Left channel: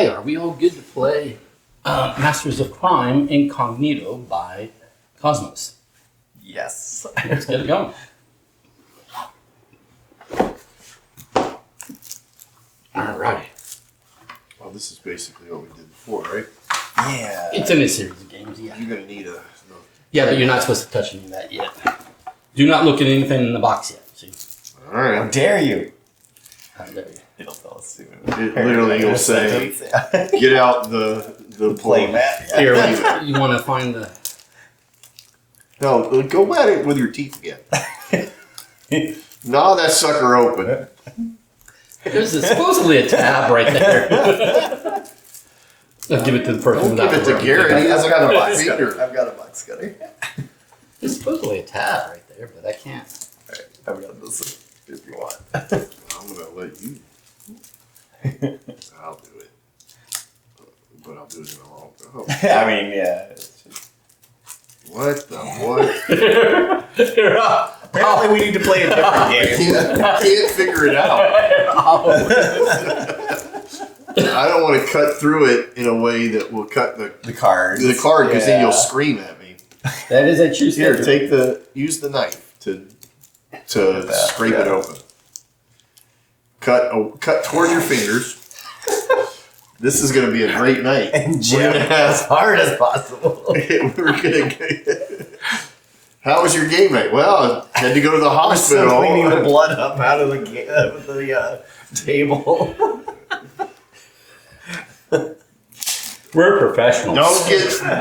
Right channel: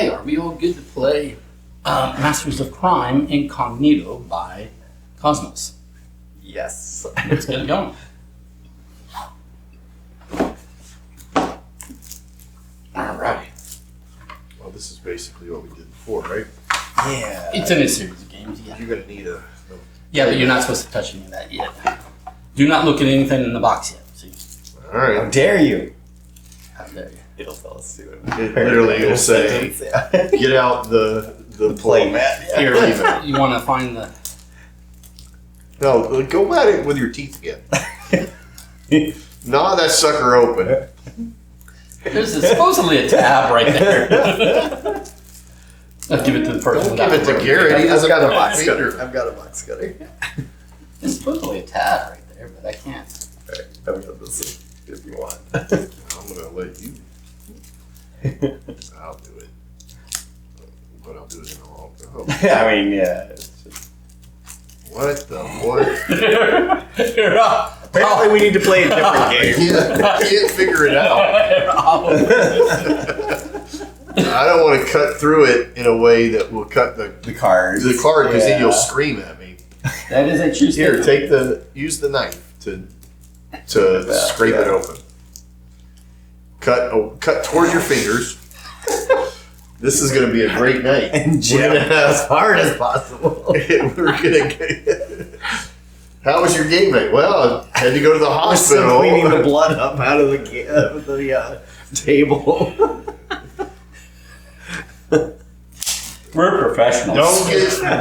Okay, are we all good to play Masters of Crime Incognito by KOSMOS? Yes. Let's get it going. All right. Well, this is basically what we did before, right? Yeah. It's in a series of games, yeah. You're going to need a... Yeah, but you're not supposed to touch any of that yet. Do not look at anything in the box yet. See? All How right. dare you? How dare you? It'll tell us soon. It literally will say, get out the Play mat. Yeah. Here, you want to find the... No, go at it with your teeth again. Gnaw that sucker open. There's supposedly a tab right there. I'll give it to the person. Don't give it to Gary. He doesn't got a box cutter. I've got a box cutter. There's supposedly a tab right there, but I can't. Alright, I've got this if you want. I'm going to let you. I'll do it. But I'll do it in the wrong time. I mean, yeah. It's just... What the what? Apparently we need to play a different game. I can't figure it out. I don't want to cut through it in a way that will cut The cards. the card because then you'll Yeah. scream at me. That is a true Here, statement. use the knife to scrape it open. Cut toward your fingers. This is going to be a great night. And jam it as hard as possible. We're gonna get... How was your game night? Well, I had to go to the I'm hospital. still cleaning the blood up out of the table. We're professionals.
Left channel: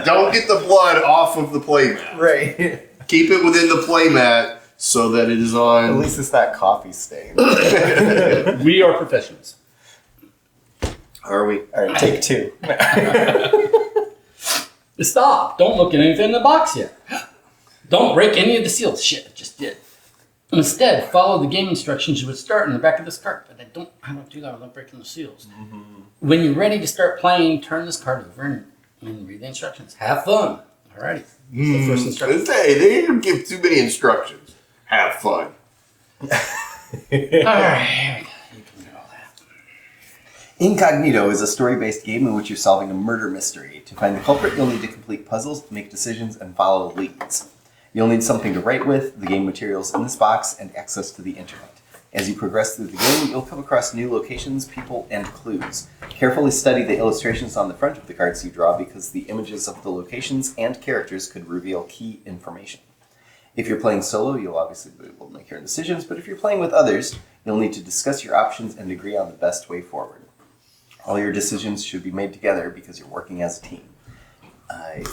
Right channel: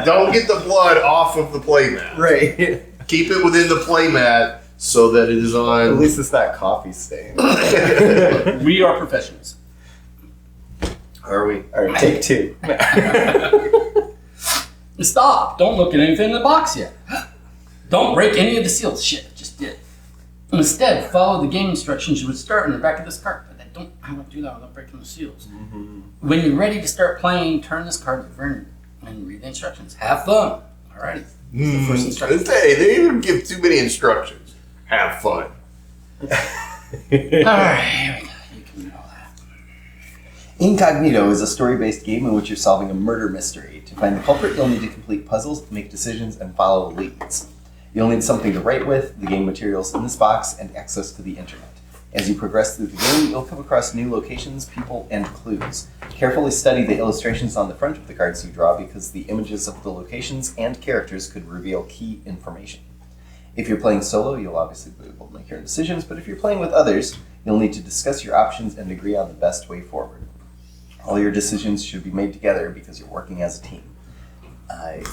Don't get the blood off of the playmat. Right. Keep it within the playmat so that it is At on. least it's not coffee stain. We are professionals. Are we? Alright, take two. Stop. Don't look at anything in the box yet. Don't break any of the seals. Shit, I just did. Instead, follow the game instructions you would start in the back of this card. But I don't do that without breaking the seals. Mm-hmm. When you're ready to start playing, turn this card over and read the instructions. Have fun. Alrighty. The first instruction. Hey, they didn't give too many instructions. Have fun. Alright, here we go. You can do all that. Incognito is a story-based game in which you're solving a murder mystery. To find the culprit, you'll need to complete puzzles, make decisions, and follow leads. You'll need something to write with, the game materials in this box, and access to the internet. As you progress through the game, you'll come across new locations, people, and clues. Carefully study the illustrations on the front of the cards you draw because the images of the locations and characters could reveal key information. If you're playing solo, you'll obviously be able to make your own decisions, but if you're playing with others, you'll need to discuss your options and agree on the best way forward. All your decisions should be made together because you're working as a team.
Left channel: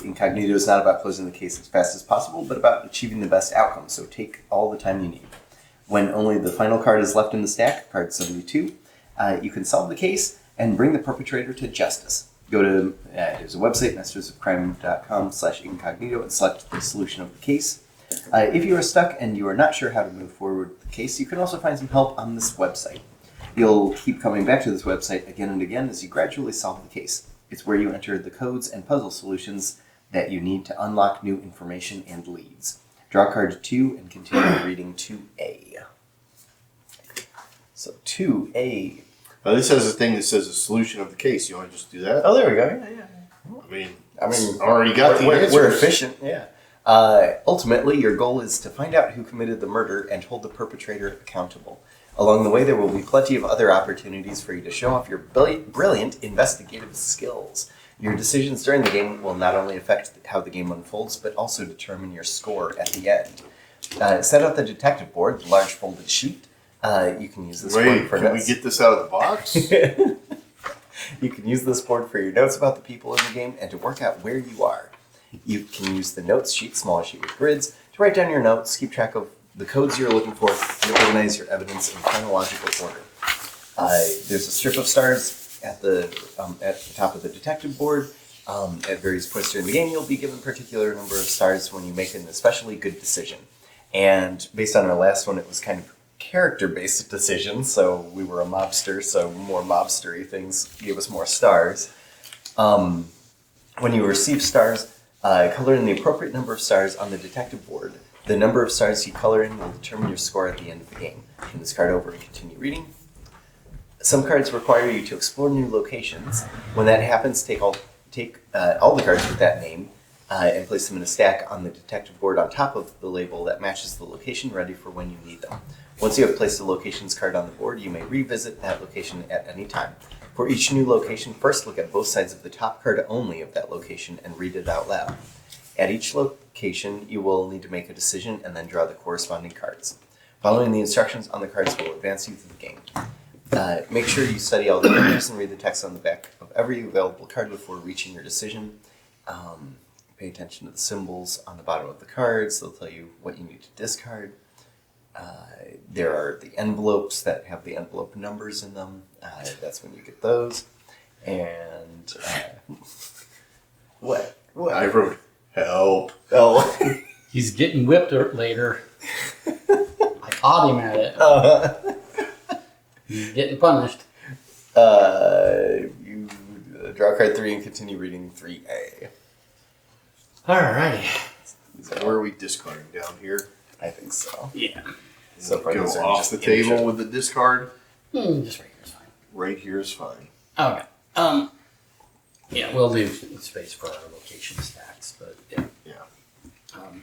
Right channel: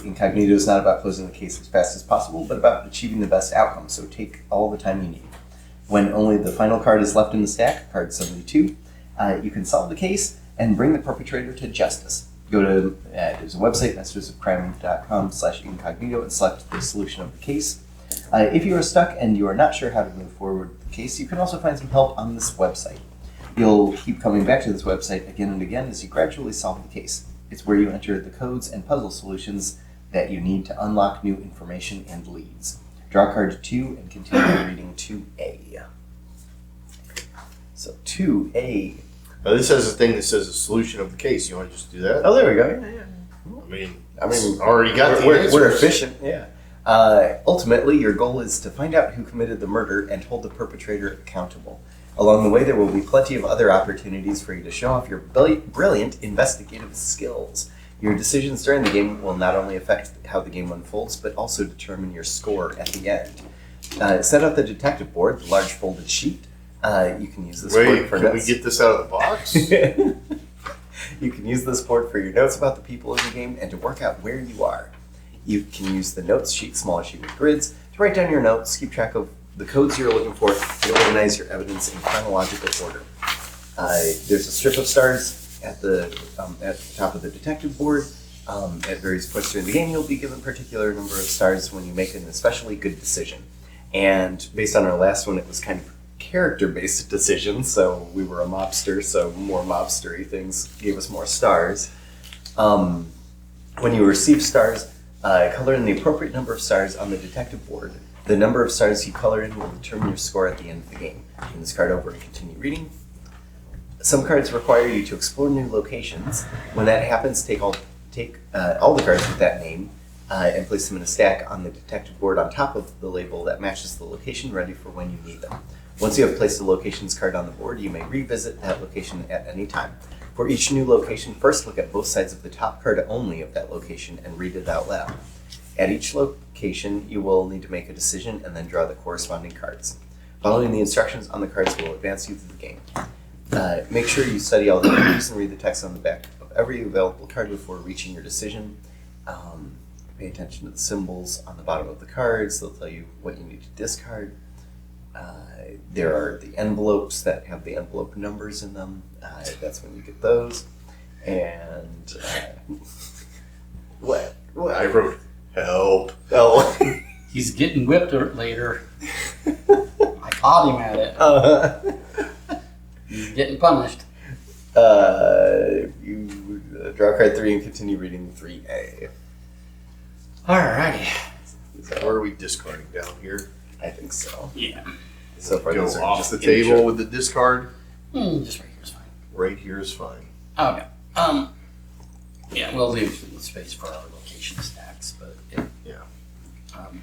Incognito is not about closing the case as fast as possible, but about achieving the best outcome, so take all the time you need. When only the final card is left in the stack, card 72, you can solve the case and bring the perpetrator to justice. Go to, there's a website, mastersofcrime.com/incognito, and select the solution of the case. If you are stuck and you are not sure how to move forward with the case, you can also find some help on this website. You'll keep coming back to this website again and again as you gradually solve the case. It's where you enter the codes and puzzle solutions that you need to unlock new information and leads. Draw card 2 and continue reading 2A. So 2A. Now this has a thing that says a solution of the case. You want to just do that? Oh, there we go. Yeah. I mean, already got the answers. We're efficient. Yeah. Ultimately, your goal is to find out who committed the murder and hold the perpetrator accountable. Along the way, there will be plenty of other opportunities for you to show off your brilliant investigative skills. Your decisions during the game will not only affect how the game unfolds, but also determine your score at the end. Set up the detective board, the large folded sheet. You can use this board for notes. Can we get this out of the box? You can use this board for your notes about the people in the game and to work out where you are. You can use the notes sheet, smaller sheet with grids, to write down your notes, keep track of the codes you're looking for, and organize your evidence in chronological order. There's a strip of stars at the top of the detective board. At various points during the game, you'll be given a particular number of stars when you make an especially good decision. And based on our last one, it was kind of character-based decisions, so we were a mobster, so more mobstery things gave us more stars. When you receive stars, color in the appropriate number of stars on the detective board. The number of stars you color in will determine your score at the end of the game. Turn this card over and continue reading. Some cards require you to explore new locations. When that happens, take all the cards with that name and place them in a stack on the detective board on top of the label that matches the location, ready for when you need them. Once you have placed the locations card on the board, you may revisit that location at any time. For each new location, first look at both sides of the top card only of that location and read it out loud. At each location, you will need to make a decision and then draw the corresponding cards. Following the instructions on the cards will advance you through the game. Make sure you study all the images and read the text on the back of every available card before reaching your decision. Pay attention to the symbols on the bottom of the cards. They'll tell you what you need to discard. There are the envelopes that have the envelope numbers in them. That's when you get those. And what? I wrote help. Oh. He's getting whipped later. I caught him at it. He's getting punished. You draw card 3 and continue reading 3A. Alrighty. Is that where we discarding down here? I think so. Yeah. So far, Go those are off just the images. table with the discard. Just right here is fine. Right here is fine. Okay. Yeah, we'll leave space for our location stacks, but yeah. Yeah. Um,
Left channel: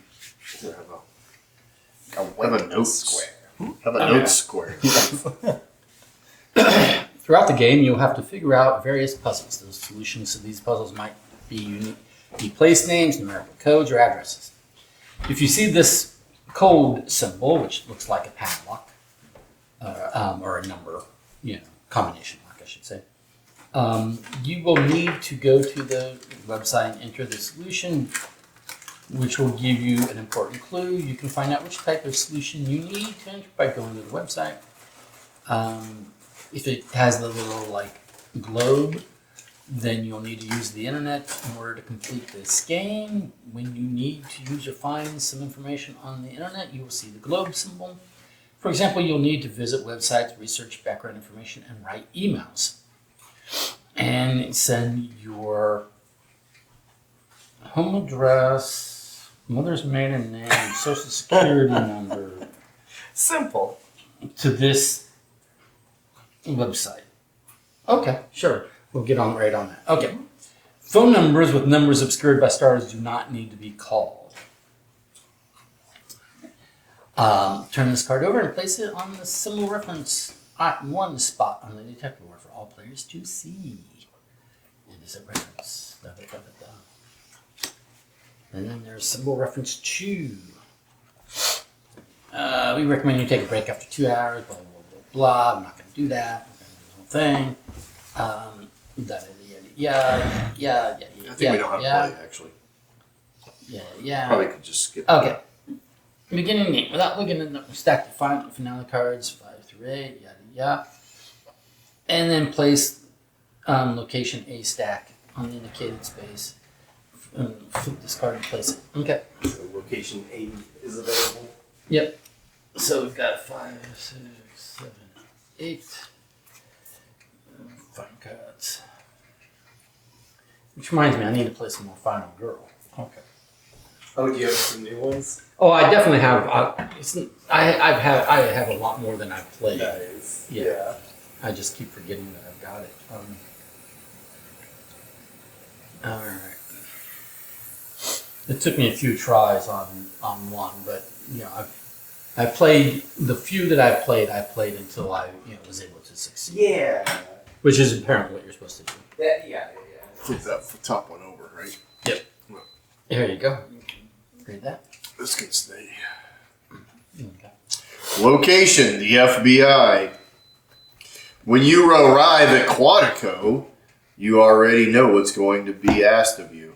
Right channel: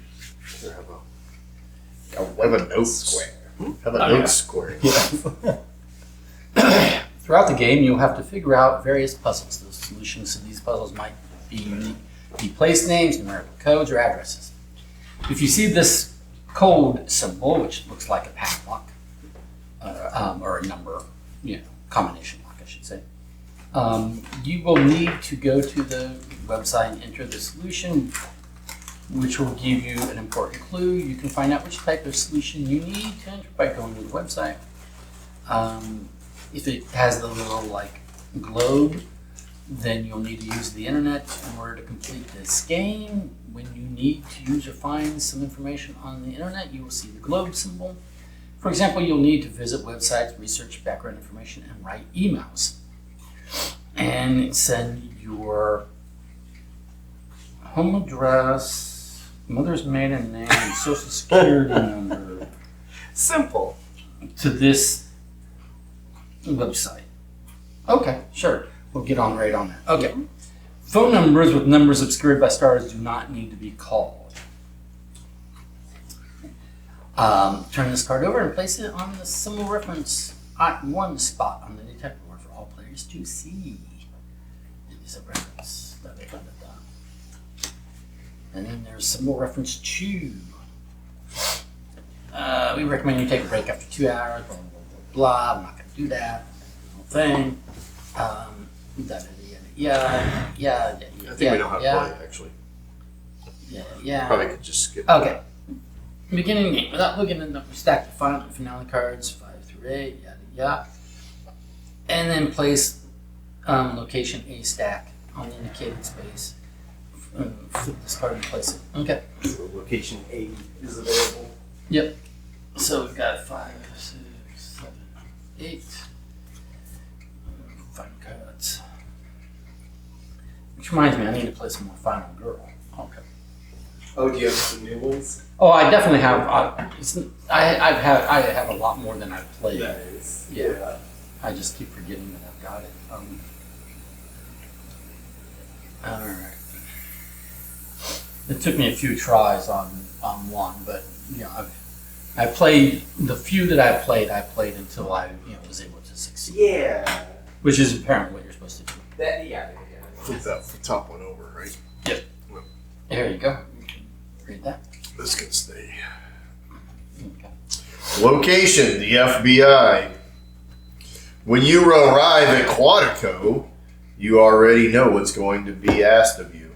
Have a note square. Have a note square. Throughout the game, you'll have to figure out various puzzles. Those solutions to these puzzles might be unique, be place names, numerical codes, or addresses. If you see this code symbol, which looks like a padlock, or a number, combination lock, I should say, you will need to go to the website and enter the solution, which will give you an important clue. You can find out which type of solution you need to enter by going to the website. If it has the little globe, then you'll need to use the internet in order to complete this game. When you need to use or find some information on the internet, you will see the globe symbol. For example, you'll need to visit websites, research background information, and write emails. And send your home address, mother's maiden name, social security number Simple. to this website. Okay, sure. We'll get on right on that. Okay. Phone numbers with numbers obscured by stars do not need to be called. Turn this card over and place it on the symbol reference at one spot on the detector board for all players to see. It is a reference. And then there's symbol reference 2. We recommend you take a break after 2 hours, blah, blah, blah, blah. I'm not going to do that. Thing. Yeah. I think we know how to play, actually. Yeah. Probably could just skip. Okay. Beginning game. Without looking at the stack the final finale cards, 5 through 8, yada. And then place location A stack on the indicated space. Flip this card and place it. Okay. So location A is available. Yep. So we've got 5, 6, 7, 8. 5 cards. Which reminds me, I need to play some more Final Girl. Okay. Oh, do you have some new ones? Oh, I definitely have. I have a lot more than I've played. Nice. Yeah. I just keep forgetting that I've got it. All right. It took me a few tries on one, but I played the few that I played until I was able to succeed. Yeah. Which is apparently what you're supposed to do. Flip that top one over, right? Yep. Well, There you go. Read that. this can stay. Okay. Location, the FBI. When you arrive at Quantico, you already know what's going to be asked of you.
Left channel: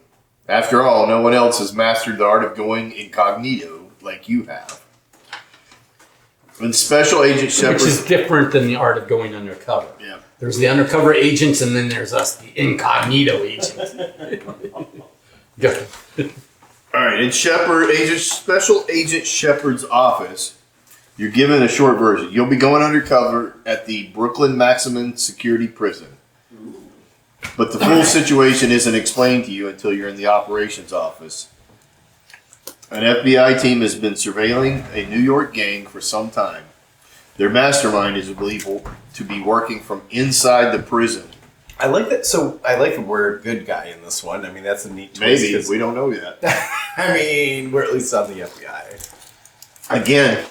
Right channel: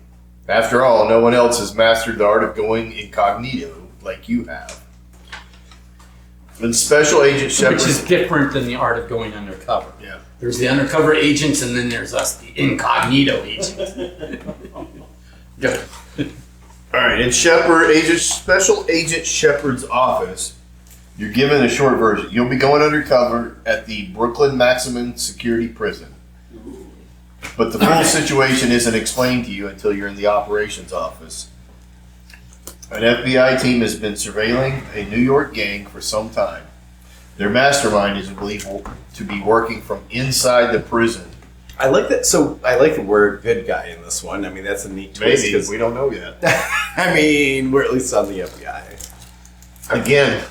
After all, no one else has mastered the art of going incognito like you have. When Special Agent Shepard... Which is different than the art of going undercover. Yeah. There's the undercover agents, and then there's us, the incognito agents. Go. All right, in Special Agent Shepard's office, you're given a short version. You'll be going undercover at the Brooklyn Maximum Security Prison. But the full situation isn't explained to you until you're in the operations office. An FBI team has been surveilling a New York gang for some time. Their mastermind is believed to be working from inside the prison. I like that. So I like the word "good guy" in this one. I mean, that's a neat twist. Maybe, we don't know yet. I mean, we're at least on the FBI. Again,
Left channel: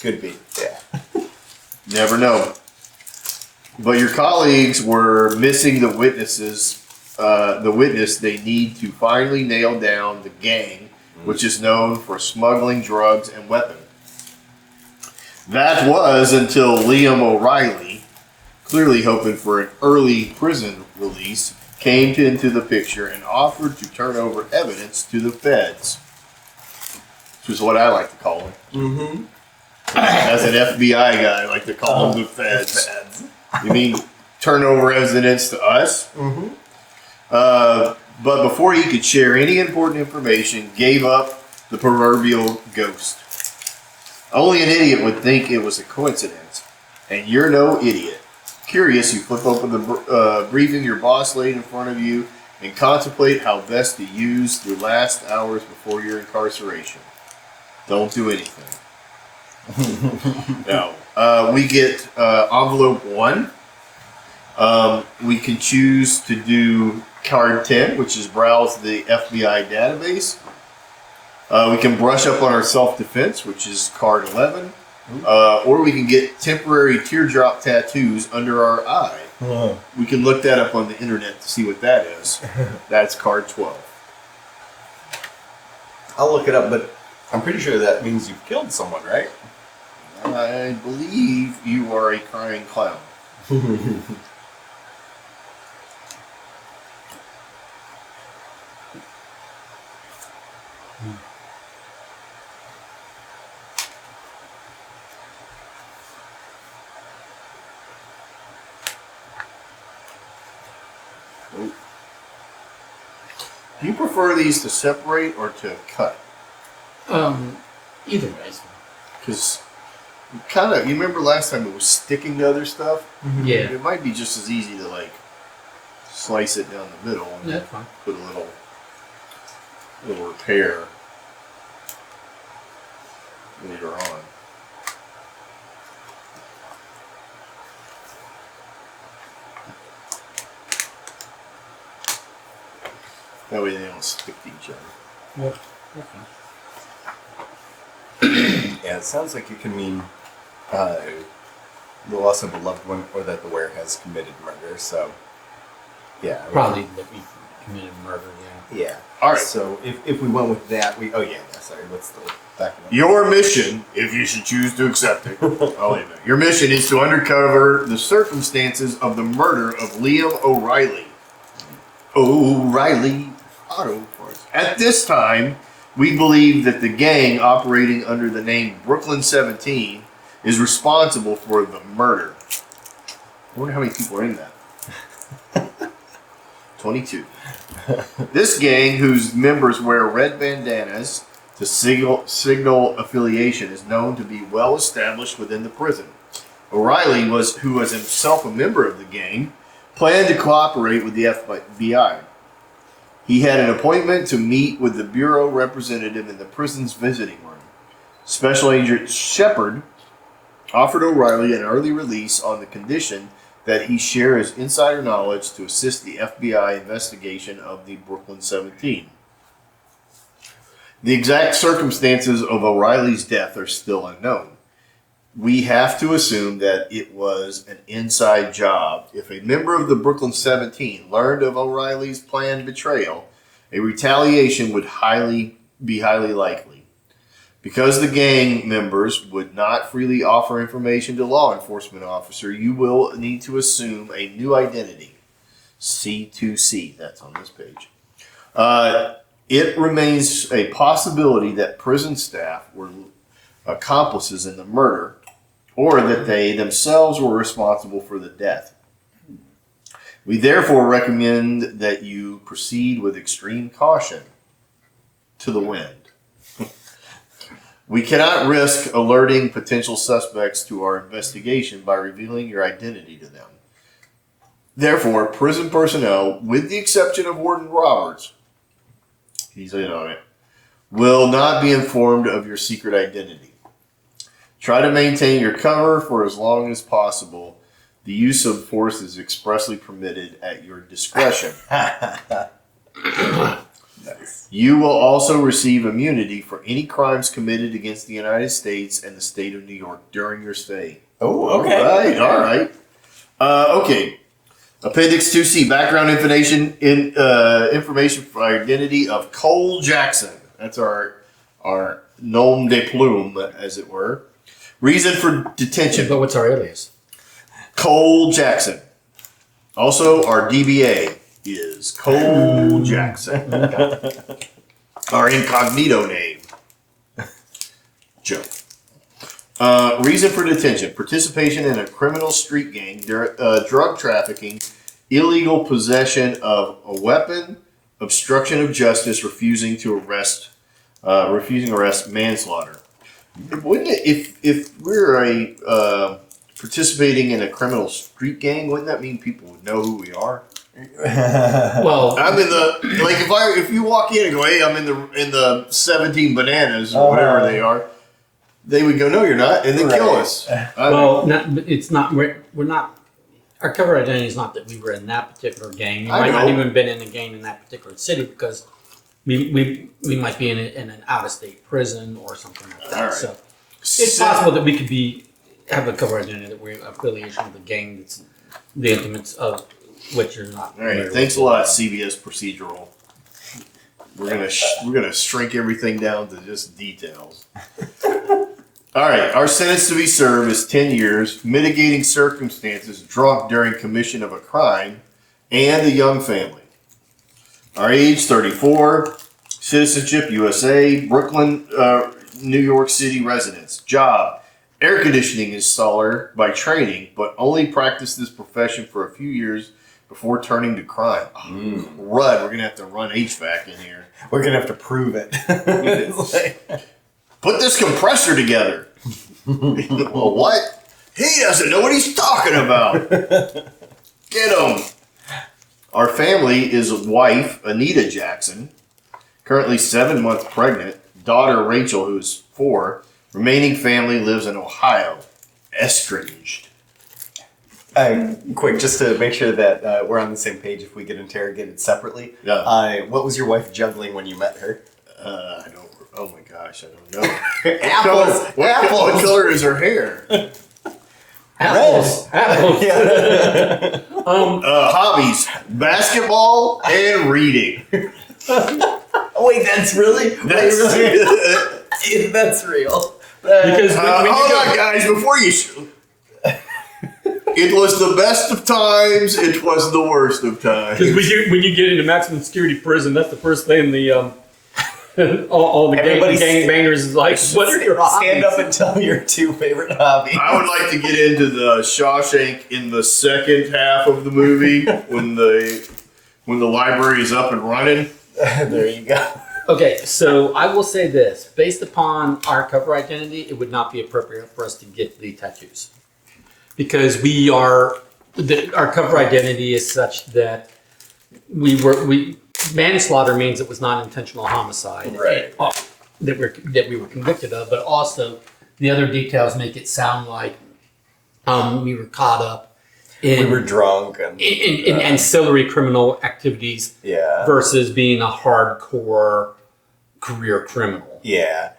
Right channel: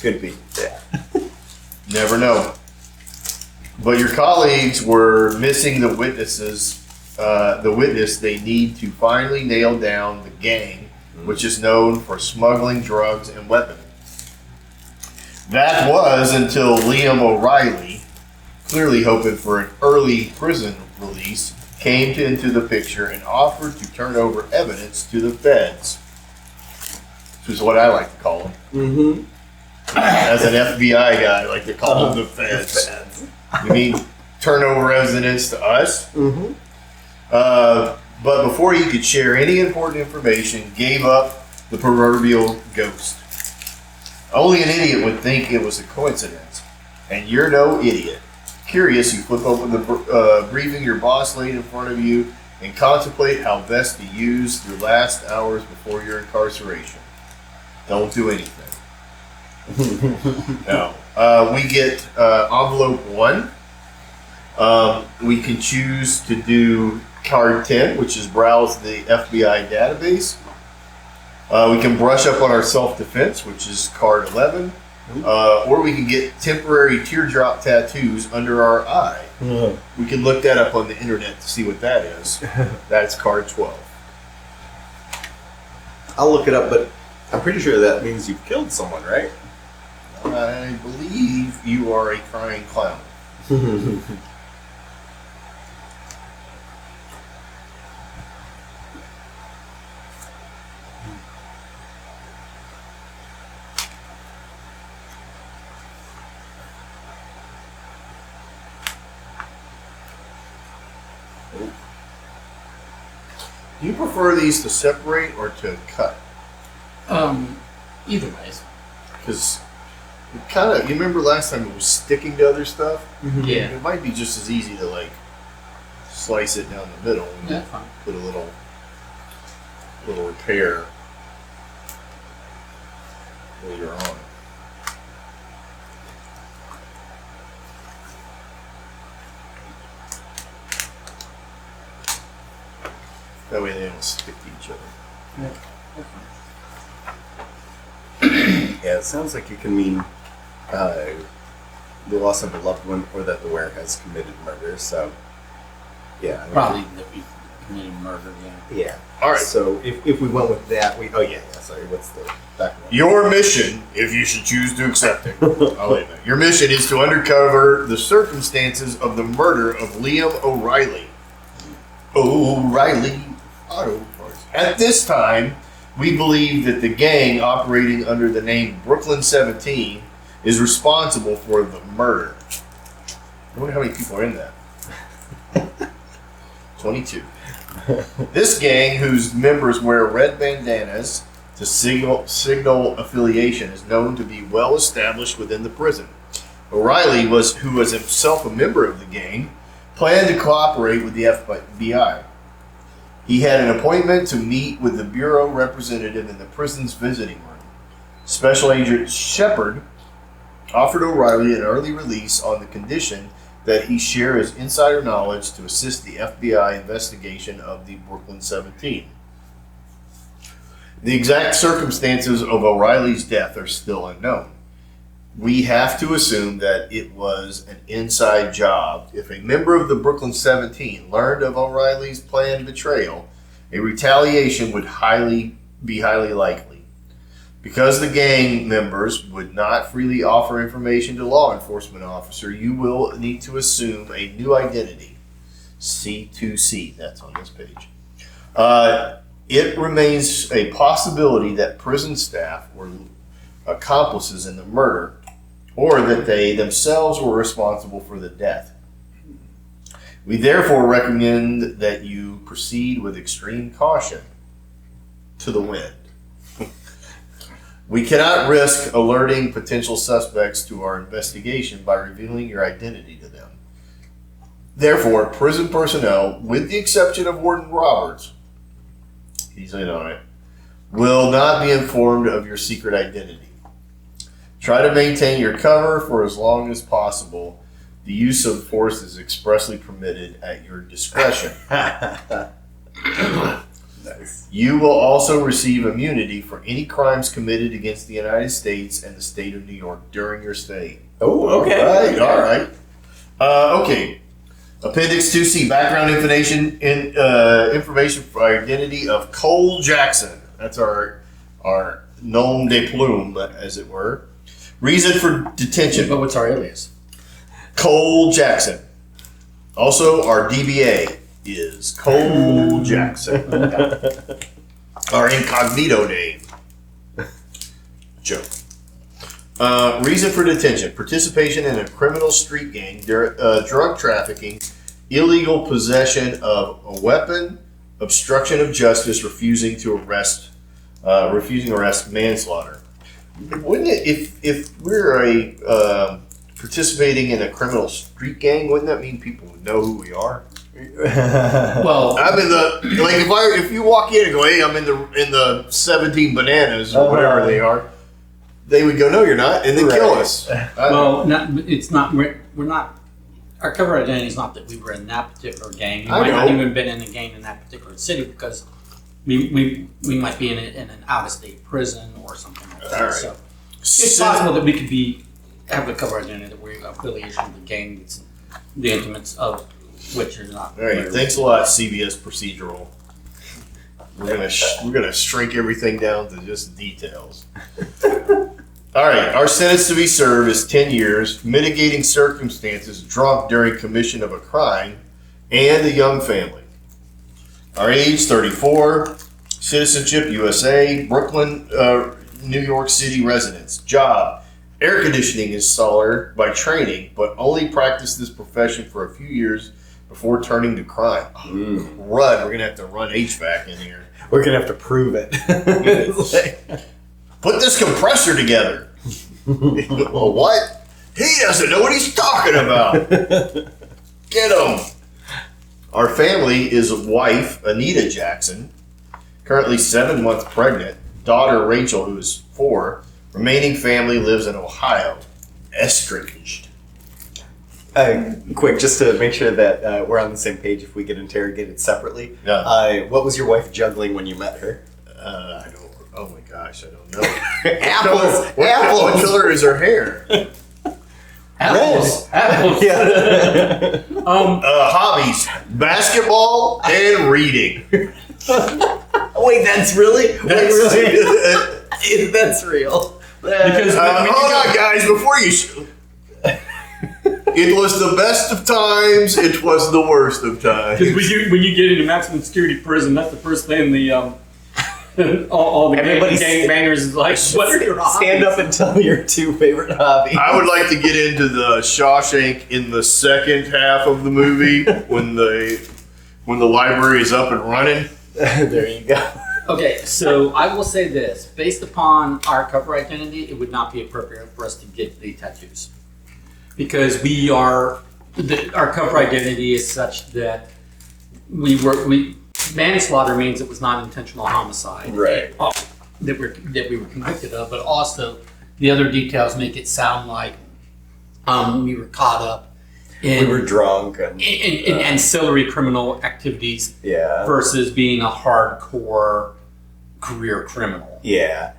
Could be. Yeah. never know. But your colleagues were missing the witness they need to finally nail down the gang, which is known for smuggling drugs and weapons. That was until Liam O'Reilly, clearly hoping for an early prison release, came into the picture and offered to turn over evidence to the feds. Which is what I like to call them. Mm-hmm. As an FBI guy, I like to call them the feds. You mean turn over evidence to us? Mm-hmm. But before he could share any important information, gave up the proverbial ghost. Only an idiot would think it was a coincidence. And you're no idiot. Curious, you flip open the briefing your boss laid in front of you and contemplate how best to use the last hours before your incarceration. Don't do anything. No. We get envelope 1. We can choose to do card 10, which is browse the FBI database. We can brush up on our self-defense, which is card 11. Or we can get temporary teardrop tattoos under our eye. We can look that up on the internet to see what that is. That's card 12. I'll look it up, but I'm pretty sure that means you've killed someone, right? I believe you are a crying clown. Do you prefer these to separate or to cut? Either ways. Because you remember last time it was sticking to other stuff? Yeah. It might be just as easy to like slice it down the middle and Yeah, fine. put a little repair later on. That way they don't stick to each other. Yeah, it sounds like it can mean the loss of a loved one or that the wearer has committed murder. So, yeah. Probably that we committed murder, yeah. Yeah. All right. So if we went with that, sorry, what's the back one? Your mission, if you should choose to accept it, I'll leave it. Your mission is to uncover the circumstances of the murder of Liam O'Reilly. O'Reilly Auto Parts. At this time, we believe that the gang operating under the name Brooklyn 17 is responsible for the murder. I wonder how many people are in that. 22. This gang, whose members wear red bandanas to signal affiliation, is known to be well established within the prison. O'Reilly, who was himself a member of the gang, planned to cooperate with the FBI. He had an appointment to meet with the bureau representative in the prison's visiting room. Special Agent Shepard offered O'Reilly an early release on the condition that he share his insider knowledge to assist the FBI investigation of the Brooklyn 17. The exact circumstances of O'Reilly's death are still unknown. We have to assume that it was an inside job. If a member of the Brooklyn 17 learned of O'Reilly's planned betrayal, a retaliation would be highly likely. Because the gang members would not freely offer information to law enforcement officer, you will need to assume a new identity. C2C, that's on this page. It remains a possibility that prison staff were accomplices in the murder, or that they themselves were responsible for the death. We therefore recommend that you proceed with extreme caution to the wind. We cannot risk alerting potential suspects to our investigation by revealing your identity to them. Therefore, prison personnel, with the exception of Warden Roberts, he's in on it, will not be informed of your secret identity. Try to maintain your cover for as long as possible. The use of force is expressly permitted at your discretion. Nice. You will also receive immunity for any crimes committed against the United States and the state of New York during your stay. Oh, okay. All right. Okay. Appendix 2C, background information for identity of Cole Jackson. That's our nom de plume, as it were. Reason for detention. But what's our alias? Cole Jackson. Also, our DBA is Cole Jackson. Our incognito name. Joe. Reason for detention. Participation in a criminal street gang, drug trafficking, illegal possession of a weapon, obstruction of justice, refusing arrest, manslaughter. Wouldn't it, if we're participating in a criminal street gang, wouldn't that mean people would know who we are? Well, I'm in the if you walk in and go, hey, I'm in the 17 bananas or whatever they are, they would go, no, you're not, and they kill us. it's not. We're not. Our cover identity is not that we were in that particular gang. We I might not know. even been in a gang in that particular city because we might be in an out-of-state prison or something like that. All right. So it's possible that we could have a cover identity that we're affiliation with the gang, the intimates of which you're not. All right, thanks a lot, CBS Procedural. We're gonna shrink everything down to just details. All right, our sentence to be served is 10 years, mitigating circumstances, drunk during commission of a crime, and a young family. Our age, 34, citizenship, USA, Brooklyn, New York City residence, job, air conditioning installer by training, but only practiced this profession for a few years before turning to crime. Rud, we're going to have to run HVAC in here. We're going to have to prove it. It's like, Put this compressor together. Well, what? He doesn't know what he's talking about. Get him. Our family is wife, Anita Jackson, currently 7 months pregnant, daughter Rachel, who is 4, remaining family lives in Ohio, estranged. quick, just to make sure that we're on the same page if we get interrogated separately. Yeah. What was your wife juggling when you met her? I don't. Oh my gosh, I don't know. Apples. What color is her hair? Apples. Apples. Yeah. Hobbies: basketball and reading. Wait, that's really? That's real. Because Hold on, guys. Before you. It was the best of times. It was the worst of times. when you get into maximum security prison, that's the first thing the all the gang bangers is like. What are your hobbies? Stand up and tell me your 2 favorite hobbies. I would like to get into the Shawshank in the second half of the movie when the library is up and running. There you go. Okay, so I will say this: based upon our cover identity, it would not be appropriate for us to get the tattoos because our cover identity is such that manslaughter means it was not intentional homicide, Right. That we were convicted of, but also the other details make it sound like we were caught up in We were drunk and in ancillary criminal activities versus being a hardcore career criminal. Yeah.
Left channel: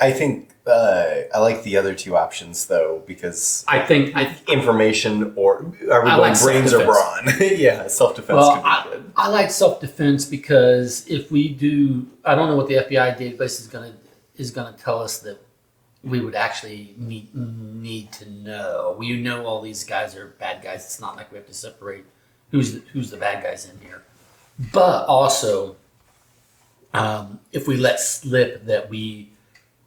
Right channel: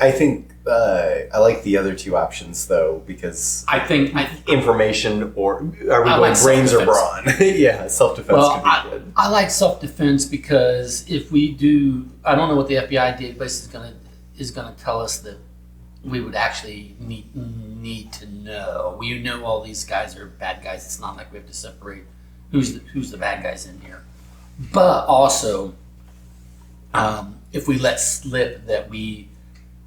I think I like the other 2 options though because I think information or are we I going like brains or self-defense. brawn? Yeah, self-defense could be good. I like self-defense because if we do, I don't know what the FBI database is gonna tell us that we would actually need to know. We know all these guys are bad guys. It's not like we have to separate who's the bad guys in here. But also, if we let slip that we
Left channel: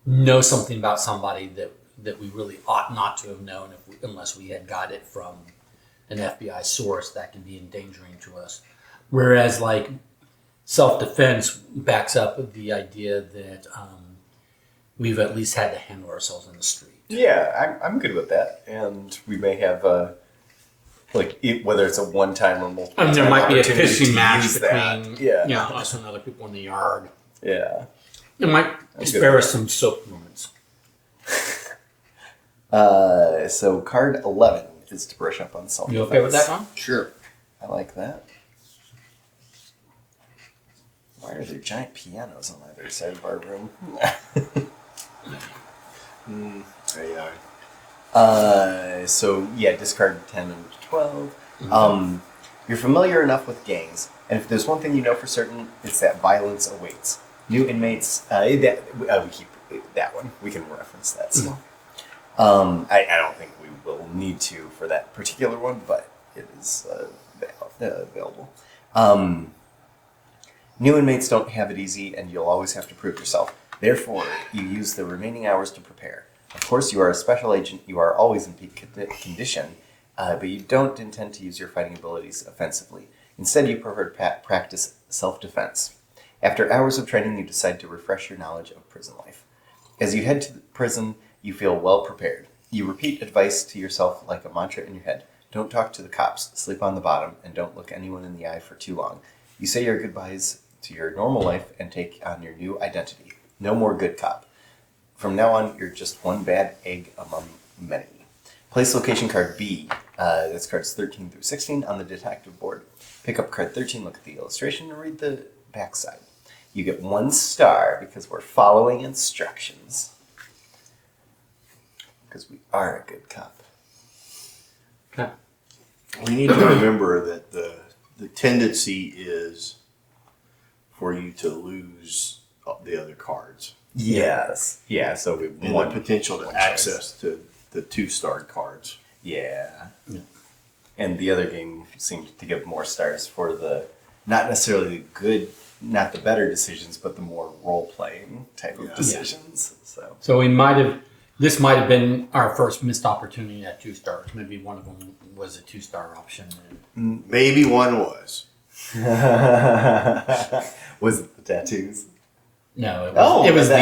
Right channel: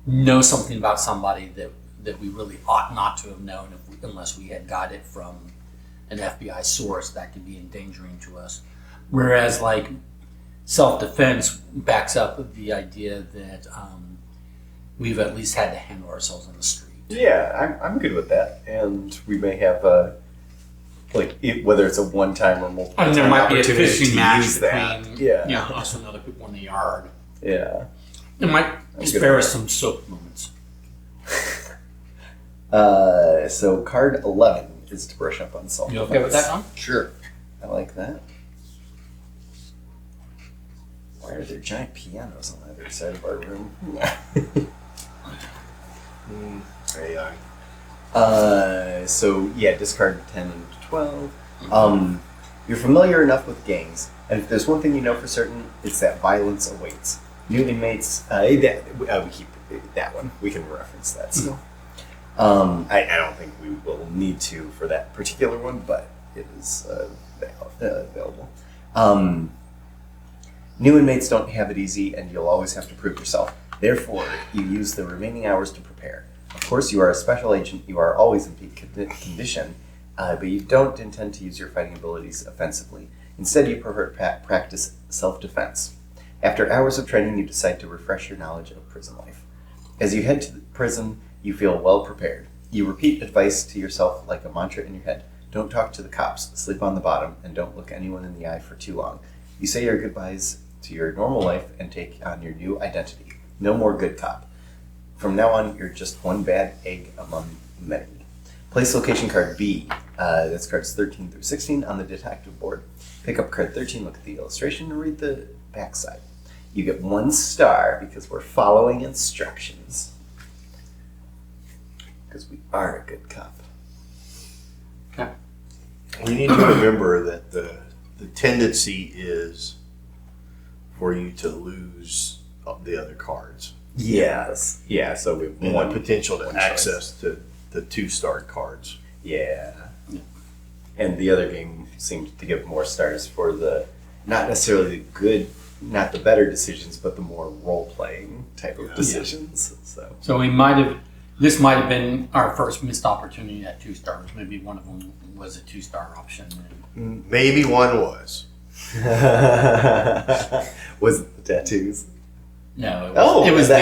know something about somebody that we really ought not to have known unless we had got it from an FBI source, that can be endangering to us. Whereas like self-defense backs up the idea that we've at least had to handle ourselves on the street. Yeah, I'm good with that. And we may have whether it's a one-time or multiple And there time might be a opportunity fishing to match use that. between us and other people in the yard. Yeah. It might spare us some soap moments. So card 11 is to brush up on self-defense. You okay with that one? Sure. I like that. Why are there giant pianos on either side of our room? AI. So yeah, discard 10 and 12. You're familiar enough with gangs, and if there's one thing you know for certain, it's that violence awaits. New inmates, we keep that one. We can reference that still. I don't think we will need to for that particular one, but it is available. New inmates don't have it easy, and you'll always have to prove yourself. Therefore, you use the remaining hours to prepare. Of course, you are a special agent. You are always in peak condition, but you don't intend to use your fighting abilities offensively. Instead, you prefer to practice self-defense. After hours of training, you decide to refresh your knowledge of prison life. As you head to the prison, you feel well prepared. You repeat advice to yourself like a mantra in your head. Don't talk to the cops, sleep on the bottom, and don't look anyone in the eye for too long. You say your goodbyes to your normal life and take on your new identity. No more good cop. From now on, you're just one bad egg among many. Place location card B. That's cards 13 through 16 on the detective board. Pick up card 13, look at the illustration, and read the backside. You get 1 star because we're following instructions. Because we are a good cop. Okay. We need to remember that the tendency is for you to lose the other cards. Yes. Yeah, so we have And one the potential to one access to the 2-starred cards. Yeah. And the other game seemed to give more stars for the, not necessarily the good, not the better decisions, but the more role-playing type of decisions. So this might have been our first missed opportunity at 2 stars. Maybe one of them was a 2-star option. Maybe one was. Was it the tattoos? No, Oh, it was the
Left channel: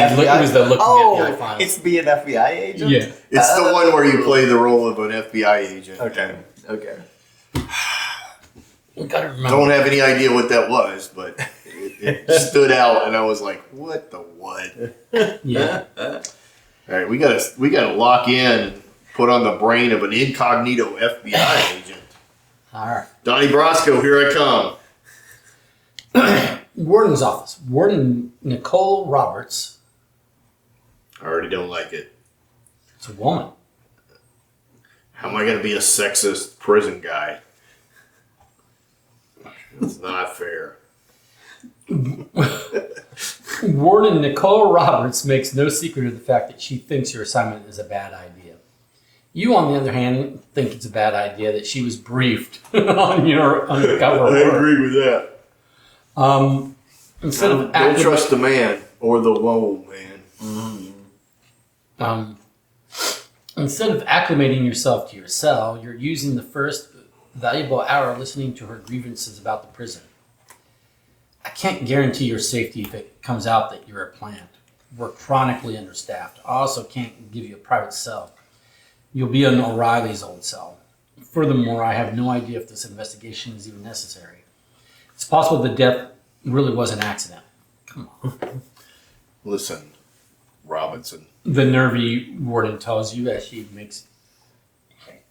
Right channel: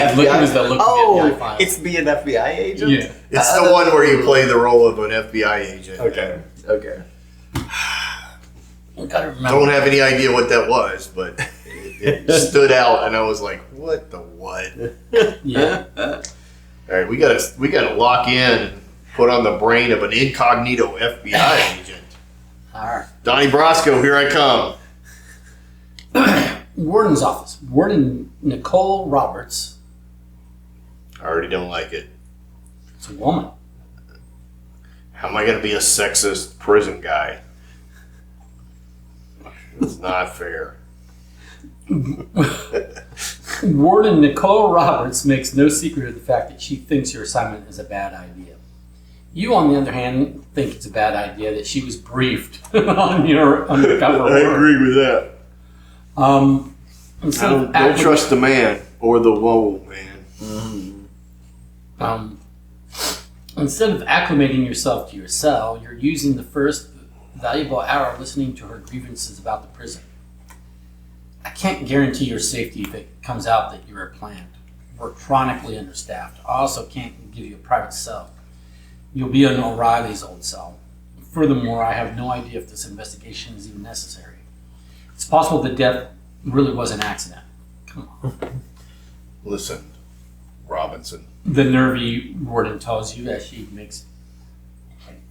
looking FBI file. It's be an FBI agent? Yeah. It's the one where you play the role of an FBI agent. Okay. You gotta I remember. don't have any idea what that was, but it stood out, and I was like, "What the what?" Yeah. All right, we gotta lock in, put on the brain of an incognito FBI agent. All right. Donnie Brasco, here I come. Warden's office. Warden Nicole Roberts. I already don't like it. It's a woman. How am I gonna be a sexist prison guy? It's not fair. Warden Nicole Roberts makes no secret of the fact that she thinks your assignment is a bad idea. You, on the other hand, think it's a bad idea that she was briefed on your undercover I work. agree with that. Instead of Don't trust the man or the woman, man. Instead of acclimating yourself to your cell, you're using the first valuable hour listening to her grievances about the prison. I can't guarantee your safety if it comes out that you're a plant. We're chronically understaffed. I also can't give you a private cell. You'll be in O'Reilly's old cell. Furthermore, I have no idea if this investigation is even necessary. It's possible the death really was an accident. Come on. Listen, Robinson. The nervy warden tells you as she makes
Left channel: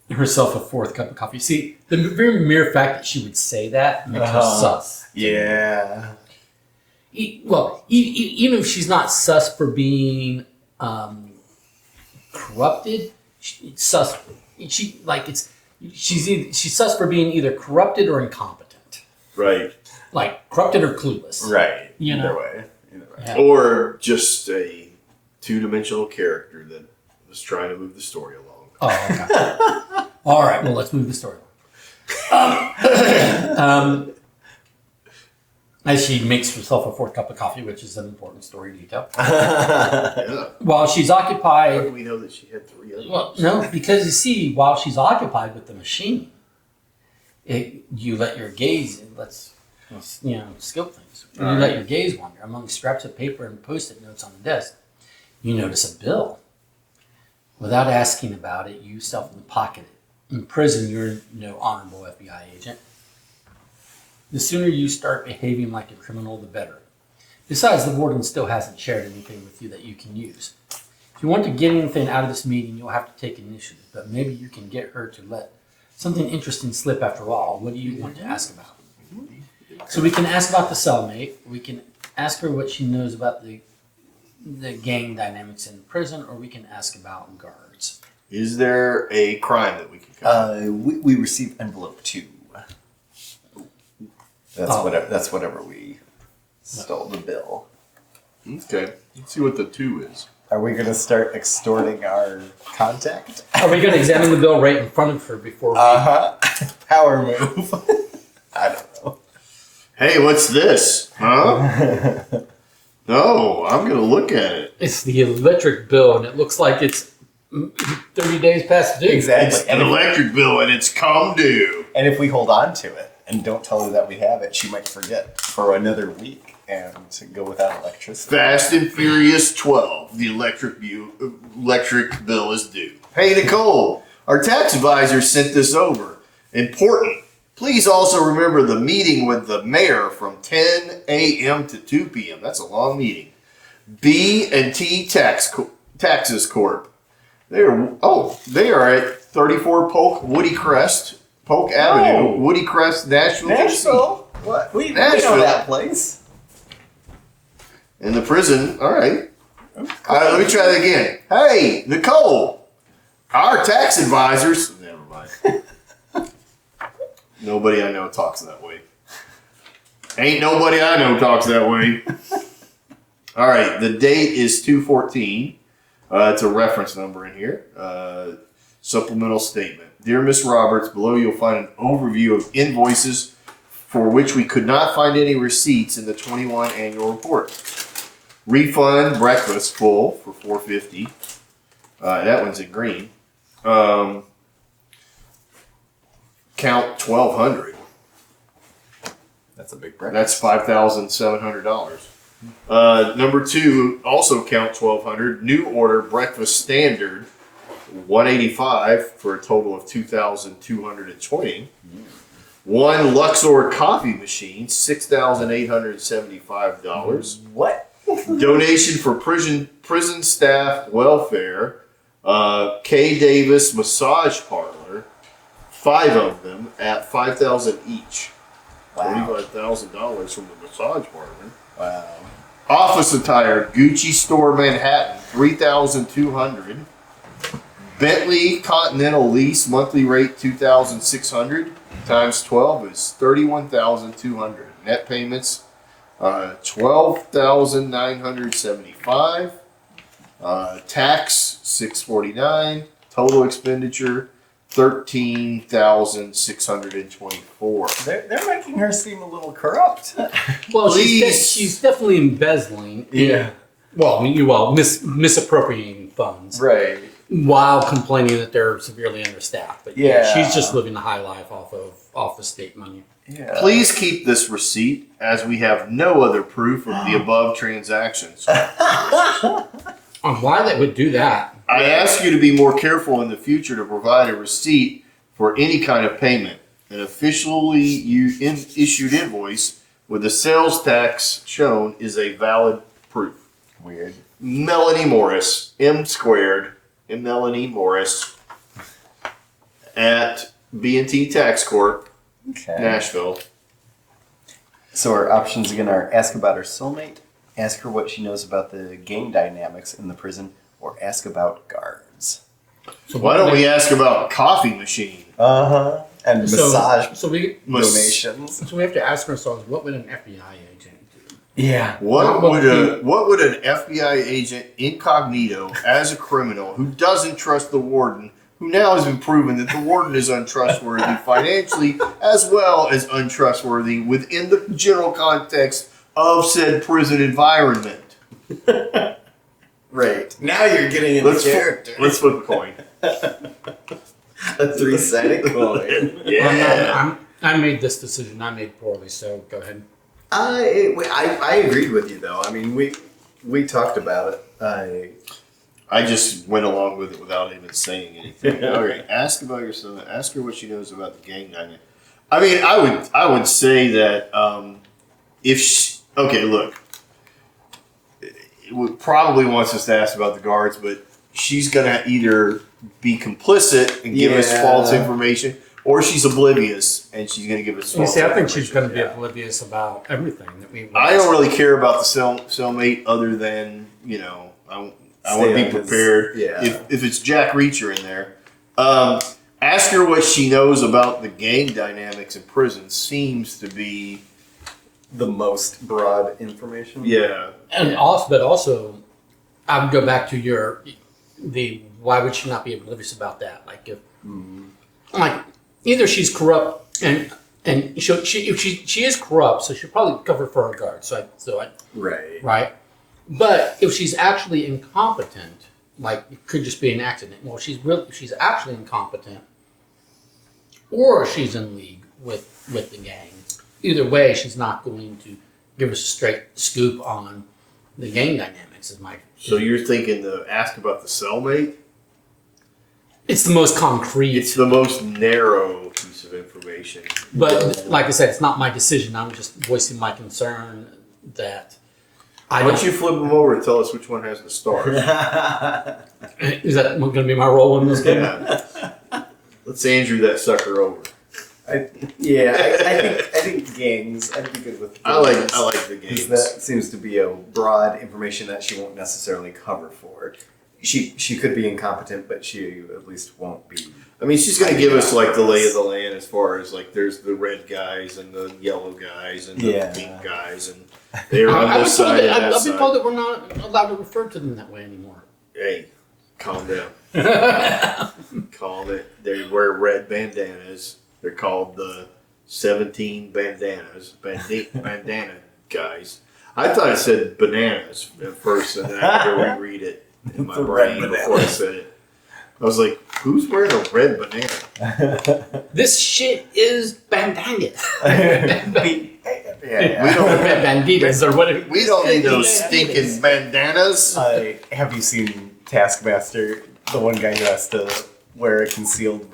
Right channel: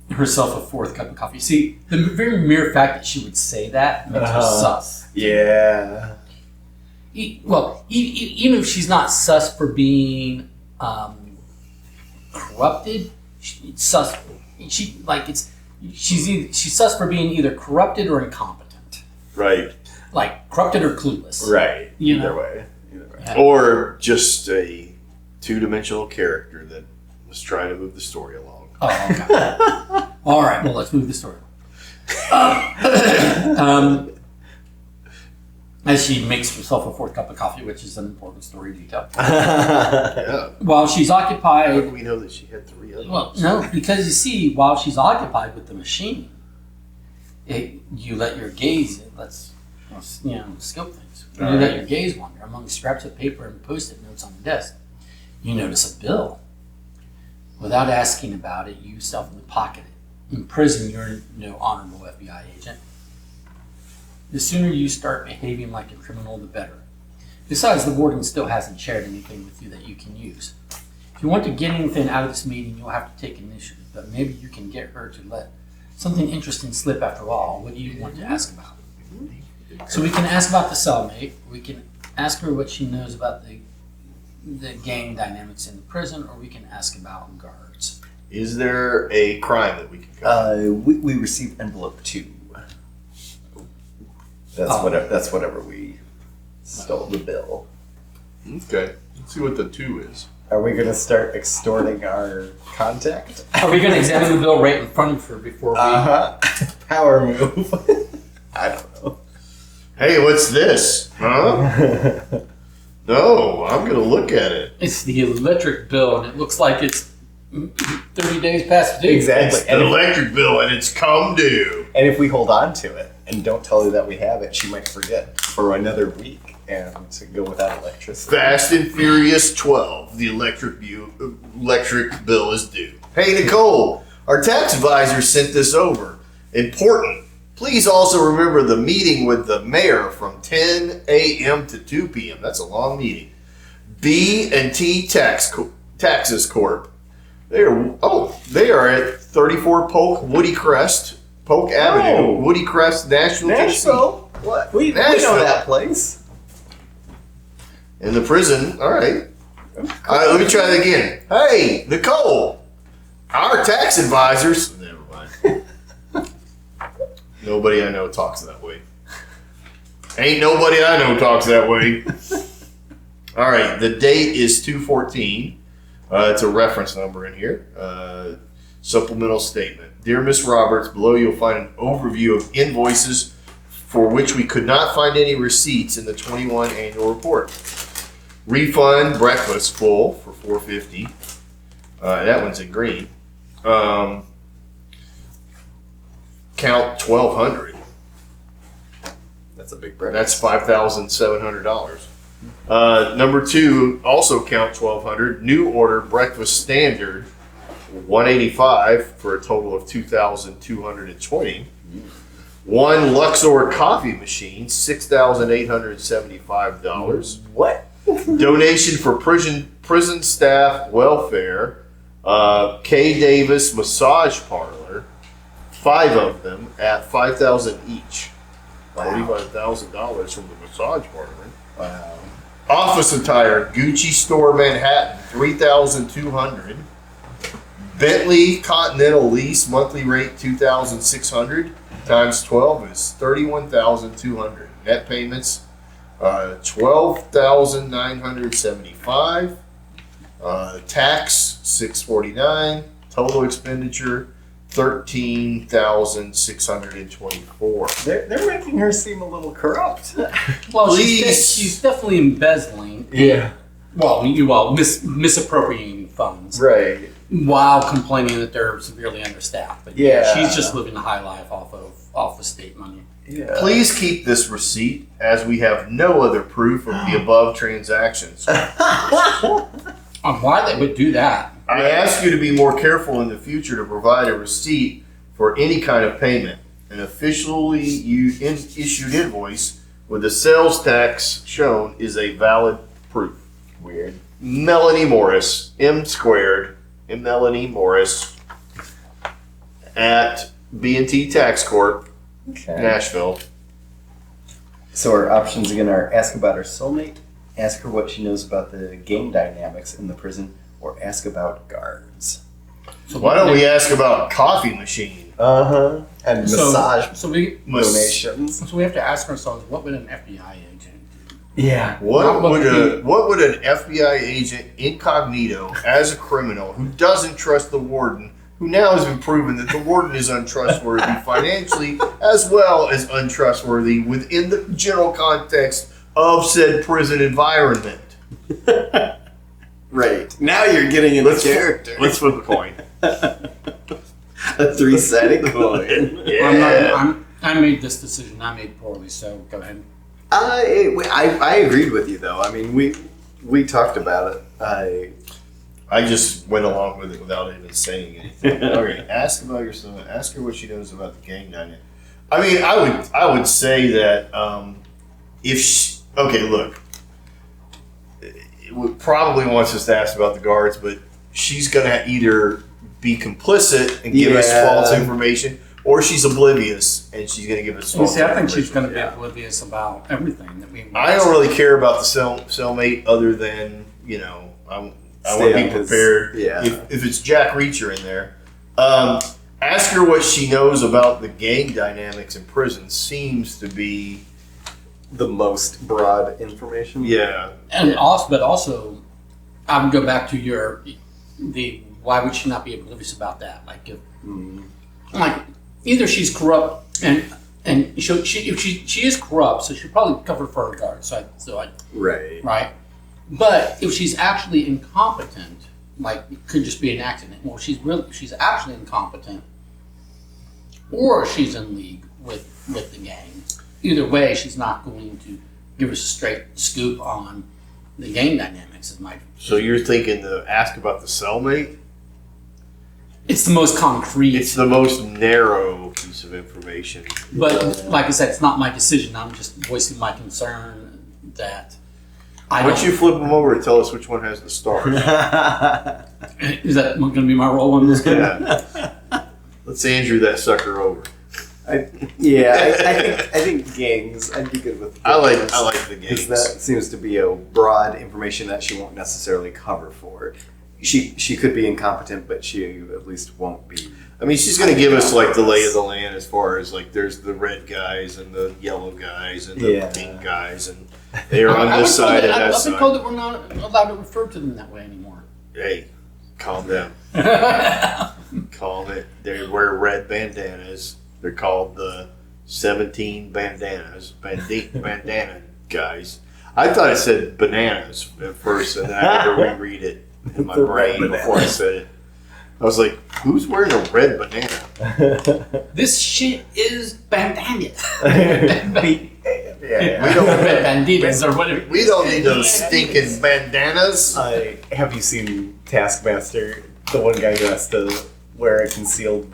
herself a 4th cup of coffee. See, the very mere fact that she would say that makes her sus. Yeah. Even if she's not sus for being corrupted, she's sus for being either corrupted or incompetent. Right. Like corrupted or clueless. Right. Either way. Yeah. Or just a 2-dimensional character that was trying to move the story along. Oh, okay. All right, well, let's move the story. As she makes herself a 4th cup of coffee, which is an important story detail. Yeah. While she's How occupied... do we know that she had 3 others? Well, no, because you see, while she's occupied with the machine, you let your gaze, scope things. You let your gaze wander among scraps of paper and Post-it notes on the desk. You notice a bill. Without asking about it, you stealthily pocket it. In prison, you're no honorable FBI agent. The sooner you start behaving like a criminal, the better. Besides, the warden still hasn't shared anything with you that you can use. If you want to get anything out of this meeting, you'll have to take initiative, but maybe you can get her to let something interesting slip after all. What do you want to ask about? So we can ask about the cellmate. We can ask her what she knows about the gang dynamics in the prison, or we can ask about guards. Is there a crime that we can cover? We received envelope 2. That's whatever we stole the bill. Okay. Let's see what the 2 is. Are we going to start extorting our contact? Are we going to examine the bill right in front of her before we... Power move. I don't know. Hey, what's this? Huh? No, I'm going to look at it. It's the electric bill, and it looks like it's 30 days past due. Exactly. It's an electric bill, and it's come due. And if we hold on to it and don't tell her that we have it, she might forget for another week and go without electricity. Fast and Furious 12. The electric bill is due. Hey, Nicole, our tax advisor sent this over. Important. Please also remember the meeting with the mayor from 10 a.m. to 2 p.m. That's a long meeting. B&T Taxes Corp. They are at 34 Polk Avenue, Woody Crest, Nashville, Tennessee. What? We Nashville. know that place. In the prison. All right. Let me try that again. Hey, Nicole, our tax advisors. Never mind. Nobody I know talks that way. Ain't nobody I know talks that way. All right. The date is 2/14. It's a reference number in here. Supplemental statement. Dear Miss Roberts, below you'll find an overview of invoices for which we could not find any receipts in the 21 annual report. Refund breakfast full for $4.50. That one's in green. Count $1,200. That's a big breakfast. That's $5,700. Number 2, also count $1,200. New order breakfast standard, $185 for a total of $2,220. 1 Luxor coffee machine, $6,875. What? Donation for prison staff welfare. K. Davis massage parlor, 5 of them at $5,000 each. Wow. $45,000 from the massage parlor. Wow. Office attire, Gucci Store Manhattan, $3,200. Bentley Continental lease, monthly rate $2,600 times 12 is $31,200. Net payments, $12,975. Tax $649. Total expenditure $13,624. They're making her seem a little corrupt. Well, Please. she's definitely embezzling. Yeah. Misappropriating funds. Right. While complaining that they're severely understaffed. But Yeah. she's just living the high life off of state money. Yeah. Please keep this receipt as we have no other proof of the above transactions. Why they would do that? I ask you to be more careful in the future to provide a receipt for any kind of payment. An officially issued invoice with the sales tax shown is a valid proof. Weird. Melanie Morris, Melanie Morris at B&T Tax Corp, Okay. Nashville. So our options again are ask about her soulmate, ask her what she knows about the gang dynamics in the prison, or ask about guards. So Why don't we ask about coffee machine? And massage So we donations. have to ask ourselves, what would an FBI agent do? Yeah. What would an FBI agent incognito as a criminal who doesn't trust the warden, who now has been proven that the warden is untrustworthy financially as well as untrustworthy within the general context of said prison environment? Right. Now you're getting into character. Let's flip a coin. A 3-sided coin. I made this decision. I made poorly, so go ahead. I agreed with you though. I mean, we talked about it. I just went along with it without even saying anything. All right, ask about yourself. Ask her what she knows about the gang dynamic. I mean, I would say that if she, okay, look, it would probably wants us to ask about the guards, but she's gonna either be complicit and give us false information, or she's oblivious and she's gonna give us false I think information. she's going to be oblivious about everything that we. I don't really care about the cellmate other than, I want to be prepared. If it's Jack Reacher in there. Ask her what she knows about the gang dynamics in prison. Seems to be The most broad information. Yeah. And also, I would go back to why would she not be oblivious about that? Like, like either she's corrupt and if she is corrupt, so she'll probably cover for her guards. Right. But if she's actually incompetent, like it could just be an accident. Well, she's actually incompetent, or she's in league with the gang. Either way, she's not going to give us a straight scoop on the gang dynamics. So you're thinking to ask about the cellmate? It's the most concrete. It's the most narrow piece of information. But like I said, it's not my decision. I'm just voicing my concern that. Why don't you flip them over and tell us which one has the stars? Is that going to be my role in this game? Yeah. Let's Andrew that sucker over. I think gangs. I'd be good with. I like the Because games. that seems to be a broad information that she won't necessarily cover for. She could be incompetent, but she at least won't be. I mean, she's going to give us like the lay of the land as far as like there's the red guys and the yellow guys and the pink guys, and they're on this side and that I've side. been told that we're not allowed to refer to them that way anymore. Hey, calm down. Calm it. They wear red bandanas. They're called the 17 bandana guys. I thought it said bananas at first, and I had to reread it in my The brain red before I said it. I was like, who's wearing a red banana? This shit is bandanas. We don't, Red banditas or whatever. we don't need those stinking bandanas. Have you seen Taskmaster? The one guy who has to wear a concealed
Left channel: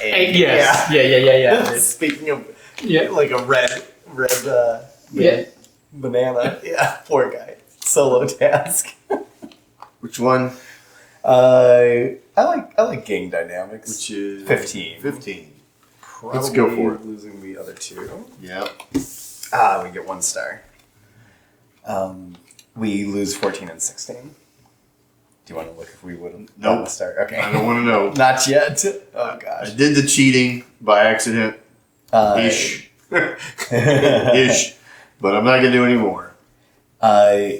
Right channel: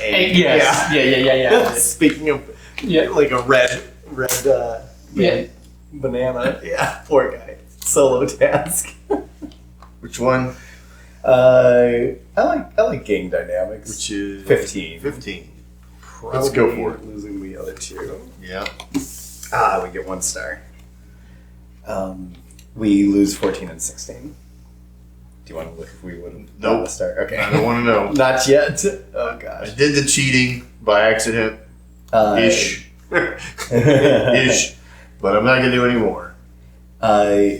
egg. Yes. Yeah. Speaking of, like a red banana. Yeah, poor guy. Solo task. Which one? I like gang dynamics. Which is 15. 15. Probably Let's go for it. Losing the other two. Yeah. We get 1 star. We lose 14 and 16. Do you want to look if we would have Nope. a star? Okay. I don't want to know. Not yet. Oh I gosh. did the cheating by accident. Ish. Ish. But I'm not going to do any more.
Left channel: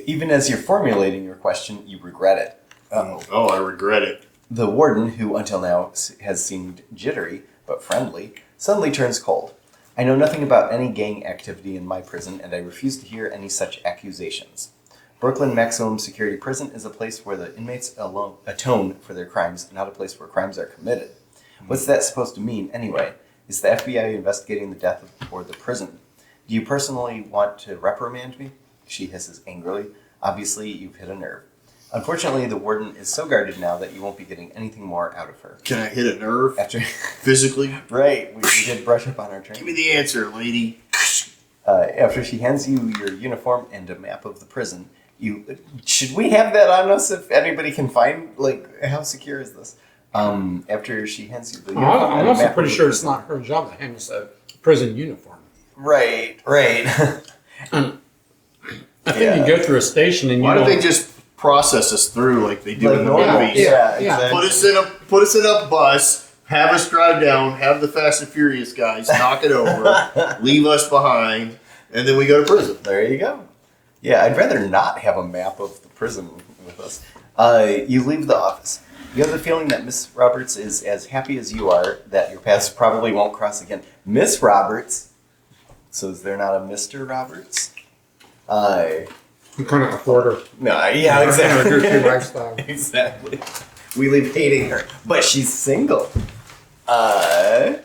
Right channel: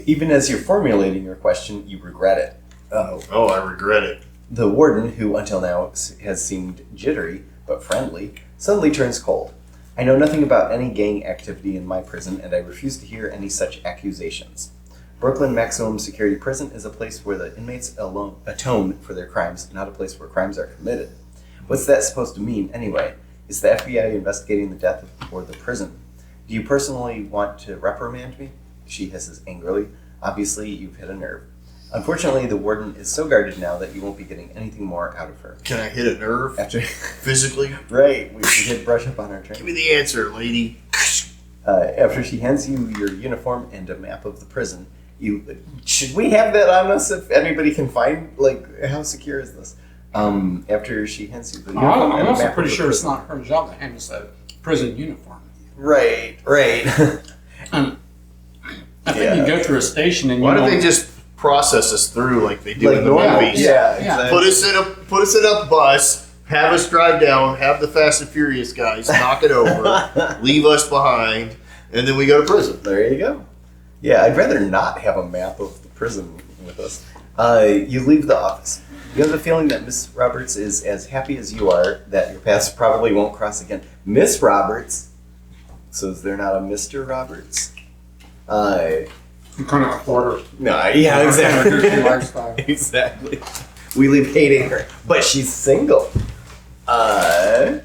Even as you're formulating your question, you regret it. Oh, I regret it. The warden, who until now has seemed jittery but friendly, suddenly turns cold. I know nothing about any gang activity in my prison, and I refuse to hear any such accusations. Brooklyn Maximum Security Prison is a place where the inmates atone for their crimes, not a place where crimes are committed. What's that supposed to mean, anyway? Is the FBI investigating the death or the prison? Do you personally want to reprimand me? She hisses angrily. Obviously, you've hit a nerve. Unfortunately, the warden is so guarded now that you won't be getting anything more out of her. Can I hit a nerve After, physically? right, we did brush up on our Give training. me the answer, lady. After she hands you your uniform and a map of the prison, should we have that on us if anybody can find, like, how secure is this? After she hands you the uniform I'm and a also map pretty of the sure it's prison. not her job to hang us a prison uniform. Right. I think you go through a station and Why you don't they don't- just process us through like they do Like in the normal. movies? Yeah, Yeah. exactly. Put us in a bus, have us drive down, have the Fast and Furious guys knock it over, leave us behind, and then we go to prison. There you go. Yeah, I'd rather not have a map of the prison with us. You leave the office. You have the feeling that Miss Roberts is as happy as you are that your paths probably won't cross again. Miss Roberts? So is there not a Mr. Roberts? You couldn't afford her. No, yeah, exactly. Her lifestyle. Exactly. We live hating her. But she's single. But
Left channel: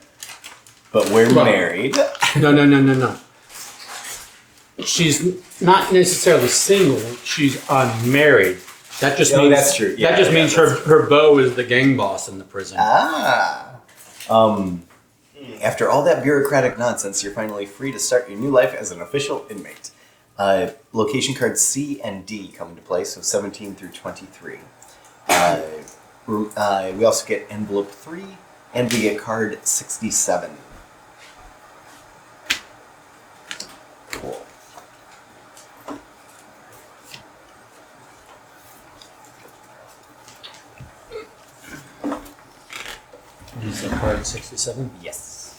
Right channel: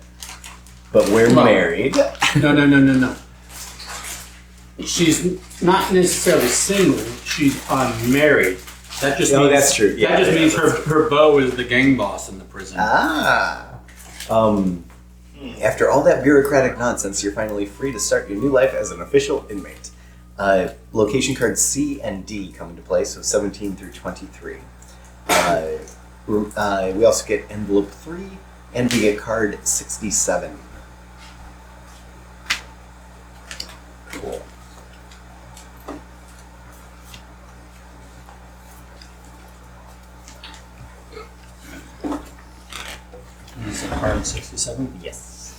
we're Well- married. No. She's not necessarily single. She's unmarried. That just means that's true. Yeah, that just yeah, means her beau is the gang boss in the prison. After all that bureaucratic nonsense, you're finally free to start your new life as an official inmate. Location cards C and D come into play, so 17 through 23. We also get envelope 3, and we get card 67. Cool. You said card 67? Yes.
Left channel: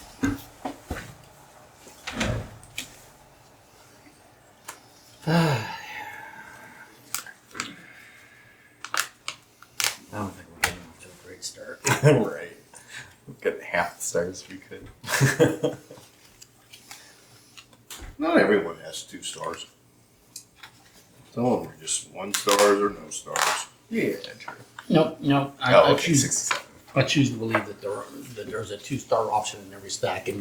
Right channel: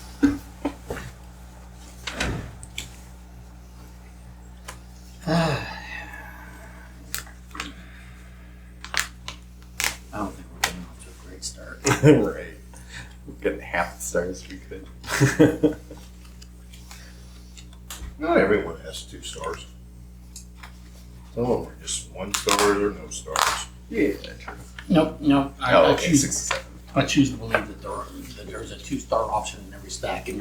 I don't think we're getting off to a great start. Right. We've got half the stars we could. Not everyone has 2 stars. Some of them are just 1 stars or no stars. Yeah, true. Nope. I Okay, choose 67. I choose to believe that there's a 2-star option in every stack, and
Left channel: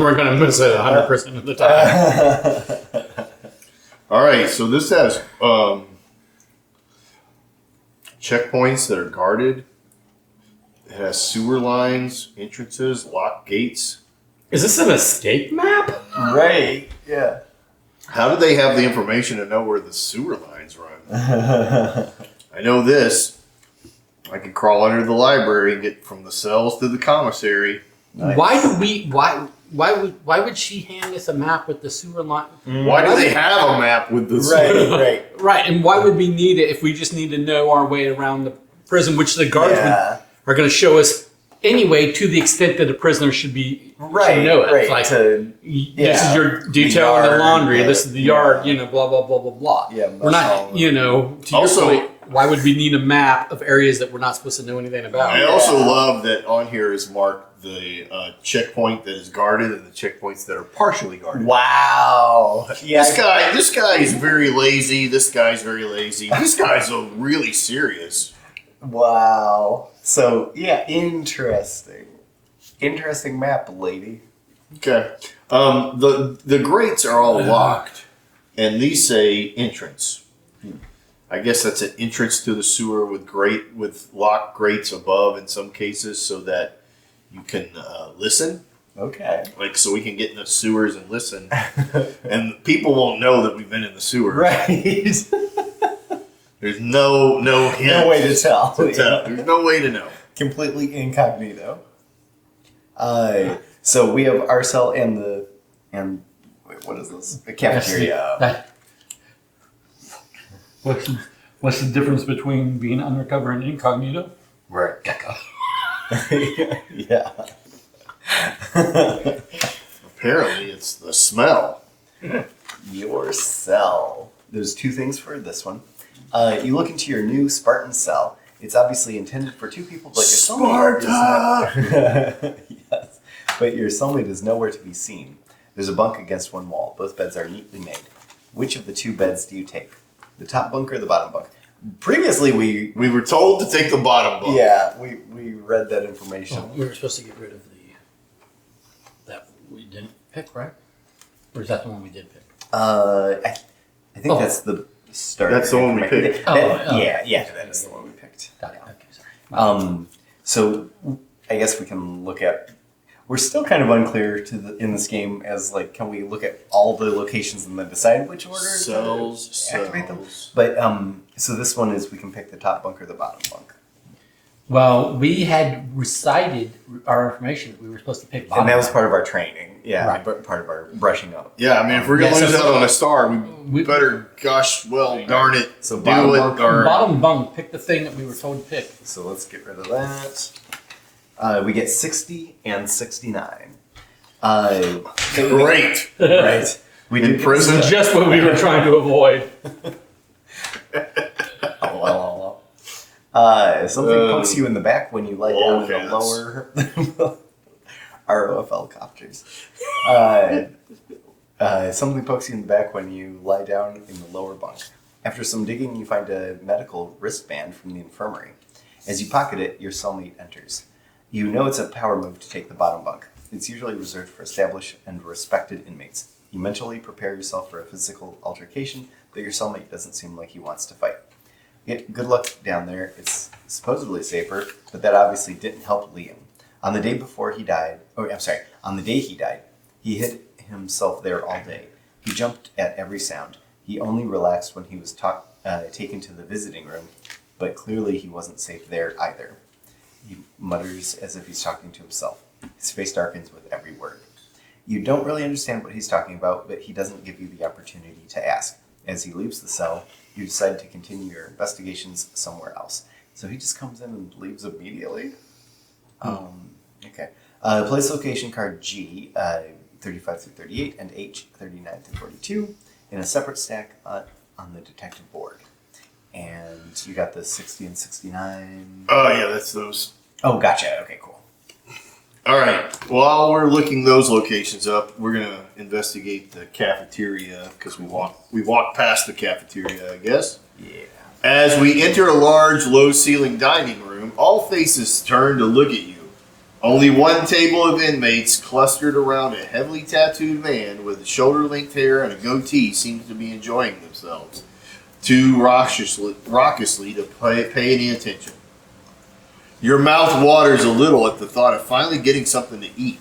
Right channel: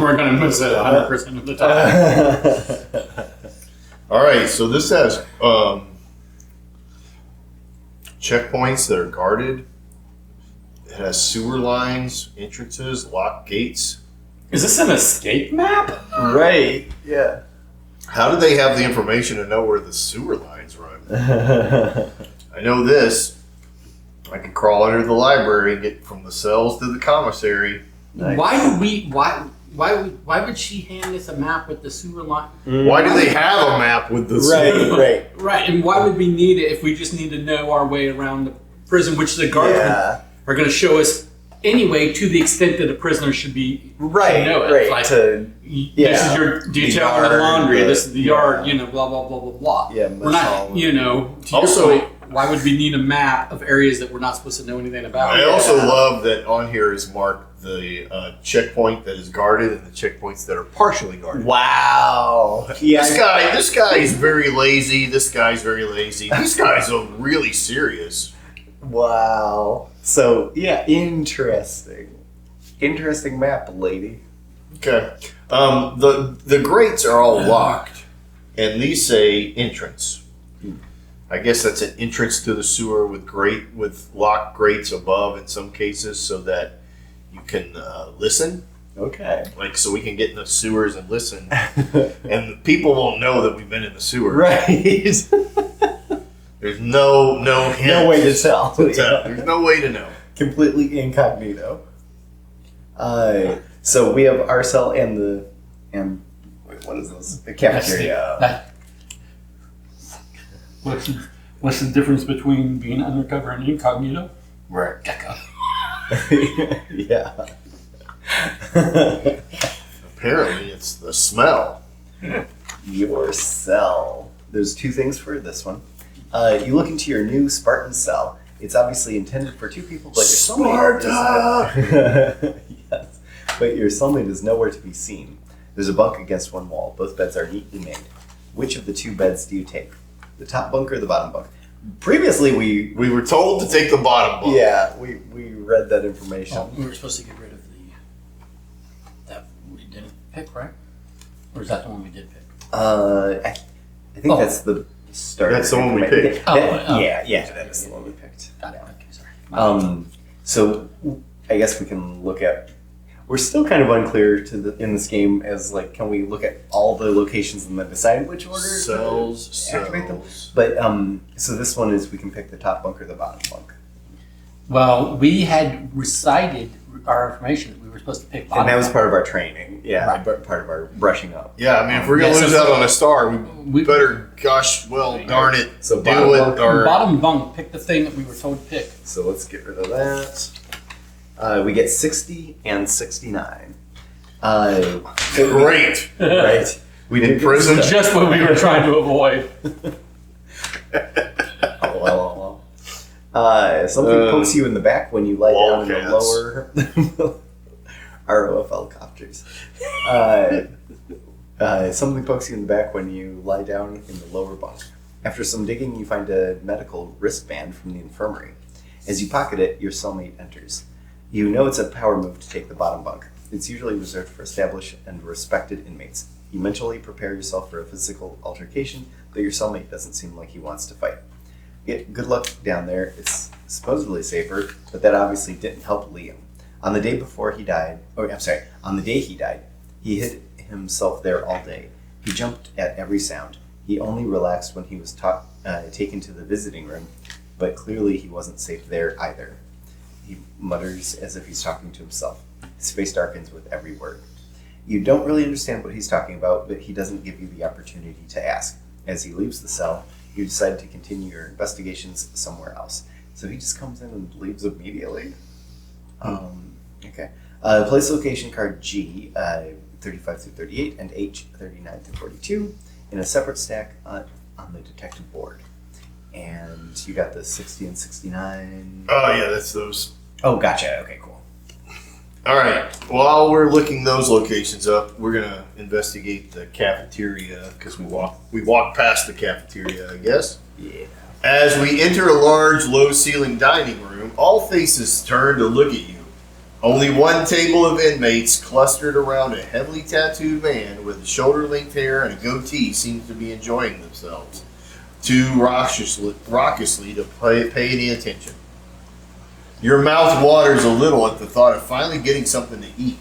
we're going to miss it 100% of the time. All right, so this has checkpoints that are guarded. It has sewer lines, entrances, locked gates. Is this an escape map? Right. Yeah. How do they have the information to know where the sewer lines run? I know this. I can crawl under the library and get from the cells to the commissary. Nice. Why would she hand us a map with the sewer line? Why do they have a map with the sewer? Right. Right, and why would we need it if we just need to know our way around the prison, which the guards are going to show us anyway, to the extent that a prisoner should be should know it. Right. Like, To, this is your detail in the yard, laundry. the- This is the yard. Blah blah blah blah blah. Yeah, we're not. To your Also- point, why would we need a map of areas that we're not supposed to know anything about? I also love that on here is marked the checkpoint that is guarded and the checkpoints that are partially guarded. Wow. Yeah. This guy is very lazy. This guy's very lazy. This guy's really serious. Wow. So, yeah, interesting. Interesting map, lady. Okay. The grates are all locked, and these say entrance. I guess that's an entrance to the sewer with locked grates above in some cases, so that you can listen. Okay. Like, so we can get in the sewers and listen, and the people won't know that we've been in the sewer. Right. There's no hint. No way to tell. There's no way to know. Completely incognito. So we have our cell and wait, what is this? The cafeteria. What's the difference between being undercover and incognito? Right. Gecko. Yeah. Apparently, it's the smell. Your cell. There's 2 things for this one. You look into your new Spartan cell. It's obviously intended for 2 people, but your cellmate does not. Yes, but your cellmate is nowhere to be seen. There's a bunk against one wall. Both beds are neatly made. Which of the 2 beds do you take? The top bunk or the bottom bunk? Previously, We were told to take the bottom bunk. yeah, we read that information. Oh, we were supposed to get rid of that we didn't pick, right? Or is that the one we did pick? I think that's the start. That's the one we picked. Yeah, that is the one we picked. Got it. Okay, sorry. So I guess we can look at. We're still kind of unclear in this game as like, can we look at all the locations and then decide which order Cells, to activate them? cells. But so this one is we can pick the top bunk or the bottom bunk, Well, we had recited our information. We were supposed to pick bottom. and that was part of our training. Yeah, Right. but part of our brushing up. Yeah, I mean, if we're going to Yeah, lose so- out on a star, we we- better, gosh, well, darn it, So do bottom it. bunk- Or, Bottom bunk, pick the thing that we were told to pick. So let's get rid of that. We get 60 and 69. great. Right. We In did prison? Just what we were trying to avoid. Something pokes you in the back when you lie down in the Wildcats. lower ROFL copters. Something pokes you in the back when you lie down in the lower bunk. After some digging, you find a medical wristband from the infirmary. As you pocket it, your cellmate enters. You know it's a power move to take the bottom bunk. It's usually reserved for established and respected inmates. You mentally prepare yourself for a physical altercation, though your cellmate doesn't seem like he wants to fight. Good luck down there. It's supposedly safer, but that obviously didn't help Liam. On the day he died, he hid himself there all day. He jumped at every sound. He only relaxed when he was taken to the visiting room but clearly he wasn't safe there either. He mutters as if he's talking to himself. His face darkens with every word. You don't really understand what he's talking about, but he doesn't give you the opportunity to ask. As he leaves the cell, you decide to continue your investigations somewhere else. So he just comes in and leaves immediately? Okay. Place location card G, 35 through 38, and H, 39 through 42, in a separate stack on the detective board. And you got the 60 and 69. Oh, yeah, that's those. Oh, gotcha. Okay, cool. All right. While we're looking those locations up, we're going to investigate the cafeteria because we walked past the cafeteria, I guess. Yeah. As we enter a large, low-ceiling dining room, all faces turn to look at you. Only one table of inmates clustered around a heavily tattooed man with shoulder-length hair and a goatee seems to be enjoying themselves too raucously to pay any attention. Your mouth waters a little at the thought of finally getting something to eat.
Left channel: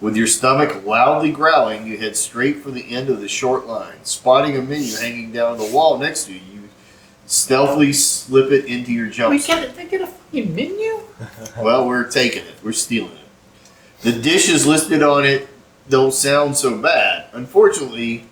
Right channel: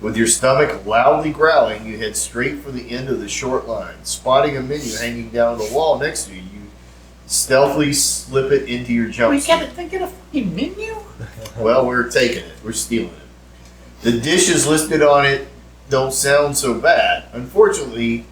With your stomach loudly growling, you head straight for the end of the short line. Spotting a menu hanging down the wall next to you, you stealthily slip it into your jumpsuit. They get a fucking menu? Well, we're taking it. We're stealing it. The dishes listed on it don't sound so bad. Unfortunately,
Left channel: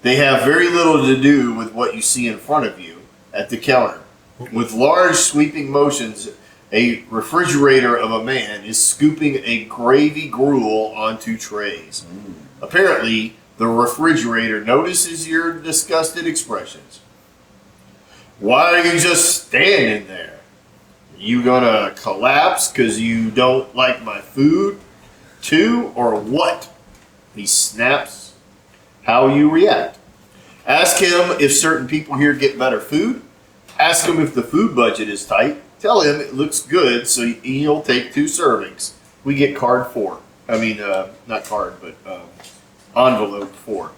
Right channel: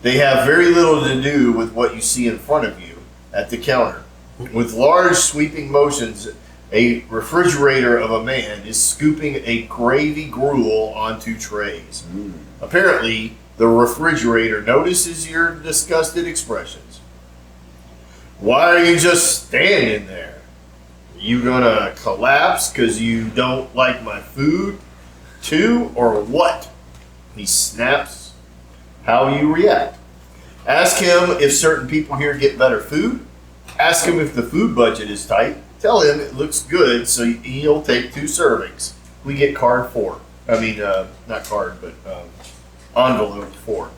they have very little to do with what you see in front of you at the counter. With large sweeping motions, a refrigerator of a man is scooping a gravy gruel onto trays. Apparently, the refrigerator notices your disgusted expressions. Why are you just standing there? You gonna collapse because you don't like my food too, or what? He snaps. How you react. Ask him if certain people here get better food. Ask him if the food budget is tight. Tell him it looks good, so he'll take 2 servings. We get card 4. I mean, not card, but envelope 4.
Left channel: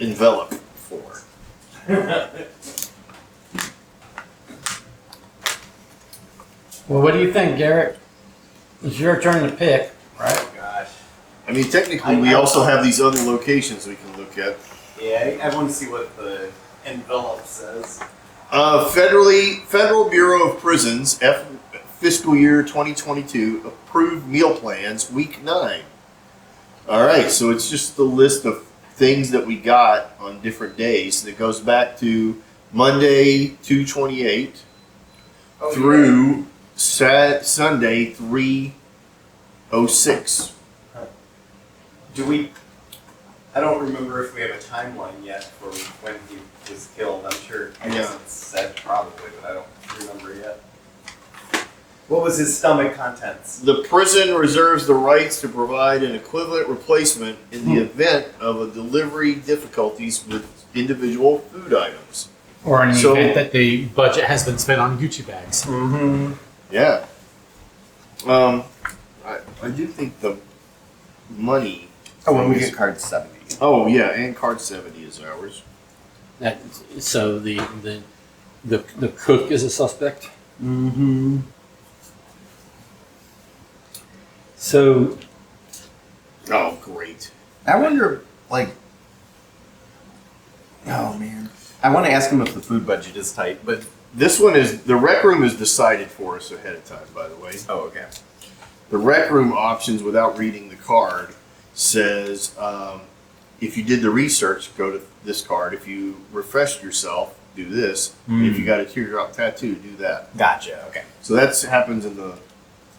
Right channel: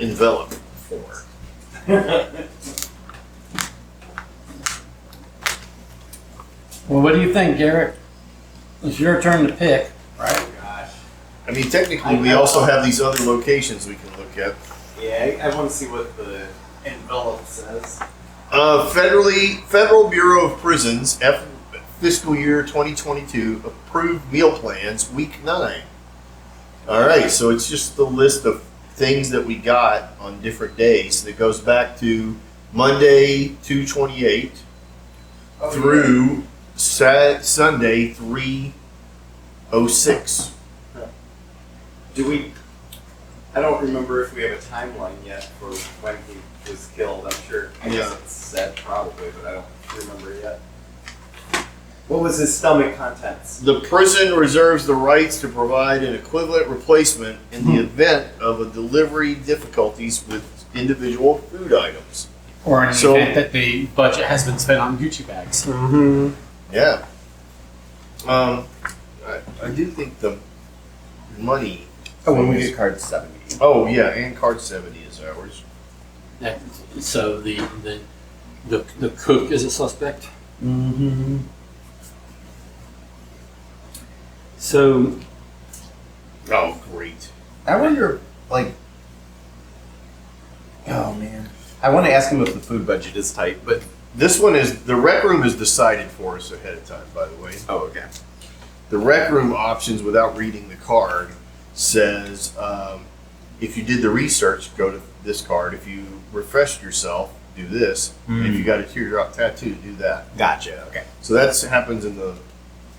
Envelope 4. Well, what do you think, Garrett? It's your turn to pick, right? Oh gosh. I mean, technically, we also have these other locations we can look at. Yeah, I want to see what the envelope says. Federal Bureau of Prisons, fiscal year 2022, approved meal plans, week 9. All right, so it's just the list of things that we got on different days that goes back to Monday 2/28 through Sunday 3/06. Do we? I don't remember if we have a timeline yet for when he was killed. I'm sure. I guess it's said probably, but I don't remember yet. What was his stomach contents? The prison reserves the rights to provide an equivalent replacement in the event of a delivery difficulties with individual food items. Or in the event that the budget has been spent on Gucci bags. Mm-hmm. Yeah. I do think the money. Oh, when we get card 70. Oh yeah, and card 70 is ours. So the cook is a suspect? Mm-hmm. So Oh great. I wonder, like... Oh, man. I want to ask him if the food budget is tight, but... This one is the rec room is decided for us ahead of time. By the way, Oh, okay. the rec room options without reading the card says if you did the research, go to this card. If you refreshed yourself, do this. If you got a teardrop tattoo, do that. Gotcha, okay. So that happens in the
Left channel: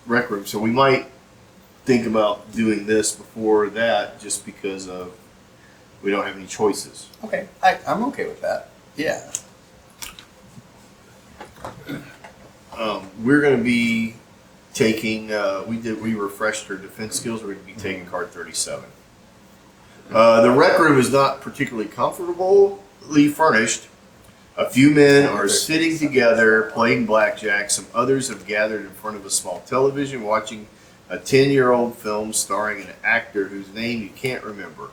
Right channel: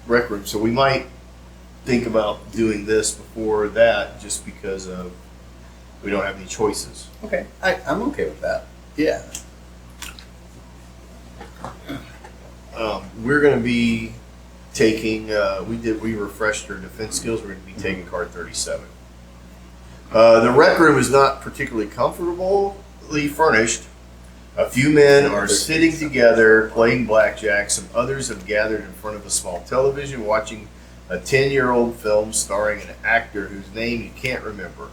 rec room. So we might think about doing this before that, just because of we don't have any choices. Okay, I'm okay with that. Yeah. We're going to be taking. We refreshed our defense skills. We're going to be taking card 37. The rec room is not particularly comfortably furnished. A few men are sitting together playing blackjack. Some others have gathered in front of a small television watching a 10-year-old film starring an actor whose name you can't remember.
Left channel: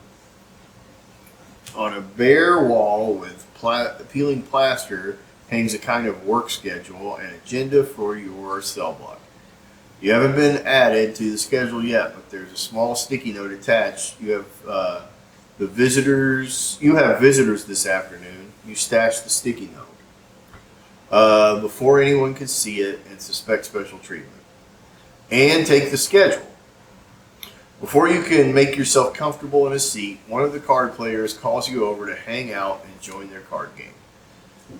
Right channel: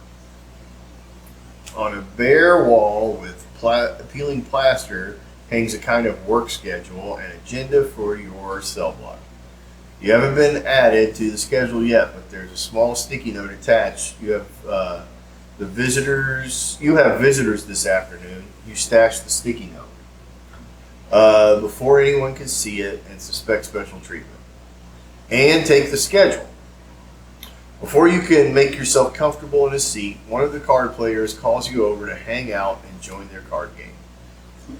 On a bare wall with peeling plaster hangs a kind of work schedule and agenda for your cell block. You haven't been added to the schedule yet, but there's a small sticky note attached. You have The visitors, you have visitors this afternoon. You stash the sticky note before anyone can see it and suspect special treatment. And take the schedule. Before you can make yourself comfortable in a seat, one of the card players calls you over to hang out and join their card game.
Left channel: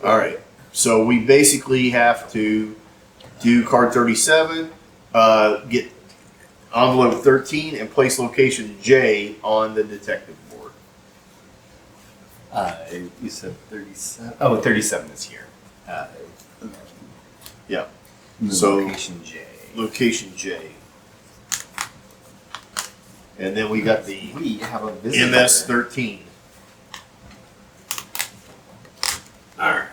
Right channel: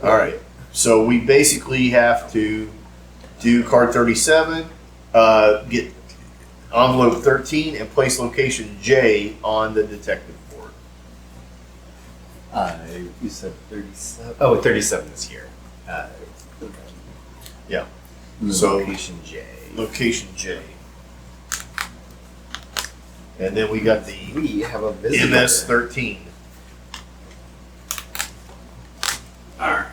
All right. So we basically have to do card 37, get envelope 13, and place location J on the detective board. You said 37. Oh, 37 is here. Yeah. So So location J. location J. And then we got the We have a visitor. MS-13. Alright.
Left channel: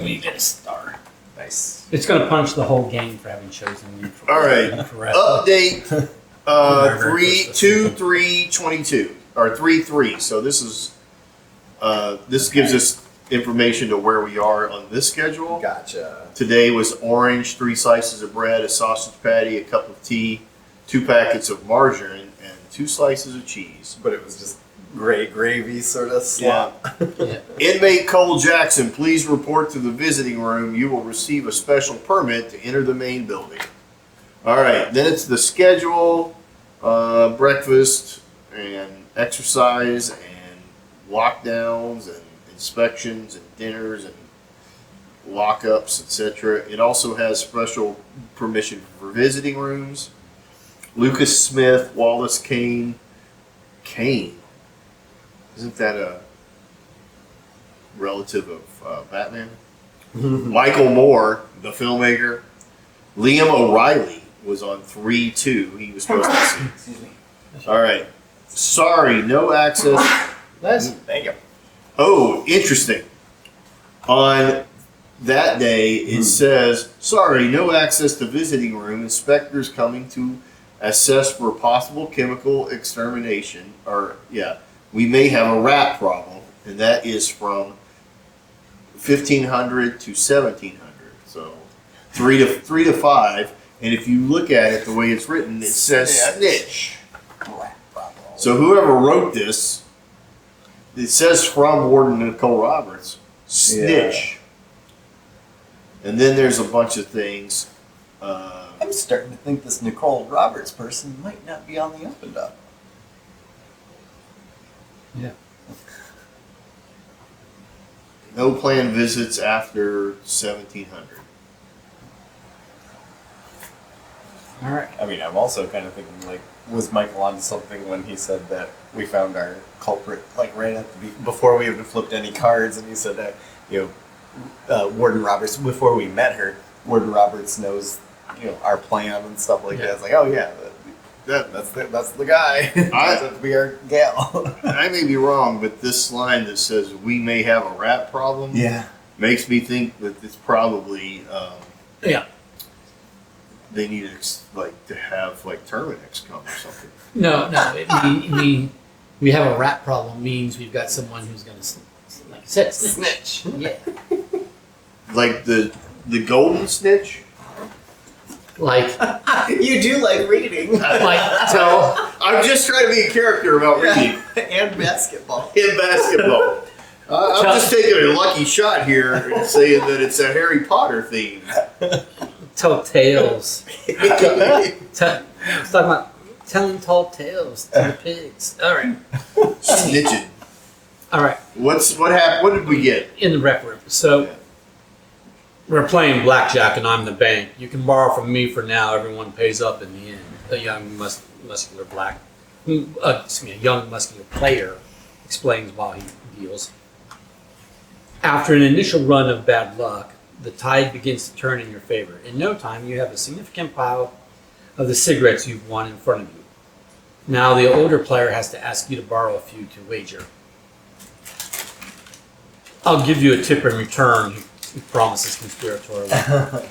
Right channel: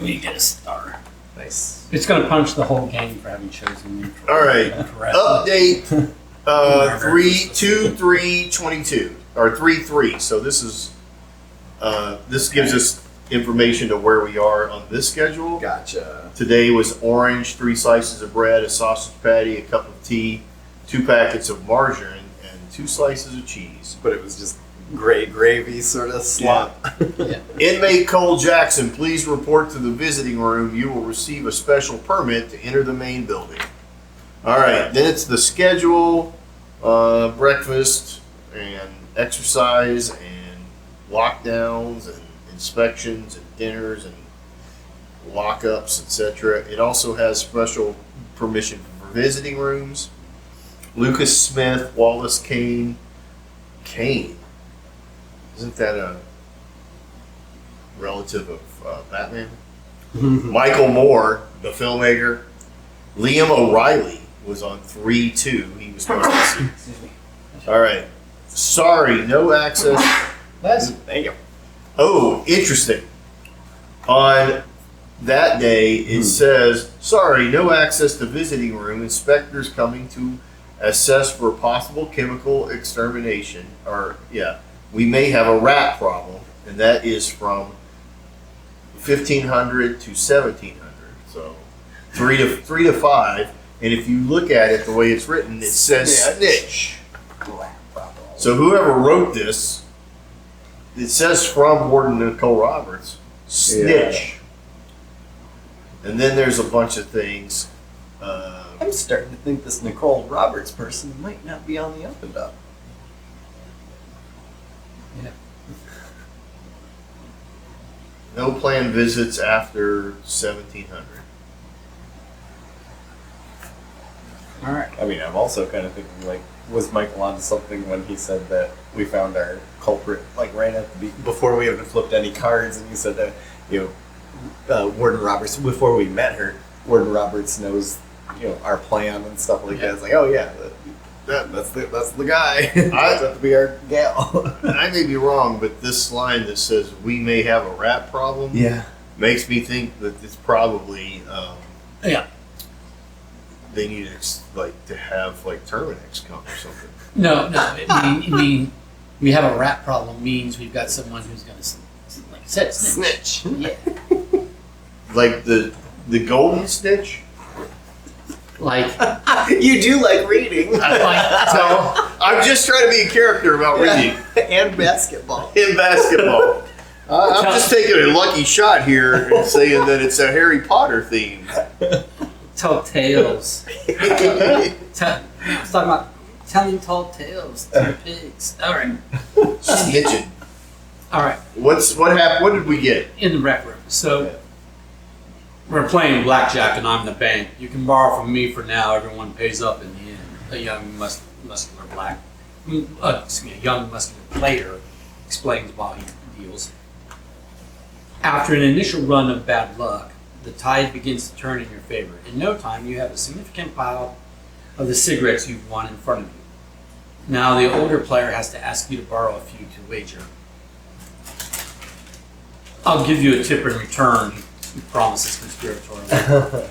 We get a star. Nice. It's going to punch the whole game for having chosen neutral. All right. Correct. Update 3/2/22 or 3/3. So this is this gives us information to where we are on this schedule. Gotcha. Today was orange, 3 slices of bread, a sausage patty, a cup of tea, 2 packets of margarine, and 2 slices of cheese. But it was just gray gravy sort of slop. Inmate Cole Jackson, please report to the visiting room. You will receive a special permit to enter the main building. All right, then it's the schedule, breakfast and exercise and lockdowns and inspections and dinners and lockups, etc. It also has special permission for visiting rooms. Lucas Smith, Wallace Kane. Isn't that a relative of Batman? Michael Moore, the filmmaker. Liam O'Reilly was on 3/2. He was supposed to see. All right. Sorry, no access. Thank you. Oh, interesting. On that day, it says, sorry, no access to visiting room. Inspectors coming to assess for possible chemical extermination. Or, yeah, we may have a rat problem. And that is from 1500 to 1700. So 3 to 5. And if you look at it the way it's written, it says snitch. So whoever wrote this, it says from Warden Nicole Roberts, snitch. And then there's a bunch of things. I'm starting to think this Nicole Roberts person might not be on the up and up. Yeah. No planned visits after 1700. Alright. I mean, I'm also kind of thinking, like, was Michael onto something when he said that we found our culprit, like, right at the before we even flipped any cards, and he said that, Warden Roberts, before we met her, Warden Roberts knows, our plan and stuff like that. It's like, oh yeah, that's the guy. That's have to be our gal. I may be wrong, but this line that says we may have a rat problem Yeah. makes me think that it's probably Yeah. they need to have Terminex come or something. No. We have a rat problem means we've got someone who's going to, like I said, snitch. Yeah. Like the golden snitch. Like, You do like reading. I'm just trying to be a character about reading And basketball. in basketball. I'm just taking a lucky shot here and saying that it's a Harry Potter theme. tell tales. Let's talk about telling tall tales to pigs. All right. Snitching. All right. What happened? What did we get? In the rec room. So we're playing blackjack and I'm the bank. You can borrow from me for now. Everyone pays up in the end. A young muscular young muscular player explains while he deals. After an initial run of bad luck, the tide begins to turn in your favor. In no time, you have a significant pile of the cigarettes you've won in front of you. Now the older player has to ask you to borrow a few to wager. I'll give you a tip in return, he promises conspiratorially.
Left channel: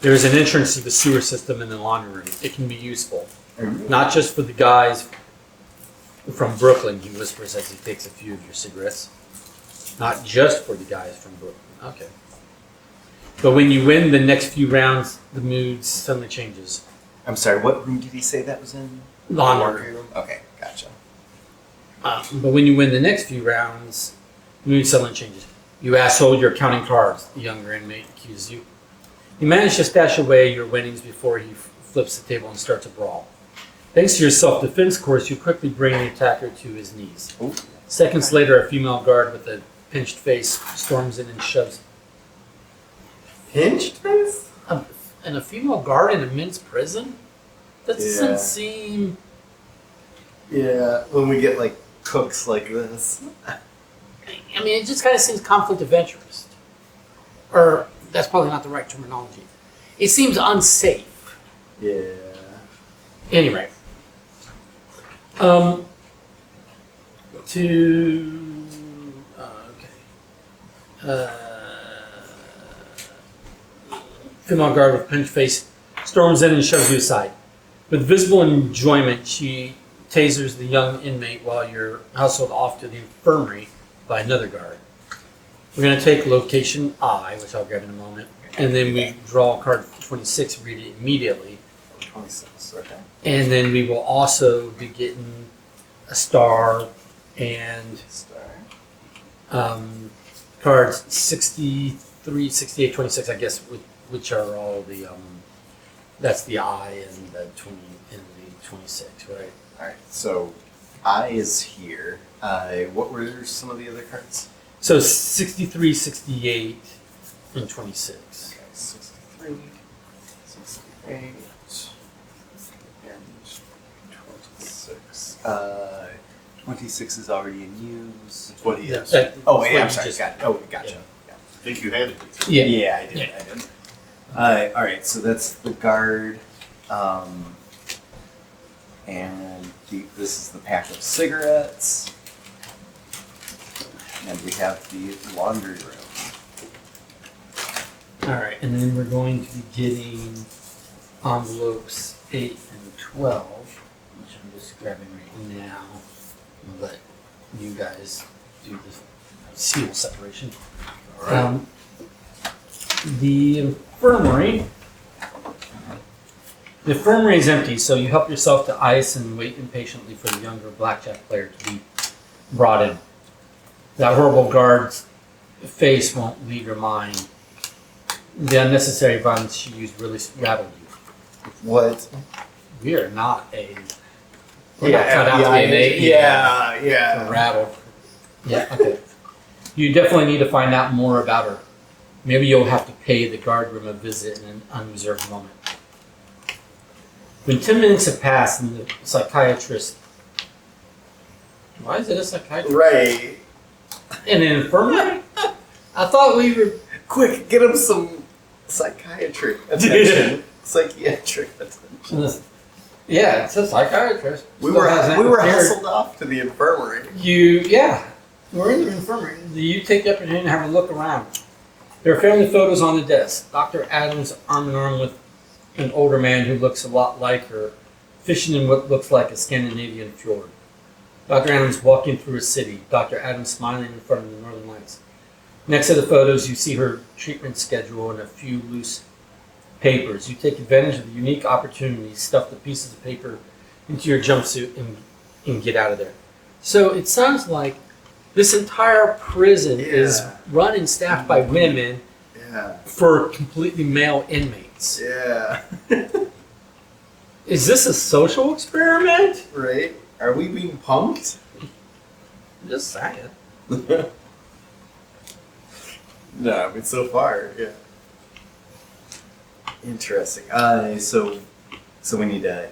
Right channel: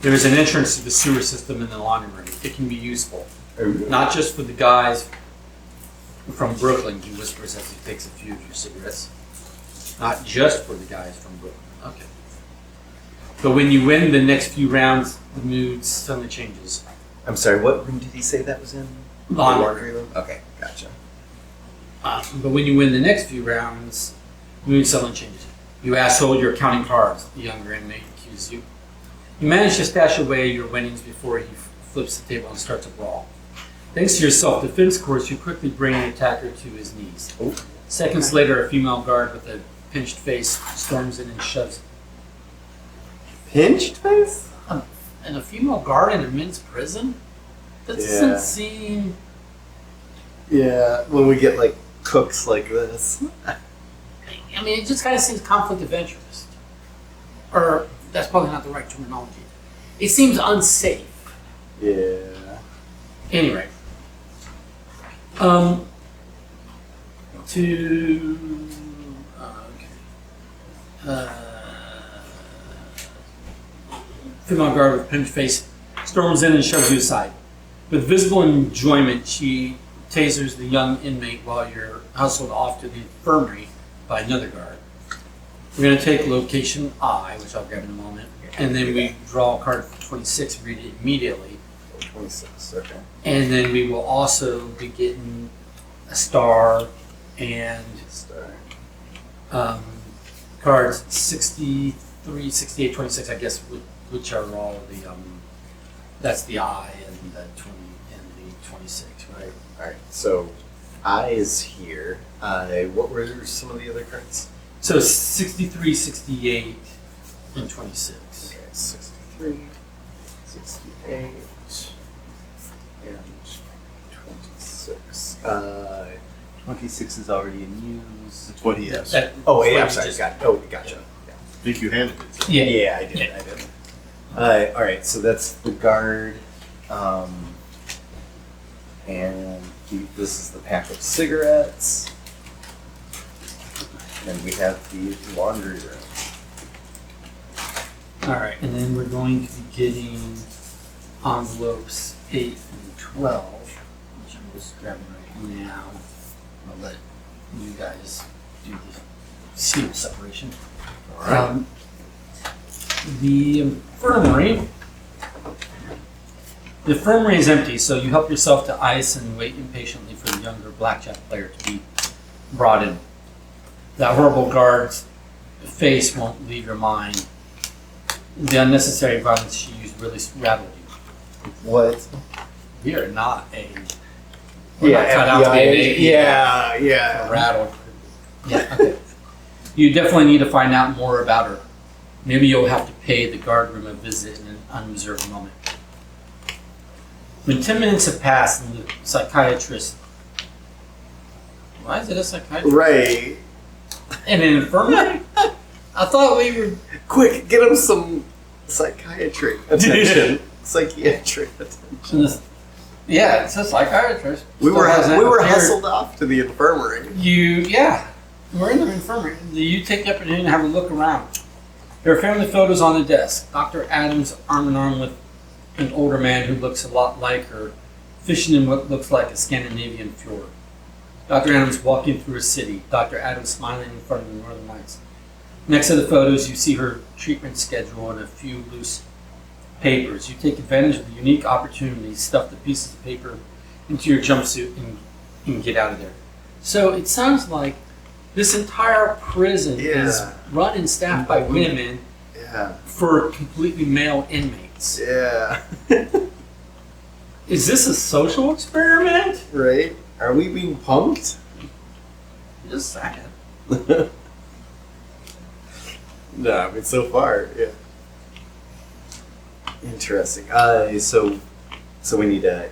There is an entrance to the sewer system in the laundry room. It can be useful. Not just for the guys from Brooklyn, he whispers as he takes a few of your cigarettes. Not just for the guys from Brooklyn. Okay. But when you win the next few rounds, the mood suddenly changes. I'm sorry, what room did he say that was in? Laundry room? Okay, gotcha. But when you win the next few rounds, mood suddenly changes. You asshole, you're counting cards, the younger inmate accuses you. You manage to stash away your winnings before he flips the table and starts a brawl. Thanks to your self-defense course, you quickly bring the attacker to his knees. Ooh. Seconds later, a female guard with a pinched face storms in and shoves. Pinched face? And a female guard in a men's prison? That doesn't seem... Yeah, when we get like cooks like this. I mean, it just kind of seems conflict of interest. Or, that's probably not the right terminology. It seems unsafe. Yeah. Anyway. Female guard with pinched face storms in and shoves you aside. With visible enjoyment, she tasers the young inmate while you're hustled off to the infirmary by another guard. We're going to take location I, which I'll grab in a moment, and then we draw card 26, read it immediately. 26, okay. And then we will also be getting a star and cards 63, 68, 26, I guess, which are all the, that's the I and the 20 and the 26, right? Alright, so I is here. What were some of the other cards? So 63, 68, and 26. Okay, 63, 68, and 26. 26 is already in use. That's what he has. Oh, wait, Wait, I'm sorry. just- Gotcha. I think you handed it to him. Yeah. Yeah, I did. Yeah. I did. Alright, so that's the guard. This is the pack of cigarettes. And we have the laundry room. All right, and then we're going to be getting envelopes 8 and 12, which I'm just grabbing right now. I'll let you guys do the seal separation. All right. The infirmary. The infirmary is empty, so you help yourself to ice and wait impatiently for the younger blackjack player to be brought in. That horrible guard's face won't leave your mind. The unnecessary violence she used really rattled you. What? We are not a. We're not cut out to be an A. Yeah. We're rattled. Yeah, okay. You definitely need to find out more about her. Maybe you'll have to pay the guard room a visit in an unreserved moment. When 10 minutes have passed and the psychiatrist. Why is it a psychiatrist? Right. In an infirmary? I thought we were. Quick, get him some psychiatric attention. Psychiatric attention. Yeah, it's a psychiatrist. We Still were hasn't appeared. hustled off to the infirmary. We're in the infirmary. You take the opportunity to have a look around. There are family photos on the desk. Dr. Adams arm in arm with an older man who looks a lot like her, fishing in what looks like a Scandinavian fjord. Dr. Adams walking through a city. Dr. Adams smiling in front of the northern lights. Next to the photos, you see her treatment schedule and a few loose papers. You take advantage of the unique opportunity, stuff the pieces of paper into your jumpsuit, and get out of there. So it sounds like this entire prison is run and staffed by women for completely male inmates. Yeah. Is this a social experiment? Right? Are we being punked? Just saying. No, I mean so far, yeah. Interesting. So we need 8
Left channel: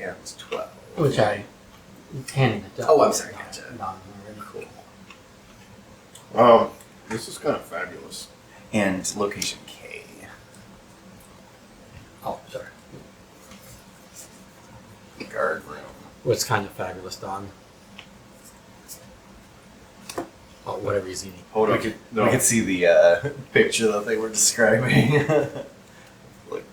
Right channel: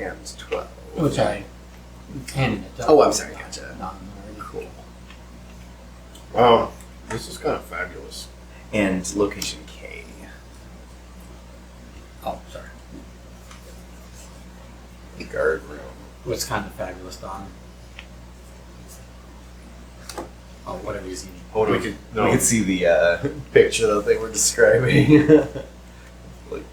and 12. Which I handed it to. Oh, I'm sorry. Gotcha. Cool. This is kind of fabulous. And location K. Oh, sorry. The guard room. What's kind of fabulous, Don? Oh, whatever he's eating. Oh, no, no. We could see the Picture that they were describing. Like,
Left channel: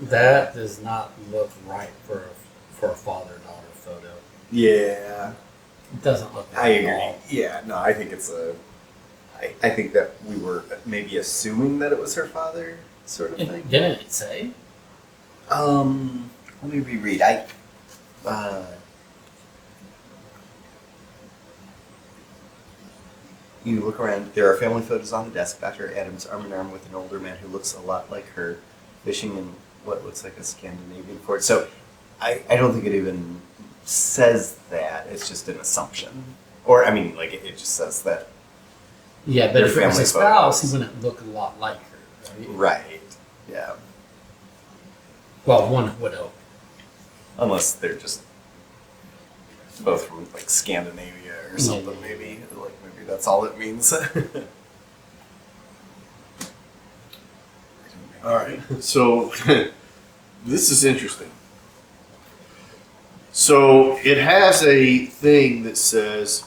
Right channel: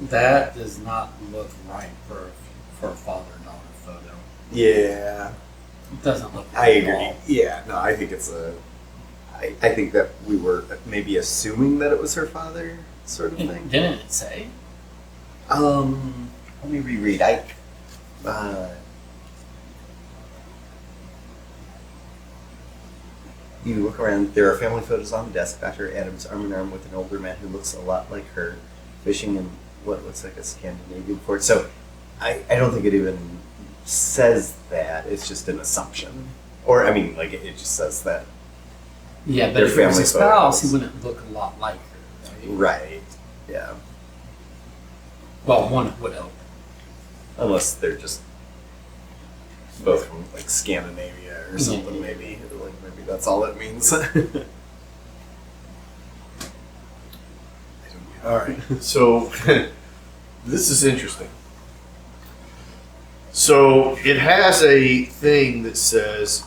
That does not look right for a father-daughter photo. yeah. It doesn't look I right at agree. all. Yeah, no, I think it's I think that we were maybe assuming that it was her father, sort of thing. Didn't it say? Let me reread. You look around. There are family photos on the desk. Dr. Adams arm in arm with an older man who looks a lot like her, fishing in what looks like a Scandinavian port. So, I don't think it even says that. It's just an assumption. Or, I mean, like, it just says that. Yeah, but Their if it was family a spouse, photos. he wouldn't look a lot like her. Right? Right. Yeah. Well, one would hope. Unless they're just both from, like, Scandinavia or something, Yeah. maybe. Like, maybe that's all it means. All right. So this is interesting. So it has a thing that says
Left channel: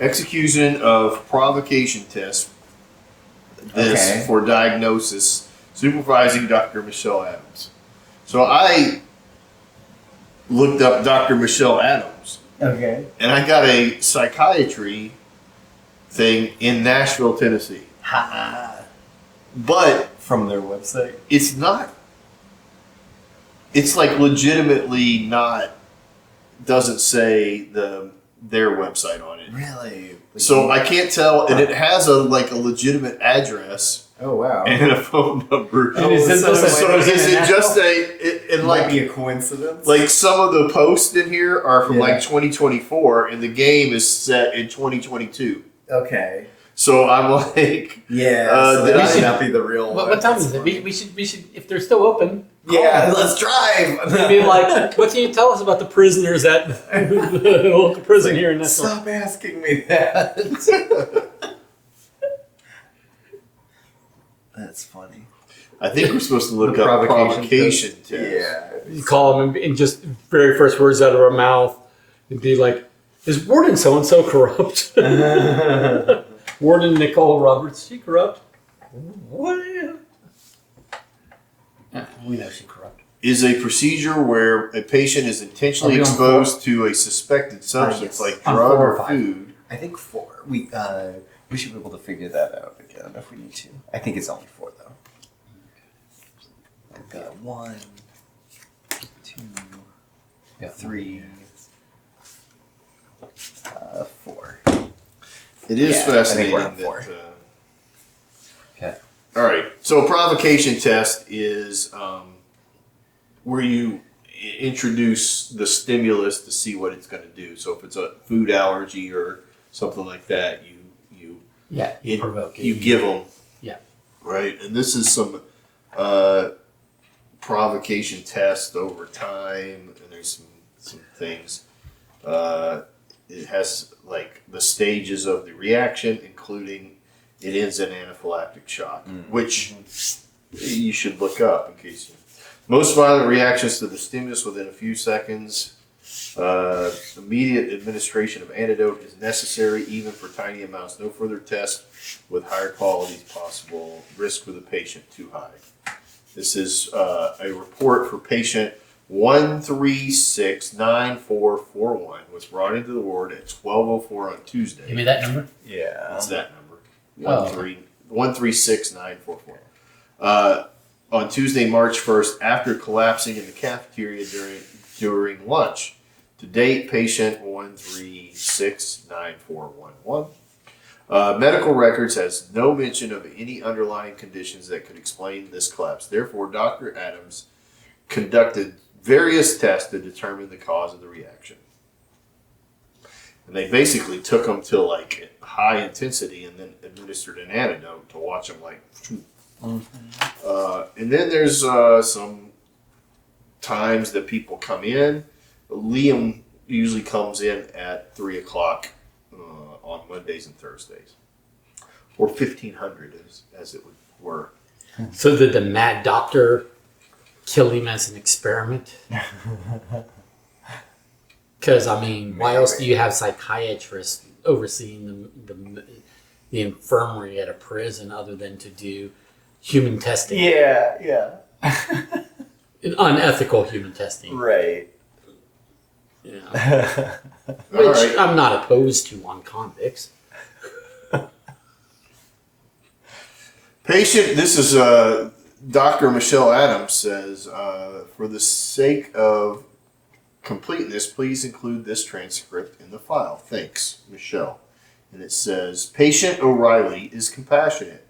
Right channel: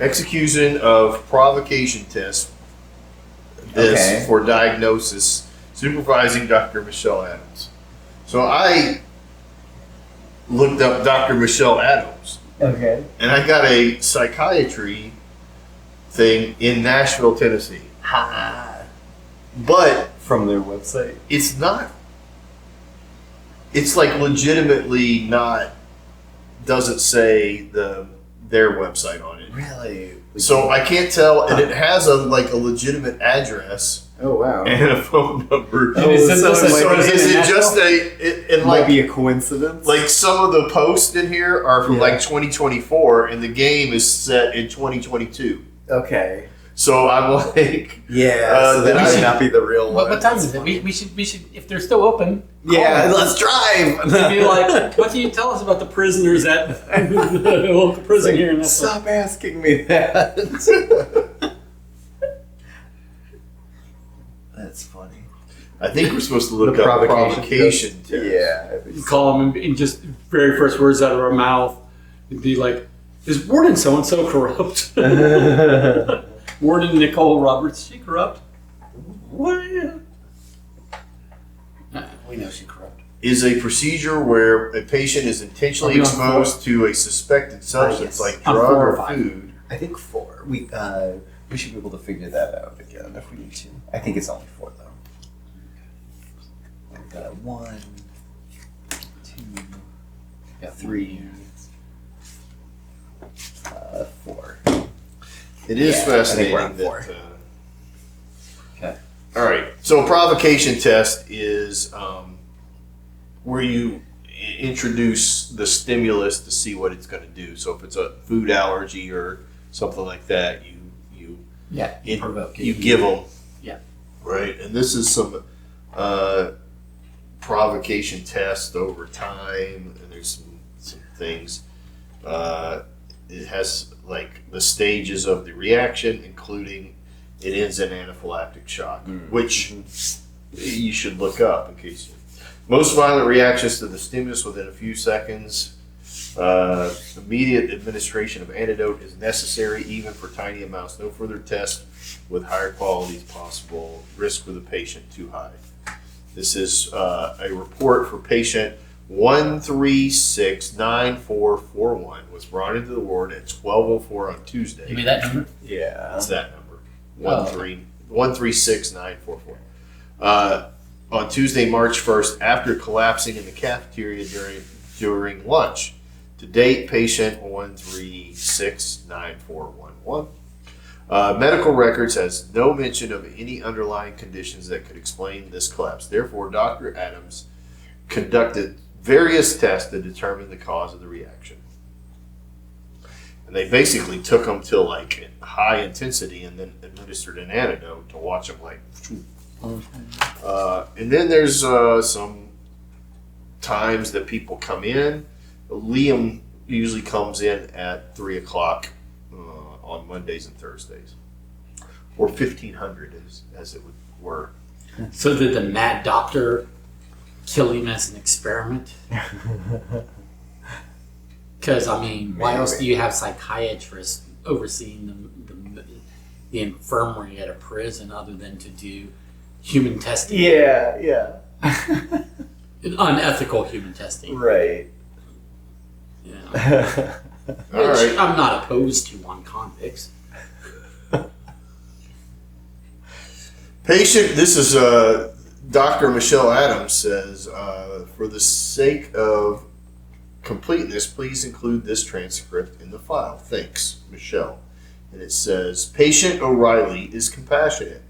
execution of provocation test. This Okay. for diagnosis, supervising Dr. Michelle Adams. So I looked up Dr. Michelle Adams, Okay. and I got a psychiatry thing in Nashville, Tennessee. Ha! But From their website. it's not. It's like legitimately not. Doesn't say their website on it. Really? So I can't tell, and it has a legitimate address Oh wow. and a phone number. And is so this it a- might So be- is it Nashville? just and might like be a coincidence. like some of the posts in here are from Yeah. like 2024, and the game is set in 2022. Okay. So I'm like, Yeah. so that we might should- not be the real one. What time That's is it? funny. We should if they're still open. Yeah, let's drive. We'd be like, what can you tell us about the prisoners at the local prison here in Nashville? Stop asking me that. That's funny. I think we're supposed to look The up provocation provocation test. Yeah. You call them and just very first words out of our mouth, it'd be like, is Warden so and so corrupt? Warden Nicole Roberts, she corrupt? What? We know she corrupt. Is a procedure where a patient is intentionally Are we on exposed to a suspected substance yes. like On drug 4 or or 5. food. I think 4. We should be able to figure that out again if we need to. I think it's only 4 though. We've got 1, 2, 3, 4. It is Yeah, I think fascinating we're on that. 4. Okay. All right. So a provocation test is where you introduce the stimulus to see what it's going to do. So if it's a food allergy or something like that, Yeah, you provoke it. you give them. Yeah. Right. And this is some provocation test over time, and there's some things. It has like the stages of the reaction, including it ends in anaphylactic shock, which you should look up in case you. Most violent reactions to the stimulus within a few seconds. Immediate administration of antidote is necessary, even for tiny amounts. No further test with higher quality is possible. Risk for the patient too high. This is a report for patient 1369441. Was brought into the ward at 12:04 on Tuesday. Give me that number. Yeah. That's that number. Oh. 1369441. On Tuesday, March 1st, after collapsing in the cafeteria during lunch. To date, patient 1369411. Medical records has no mention of any underlying conditions that could explain this collapse. Therefore, Dr. Adams conducted various tests to determine the cause of the reaction. And they basically took them to like high intensity and then administered an antidote to watch them like. And then there's some times that people come in. Liam usually comes in at 3 o'clock on Mondays and Thursdays, or 1500 as it were. So did the mad doctor kill him as an experiment? Because I mean, why else do you have psychiatrists overseeing the infirmary at a prison other than to do human testing? Yeah. Unethical human testing. Right. Yeah. All Which right. I'm not opposed to on convicts. Patient, this is Dr. Michelle Adams says, for the sake of completeness, please include this transcript in the file. Thanks, Michelle. And it says, Patient O'Reilly is compassionate.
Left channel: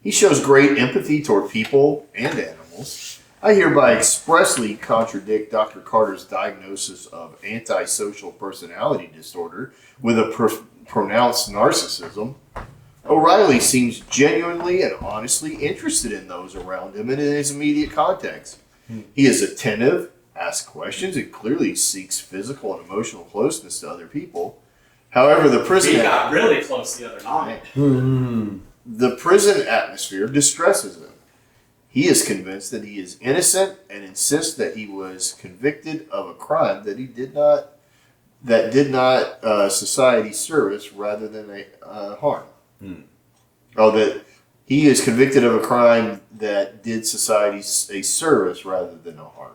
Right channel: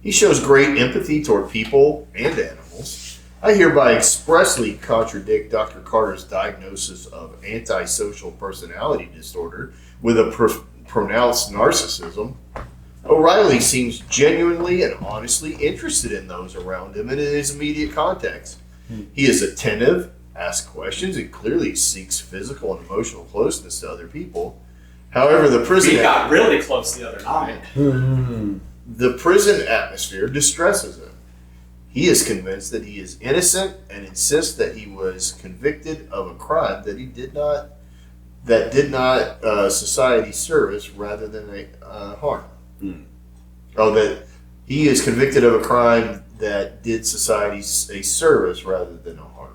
He shows great empathy toward people and animals. I hereby expressly contradict Dr. Carter's diagnosis of antisocial personality disorder with a pronounced narcissism. O'Reilly seems genuinely and honestly interested in those around him and in his immediate context. He is attentive, asks questions, and clearly seeks physical and emotional closeness to other people. However, the prison We got really close the other night. the prison atmosphere distresses him. He is convinced that he is innocent and insists that he was convicted of a crime that did not society service rather than a harm. Oh, that he is convicted of a crime that did society a service rather than a harm.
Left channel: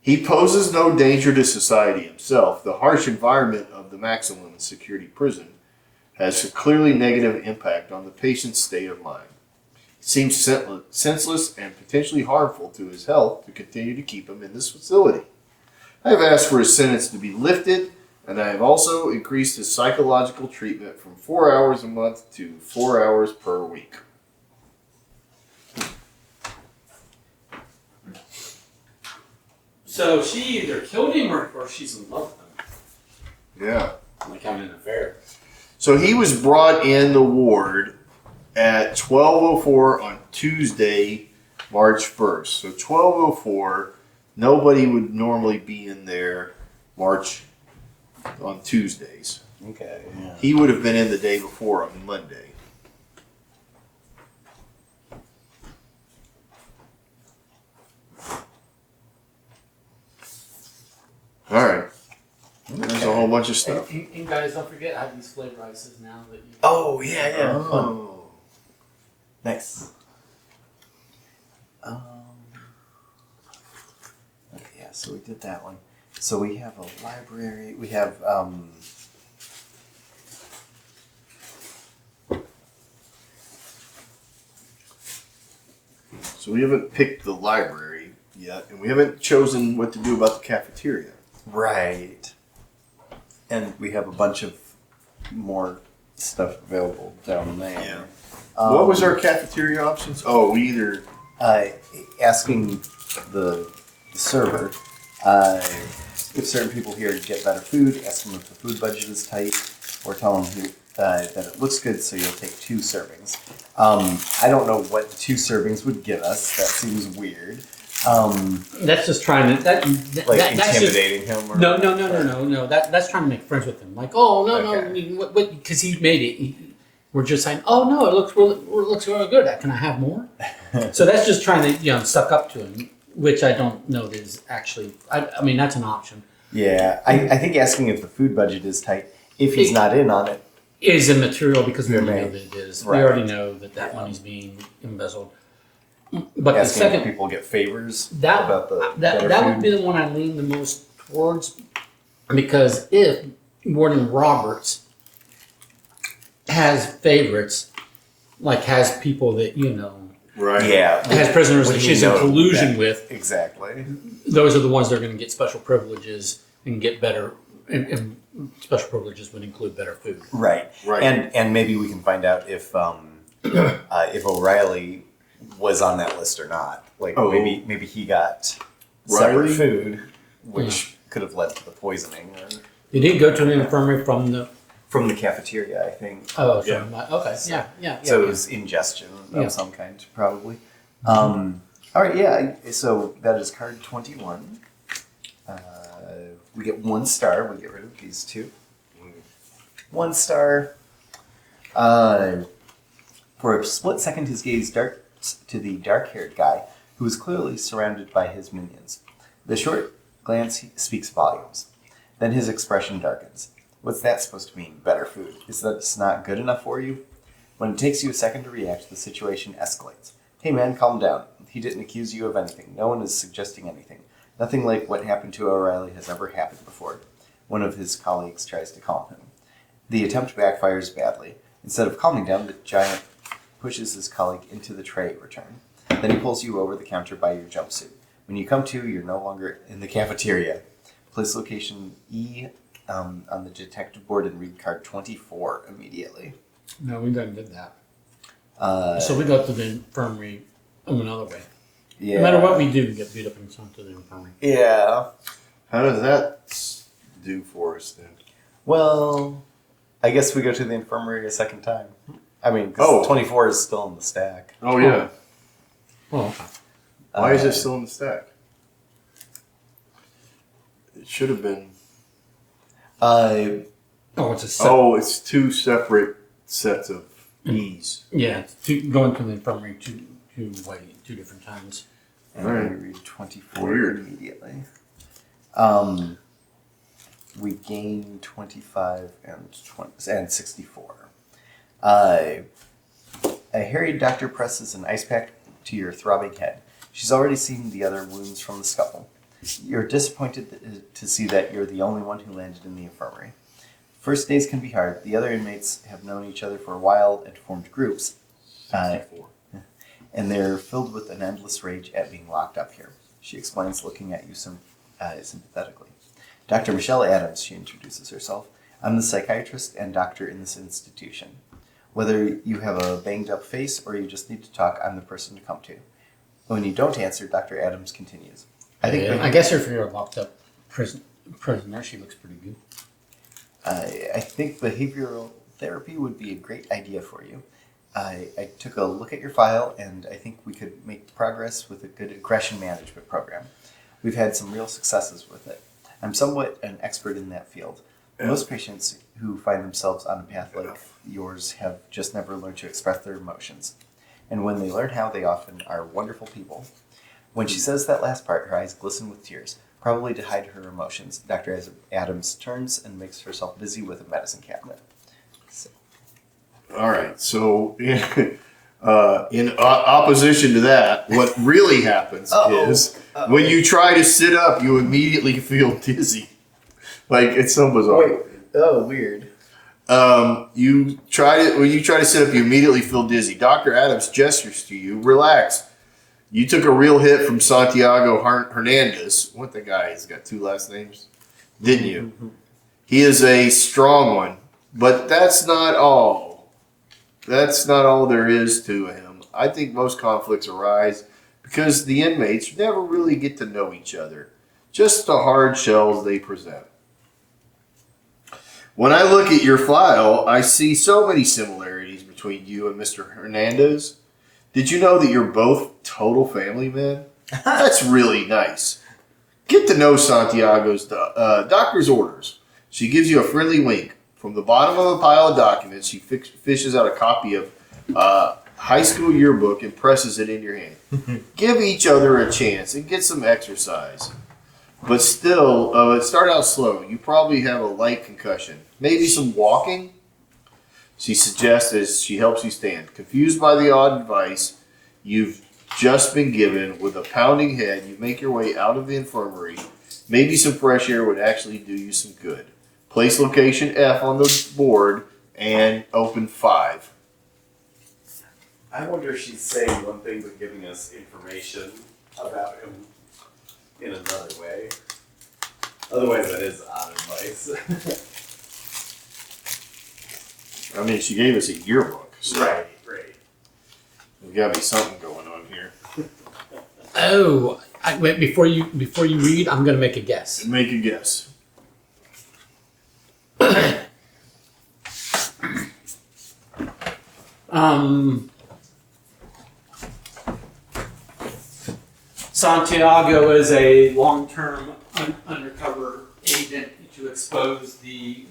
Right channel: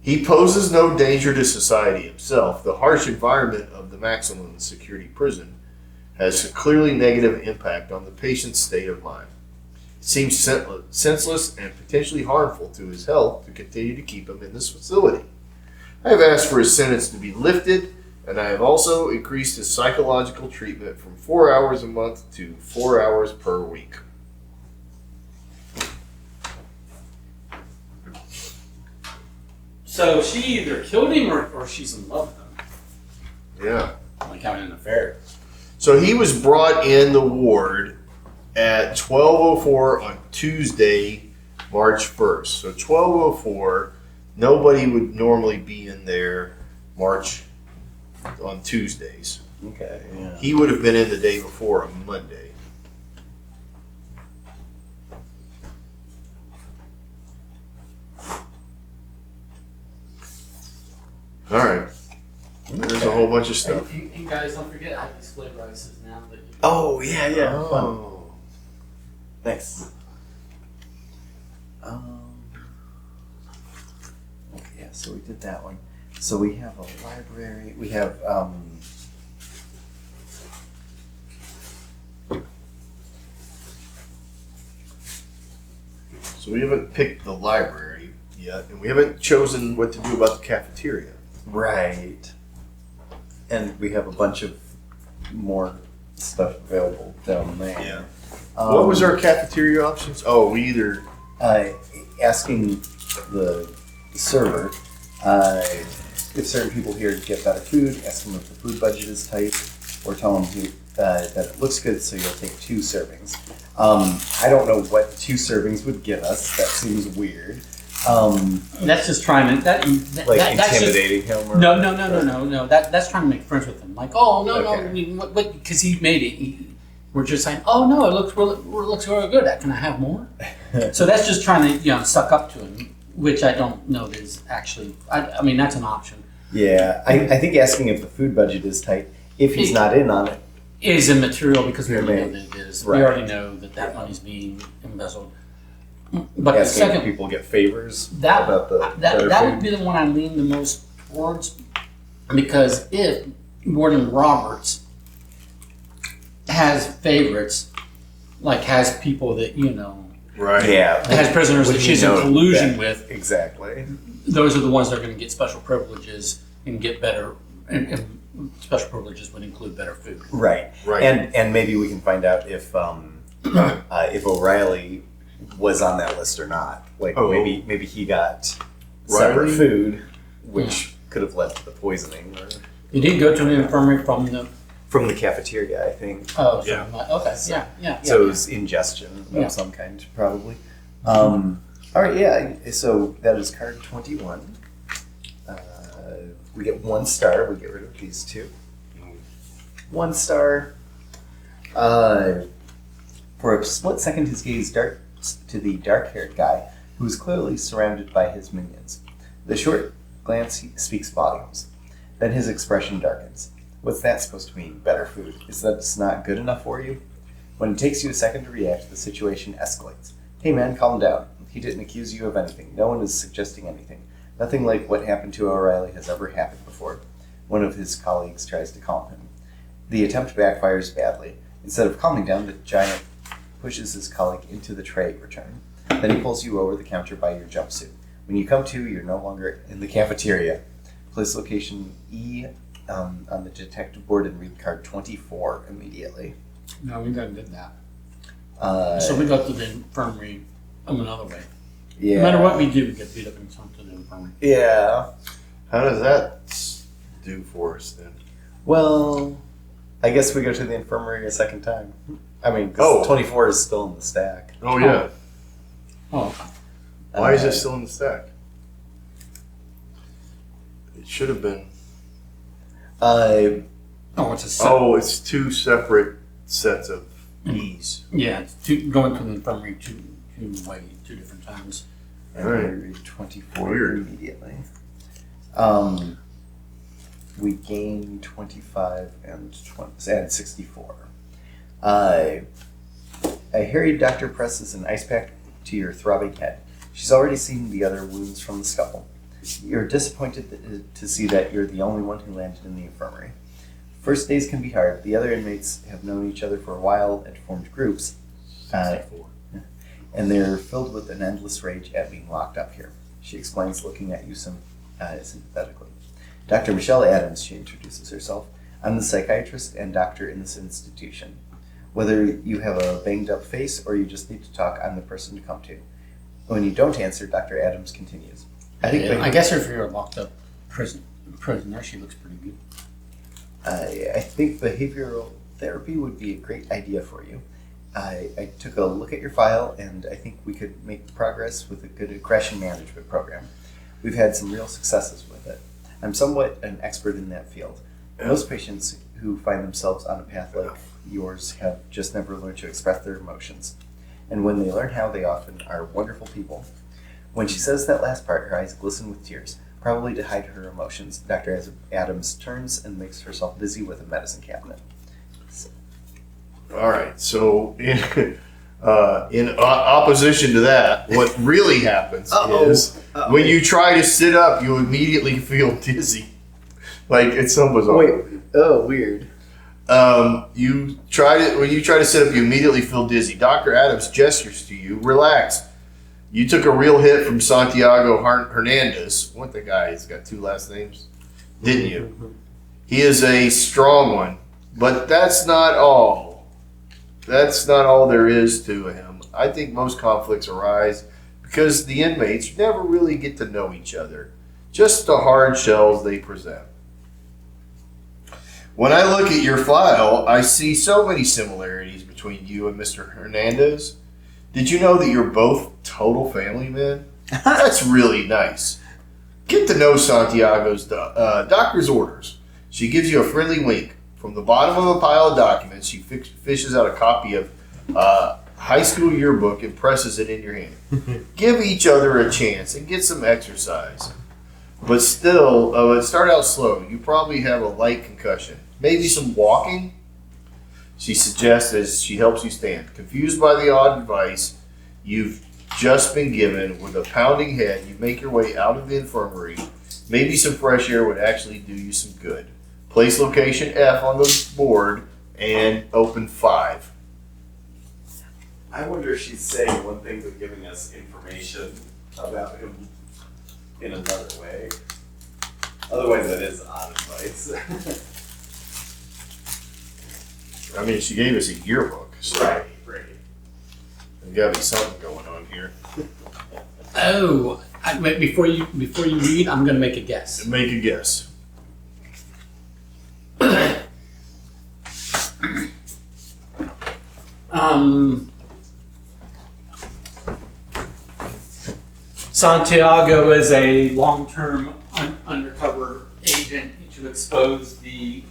He poses no danger to society himself. The harsh environment of the maximum security prison has a clearly negative impact on the patient's state of mind. It seems senseless and potentially harmful to his health to continue to keep him in this facility. I have asked for his sentence to be lifted, and I have also increased his psychological treatment from 4 hours a month to 4 hours per week. So she either killed him or she's in love with him. Yeah. Like having an affair. So he was brought in the ward at 12:04 on Tuesday, March 1st. So 12:04, nobody would normally be in there March on Tuesdays. Okay. Yeah. He would have been in the day before on Monday. All right. There's a whole bunch of stuff. And guys, don't forget I have these flavor ices now that you. Oh yeah, yeah. Fun. Oh. Nice. Yeah, so we did that one. So we have a library. We have So we haven't picked the library yet, and we haven't chosen what to do about the cafeteria. right, and we have a bunch of more stuff available down there. What was our cafeteria options? Oh, we either Asking the server if certain people here get better food, ask them if the food budget is tight, or tell them that it looks good, so you'll take 2 servings. I don't know what 2 servings would get us. That seems weird. That's just trying to Like that's just, intimidating him? Or, no. That's trying to make friends with him. Like, oh no, Okay. I mean, what? Because he made it. We're just saying, oh no, it looks really good. Can I have more? So that's just trying to suck up to him, which I don't know is actually. I mean, that's an option. Yeah, I think asking if the food budget is tight, if he's not in on it. Is immaterial because we already know Right. that it is. Right. We already know that money's being embezzled. But the Asking if second people get favors that about the better that food. would be the one I lean the most towards, because if Warden Roberts has favorites, like has people that right. Yeah, has prisoners Would that he she's in know collusion that? with, Exactly. those are the ones that are going to get special privileges and get better. And special privileges would include better food. Right. Right. And maybe we can find out if O'Reilly was on that list or not. Like maybe he got separate Riley? food, which could have led to the poisoning. Or You didn't go to the infirmary from the. from the cafeteria, I think. Oh, Yeah. okay. Yeah. So it was ingestion of Yeah. some kind, probably. All right, yeah. So that is card 21. We get 1 star. We get rid of these 2. 1 star. For a split second, his gaze darts to the dark-haired guy who is clearly surrounded by his minions. The short glance speaks volumes. Then his expression darkens. What's that supposed to mean? Better food. Is that just not good enough for you? When it takes you a second to react, the situation escalates. Hey man, calm down. He didn't accuse you of anything. No one is suggesting anything. Nothing like what happened to O'Reilly has ever happened before. One of his colleagues tries to calm him. The attempt backfires badly. Instead of calming down, the giant pushes his colleague into the tray return. Then he pulls you over the counter by your jumpsuit. When you come to, you're no longer in the cafeteria. Place location E on the detective board and read card 24 immediately. No, we done did that. So we go to the infirmary another way. Yeah. No matter what we do, we get beat up and sent to the infirmary. Yeah. How does that do for us then? Well, I guess we go to the infirmary a second time. I mean, because 24 is still in the stack. Oh, yeah. Oh, Why is it still in the stack? It should have been. it's a set. Oh, it's two separate sets of E's. Yeah, going to the infirmary two different times. And Right. we read 24 Weird. immediately. We gain 25 and 64. A harried doctor presses an ice pack to your throbbing head. She's already seen the other wounds from the scuffle. You're disappointed to see that you're the only one who landed in the infirmary. First days can be hard. The other inmates have known each other for a while and formed groups, and they're filled with an endless rage at being locked up here. She explains, looking at you sympathetically. Dr. Michelle Adams, she introduces herself. I'm the psychiatrist and doctor in this institution. Whether you have a banged up face or you just need to talk, I'm the person to come to. When you don't answer, Dr. Adams continues. I guess if you're a locked up prisoner, she looks pretty good. I think behavioral therapy would be a great idea for you. I took a look at your file, and I think we could make progress with a good aggression management program. We've had some real successes with it. I'm somewhat an expert in that field. Most patients who find themselves on a path like yours have just never learned to express their emotions. And when they learn how, they often are wonderful people. When she says that last part, her eyes glisten with tears, probably to hide her emotions. Dr. Adams turns and makes herself busy with a medicine cabinet. All right. So, in opposition to that, what really happens is when you try to sit up, you immediately feel dizzy. Like it's so bizarre. Wait. Oh, weird. When you try to sit up, you immediately feel dizzy. Dr. Adams gestures to you, relax. You took a real hit from Santiago Hernandez. What the guy? He's got two last names, didn't you? He is a strong one, but that's not all. That's not all there is to him. I think most conflicts arise because the inmates never really get to know each other, just the hard shells they present. When I look at your file, I see so many similarities between you and Mr. Hernandez. Did you know that you're both total family men? That's really nice. Get to know Santiago's doctor's orders. She gives you a friendly wink. From the bottom of a pile of documents, she fishes out a copy of high school yearbook and presses it in your hand. Give each other a chance and get some exercise. But still, start out slow. You probably have a light concussion. Maybe some walking? She suggests as she helps you stand. Confused by the odd advice you've just been given, with a pounding head, you make your way out of the infirmary. Maybe some fresh air would actually do you some good. Place location F on the board and open 5. I wonder if she's saying one thing but giving us information about him in another way. Otherwise, that is odd advice. I mean, she gave us a yearbook. So right. there's got to be something going on here. Wait, before you read, I'm going to make a guess. Make a guess. Santiago is a long-term undercover agent to expose the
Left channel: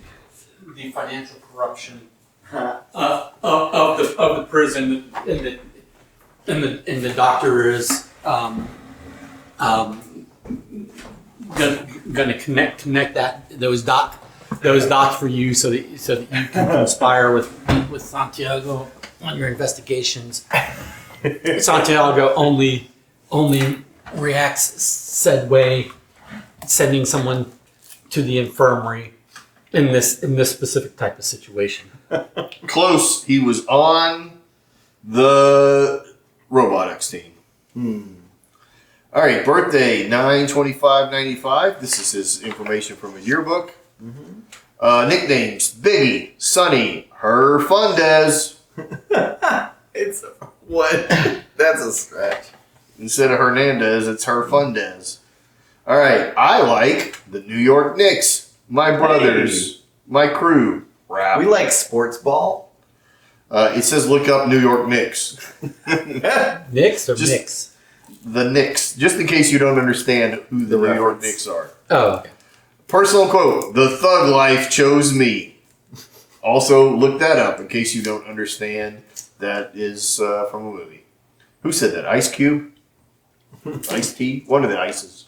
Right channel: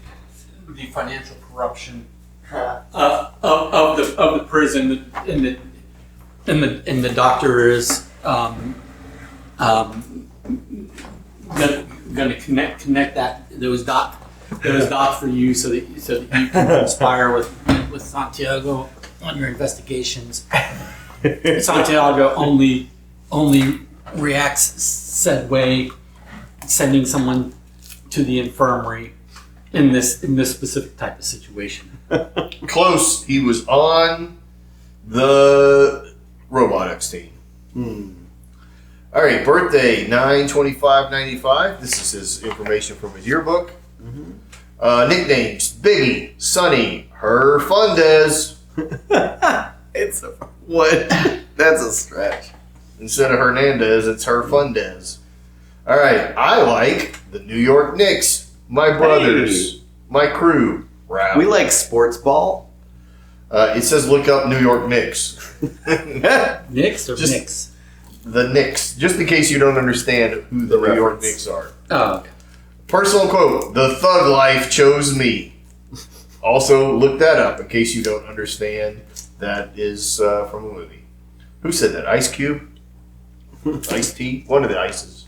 financial corruption of the prison, and the doctor is going to connect those dots for you so that you can conspire with Santiago on your investigations. Santiago only reacts said way, sending someone to the infirmary in this specific type of situation. Close. He was on The robotics team. All right, birthday 9/25/95. This is his information from his yearbook. Nicknames: Biggie, Sonny, Her Fundez. It's what? That's a stretch. Instead of Hernandez, it's Her Fundez. All right, I like the New York Knicks. My brothers, my crew. Rap. We like sports ball. It says look up New York Knicks. Knicks or Just- Knicks? The Knicks, just in case you don't understand who the New York Knicks are. Oh, okay. Personal quote: "The thug life chose me." Also, look that up in case you don't understand. That is from a movie. Who said that? Ice Cube? Ice T? One of the ices.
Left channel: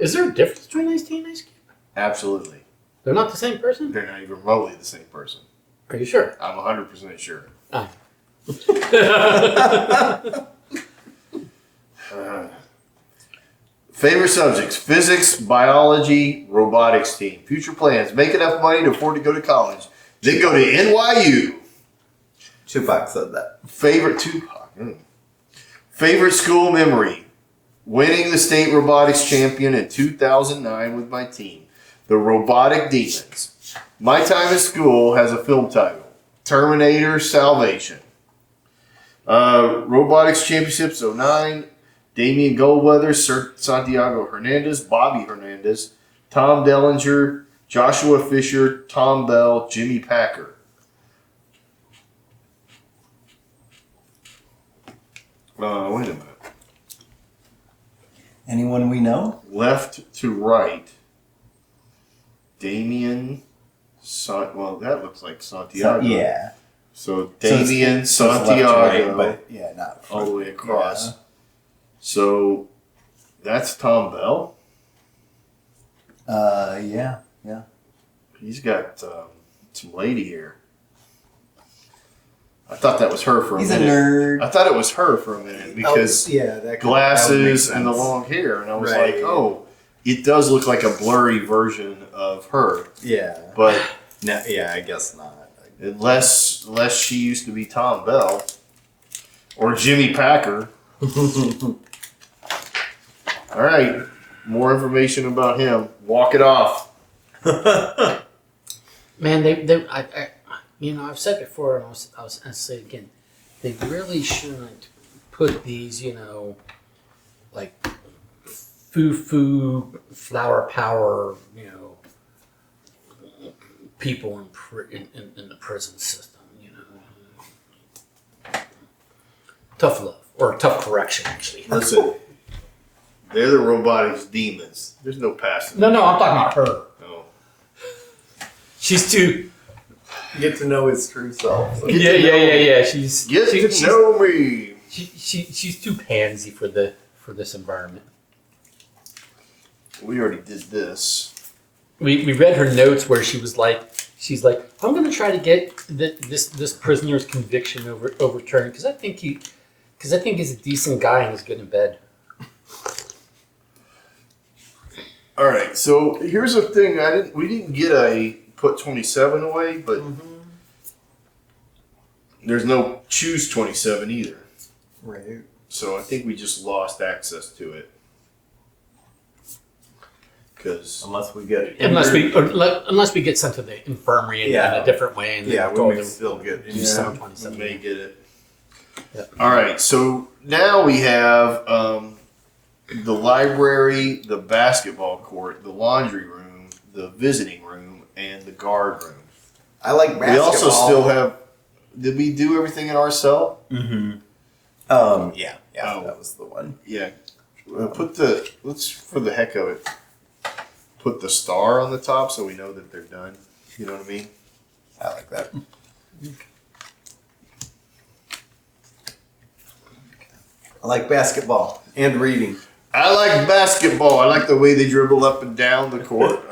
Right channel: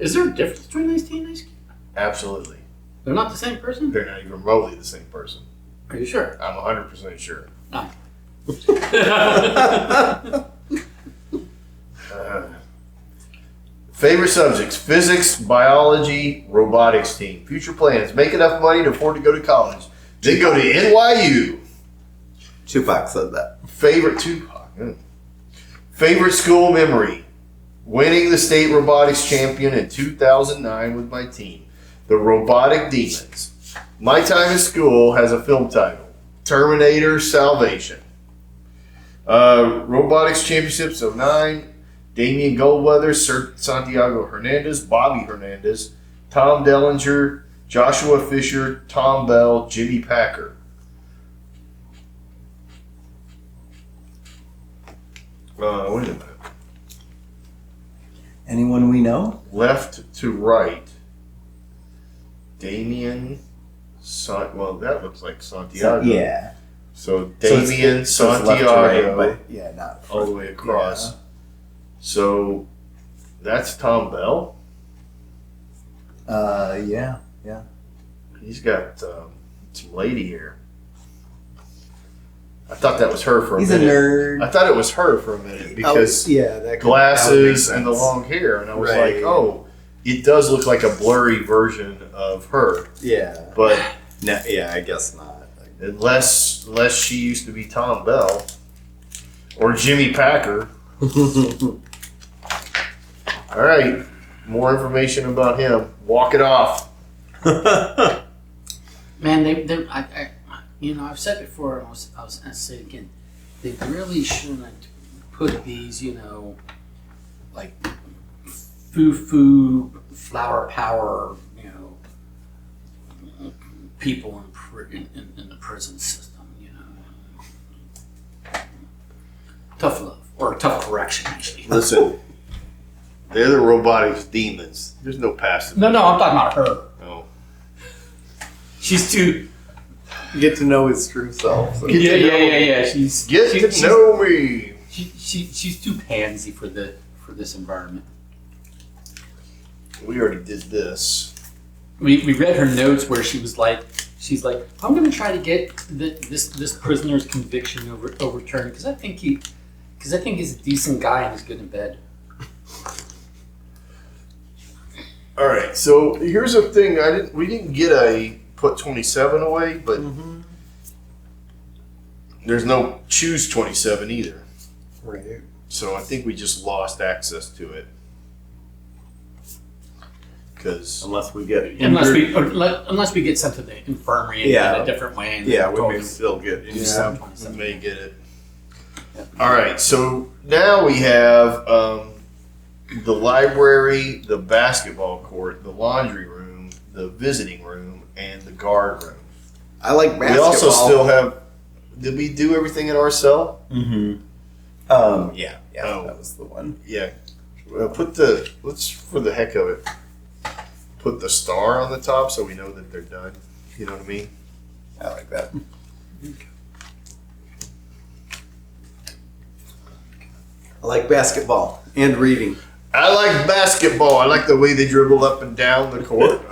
Is there a difference between Ice T and Ice Cube? Absolutely. They're not the same person? They're not even remotely the same person. Are you sure? I'm 100% sure. Favorite subjects: physics, biology, robotics team. Future plans: make enough money to afford to go to college, then go to NYU. Tupac said that. Favorite Favorite school memory: winning the state robotics champion in 2009 with my team, the Robotic Demons. My time at school has a film title: Terminator Salvation. Robotics Championships 09. Damian Goldweather, Sir Santiago Hernandez, Bobby Hernandez, Tom Dellinger, Joshua Fisher, Tom Bell, Jimmy Packer. Wait a minute. Anyone we know? Left to right. Damian. Well, that looks like Santiago. Yeah. So Damian, So it's left to Santiago, right, but yeah, not all the way across. Yeah. So that's Tom Bell. Yeah. He's got some lady hair. I thought that was her for a He's a minute. nerd. I thought it was her for a minute because yeah, that glasses and the long hair, and I was Right. like, oh, it does look like a blurry version of her. Yeah. But No, yeah, I guess not. unless she used to be Tom Bell or Jimmy Packer. All right, more information about him. Walk it off. Man, I've said before, and I was going to say it again. They really shouldn't put these, like foo-foo, flower power, people in the prison system, Tough love, or tough correction, actually. Listen, they're the robotics demons. There's no passing. No, I'm talking about her. Oh. She's too... Get to know his true self. So. Yeah. She's know me. She's too pansy for this environment. We already did this. We read her notes where she's like, I'm going to try to get this prisoner's conviction overturned because I think he's a decent guy and he's good in bed. All right, so here's the thing. We didn't get a put 27 away, but there's no choose 27 either. Right. So I think we just lost access to it. Because Unless we get it. Unless we get sent to the infirmary in a different way. And Yeah, we told may to still get it. do we 727. may get it. Yep. All right, so now we have the library, the basketball court, the laundry room, the visiting room, and the guard room. I like basketball. We also still have. Did we do everything in our cell? Yeah. Oh. That was the one. Yeah. Let's for the heck of it, put the star on the top so we know that they're done. You know what I mean? I like that. I like basketball and reading. I like basketball. I like the way they dribble up and down the court.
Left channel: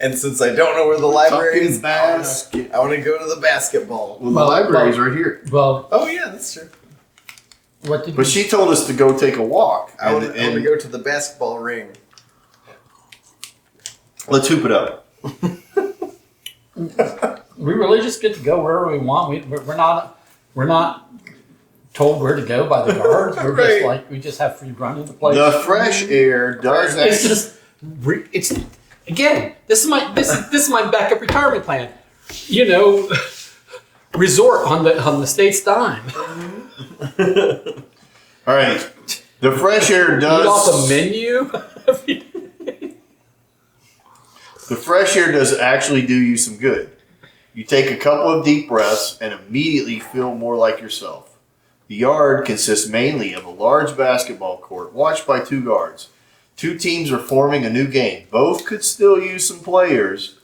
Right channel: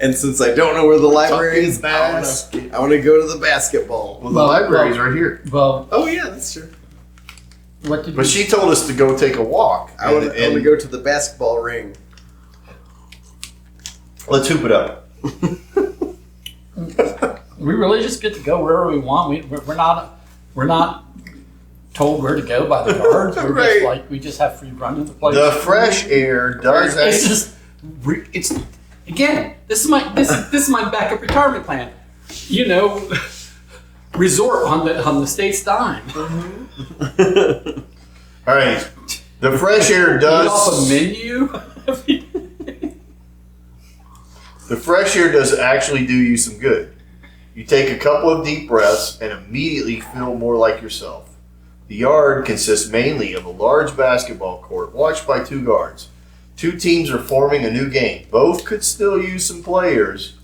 And since I don't know where the library is, Fucking I want to go to the basketball. Well, the library's right here. Well, Oh yeah, that's true. what did But we... she told us to go take a walk. I want to go to the basketball ring. Let's hoop it up. We really just get to go wherever we want. We're we're not told where to go by the guards. We're Right. just like we just have free run in the place. The fresh air does It's actually. just it's again. This is my backup retirement plan. You know, resort on the state's dime. All right. The fresh air Eat off a does. menu. The fresh air does actually do you some good. You take a couple of deep breaths and immediately feel more like yourself. The yard consists mainly of a large basketball court watched by 2 guards. 2 teams are forming a new game. Both could still use some players.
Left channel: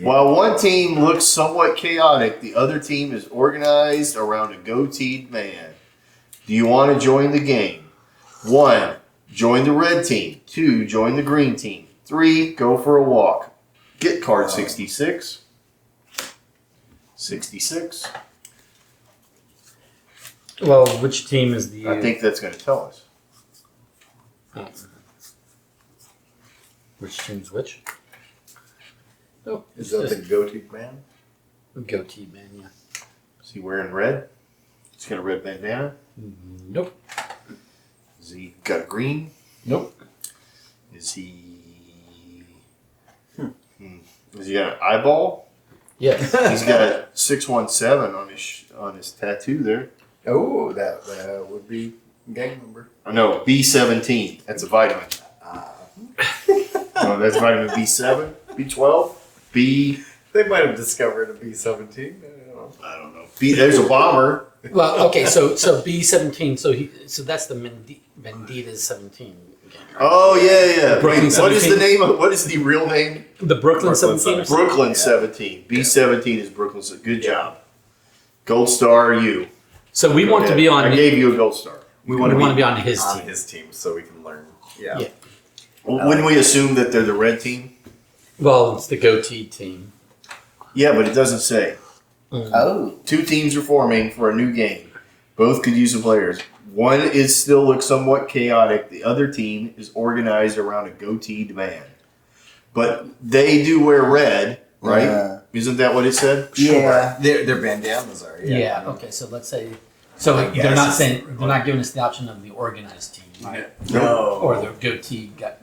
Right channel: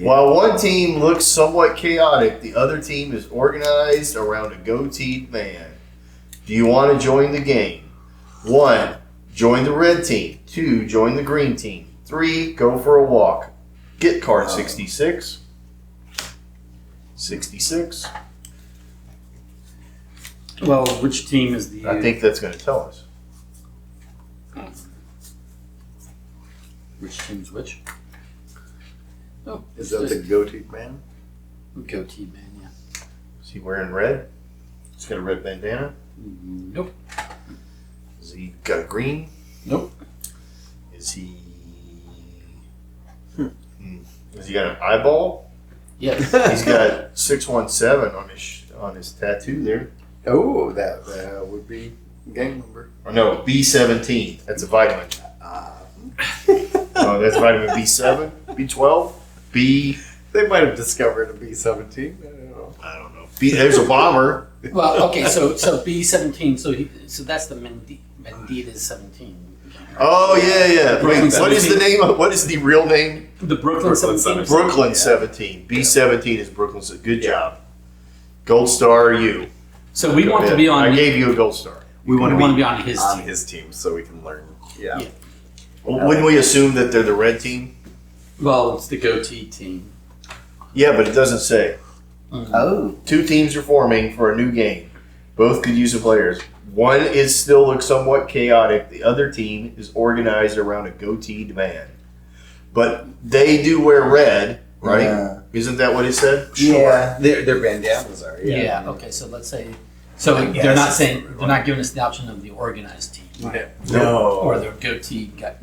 While one team looks somewhat chaotic, the other team is organized around a goateed man. Do you want to join the game? 1. Join the red team. 2. Join the green team. 3. Go for a walk. Get card 66. 66. Well, which team is the? I think that's going to tell us. Which team's which? Oh, Is that the goatee man? goatee man? Yeah. Is he wearing red? He's got a red bandana. Nope. Is he got a green? Nope. Is he? Has he got an eyeball? Yes. He's got 617 on his tattoo there. Oh, that would be gang number. Oh no, B17. That's a vitamin. Oh, that's vitamin B7, B12, B. They might have discovered a B-17. I don't know. B. There's a bomber. Well, okay. So B17. So that's the Vendita's 17. Oh yeah. Brooklyn What is the 17. name of? What is the real name? The Brooklyn Brooklyn 17. Brooklyn 17. B17 is Brooklyn. Good job. Gold star, you. So we want to be on. I gave you a gold star. We want to be on his On team. his team, so we can learn. Yeah. Yeah. Wouldn't we assume that they're the red team? Well, it's the goatee team. Yeah, but it doesn't say. Oh. 2 teams are forming for a new game. Both could use some players. One is still somewhat chaotic. The other team is organized around a goateed man. But they do wear red, right? Yeah. Isn't that what it said? Yeah. Their bandanas are. Yeah. Okay. So let's say. So they're not saying they're not giving us the option of the organized team No. or the goatee got.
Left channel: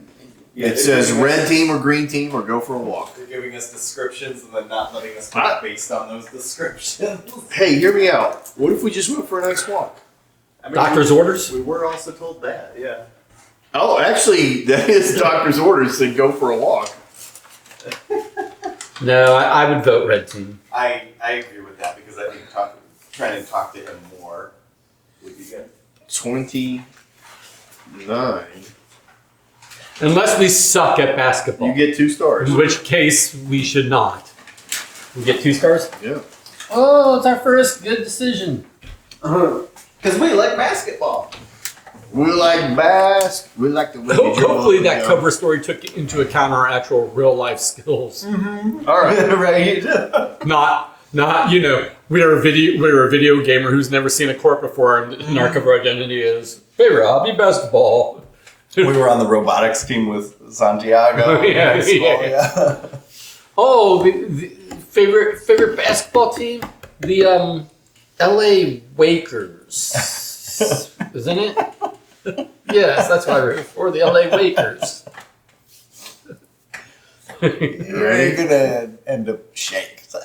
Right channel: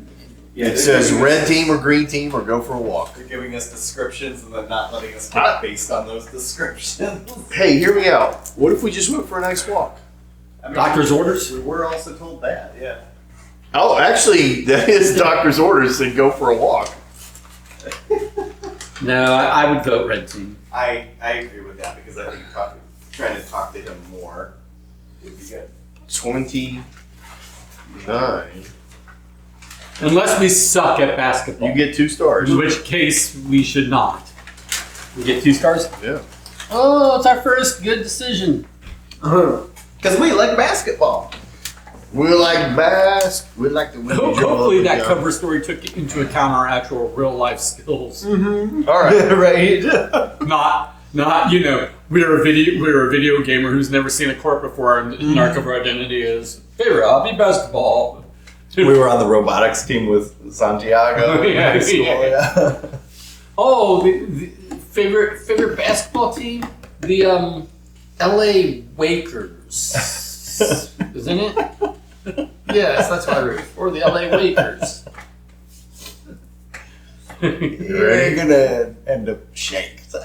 Yeah, It says red team or green team or go for a walk. They're giving us descriptions and then not letting us talk based on those descriptions. Hey, hear me out. What if we just went for a nice walk? I mean, Doctor's orders? We were also told that, yeah. Oh, actually, that is doctor's orders to go for a walk. No, I would vote red team. I agree with that because I think trying to talk to him more would be good. 29. Unless we suck at basketball. You get 2 stars. In which case, we should not. We get 2 stars? Yeah. Oh, it's our first good decision. Because we like basketball. We like bass. We like the way you dribble Hopefully up and that down. cover story took into account our actual real life skills. All right. Right. Not we're a video gamer who's never seen a court before and our cover identity is favorite hobby basketball. We were on the robotics team with Santiago in Yeah, high school. yeah. Yeah. Oh, the favorite basketball team? The LA Wakers. Isn't it? Yes, that's what I wrote for, the LA Wakers. You're gonna end up shaked. All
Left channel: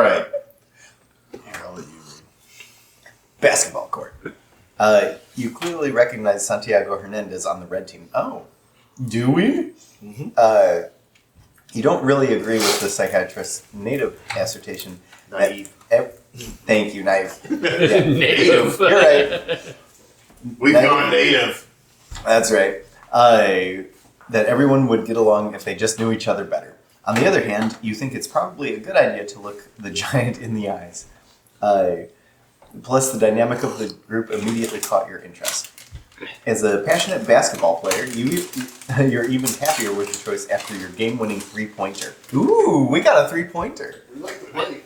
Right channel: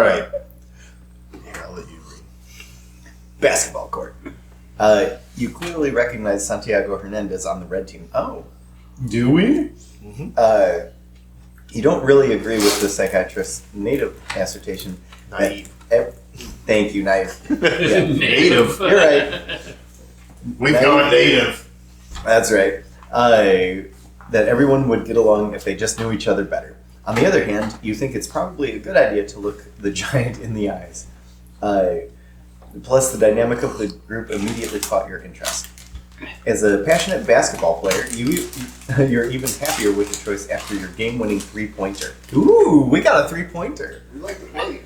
right. Here, I'll let you read. Basketball court. You clearly recognize Santiago Hernandez on the red team. Oh, do we? Mhm. You don't really agree with the psychiatrist's native assertion. that- Naive. Thank you, naive. Native. You're right. We call it native. That's right. That everyone would get along if they just knew each other better. On the other hand, you think it's probably a good idea to look the giant in the eyes. Plus, the dynamic of the group immediately caught your interest. As a passionate basketball player, you're even happier with the choice after your game-winning three-pointer. Ooh, we got a three-pointer. We like the play.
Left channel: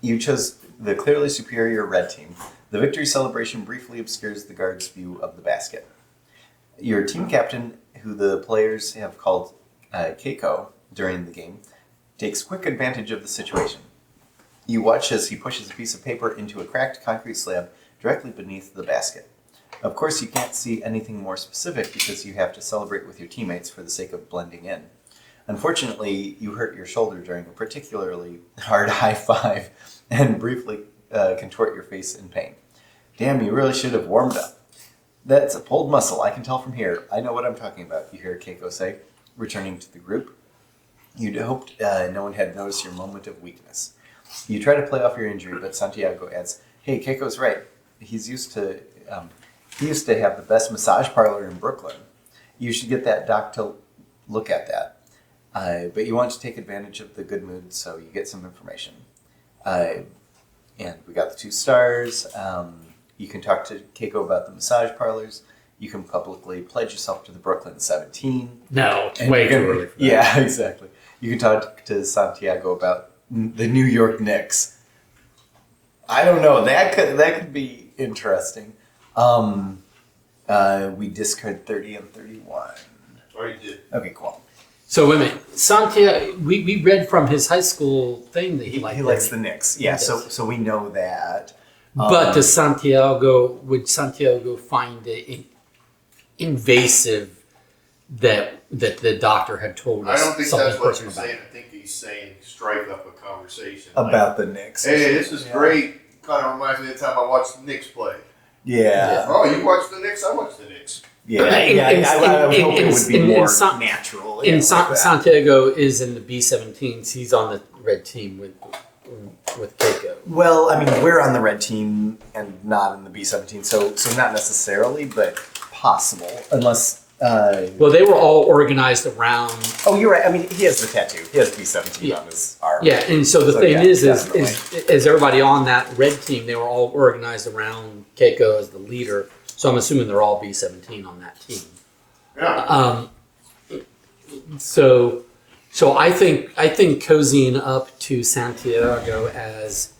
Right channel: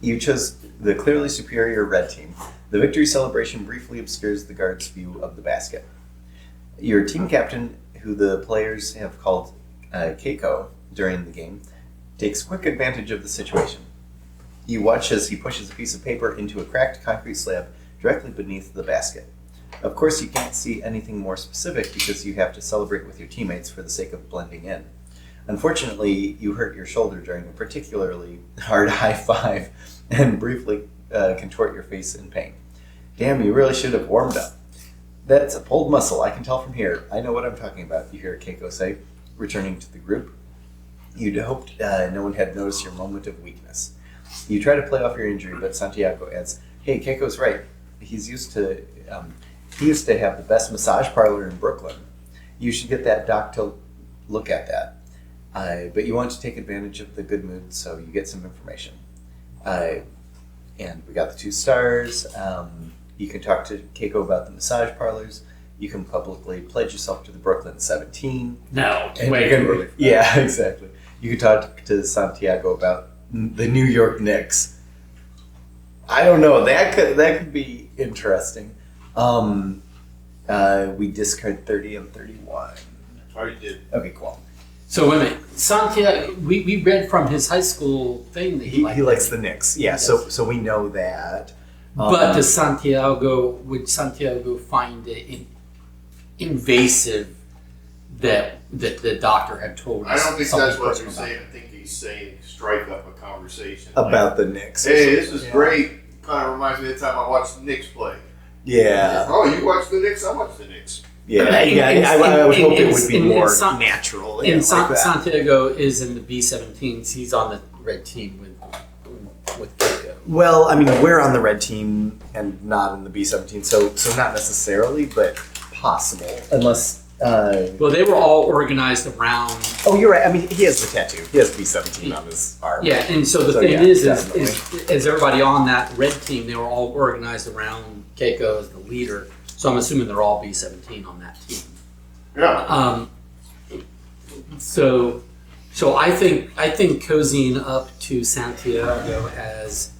You chose the clearly superior red team. The victory celebration briefly obscures the guard's view of the basket. Your team captain, who the players have called Keiko during the game, takes quick advantage of the situation. You watch as he pushes a piece of paper into a cracked concrete slab directly beneath the basket. Of course, you can't see anything more specific because you have to celebrate with your teammates for the sake of blending in. Unfortunately, you hurt your shoulder during a particularly hard high five and briefly contort your face in pain. Damn, you really should have warmed up. That's a pulled muscle, I can tell from here. I know what I'm talking about, you hear Keiko say, returning to the group. You'd hoped no one had noticed your moment of weakness. You try to play off your injury, but Santiago adds, hey, Keiko's right. He used to have the best massage parlor in Brooklyn. You should get that doc to look at that. But you want to take advantage of the good mood, so you get some information. And we got the 2 stars. You can talk to Keiko about the massage parlors. You can publicly pledge yourself to the Brooklyn 17. No, it's And way you too can- early. For that. Yeah, exactly. You can talk to Santiago about the New York Knicks. I don't know. That could be interesting. We discard 30 and 31. Already did. Okay, cool. So wait a minute, Santiago. We read from his high school thing that He likes the Knicks. Yeah, Yes. so we know that. But would Santiago find it invasive that the doctor had told us? I don't think something that's what personal you're about saying. I think he's saying strike up a conversation. About the Knicks. Hey, this is great. Kind of reminds me of the time I watched the Knicks play. Yeah. Oh, you watched the Knicks? I watched the Knicks. Yeah. And- I was hoping it would be and- more and natural. And like that. Santiago is in the B-17s. He's on the red team with Keiko. Well, I mean, we're on the red team and not in the B-17, so not necessarily, but possible. Unless, Well, they were all organized around. oh, you're right. I mean, he has the tattoo. He has B-17 on his arm. Yeah, and so the So, thing yeah, is definitely. everybody on that red team, they were all organized around Keiko as the leader. So I'm assuming they're all B-17 on that team. Yeah. So I think cozying up to Santiago as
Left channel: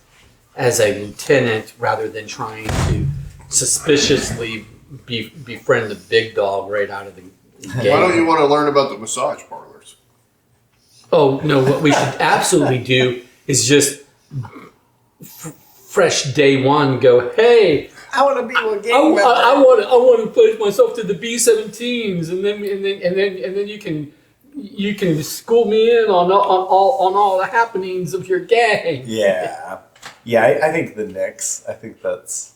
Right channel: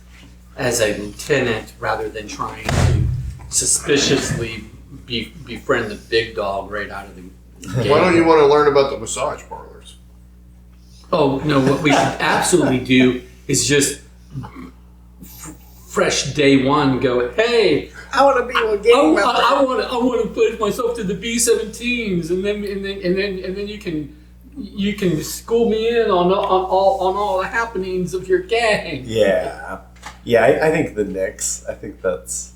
a lieutenant rather than trying to suspiciously befriend the big dog right out of the gate. Why don't you want to learn about the massage parlors? Oh no! What we should absolutely do is just fresh day one. Go, hey, I want to be a game member. I want to pledge myself to the B-17s, and then you can school me in on all the happenings of your gang. Yeah. Yeah, I think the Knicks. I think that's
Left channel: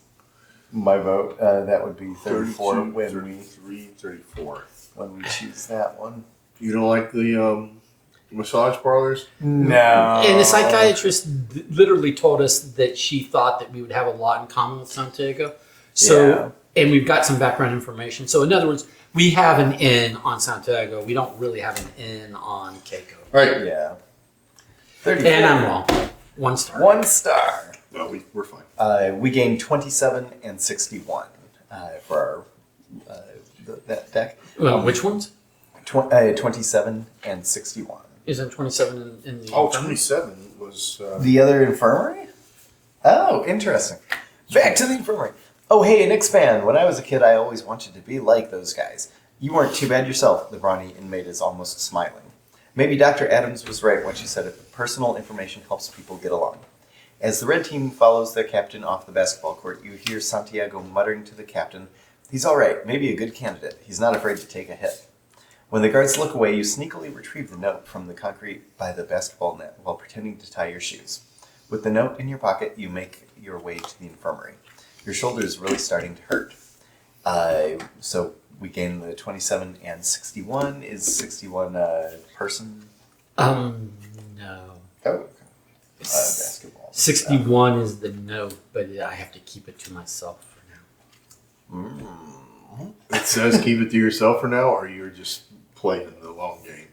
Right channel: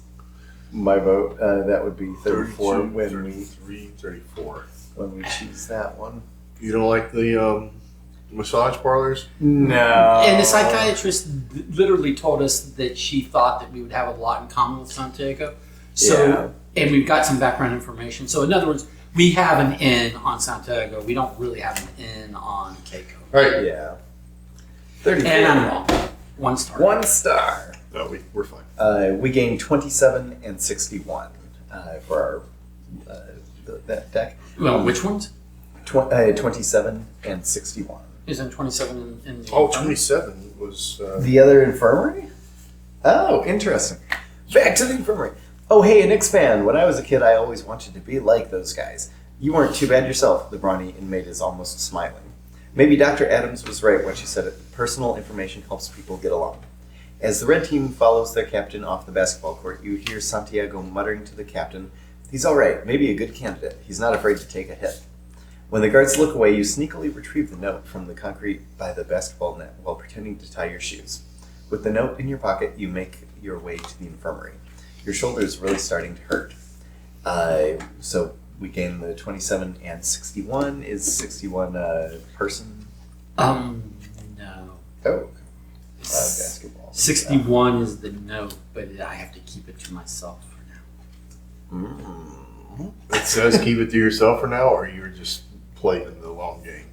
my vote. That would be 34 32, when 33, 34. we choose that one. You don't like the massage parlors? No. And the psychiatrist literally told us that she thought that we would have a lot in common with Santiago. So, and we've got some background information. So, in other words, we have an N on Santiago. We don't really have an N on Keiko. Right. Yeah. 34. And I'm wrong. 1 star. 1 star. No, we're fine. We gained 27 and 61 for that deck. Well, which ones? 27 and 61. Isn't 27 in the... Oh, 27 was... The other infirmary? Oh, interesting. Back to the infirmary. Oh, hey, an Knicks fan. When I was a kid, I always wanted to be like those guys. You weren't too bad yourself, the brawny inmate is almost smiling. Maybe Dr. Adams was right when she said it. Personal information helps people get along. As the red team follows their captain off the basketball court, you hear Santiago muttering to the captain, "He's all right, maybe a good candidate. He's not afraid to take a hit." When the guards look away, you sneakily retrieve the note from the concrete by the basketball net while pretending to tie your shoes. With the note in your pocket, you make your way to the infirmary. Your shoulder is really starting to hurt. So we gain the 27 and 61. Is 61 a person? No. Oh, basketball. 61 is the note, but I have to keep it to myself for now. It says keep it to yourself for now, or you're just playing the long game?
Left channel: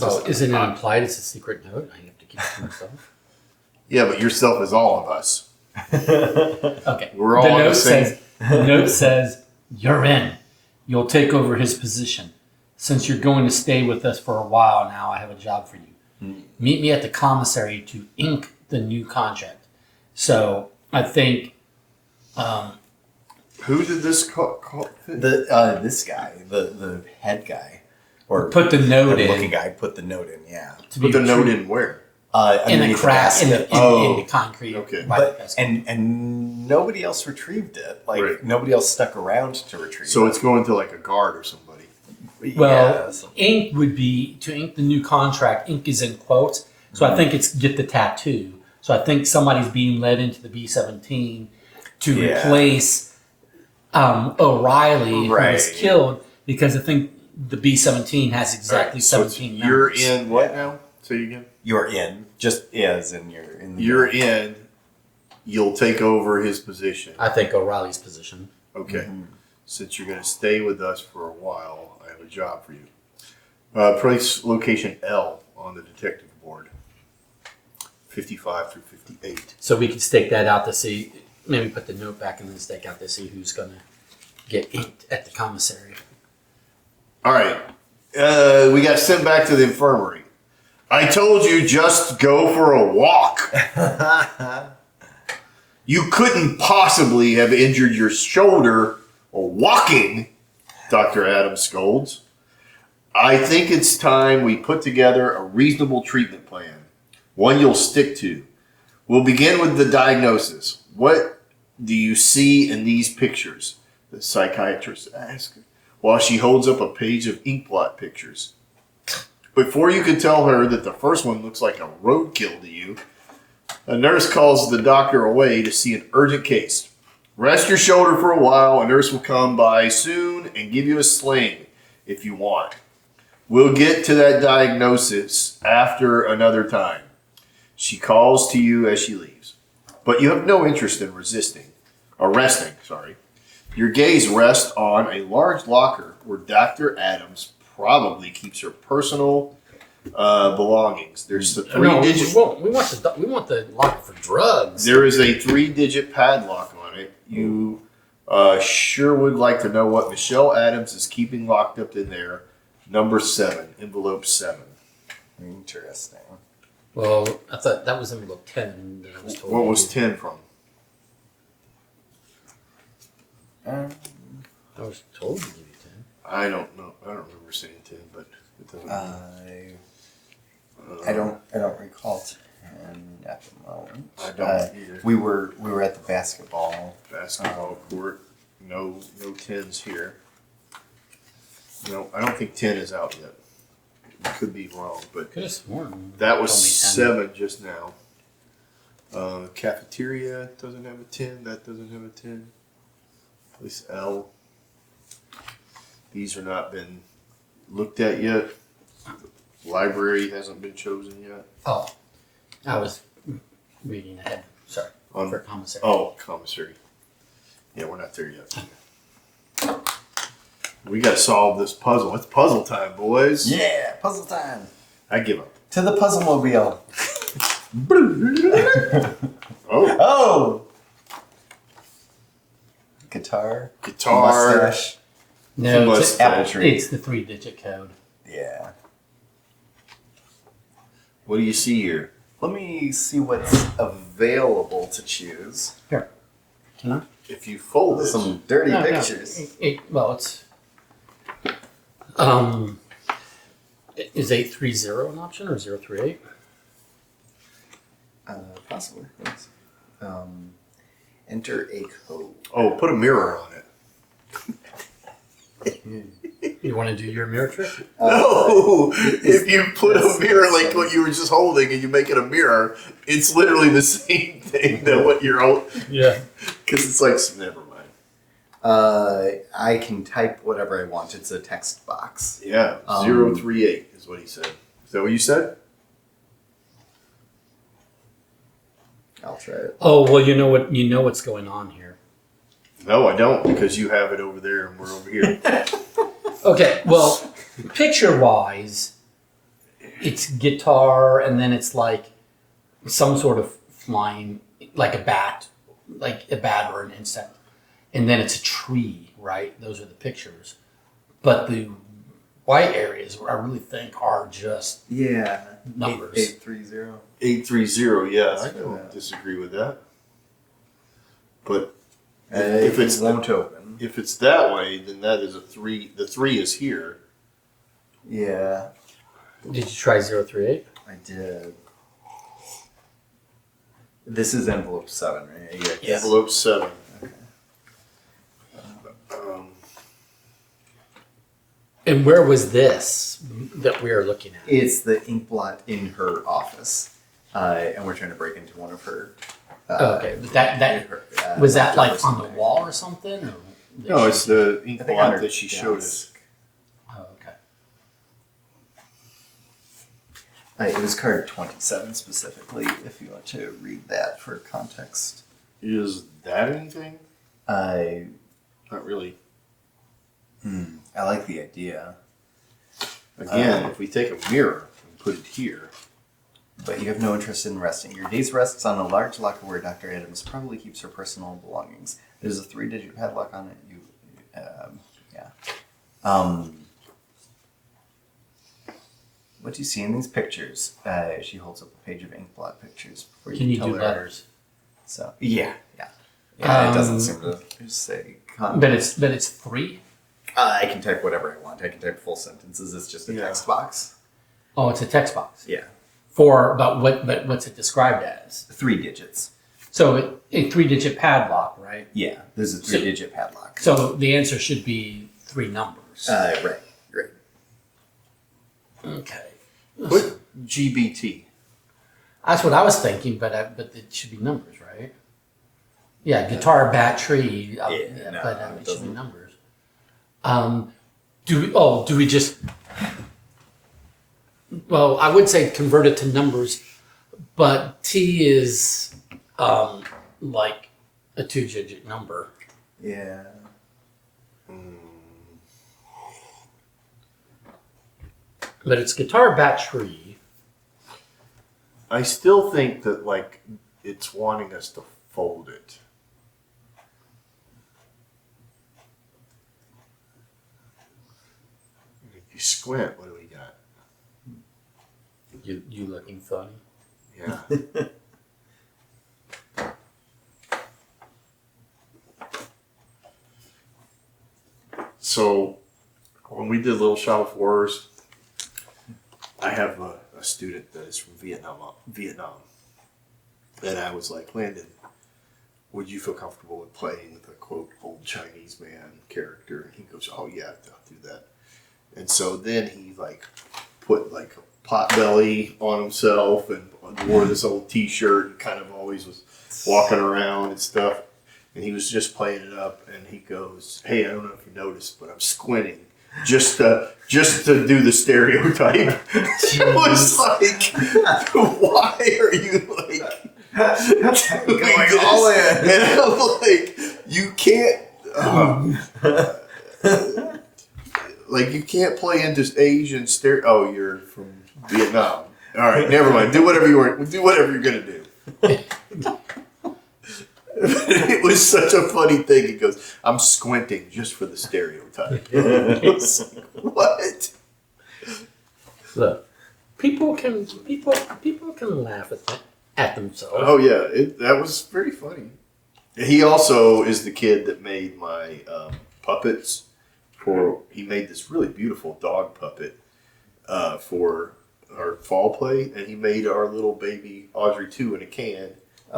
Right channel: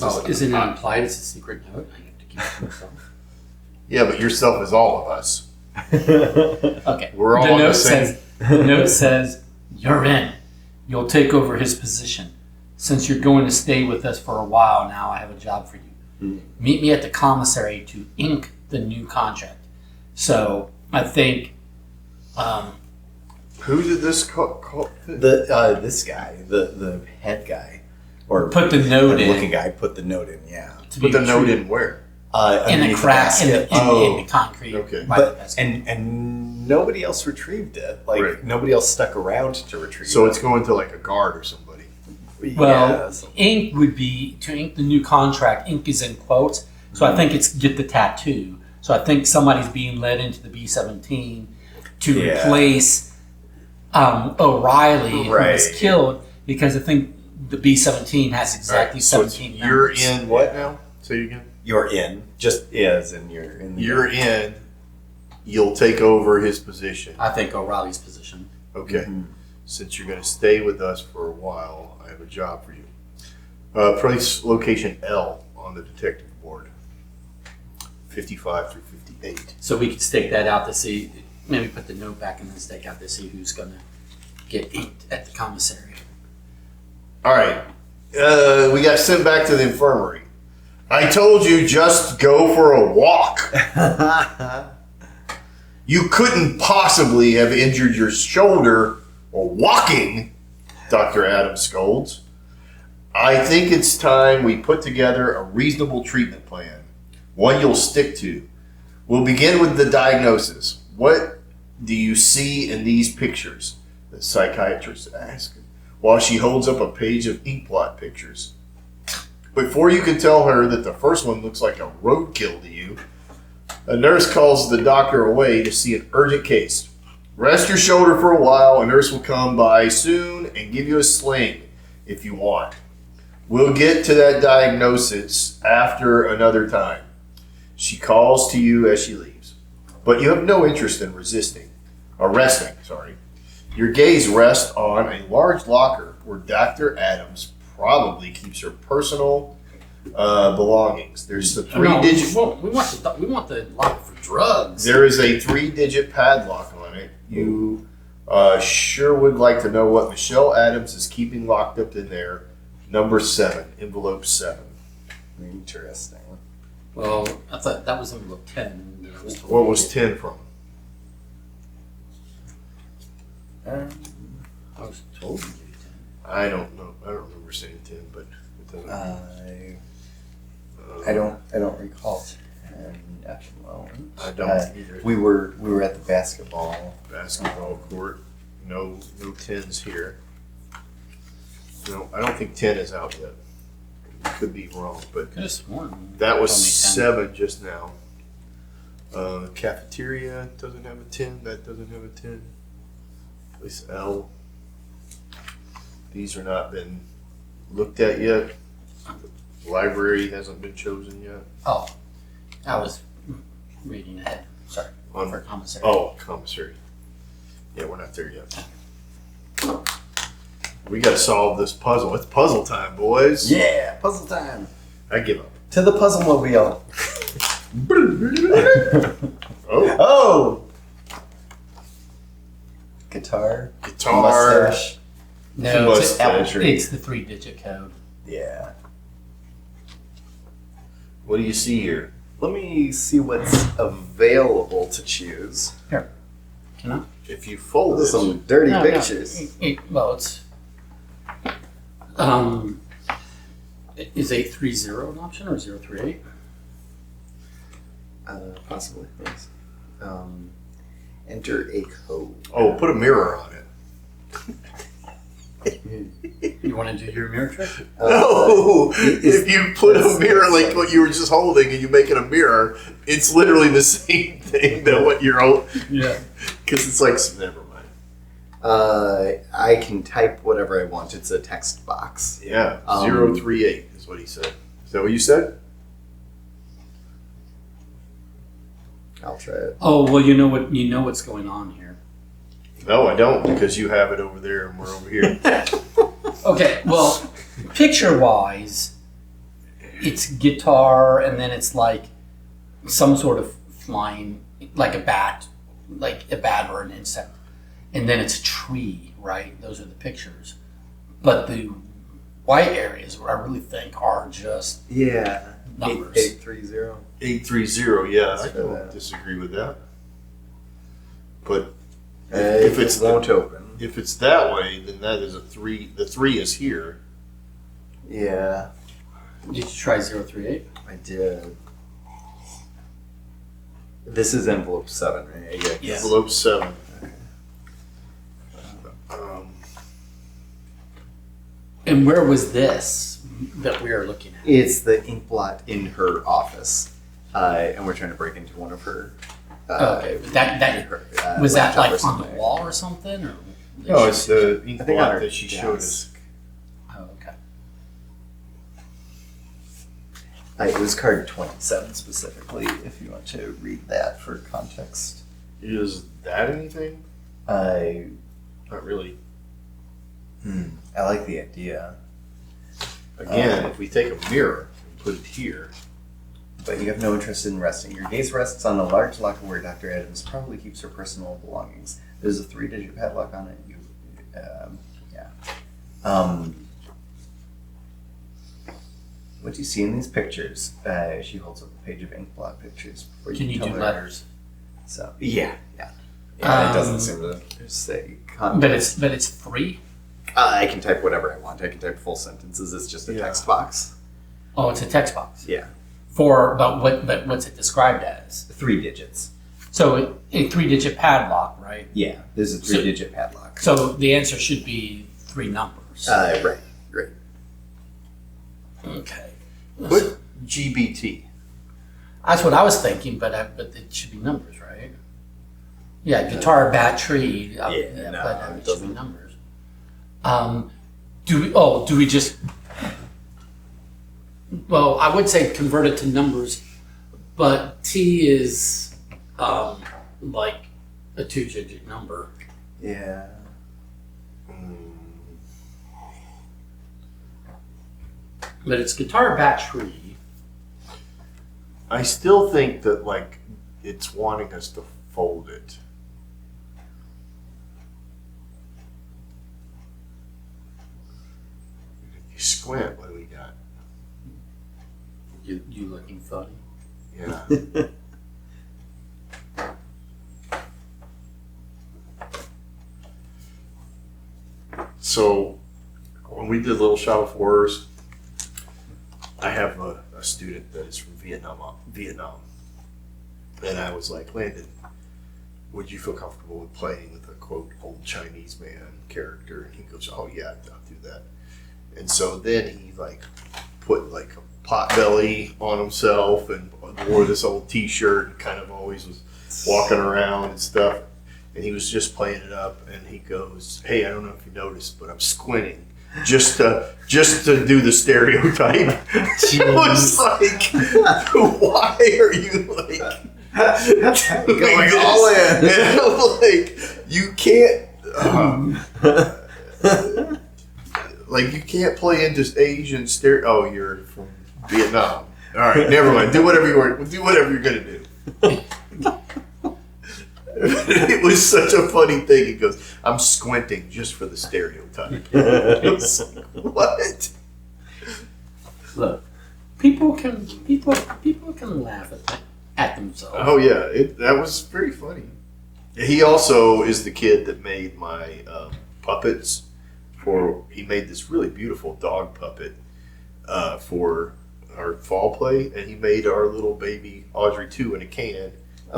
Oh, isn't it implied it's a secret note? I have to keep it to myself. Yeah, but yourself is all of us. Okay. We're all on the same... The note says, "You're in. You'll take over his position. Since you're going to stay with us for a while now, I have a job for you. Meet me at the commissary to ink the new contract." So I think Who did this This guy, the head guy, or put the note in. looking guy, put the note in. Yeah. to be Put the note retrieved. in where? In the underneath crack, in basket. the concrete. Okay. by the But basket. and nobody else retrieved it. Like Right. nobody else stuck around to retrieve So it. it's going to like a guard or somebody. Well, so- ink would be to ink the new contract. Ink is in quotes, so I think it's get the tattoo. So I think somebody's being led into the B-17 to Yeah. replace O'Reilly, who was Right. killed, because I think the B-17 has exactly So it's- 17 you're members. in what Yeah. now? Say it again. You're in. Just is, and you're in. The You're in. You'll take over his position. I think O'Reilly's position. Okay. Mhm. Since you're going to stay with us for a while, I have a job for you. Place location L on the detective board. 55 through 58. So we could stake that out to see, maybe put the note back and then stake out to see who's going to get inked at the commissary. All right. We got sent back to the infirmary. I told you just go for a walk. You couldn't possibly have injured your shoulder or walking, Dr. Adams scolds. I think it's time we put together a reasonable treatment plan, one you'll stick to. We'll begin with the diagnosis. What do you see in these pictures? The psychiatrist asked, while she holds up a page of ink blot pictures. Before you can tell her that the first one looks like a roadkill to you, a nurse calls the doctor away to see an urgent case. Rest your shoulder for a while. A nurse will come by soon and give you a sling if you want. We'll get to that diagnosis after another time. She calls to you as she leaves. But you have no interest in resting. Your gaze rests on a large locker where Dr. Adams probably keeps her personal belongings. There's the three-digit. We want the lock for drugs. There is a 3-digit padlock on it. You sure would like to know what Michelle Adams is keeping locked up in there. Number 7, envelope 7. Interesting. Well, I thought that was envelope 10. That I was told. What was 10 from? I was told to do 10. I don't know. I don't remember saying 10, but it doesn't. I don't recall 10 at the moment. I don't either. We were at the basketball. Basketball court. No 10s here. No, I don't think 10 is out yet. Could be wrong, but Could have sworn. that was Told me 7 just now. Cafeteria doesn't have a 10. That doesn't have a 10. Place L. These are not been looked at yet. Library hasn't been chosen yet. Oh, I was reading ahead. Sorry. On- For commissary. Oh, commissary. Yeah, we're not there yet. We gotta solve this puzzle. It's puzzle time, boys. Yeah, puzzle time. I give up. To the puzzle mobile. Oh, Oh. Guitar. guitar. Mustache. No, Mustache. Apple tree. it's the 3-digit code. Yeah. What do you see here? Let me see what's available to choose. Can I? If you fold Those this, are some dirty No, no. pictures. Well, it's is 830 an option or 038? Possibly. Yes. Enter a code. oh, put a mirror on it. You want to do your mirror trick? No, if you put a that's- mirror like that's what you were just holding and you make it a mirror, it's literally the same thing that what you're holding. Yeah. Because it's like, never mind. I can type whatever I want. It's a text box. Yeah, Um, 038 is what he said. Is that what you said? I'll try it. Oh well, you know what's going on here. No, I don't, because you have it over there and we're over here. Okay, well, picture-wise, it's guitar, and then it's like some sort of flying, like a bat or an insect, and then it's a tree, right? Those are the pictures. But the white areas, I really think, are just Yeah. numbers. 830. 830, yeah, I That's don't right. disagree with that. But If it's it won't open. if it's that way, then that is a 3. The 3 is here. Yeah. Did you try 038? I I did. This is envelope 7, right? Yes. Envelope 7. And where was this that we were looking at? It's the ink blot in her office, and we're trying to break into one of her. Okay, but that her, was that laptop or like on the something. wall or something? Or No, it's the ink I think blot on her that she showed us. desk. Oh, okay. It was card 27 specifically, if you want to read that for context. Is that anything? I Not really. I like the idea, Again, if we take a mirror and put it here, but you have no interest in resting. Your gaze rests on a large locker where Dr. Adams probably keeps her personal belongings. There's a 3-digit padlock on it. What do you see in these pictures? She holds up a page of ink blot pictures. Before Can you tell do her- letters? So yeah. It doesn't seem to say. But it's 3. I can type whatever I want. I can type full sentences. It's just a text box. Oh, it's a text box. Yeah, But what's it described as? 3 digits. So a 3-digit padlock, right? Yeah, there's a 3-digit padlock. So the answer should be 3 numbers. Right. Okay. put GBT. That's what I was thinking, but it should be numbers, right? Yeah, guitar, battery. no, but it it should be doesn't. numbers. Do we just? Well, I would say convert it to numbers, but T is like a 2-digit number. Yeah. But it's guitar, battery. I still think that like it's wanting us to fold it. If you squint, what do we got? You looking funny? Yeah. So when we did Little Shop of Horrors, I have a student that is from Vietnam, and I was like, Landon, would you feel comfortable with playing with a quote old Chinese man character? He goes, oh yeah, I'll do that. And so then he like put like a pot belly on himself and wore this old T-shirt and kind of always was walking around and stuff. And he was just playing it up, and he goes, hey, I don't know if you noticed, but I'm squinting just to do the stereotype. It was like, why are you like Going all in. And I'm like, you can't like you can't play into Asian stereo. Oh, you're from Vietnam. All right, never mind. Do whatever you're gonna do. It was such a funny thing. He goes, I'm squinting just for the stereotype. It was like, what? Look, people can laugh at themselves. Oh yeah, that was very funny. He also is the kid that made my puppets. He made this really beautiful dog puppet for our fall play, and he made our little baby Audrey 2 in a can.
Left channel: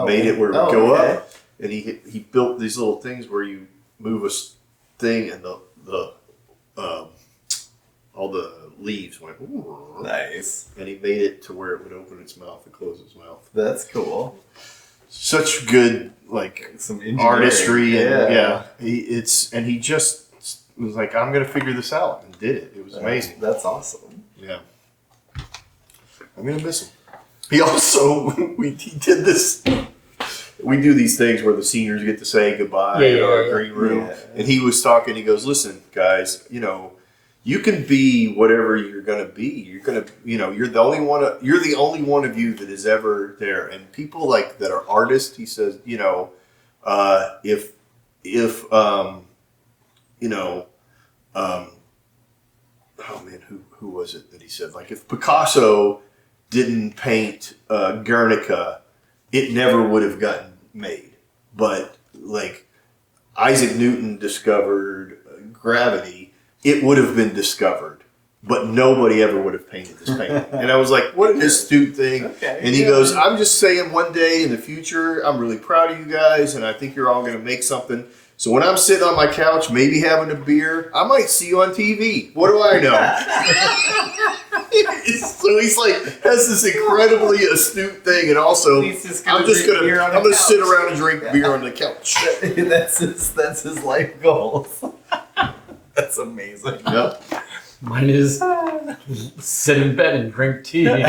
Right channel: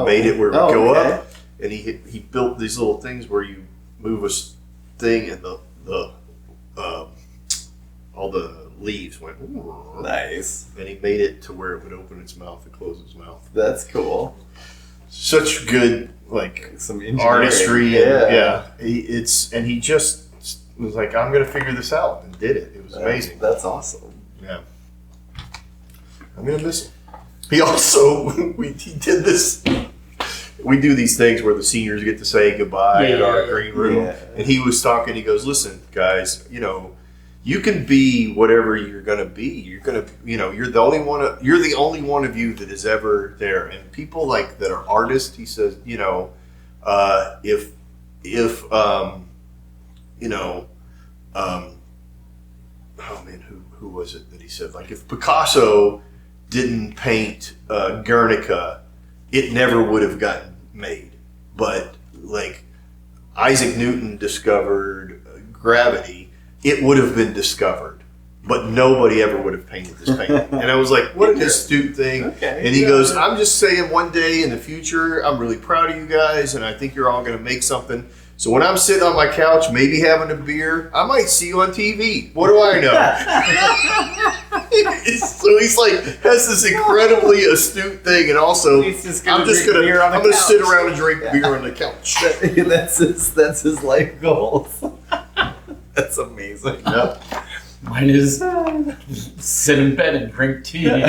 Made it where it would go up, and he built these little things where you move a thing, and the all the leaves went. Nice. And he made it to where it would open its mouth and close its mouth. That's cool. Such good like Some engineering. artistry, and he just was like, I'm gonna figure this out, and did it. It was amazing. That's awesome. Yeah, I'm gonna miss him. He also he did this. We do these things where the seniors get to say goodbye at our green room, and he was talking. He goes, "Listen, guys, you can be whatever you're gonna be. You're the only one. You're the only one of you that is ever there. And people like that are artists. He says, oh man, who was it that he said? Like if Picasso didn't paint Guernica, it never would have gotten made. But like Isaac Newton discovered gravity, it would have been discovered. but nobody ever would have painted this painting. And I was like, what an astute thing. Okay. And he goes, I'm just saying one day in the future, I'm really proud of you guys, and I think you're all going to make something. So when I'm sitting on my couch, maybe having a beer, I might see you on TV. What do I know? So he's like, has this incredibly astute thing, and also He's just I'm gonna couch. sit around and drink beer on the couch. that's his life goals. That's amazing. Yep. Mine is sit in bed and drink tea. I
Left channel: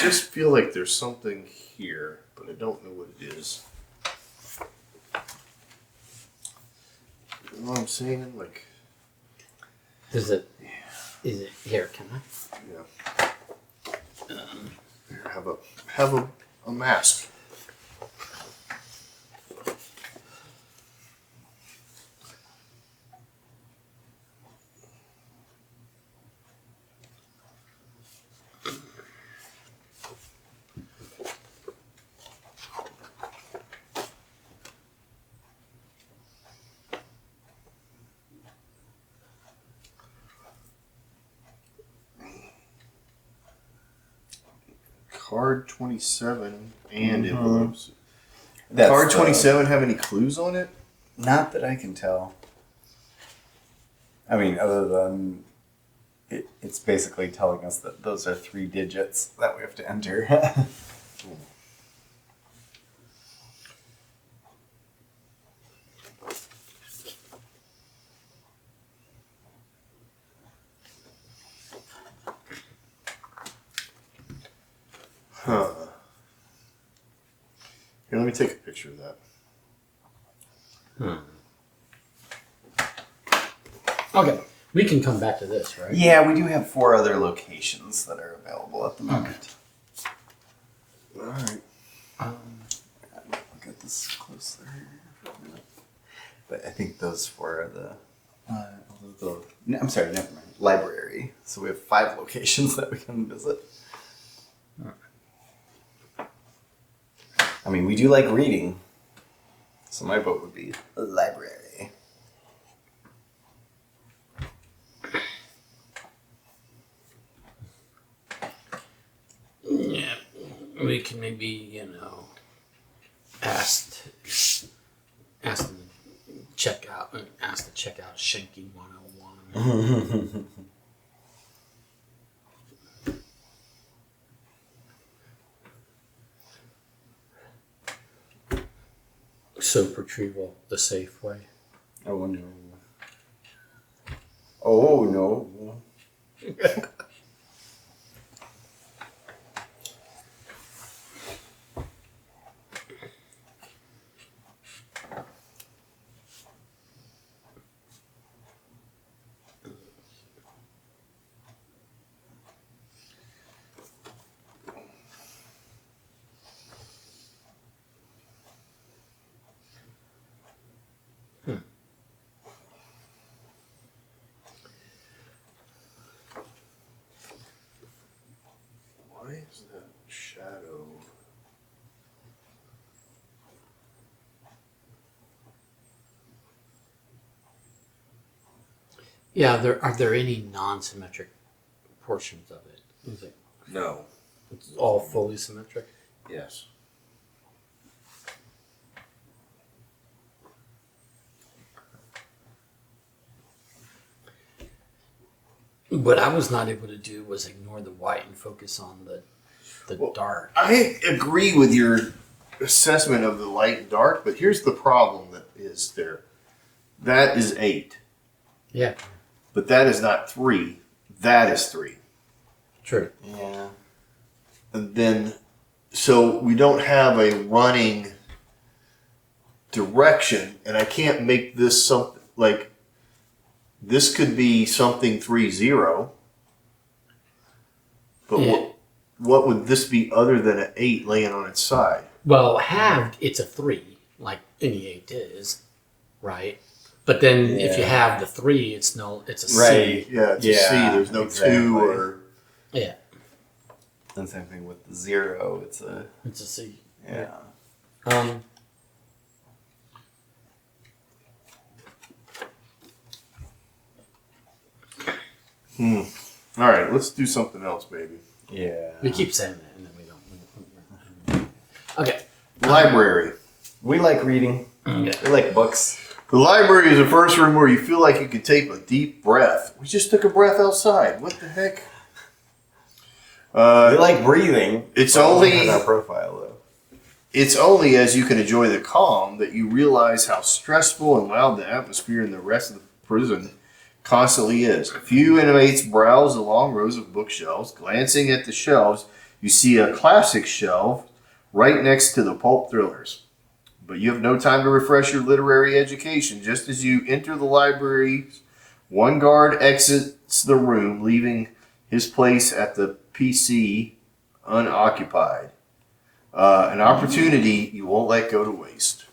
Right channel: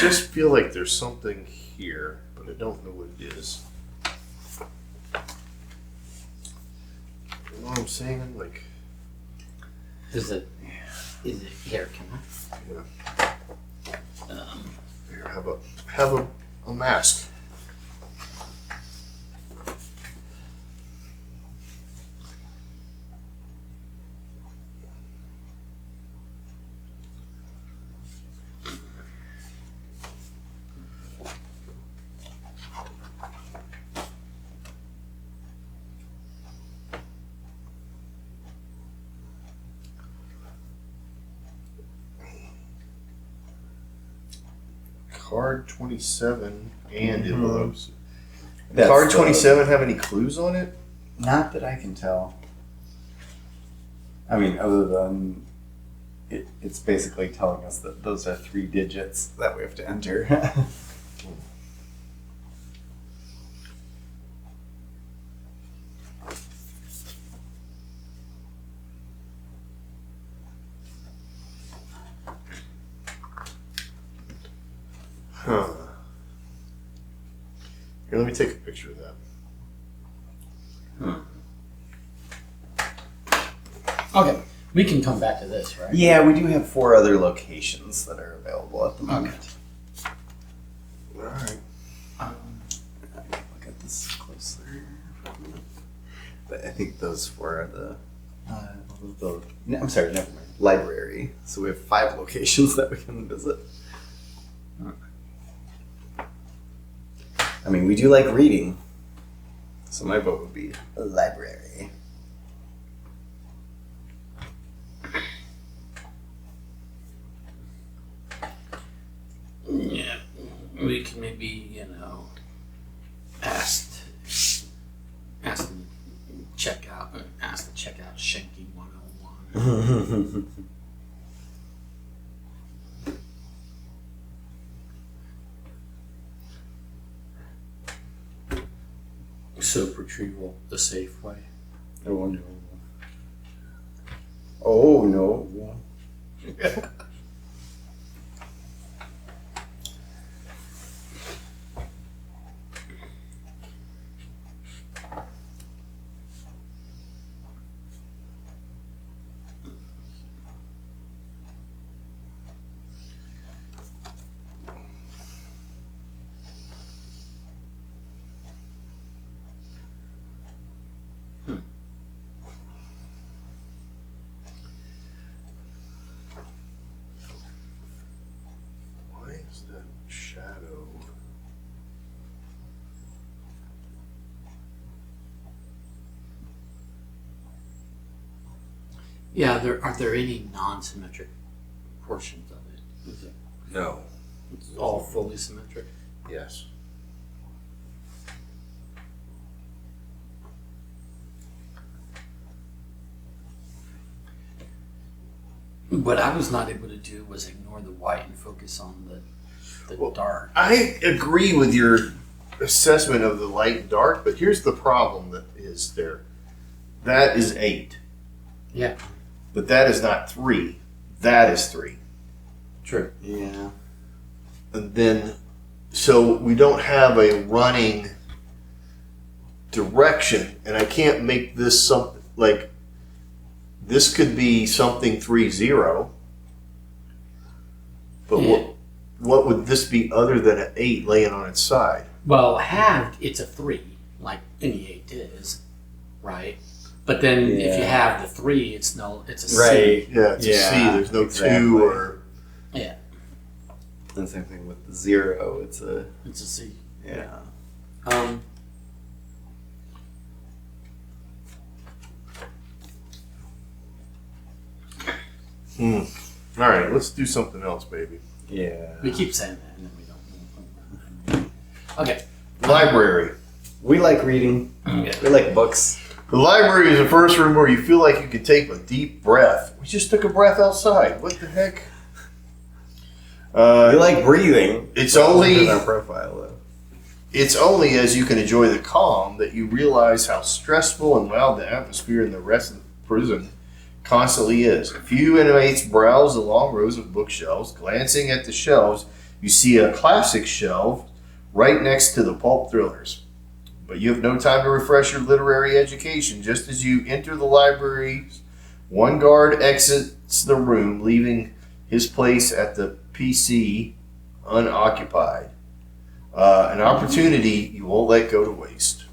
just feel like there's something here, but I don't know what it is. You know what I'm saying? Like, Is it here? Can yeah. Here, have a mask. Card 27 and envelopes. That's Card 27 have any clues on it? Not that I can tell. I mean, other than it's basically telling us that those are 3 digits that we have to enter. Huh. Here, let me take a picture of that. Okay, we can come back to this, right? Yeah, we do have 4 other locations that are available at the moment. Alright. Look at this closer. But I think those 4 are I'm sorry, never mind. Library. So we have 5 locations that we can visit. I mean, we do like reading. So my vote would be a library. Yeah, we can maybe, ask them check out Shanky 101. Soap retrieval the safe way. Oh no. Oh no. Why is that shadow? Yeah, are there any non-symmetric portions of it? Is it No. it's all fully symmetric? Yes. What I was not able to do was ignore the white and focus on the Well, dark. I agree with your assessment of the light and dark, but here's the problem that is there. That is 8. Yeah, But that is not 3. That is 3. true. Yeah. And then, so we don't have a running direction, and I can't make this something like this could be something 3-0. But Yeah. what would this be other than an 8 laying on its side? Well, halved, it's a 3, like any 8 is, right? But then if you Yeah. have the 3, it's a C. Right. Yeah, it's a Yeah, C. There's no exactly. 2 or Yeah, And same thing with the 0. It's a it's a C. yeah. All right, let's do something else, baby. Yeah. We keep saying that, and then we don't. Okay. Library. We like reading. Okay. We like books. The library is the first room where you feel like you could take a deep breath. We just took a breath outside. What the heck? We like breathing. It's But only in our profile though. it's only as you can enjoy the calm that you realize how stressful and loud the atmosphere in the rest of the prison constantly is. A few inmates browse the long rows of bookshelves. Glancing at the shelves, you see a classic shelf right next to the pulp thrillers. But you have no time to refresh your literary education. Just as you enter the library, one guard exits the room, leaving his place at the PC unoccupied. An opportunity you won't let go to waste.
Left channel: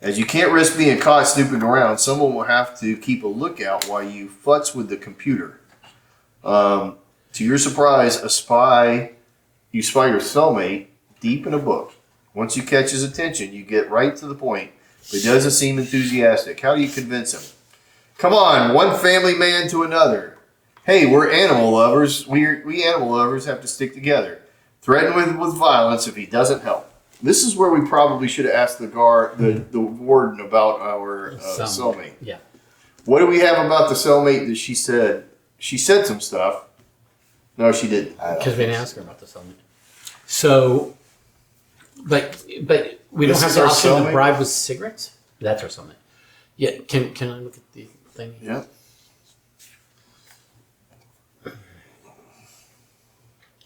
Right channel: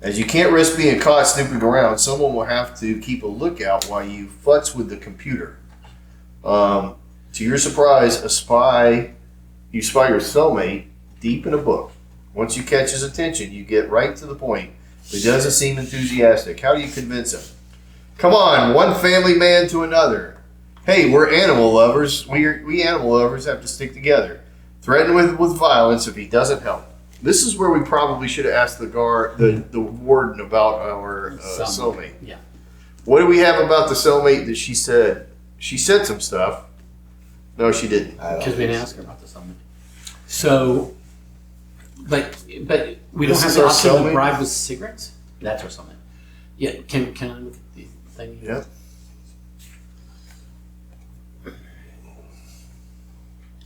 As you can't risk being caught snooping around, someone will have to keep a lookout while you futz with the computer. To your surprise, you spy your cellmate deep in a book. Once you catch his attention, you get right to the point, but he doesn't seem enthusiastic. How do you convince him? Come on, one family man to another. Hey, we're animal lovers. We animal lovers have to stick together. Threaten with violence if he doesn't help. This is where we probably should have asked the warden about our cellmate. Yeah. What do we have about the cellmate that she said? She said some stuff. No, she didn't. Because we didn't ask her about this element. So, but we don't This have is the our option to cellmate? bribe with cigarettes? That's our cellmate. Yeah, can I look at the thing? Yeah.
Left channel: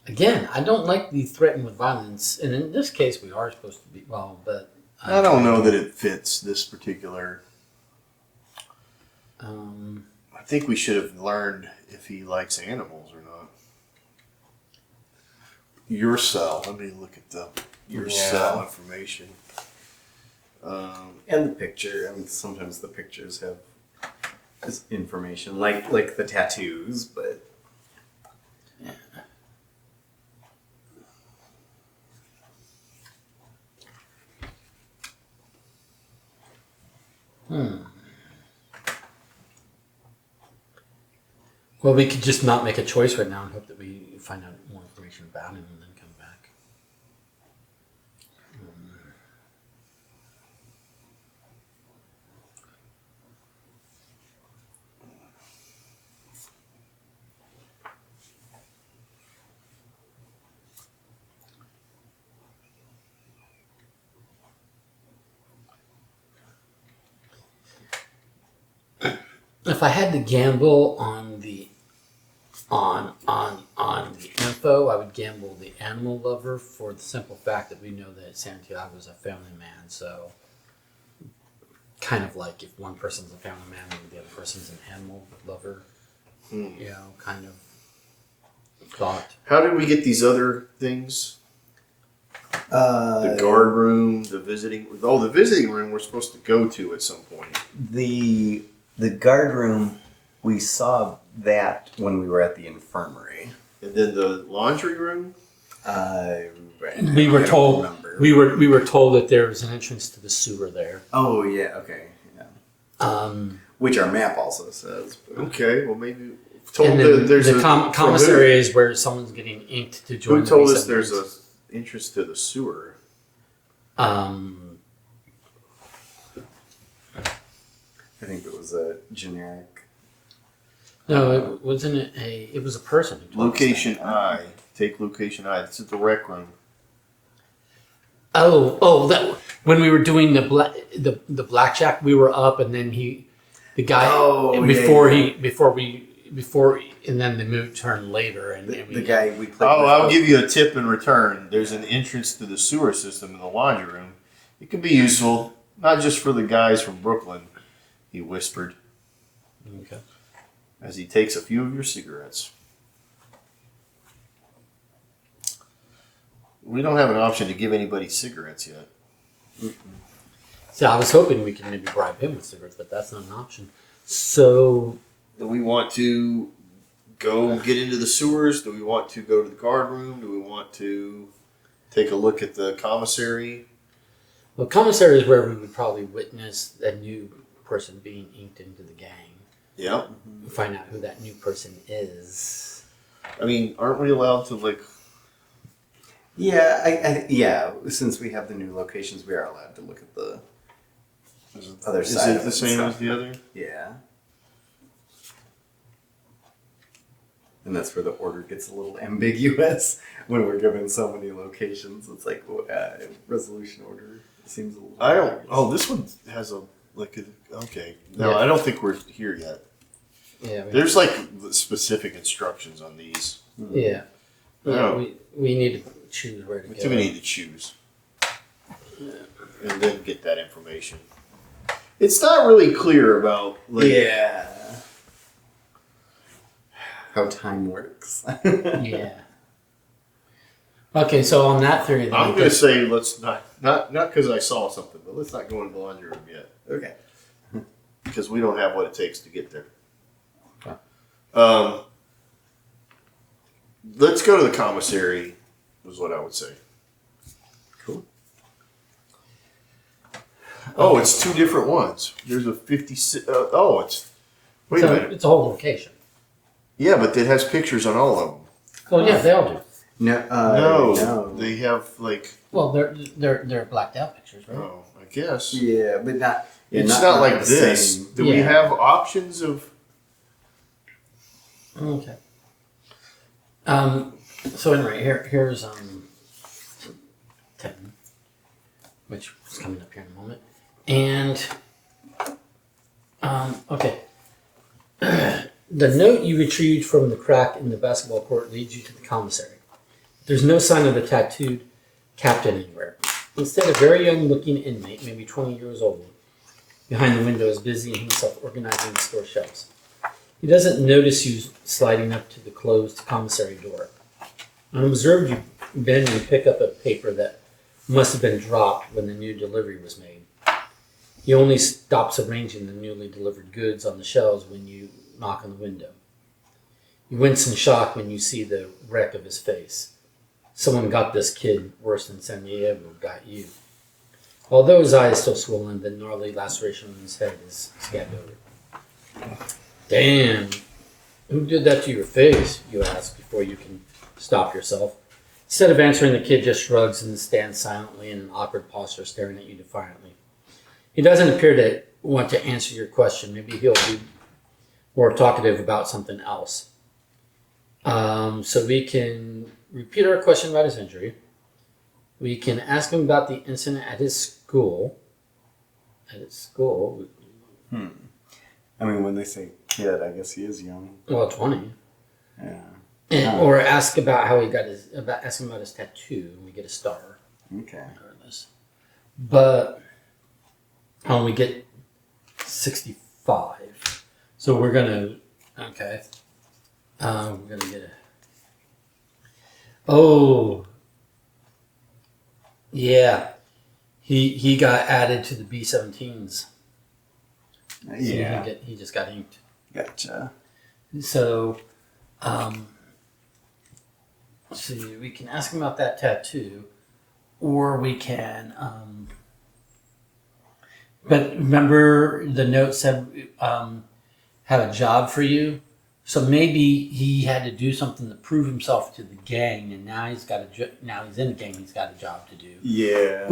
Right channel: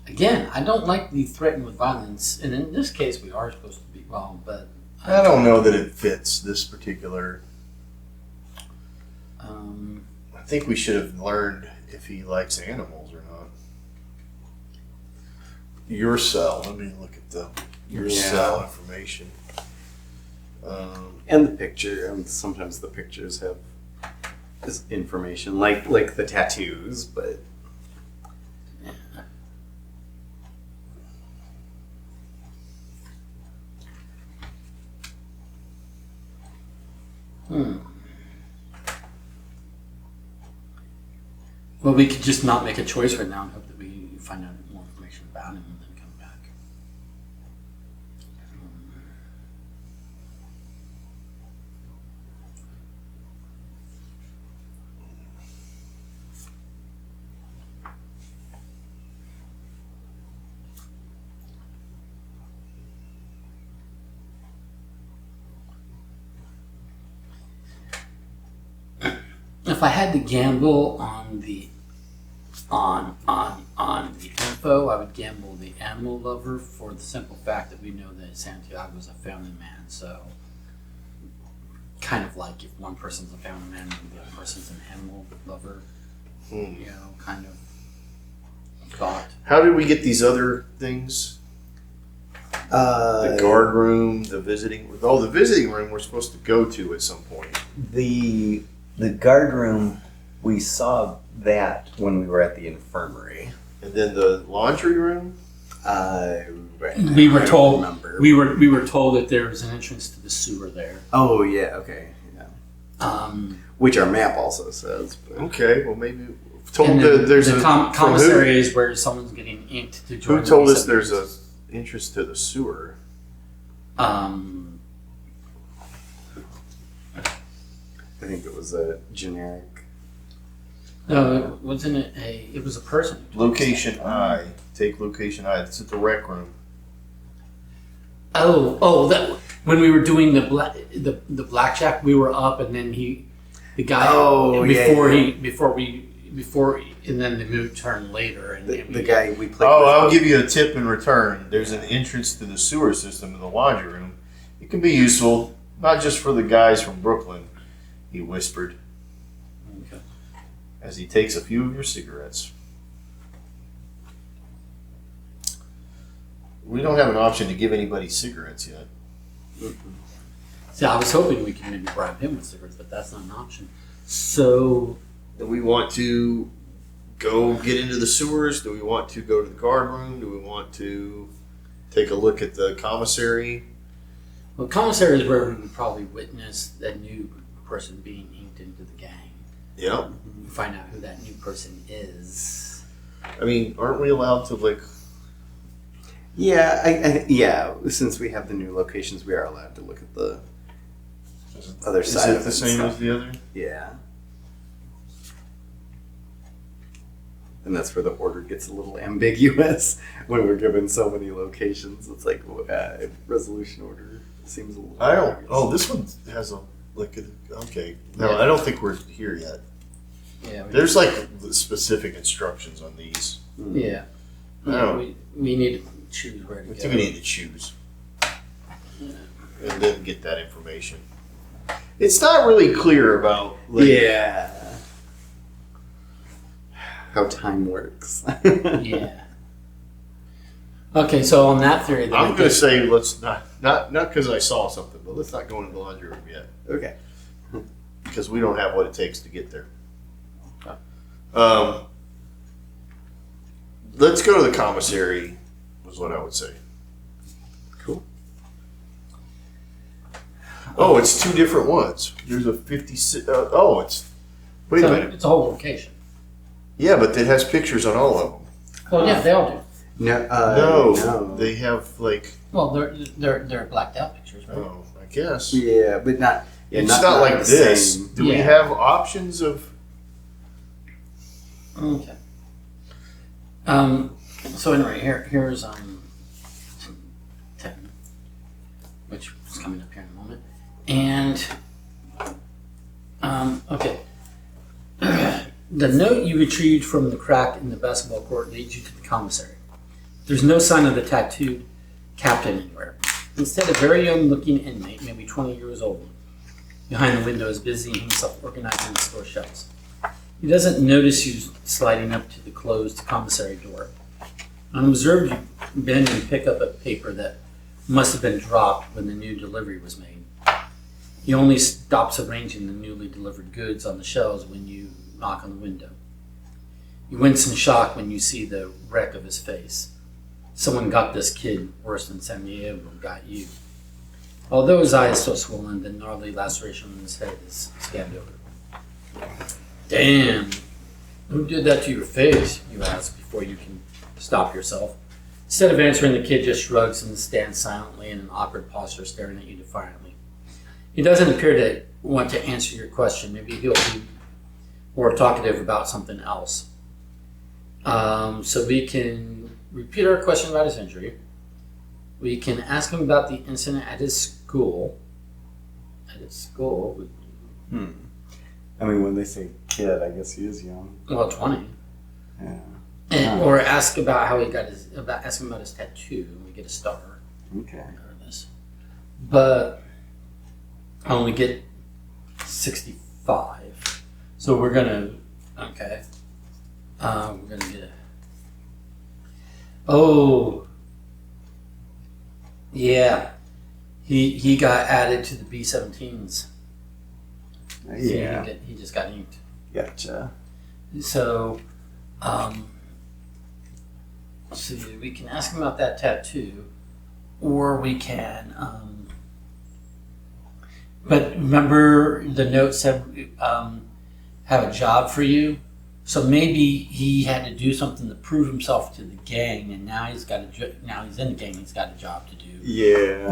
Again, I don't like the threaten with violence, and in this case, we are supposed to be but I don't know that it fits this particular. I think we should have learned if he likes animals or not. Your cell. Let me look at your cell information. And the picture, and sometimes the pictures have this information, like the tattoos, but Well, we could just not make a choice right now and hope that we find out more information about him and then come back. If I had to gamble on the info, I would gamble the animal lover for the simple fact that we know that Santiago is a family man. So, kind of like if one person's a family man and the other person's an animal lover, you know, kind of thought. How did we get these other things? The guard room, the visiting. Oh, the visiting room we're supposed to go to at some point. The guard room, we saw that when we were at the infirmary. And then the laundry room. We were I don't told remember. we were told that there was an entrance to the sewer there. Oh yeah, okay, yeah. Which our map also says. But Okay, well maybe told And then there's the a commissary is where someone's getting inked to join. Who told the us there's a receptors. entrance to the sewer? I think it was a generic. No, it wasn't it was a person. who told us Location that. I. Take location I. It's at the rec room. That when we were doing the blackjack, we were up, and then the guy before and then the mood turned later, and The guy we played. Oh, with. I'll give you a tip in return. There's an entrance to the sewer system in the laundry room. It can be useful, not just for the guys from Brooklyn, he whispered Okay. as he takes a few of your cigarettes. We don't have an option to give anybody cigarettes yet. So I was hoping we could maybe bribe him with cigarettes, but that's not an option. So Do we want to go get into the sewers? Do we want to go to the guard room? Do we want to take a look at the commissary? well, commissary is where we would probably witness a new person being inked into the gang. Yep. find out who that new person is. I mean, aren't we allowed to like? Yeah, since we have the new locations, we are allowed to look at the other Is side. it the same as the other? Yeah. And that's where the order gets a little ambiguous when we're given so many locations. It's like resolution order seems a little. I don't. ambiguous. Oh, this one has a like a. Okay. No, Yeah. I don't think we're here yet. Yeah. There's like specific instructions on these. Yeah. No. We need to choose where to I go. think we need to choose, and then get that information. It's not really clear about. Like, Yeah. How time works. Yeah. Okay, so on that theory, then I'm I gonna guess- say let's not because I saw something, but let's not go into the laundry room yet Okay. because we don't have what it takes to get there. Oh. Let's go to the commissary. Was what I would say. Cool. Oh, it's two different ones. There's a 56. It's. Wait a so minute. it's a whole location. Yeah, but it has pictures on all of them. Well, yeah, they all do. No. They have like. Well, they're blacked out pictures, right? Oh, I guess. Yeah, but not. Yeah, It's not like the this. same. Do we Yeah. have options of? Okay. So anyway, here's 10, which is coming up here in a moment, and okay. The note you retrieved from the crack in the basketball court leads you to the commissary. There's no sign of the tattooed captain anywhere. Instead, a very young-looking inmate, maybe 20 years old, behind the window is busying himself organizing the store shelves. He doesn't notice you sliding up to the closed commissary door. Unobserved, you bend and pick up a paper that must have been dropped when the new delivery was made. He only stops arranging the newly delivered goods on the shelves when you knock on the window. You wince in shock when you see the wreck of his face. Someone got this kid worse than San Diego got you. Although his eye is still swollen, the gnarly laceration on his head is scabbed over. Damn, who did that to your face? You ask before you can stop yourself. Instead of answering, the kid just shrugs and stands silently in an awkward posture, staring at you defiantly. He doesn't appear to want to answer your question. Maybe he'll be more talkative about something else. So we can repeat our question about his injury. We can ask him about the incident at his school. I mean, when they say kid, I guess he is young. Well, 20. Yeah. Or ask about how he got ask him about his tattoo and get a star. Okay. But we get 65. So we're gonna get a. Oh. Yeah. He got added to the B-17s. Yeah. He just got inked. Gotcha. So, see, we can ask him about that tattoo, or we can. But remember, the note said have a job for you. So maybe he had to do something to prove himself to the gang, and now he's got now he's in the gang. He's got a job to do. Yeah.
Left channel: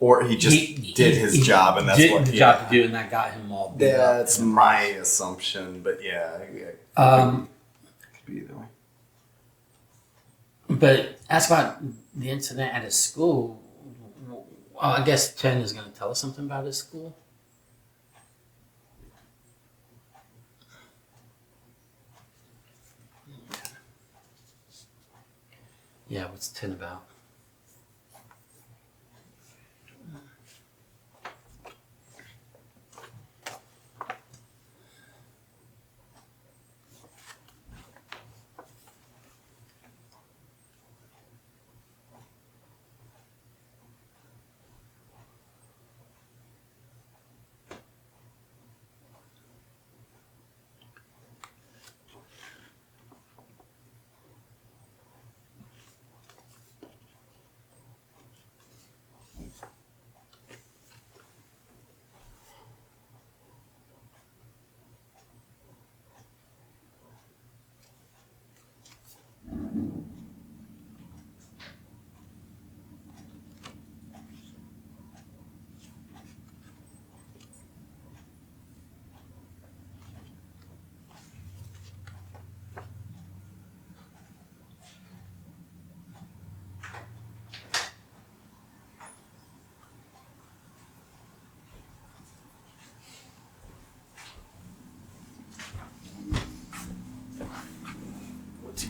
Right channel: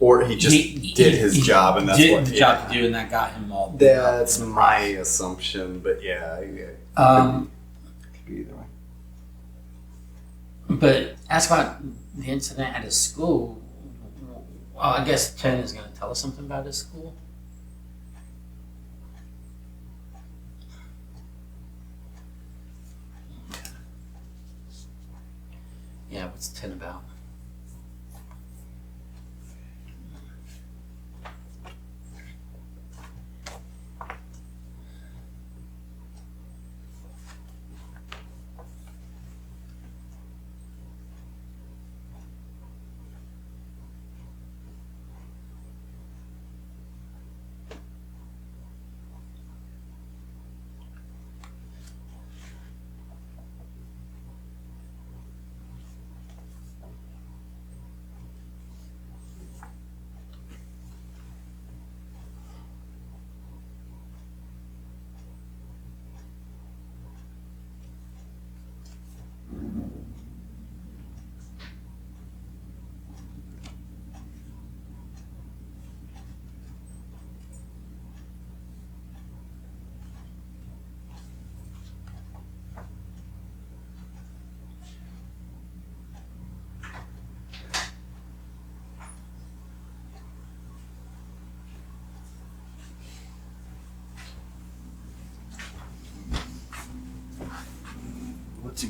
Or he just did his job, and that's did what the job to do, and that got him all. That's my assumption, but yeah, it could be either way. But ask about the incident at his school. Well, I guess 10 is going to tell us something about his school. Yeah, what's 10 about?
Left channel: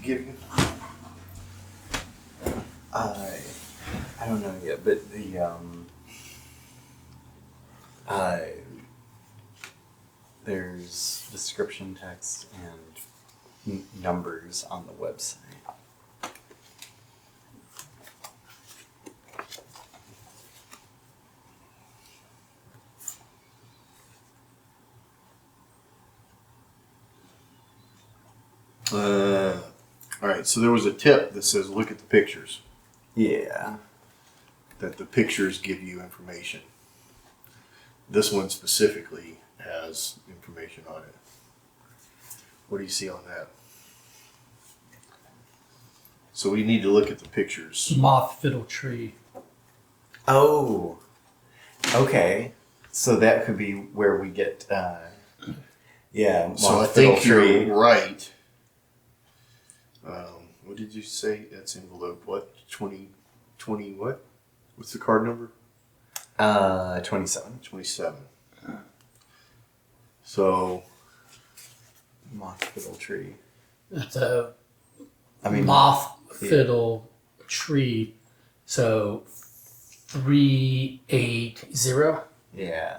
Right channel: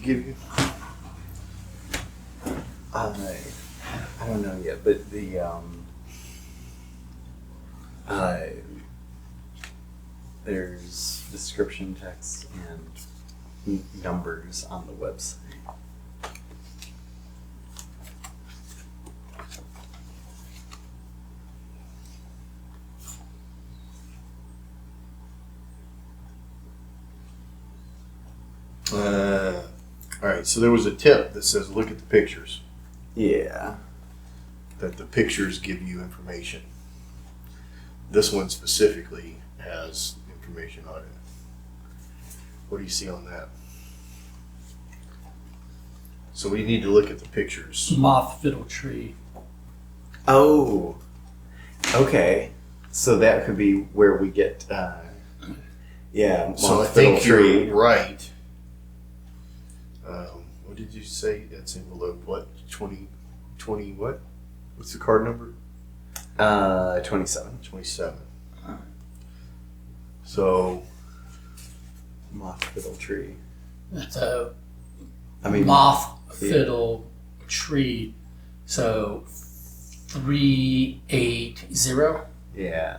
give you? I don't know yet, but there's description text and numbers on the website. All right, so there was a tip that says look at the pictures, Yeah. that the pictures give you information. This one specifically has information on it. What do you see on that? So we need to look at the pictures. Moth fiddle tree. Oh. Okay. So that could be where we get. Yeah. So I moth fiddle think tree. you're right. What did you say? That's envelope what? 20 what? What's the card number? 27. 27. So Moth fiddle tree. That's a I mean, moth fiddle tree. So 380. yeah.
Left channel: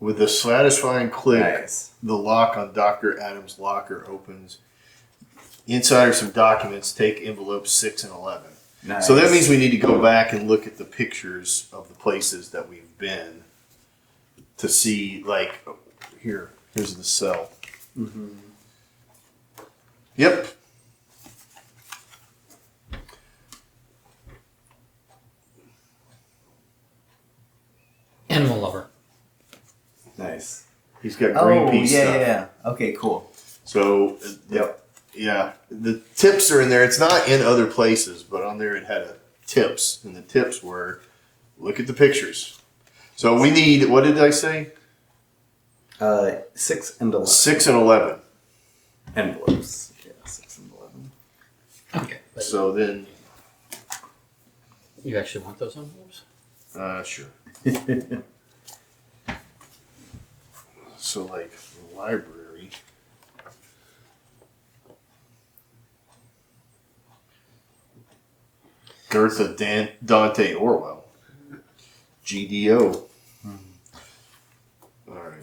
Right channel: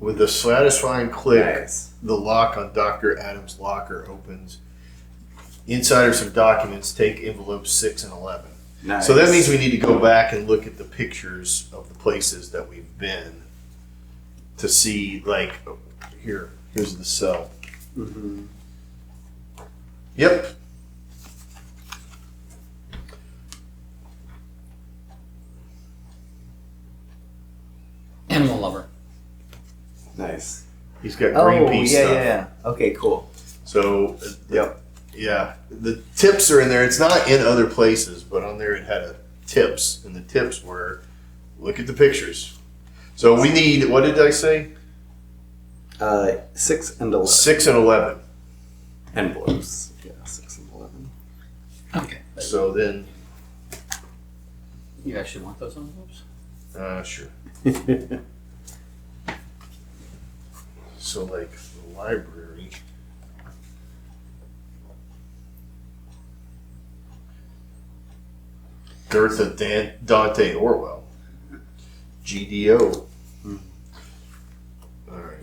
with a satisfying click, Nice. the lock on Dr. Adams' locker opens. Inside are some documents. Take envelopes 6 and 11. Nice. So that means we need to go back and look at the pictures of the places that we've been to see, like, here's the cell. Mm-hmm. Yep. Animal lover. Nice. He's got Oh, Greenpeace yeah, stuff. yeah. Okay, cool. So, Yep. yeah, the tips are in there. It's not in other places, but on there it had tips, and the tips were, look at the pictures. So we need, what did I say? 6 and 11. 6 and 11. Envelopes. Yeah, 6 and 11. Okay. But So then, you actually want those envelopes? sure. So like the library. Goethe, Dante, Orwell. GDO. All right.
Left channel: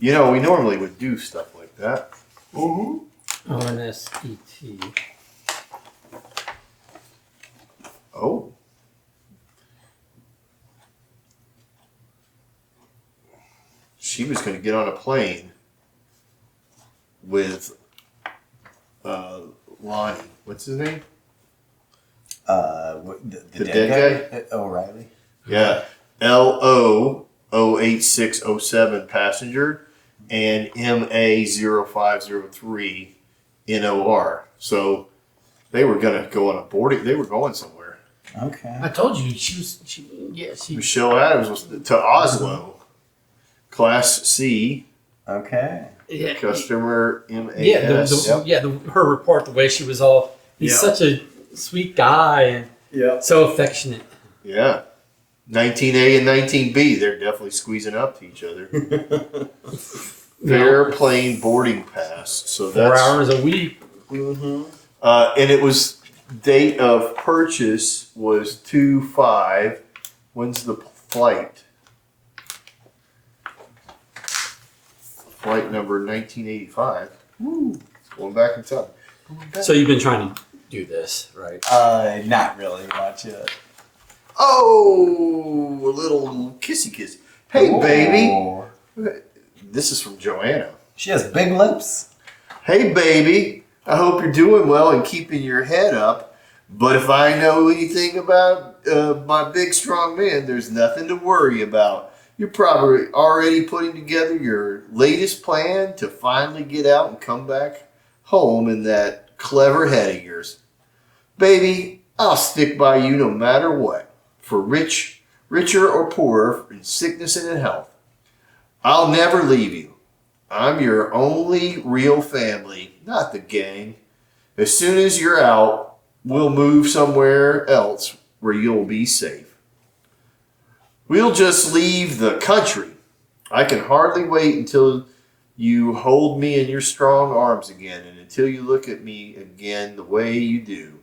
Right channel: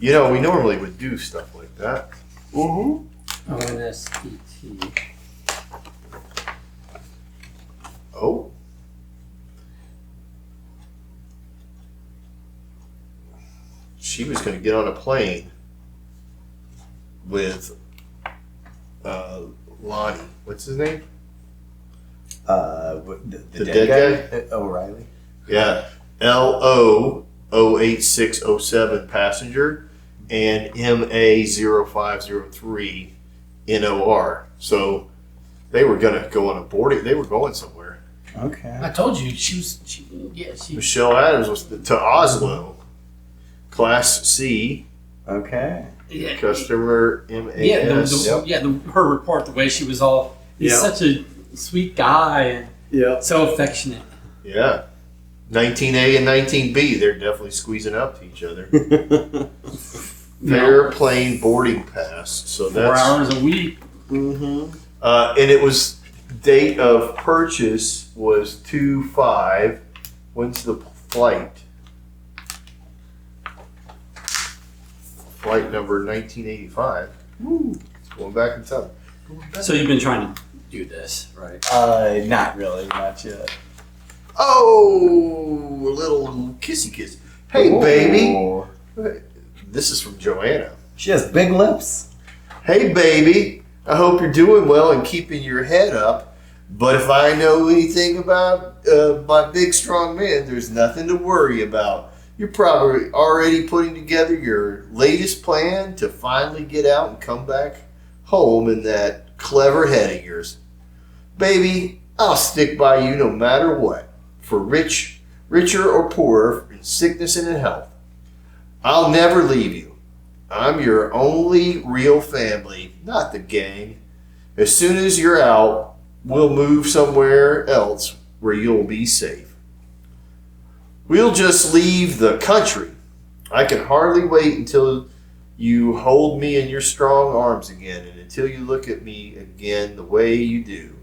You know, we normally would do stuff like that. Mm-hmm. ONSET. Oh. She was going to get on a plane with Lonnie. What's his name? The dead guy? O'Reilly. Yeah. LO 08607 passenger and MA 0503 NOR. So they were going to go on a boarding. They were going somewhere. Okay. I told you she. Michelle Adams was to Oslo. Class C. Okay. Yeah, Customer MAS. her report, the way she was all. He's Yeah. such a sweet guy and Yeah. so affectionate. Yeah. 19A and 19B, they're definitely squeezing up to each other. Airplane boarding pass. So 4 that's hours a week. Mm-hmm. and it was date of purchase was 2/5. When's the flight? Flight number 1985. Woo. It's going back in time. So you've been trying to do this, right? Not really, not yet. Oh, a little kissy kiss. Hey, baby. Oh. This is from Joanna. She has big lips. Hey, baby. I hope you're doing well and keeping your head up. But if I know anything about my big, strong man, there's nothing to worry about. You're probably already putting together your latest plan to finally get out and come back home in that clever head of yours. Baby, I'll stick by you no matter what, for richer or poorer, in sickness and in health. I'll never leave you. I'm your only real family, not the gang. As soon as you're out, we'll move somewhere else where you'll be safe. We'll just leave the country. I can hardly wait until you hold me in your strong arms again, and until you look at me again the way you do.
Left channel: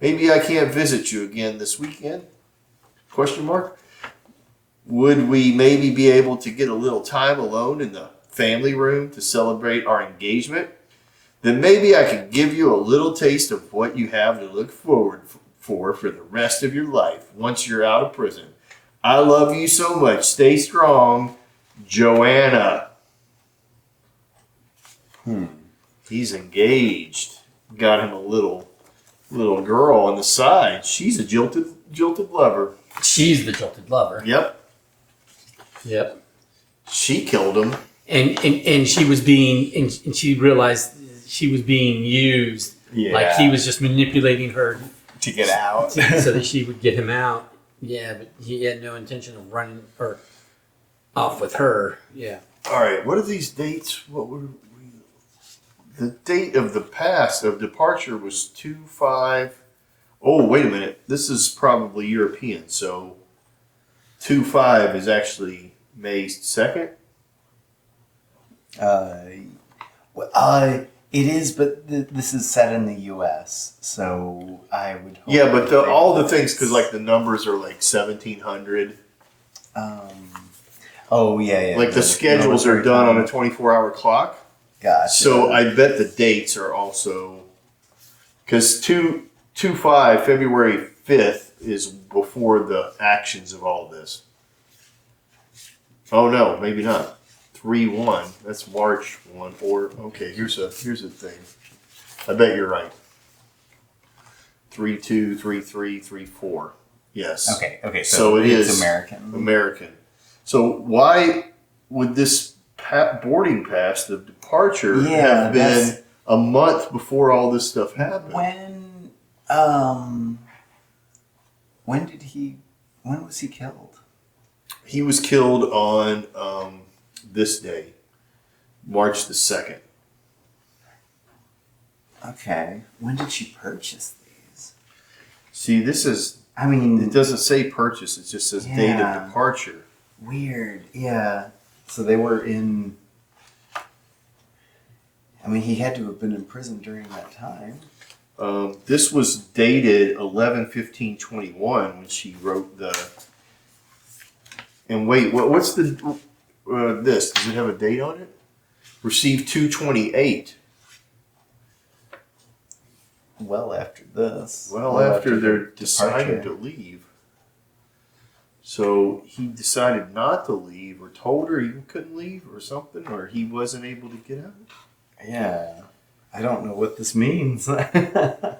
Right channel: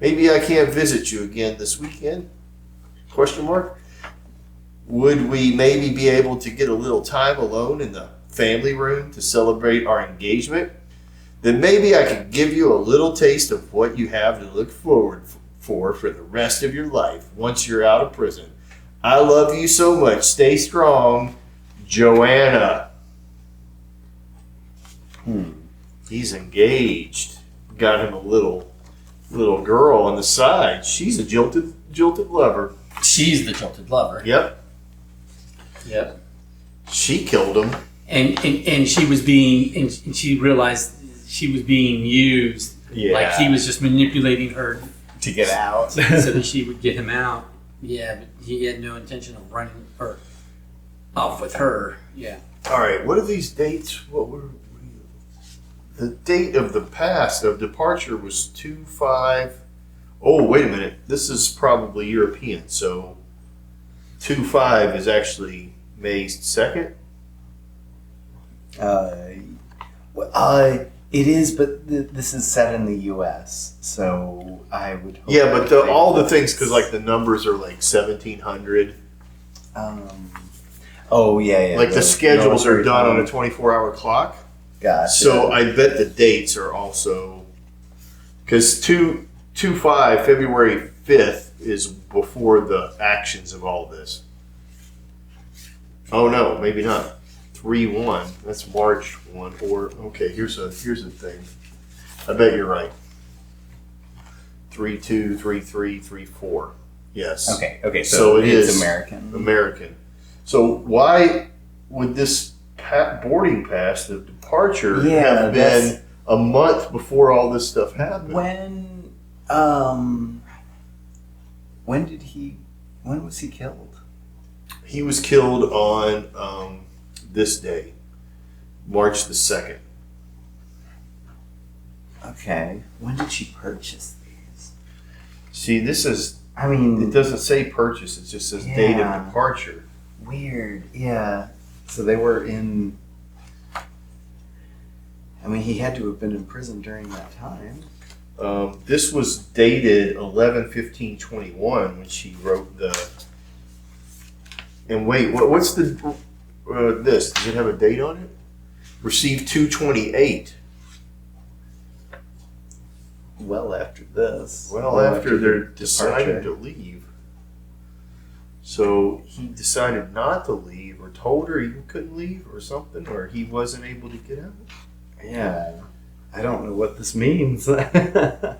Maybe I can't visit you again this weekend? Question mark. Would we maybe be able to get a little time alone in the family room to celebrate our engagement? Then maybe I could give you a little taste of what you have to look forward for the rest of your life once you're out of prison. I love you so much. Stay strong, Joanna. He's engaged. Got him a little girl on the side. She's a jilted lover. She's the jilted lover. Yep. Yep. She killed him. And she was being and she realized she was being used. Yeah. Like he was just manipulating her To get out. so that she would get him out. Yeah, but he had no intention of running her off with her. Yeah. All right. What are these dates? What were the date of the past of departure was 2/5. Oh, wait a minute. This is probably European. So 2/5 is actually May 2nd. It is, but this is set in the U.S., so I would hope. Yeah, but that all the things, because like the numbers are like 1700. Oh yeah. Like the schedules are done on a 24-hour clock. Gotcha. So I bet the dates are also, because 2/5, February 5th is before the actions of all this. Oh no, maybe not. 3/1. That's March 1. Or okay, here's a thing. I bet you're right. 3/2, 3/3, 3/4. Yes. Okay. So it it's is American. American. So why would this boarding pass of departure have been a month before all this stuff happened? When was he killed? He was killed on this day, March the 2nd. Okay. When did she purchase these? See, this is, I mean, it doesn't say purchase, it just says date of departure. weird. Yeah. So they were in. I mean, he had to have been in prison during that time. This was dated 11/15/21 when she wrote the. And wait, what's the this? Does it have a date on it? Received 2/28. Well after this. Well, after they're the deciding departure. to leave. So he decided not to leave, or told her he couldn't leave, or something, or he wasn't able to get out. Yeah. I don't know what this means. Yeah,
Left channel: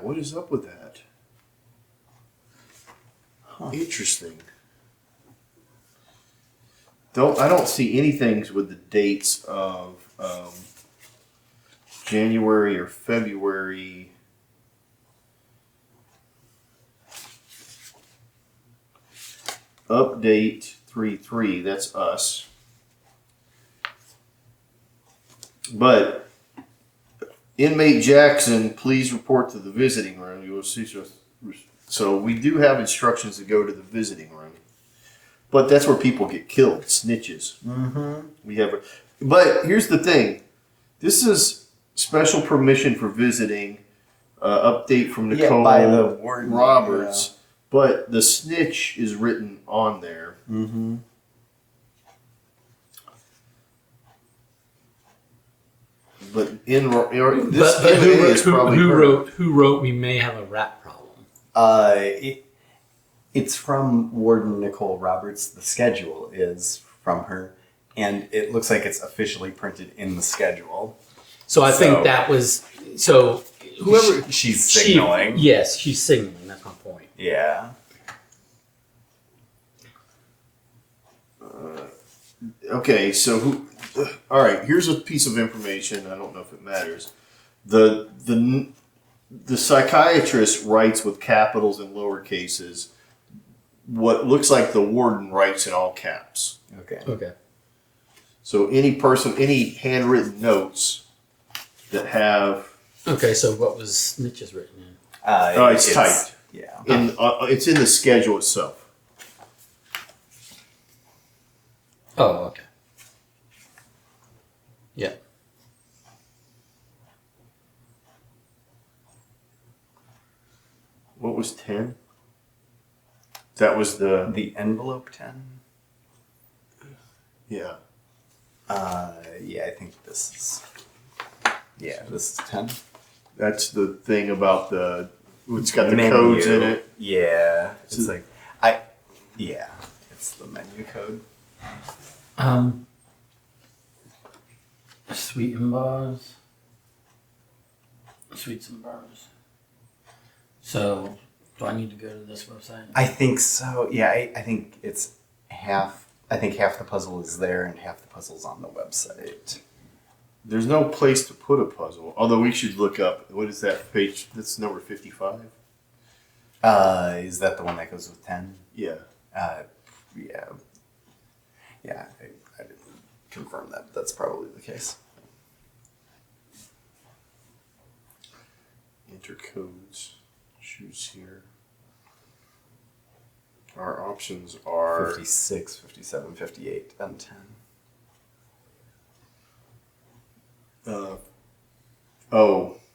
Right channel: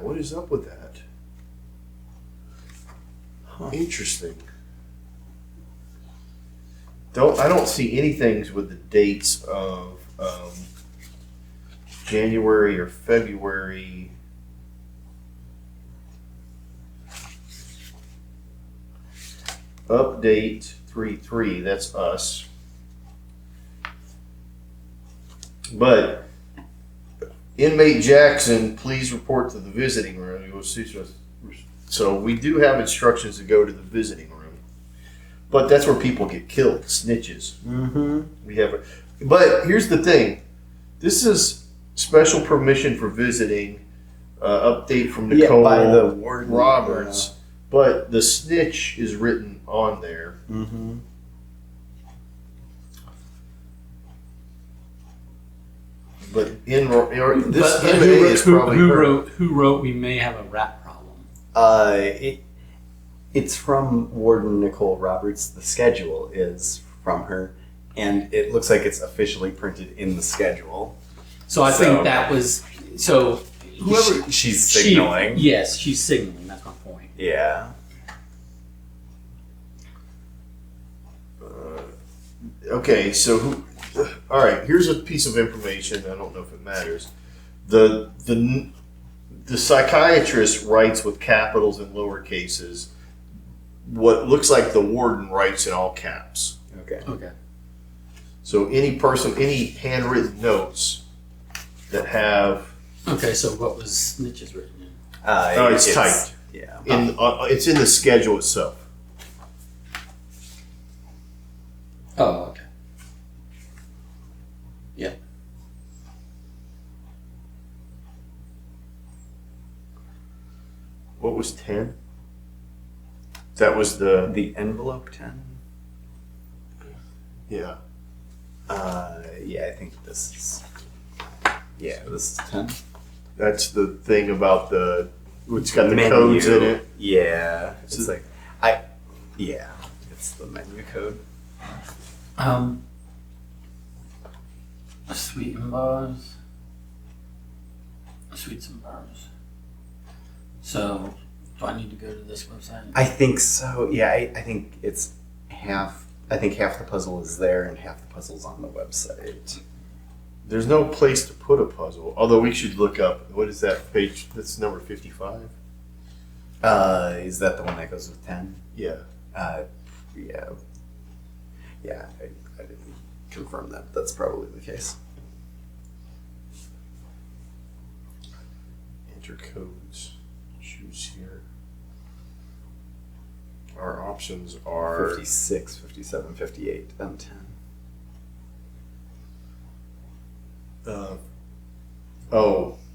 what is up with that? Huh. Interesting. I don't see anything with the dates of January or February. Update 3/3. That's us. But inmate Jackson, please report to the visiting room. You will see. So we do have instructions to go to the visiting room, but that's where people get killed, snitches. Mm-hmm. We have, but here's the thing: this is special permission for visiting. Update from Nicole by the warden, Roberts, but the snitch is written on there. Mm-hmm. But this inmate is probably who wrote we may have a rat problem. It's from Warden Nicole Roberts. The schedule is from her, and it looks like it's officially printed in the schedule. So I think that was whoever She's signaling. Yes, she's signaling. That's my point. Yeah. Okay, so who? All right, here's a piece of information. I don't know if it matters. The psychiatrist writes with capitals and lower cases. What looks like the warden writes in all caps. Okay. So any handwritten notes that have Okay. So what was snitches written in? it's typed. Yeah. It's in the schedule itself. Oh, okay. What was 10? That was the The envelope 10? yeah. Yeah, I think this is. Yeah, this is 10. That's the thing about it's got the Menu. codes in it. Yeah, it's So- like yeah, it's the menu code. Sweet and bars. Sweets and bars. So, do I need to go to this website? I think so. Yeah, I think it's half. I think half the puzzle is there and half the puzzle's on the website. There's no place to put a puzzle. Although we should look up what is that page? That's number 55. Is that the one that goes with 10? Yeah. Yeah. Yeah, I didn't confirm that. That's probably the case. Enter codes. Choose here. Our options are 56, 57, 58, and 10.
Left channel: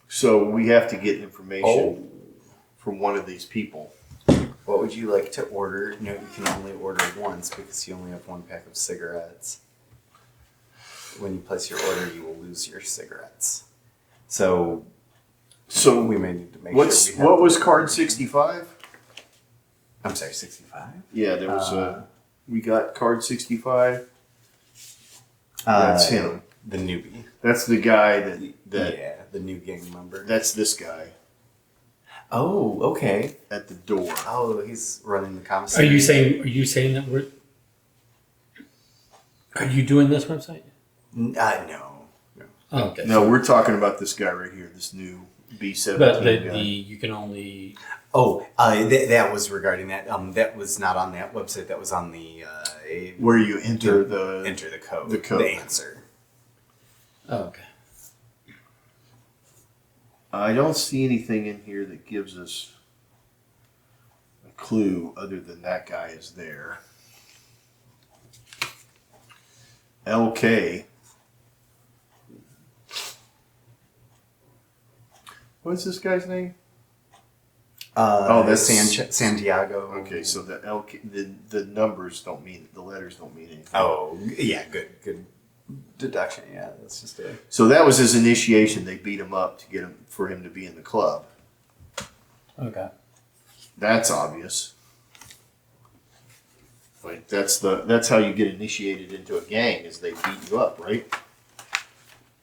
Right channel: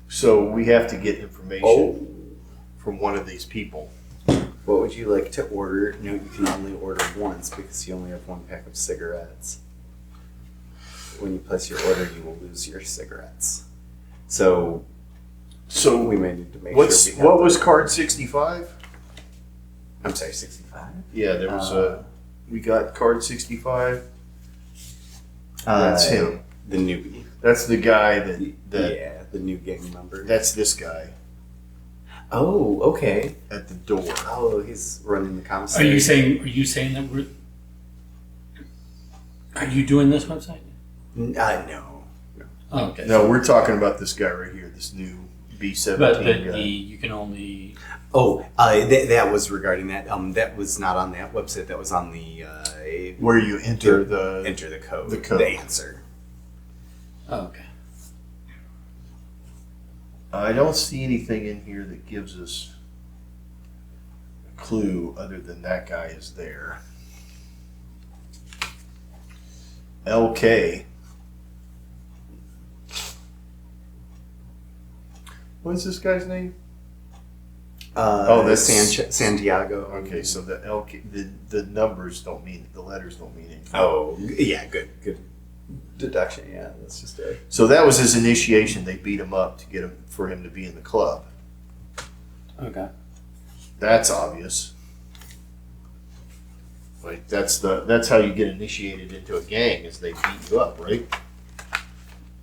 So we have to get information Oh. from one of these people. What would you like to order? No, you can only order once because you only have one pack of cigarettes. When you place your order, you will lose your cigarettes. So So we may need to make what's sure we have what was card 65? I'm sorry, 65? Yeah, there was we got card 65. That's him. The newbie. That's the guy that Yeah, the new gang member. that's this guy Oh, okay. at the door. Oh, he's running the Are commissary. you saying that we're? Are you doing this website? No. Oh, okay. No, we're talking about this guy right here, this new B17 But guy. you can only. Oh, that was regarding that. That was not on that website. That was on the Where you enter the enter the code. the code. The answer. Oh, okay. I don't see anything in here that gives us a clue other than that guy is there. LK. What's this guy's name? This Santiago. Okay, so the LK, the numbers don't mean, the letters don't mean anything. Oh, yeah, good deduction. Yeah, that's just a. So that was his initiation. They beat him up to get him for him to be in the club. Okay. That's obvious. Like that's how you get initiated into a gang is they beat you up, right?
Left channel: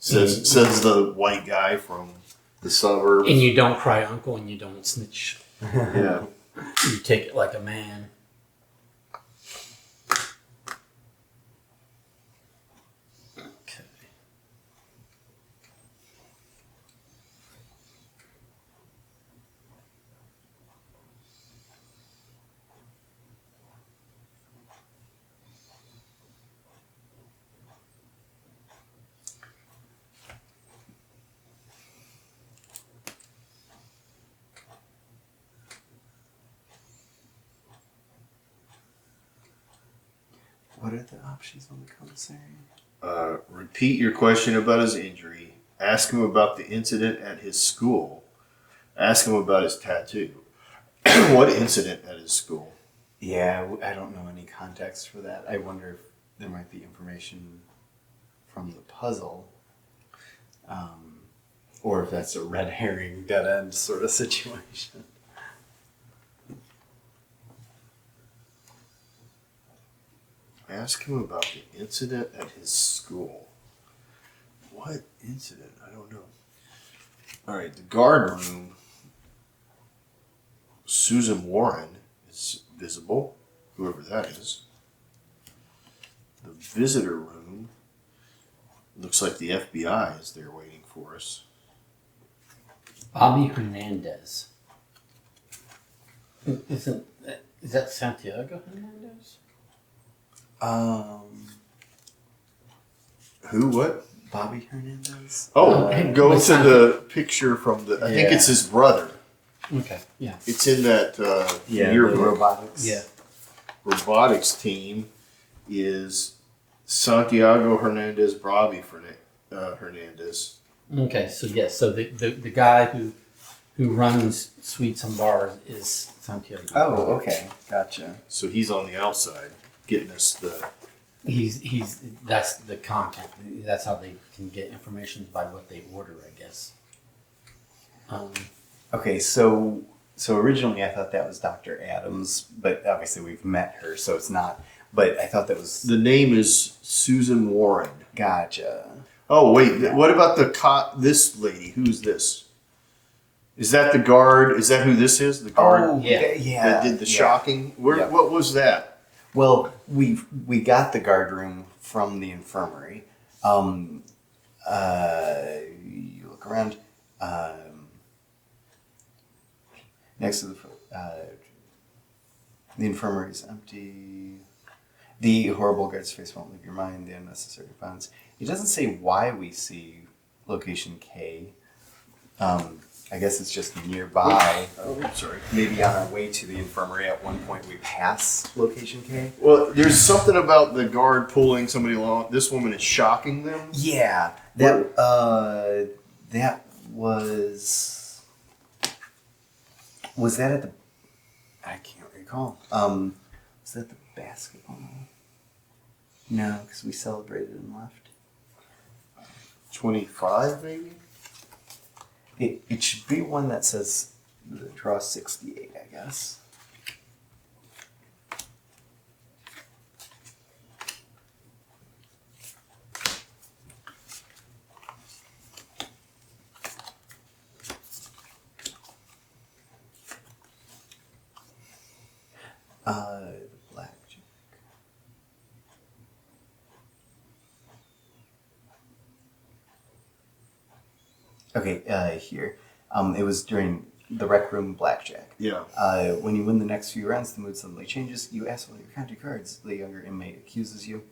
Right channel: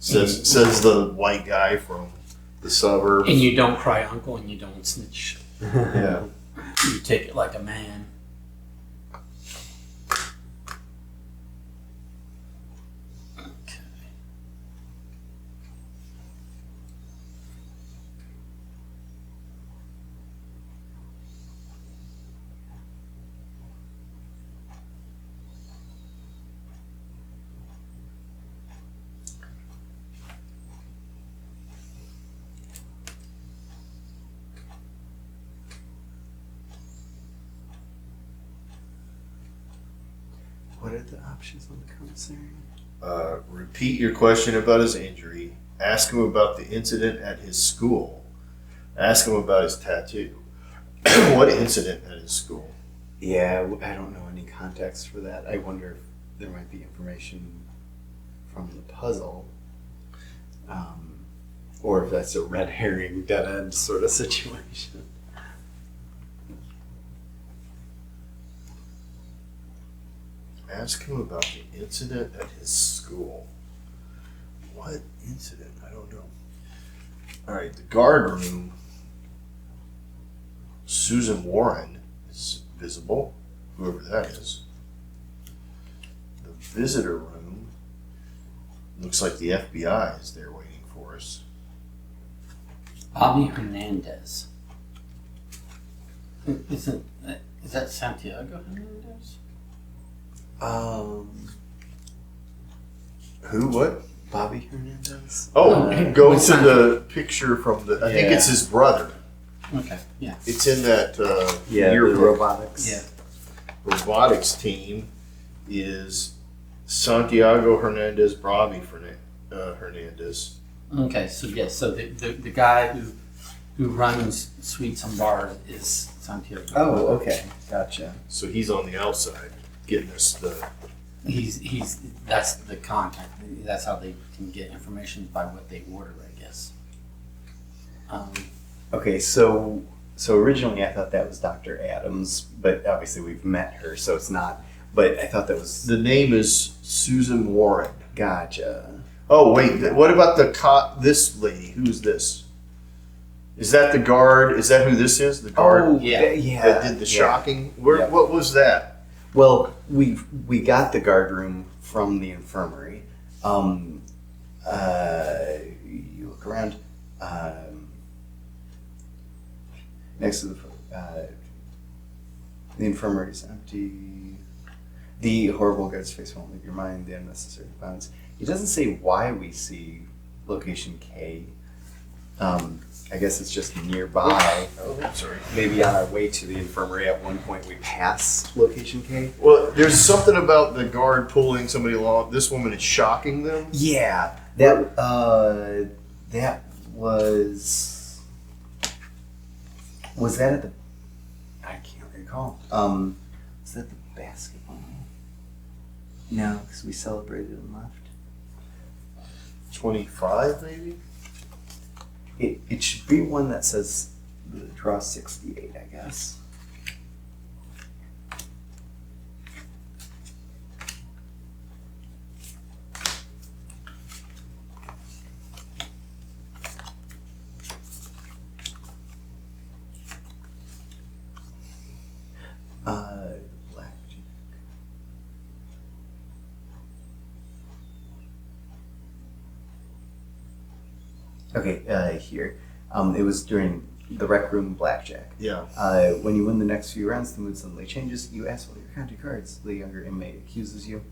Says the white guy from the suburbs. And you don't cry uncle, and you don't snitch. Yeah. You take it like a man. Okay. What are the options on the commissary? Repeat your question about his injury. Ask him about the incident at his school. Ask him about his tattoo. What incident at his school? Yeah, I don't know any context for that. I wonder if there might be information from the puzzle, or if that's a red herring, dead end sort of situation. Ask him about the incident at his school. What incident? I don't know. All right, the guard room. Susan Warren is visible, whoever that is. The visitor room. Looks like the FBI is there waiting for us. Bobby Hernandez. Is that Santiago Hernandez? Who? What? Bobby Hernandez? Oh, Oh, go what's to that? the picture from the. I think Yeah. it's his brother. Okay, yeah. It's in that Yeah, the yearbook. robotics. Yeah. Robotics team is Santiago Hernandez Bobby Hernandez. Okay, so yes, so the guy who runs Sweets and Bars is Santiago. Oh, okay, gotcha. So he's on the outside getting us the. He's that's the content. That's how they can get information by what they order, I guess. Okay, so originally I thought that was Dr. Adams, but obviously we've met her, so it's not. But I thought that was The name is Susan Warren. gotcha. Oh wait, what about this lady? Who's this? Is that the guard? Is that who this is? The guard Oh, Yeah. yeah. that did the yeah. shocking? Where? Yep. What was that? Well, we got the guard room from the infirmary. You look around. Next to the infirmary is empty. The horrible guard's face won't leave your mind. The unnecessary violence. It doesn't say why we see location K. I guess it's just nearby. Oh, I'm sorry. Maybe on our way to the infirmary at one point we pass location K. Well, there's something about the guard pulling somebody along. This woman is shocking them. Yeah, that was that at the? I can't recall. Was that the basketball? No, because we celebrated and left. 25, maybe. It should be one that says the draw 68, I guess. Blackjack. Okay, here. It was during the Rec Room Blackjack. Yeah. When you win the next few rounds, the mood suddenly changes. You ask all your count cards. The younger inmate accuses you.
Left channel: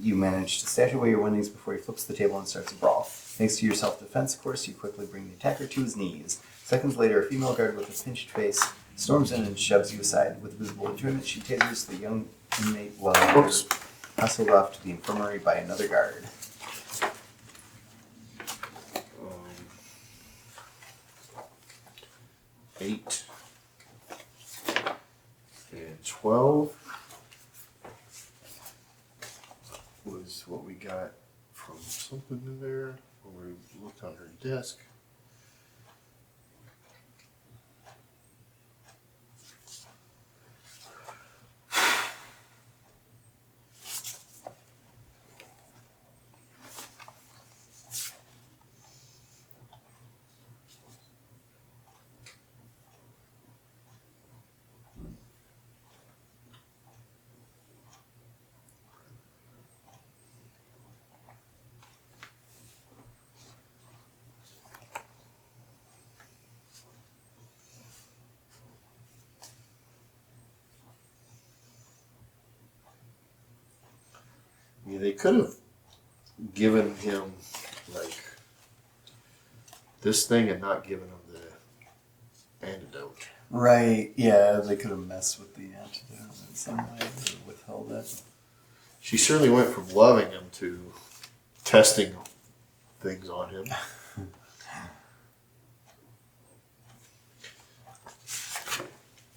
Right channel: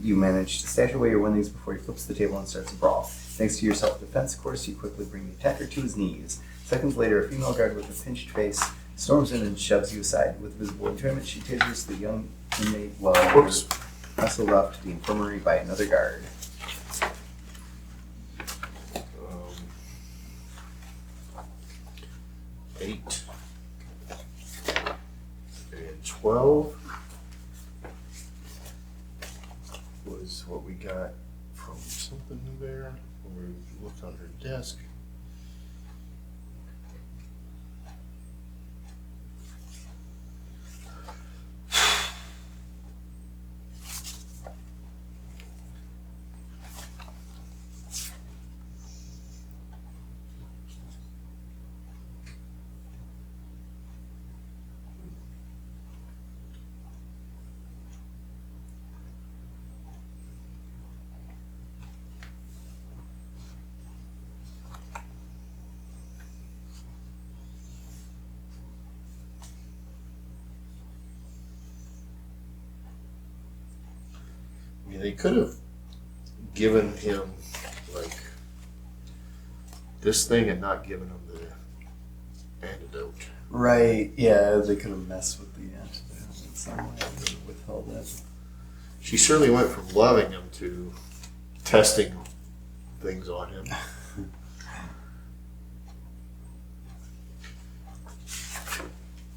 You manage to stash away your winnings before he flips the table and starts a brawl. Thanks to your self-defense course, you quickly bring the attacker to his knees. Seconds later, a female guard with a pinched face storms in and shoves you aside. With visible enjoyment, she tasers the young inmate while you're hustled off to the infirmary by another guard. 8 and 12 was what we got from something in there. We looked on her desk. I mean, they could have given him like this thing and not given him the antidote. Right, yeah, they could have messed with the antidote in some way and withheld it. She certainly went from loving him to testing things on him.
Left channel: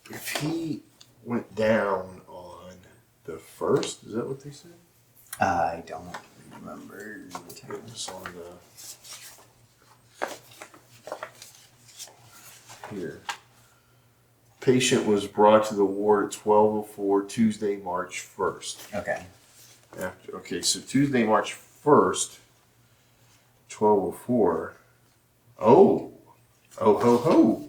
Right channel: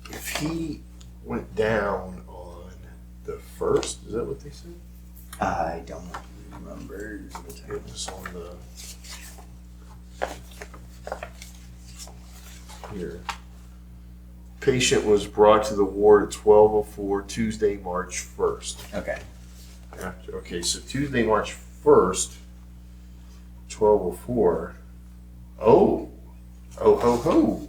If he went down on the first, is that what they said? I don't remember the It time. was on the here. Patient was brought to the ward at 12:04 Tuesday, March 1st. Okay. Okay, so Tuesday, March 1st, 12:04. Oh ho ho.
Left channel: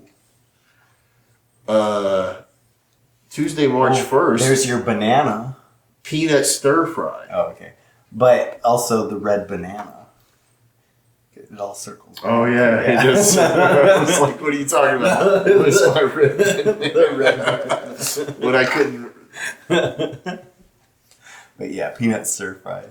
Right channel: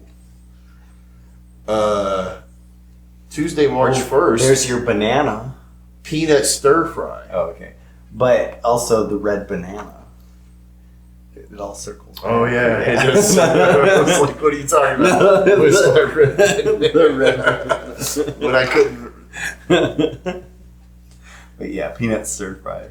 Tuesday, March 1st. There's your banana. Peanut stir fry. Oh, okay. But also the red banana. It all circles. Oh yeah, it just. I was like, what are you talking about? It was my red. The red. But I couldn't. But yeah, peanut stir fry.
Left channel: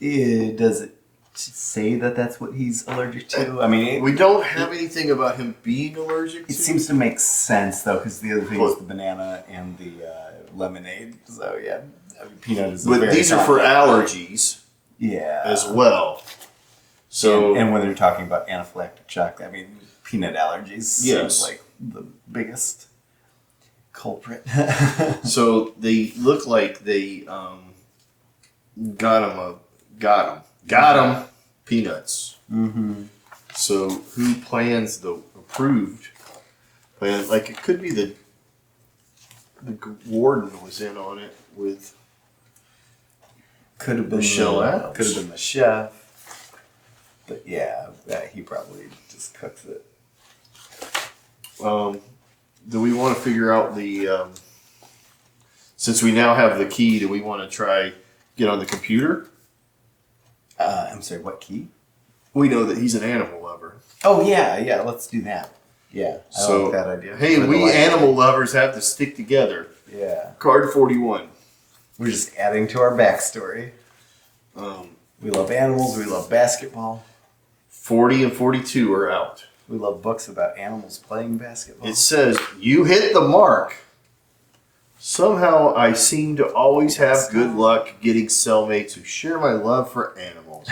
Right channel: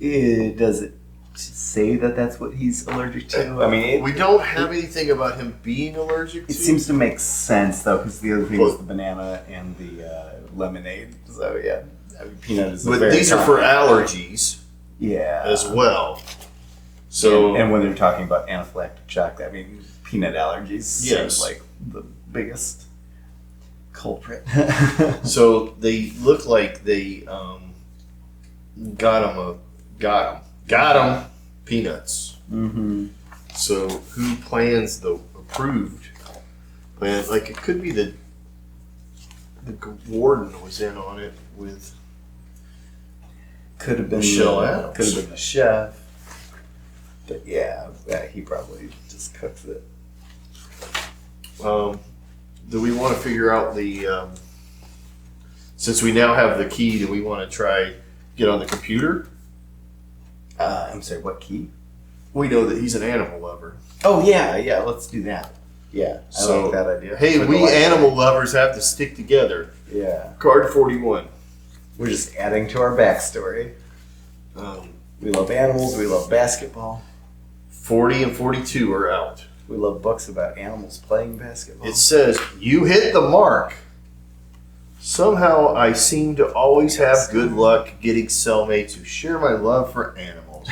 Does it say that that's what he's allergic to? I mean, We don't have anything about him being allergic to. it seems to make sense though, because the other thing is the banana and the lemonade. So yeah, I mean, peanut is. But very these are for common. allergies. Yeah. as well. So and when they're talking about anaphylactic shock, I mean peanut allergies. Yes. Seems like the biggest culprit. So they look like they got him peanuts. Mm-hmm. So who plans the approved plan? Like it could be the warden was in on it with Could have been Michelle Adams. Could have been the chef. But yeah, he probably just cooks it. Do we want to figure out the since we now have the key, do we want to try get on the computer? I'm sorry, what key? We know that he's an animal lover. Oh yeah, let's do that. Yeah, I So, like that idea. Hey, For the we life- animal lovers have to stick together. Yeah, Card 41. we're just adding to our backstory. We love animals. We love basketball. 40 and 42 are out. We love books about animals playing basketball. It says, you hit the mark. Somehow I seem to always have good luck getting cellmates who share my love for animals.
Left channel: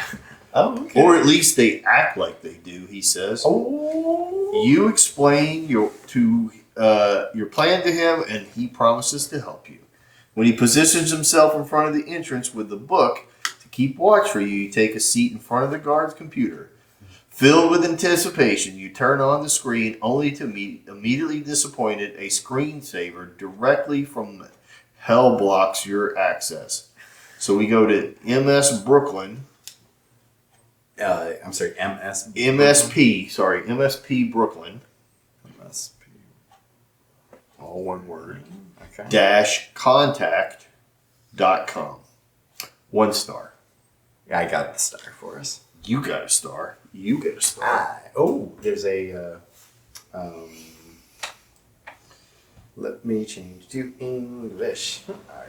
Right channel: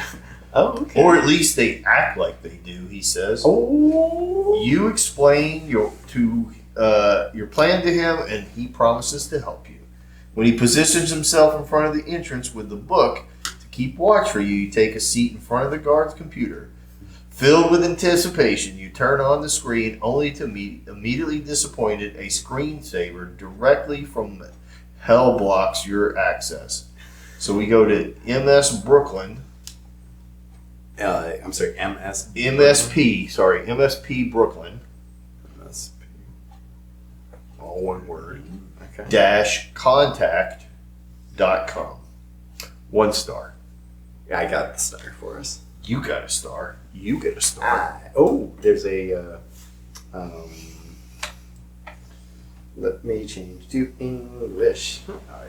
Oh, okay. Or at least they act like they do, he says. Oh. You explain your plan to him and he promises to help you. When he positions himself in front of the entrance with the book to keep watch for you, you take a seat in front of the guard's computer. Filled with anticipation, you turn on the screen only to meet immediately disappointed. A screensaver directly from hell blocks your access. So we go to MS Brooklyn. I'm sorry, MS. MSP Brooklyn. MSP. All one word. Okay. Contact.com. 1 star. I got the star for us. You got a star. You get a star. There's a. Let me change to English. All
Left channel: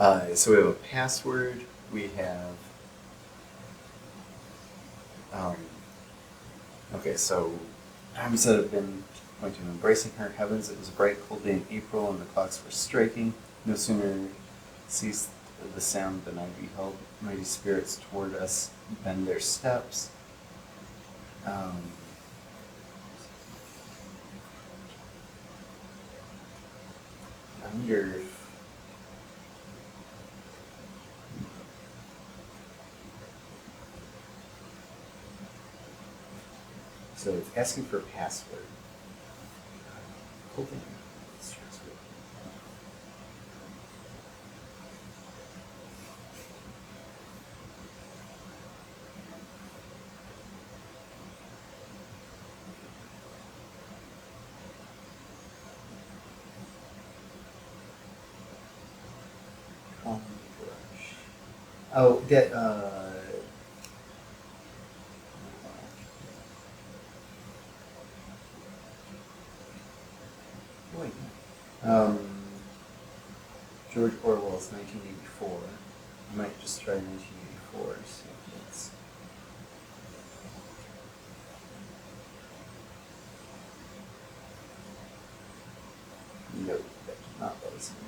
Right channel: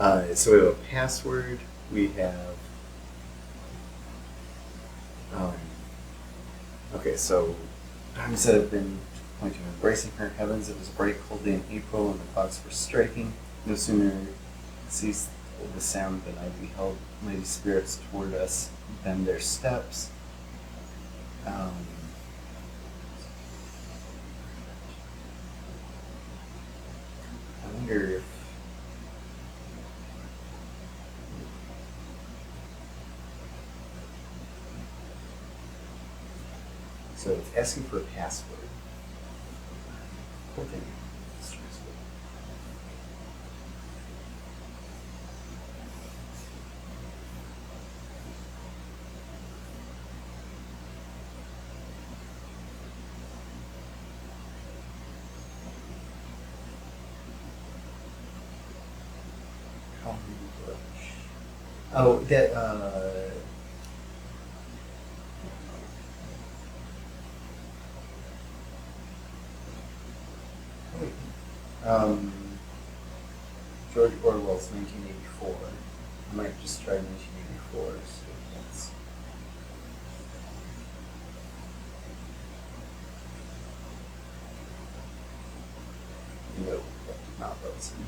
right. So we have a password. We have. Okay, so times that have been pointing to embracing her. Heavens, it was a bright, cold day in April, and the clocks were striking. No sooner ceased the sound than I beheld mighty spirits toward us bend their steps. I wonder if so it's asking for a password. Okay. Stressful. Oh, that, wait. George Orwell's 1984. I might just try 1984, see if that's... No, that did not buzz me.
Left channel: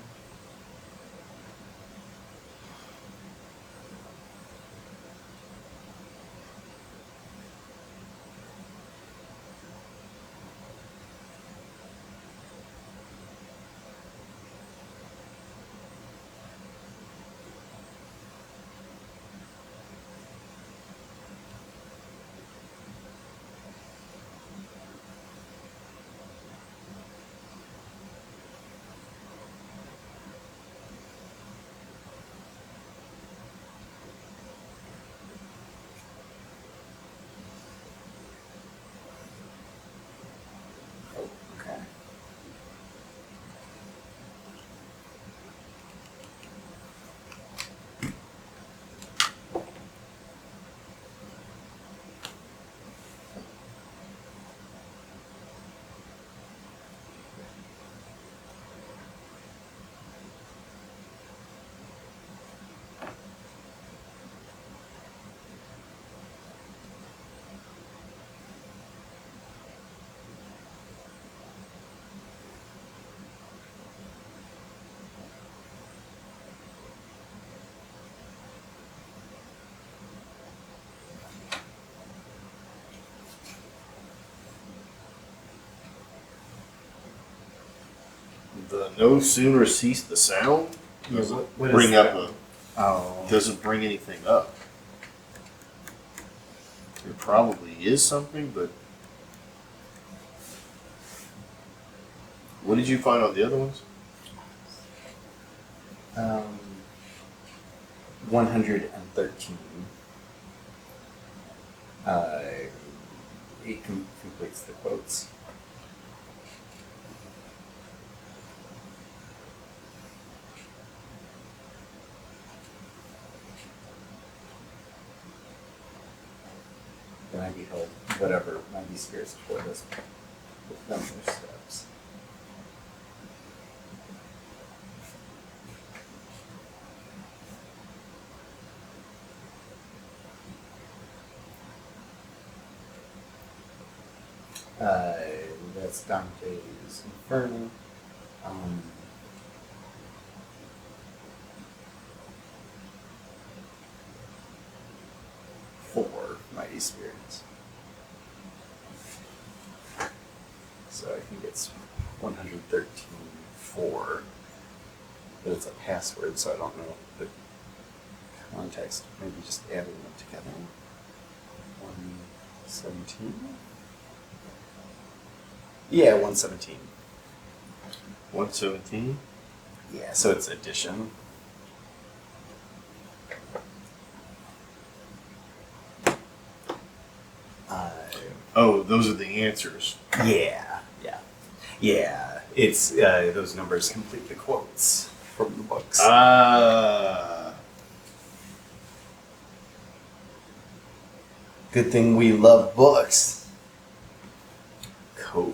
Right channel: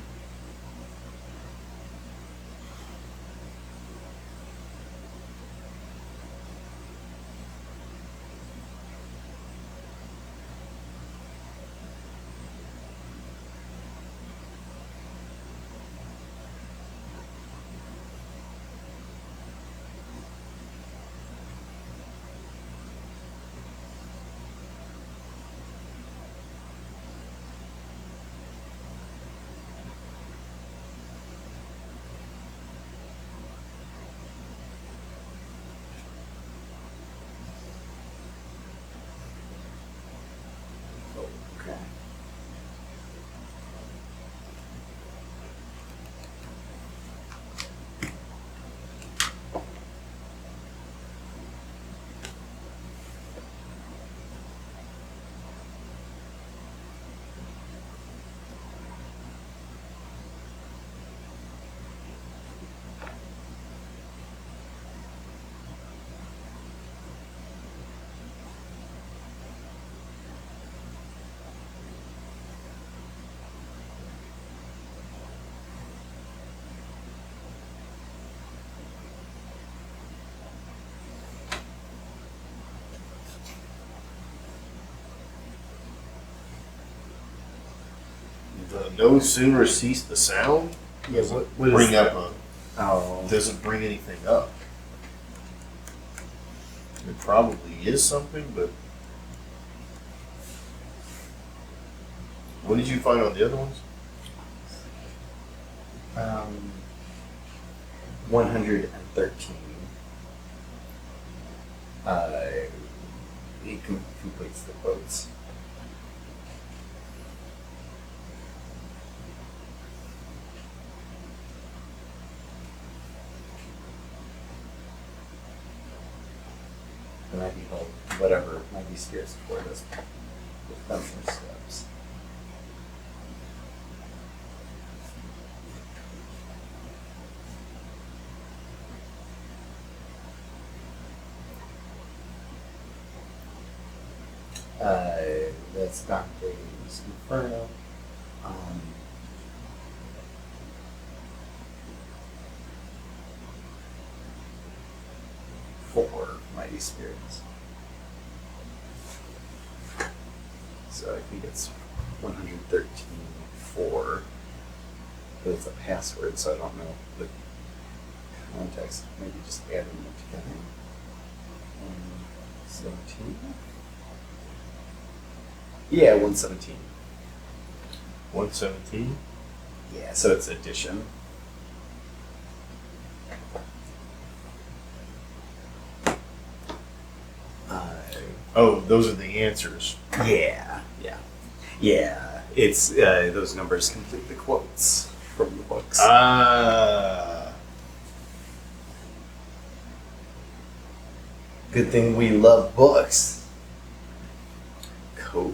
No sooner cease the sound. Yeah, Doesn't what is bring that? up Oh. doesn't bring anything up. There probably is something, but what did you find on the other ones? 113. It completes the quotes. And I behold whatever mighty spirits toward us with them their steps. That's Dante's Inferno. Four mighty spirits. So I think it's 113.4, but it's a password, so I don't know the context. Maybe just adding them together. 117. Yeah, 117. 117. Yeah, so it's addition. Oh, those are the answers. Yeah. It's those numbers complete the quotes from the books. Good thing we love books. COVID.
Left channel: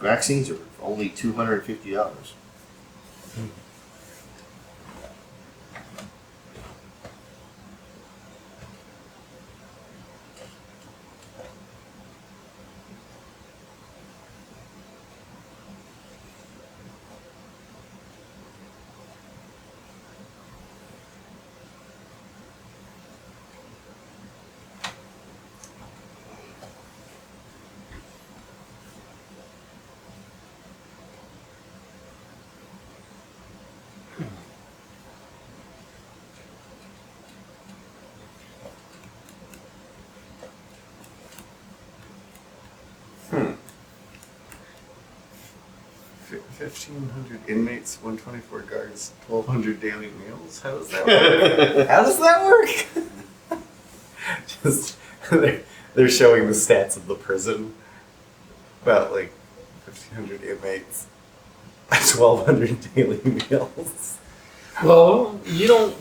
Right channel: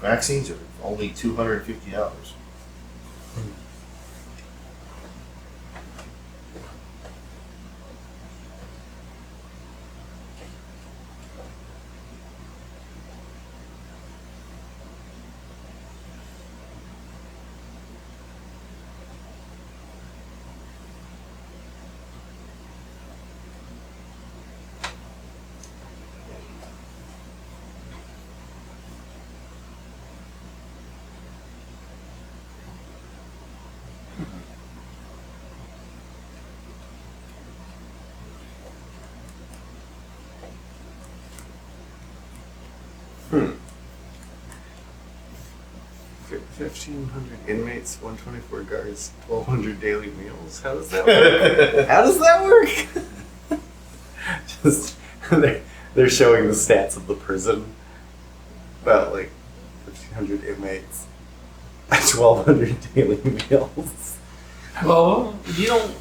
Vaccines are only $250. Hmm. 1,500 inmates, 124 guards, 1,200 daily meals. How does that work? How does that work? Just they're showing the stats of the prison. About like 1,500 inmates, 1,200 daily meals. Well, you don't.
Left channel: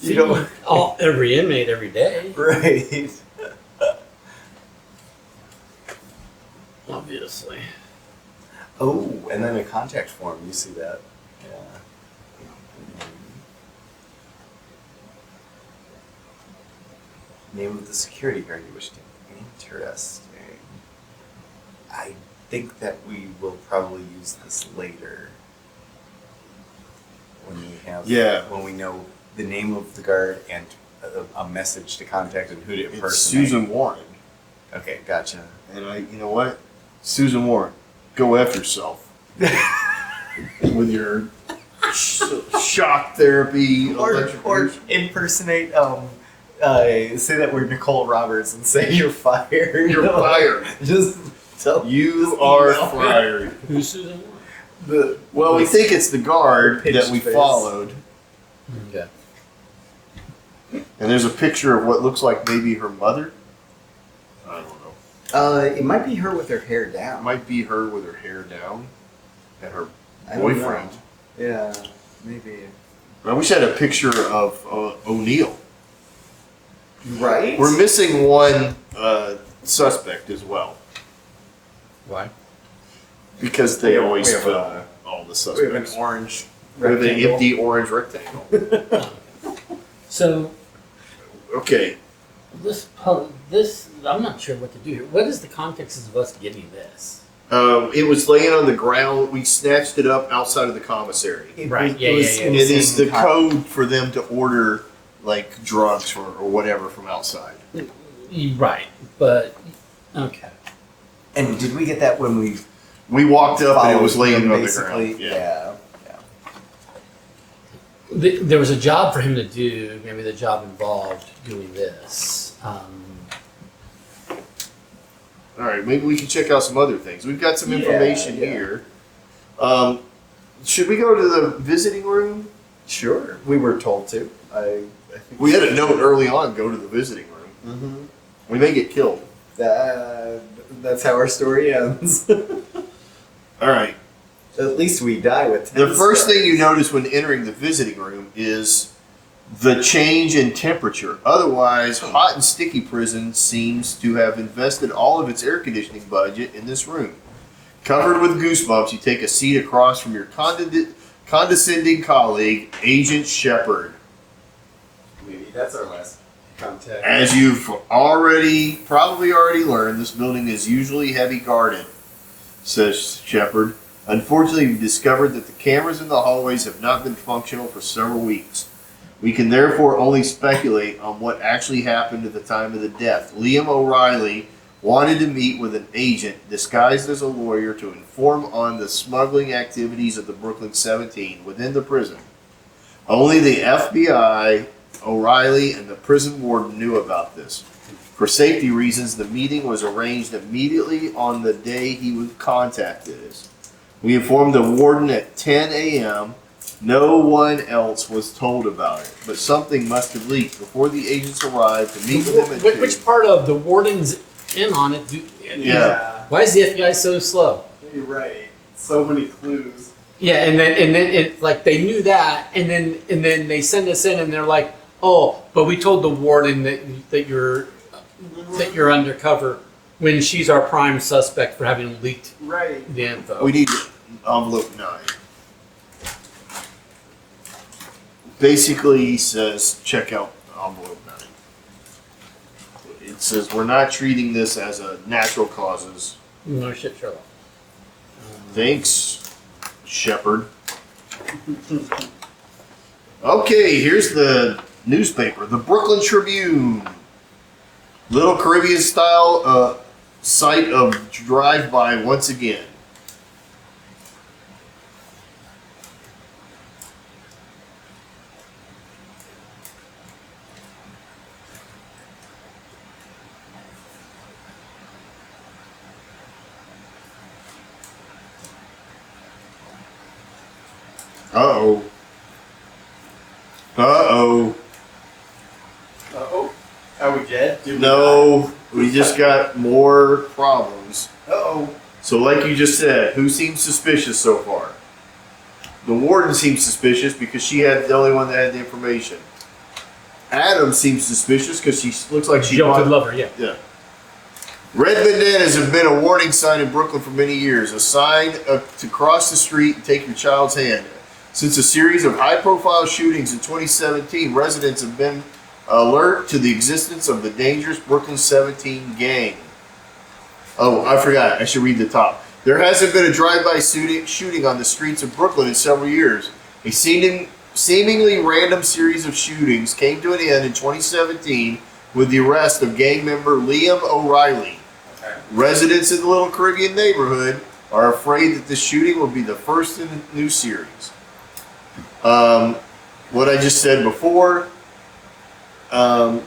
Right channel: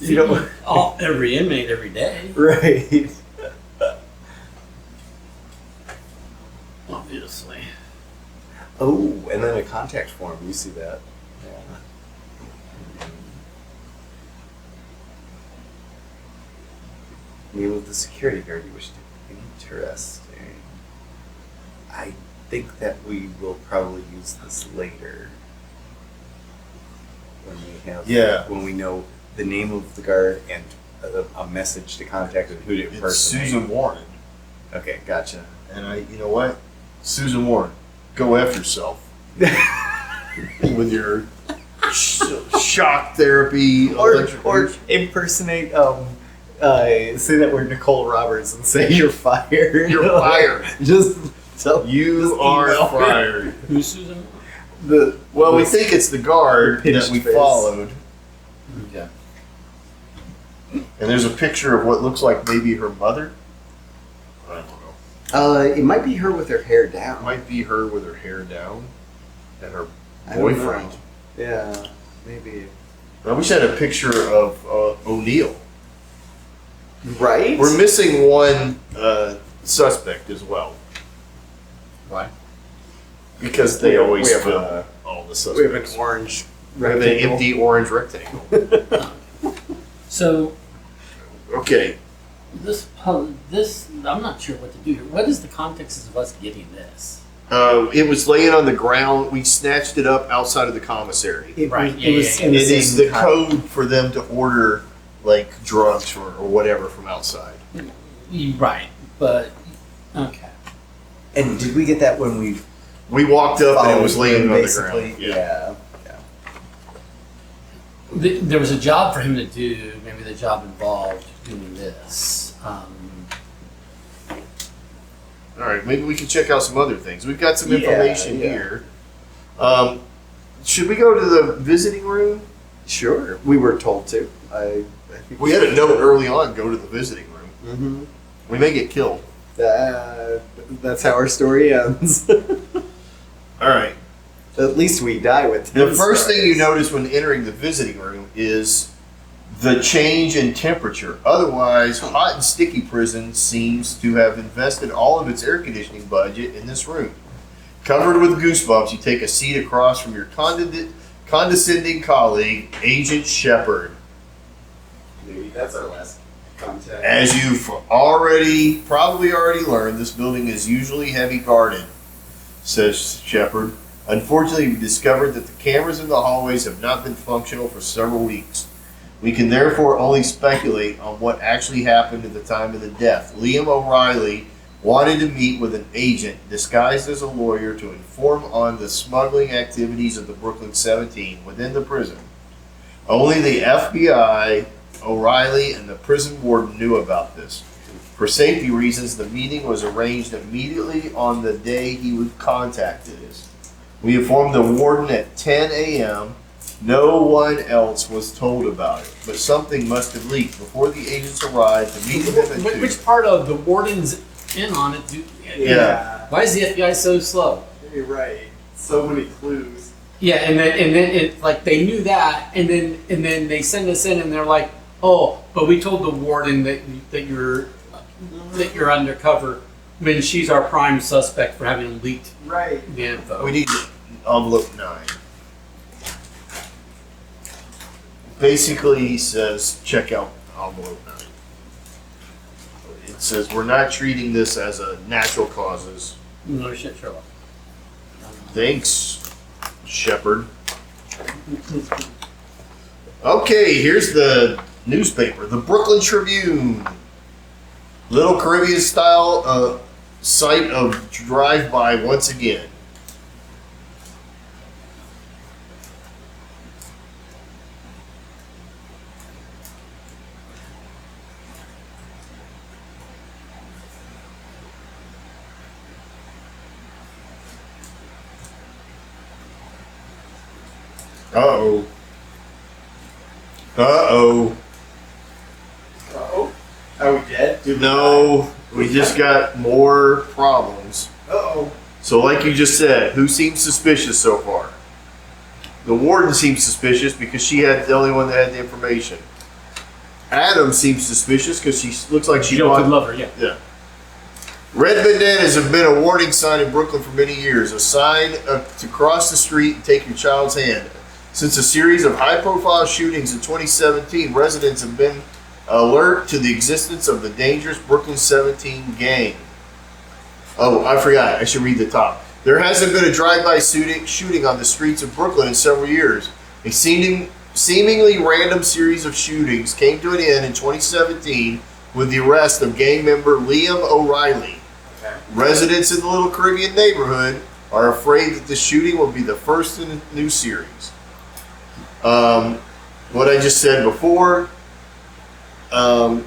You don't- every inmate every day. Right. Obviously. Oh, and then a contact form. You see that? Yeah. Name of the security guard you wish to. Interesting. I think that we will probably use this later. When we have. Yeah. When we know the name of the guard and a message to contact and who to It's impersonate. Susan Warren. Okay, gotcha. And you know what? Susan Warren, go F yourself. With your shock therapy. Or electric- impersonate say that we're Nicole Roberts and say you're fired. You're fired. Just tell You just are email her. fired. Who's Susan? The Well, we think it's the guard The that we pitched face. followed. Yeah. And there's a picture of what looks like maybe her mother. I don't know. It might be her with her hair down. It might be her with her hair down and her I don't boyfriend. know. Yeah, maybe. I wish I had a picture of O'Neill. Right? We're missing one suspect as well. Why? Because they We have- always we have, film all the we have an suspects. orange We have an rectangle. empty orange rectangle. So Okay. this I'm not sure what to do here. What is the context of us getting this? It was laying on the ground. We snatched it up outside of the commissary. Right, yeah. It is the code for them to order like drugs or whatever from outside. Right, but okay. And did we get that when we We walked up and it was laying on the basically? ground. Yeah. There was a job for him to do. Maybe the job involved doing this. All right, maybe we can check out some other things. We've got some Yeah, information yeah. here. Should we go to the visiting room? Sure. We were told to. I think We had a note early on, go to the visiting room. Mm-hmm. We may get killed. That's how our story ends. All right. At least we die with The his first thing you stories. notice when entering the visiting room is the change in temperature. Otherwise, hot and sticky prison seems to have invested all of its air conditioning budget in this room. Covered with goosebumps, you take a seat across from your condescending colleague, Agent Shepard. Maybe that's our last contact. As you've probably already learned, this building is usually heavy guarded, says Shepard. Unfortunately, we discovered that the cameras in the hallways have not been functional for several weeks. We can therefore only speculate on what actually happened at the time of the death. Liam O'Reilly wanted to meet with an agent disguised as a lawyer to inform on the smuggling activities of the Brooklyn 17 within the prison. Only the FBI, O'Reilly, and the prison warden knew about this. For safety reasons, the meeting was arranged immediately on the day he would contact us. We informed the warden at 10 a.m. No one else was told about it, but something must have leaked before the agents arrived to meet with him at 2. Which part of the warden's in on it? Yeah. Why is the FBI so slow? You're right. So many clues. Yeah, and then it like they knew that, and then they send us in, and they're like, oh, but we told the warden that you're undercover when she's our prime suspect for having leaked Right. the info. We need envelope 9. Basically, he says, check out envelope 9. It says, we're not treating this as a natural causes. No shit, Sherlock. Thanks, Shepard. Okay, here's the newspaper, the Brooklyn Tribune. Little Caribbean style site of drive-by once again. Uh-oh. Uh-oh. Uh-oh. Are we dead? Did we No, we just got more problems. die? Uh-oh. So like you just said, who seems suspicious so far? The warden seems suspicious because she had the only one that had the information. Adam seems suspicious because she looks like she Joe bought... could love her, yeah. Yeah. Red bandanas have been a warning sign in Brooklyn for many years. A sign to cross the street and take your child's hand. Since a series of high-profile shootings in 2017, residents have been alert to the existence of the dangerous Brooklyn 17 gang. Oh, I forgot. I should read the top. There hasn't been a drive-by shooting on the streets of Brooklyn in several years. A seemingly random series of shootings came to an end in 2017 with the arrest of gang member Liam O'Reilly. Okay. Residents in the Little Caribbean neighborhood are afraid that the shooting will be the first in a new series. What I just said before, a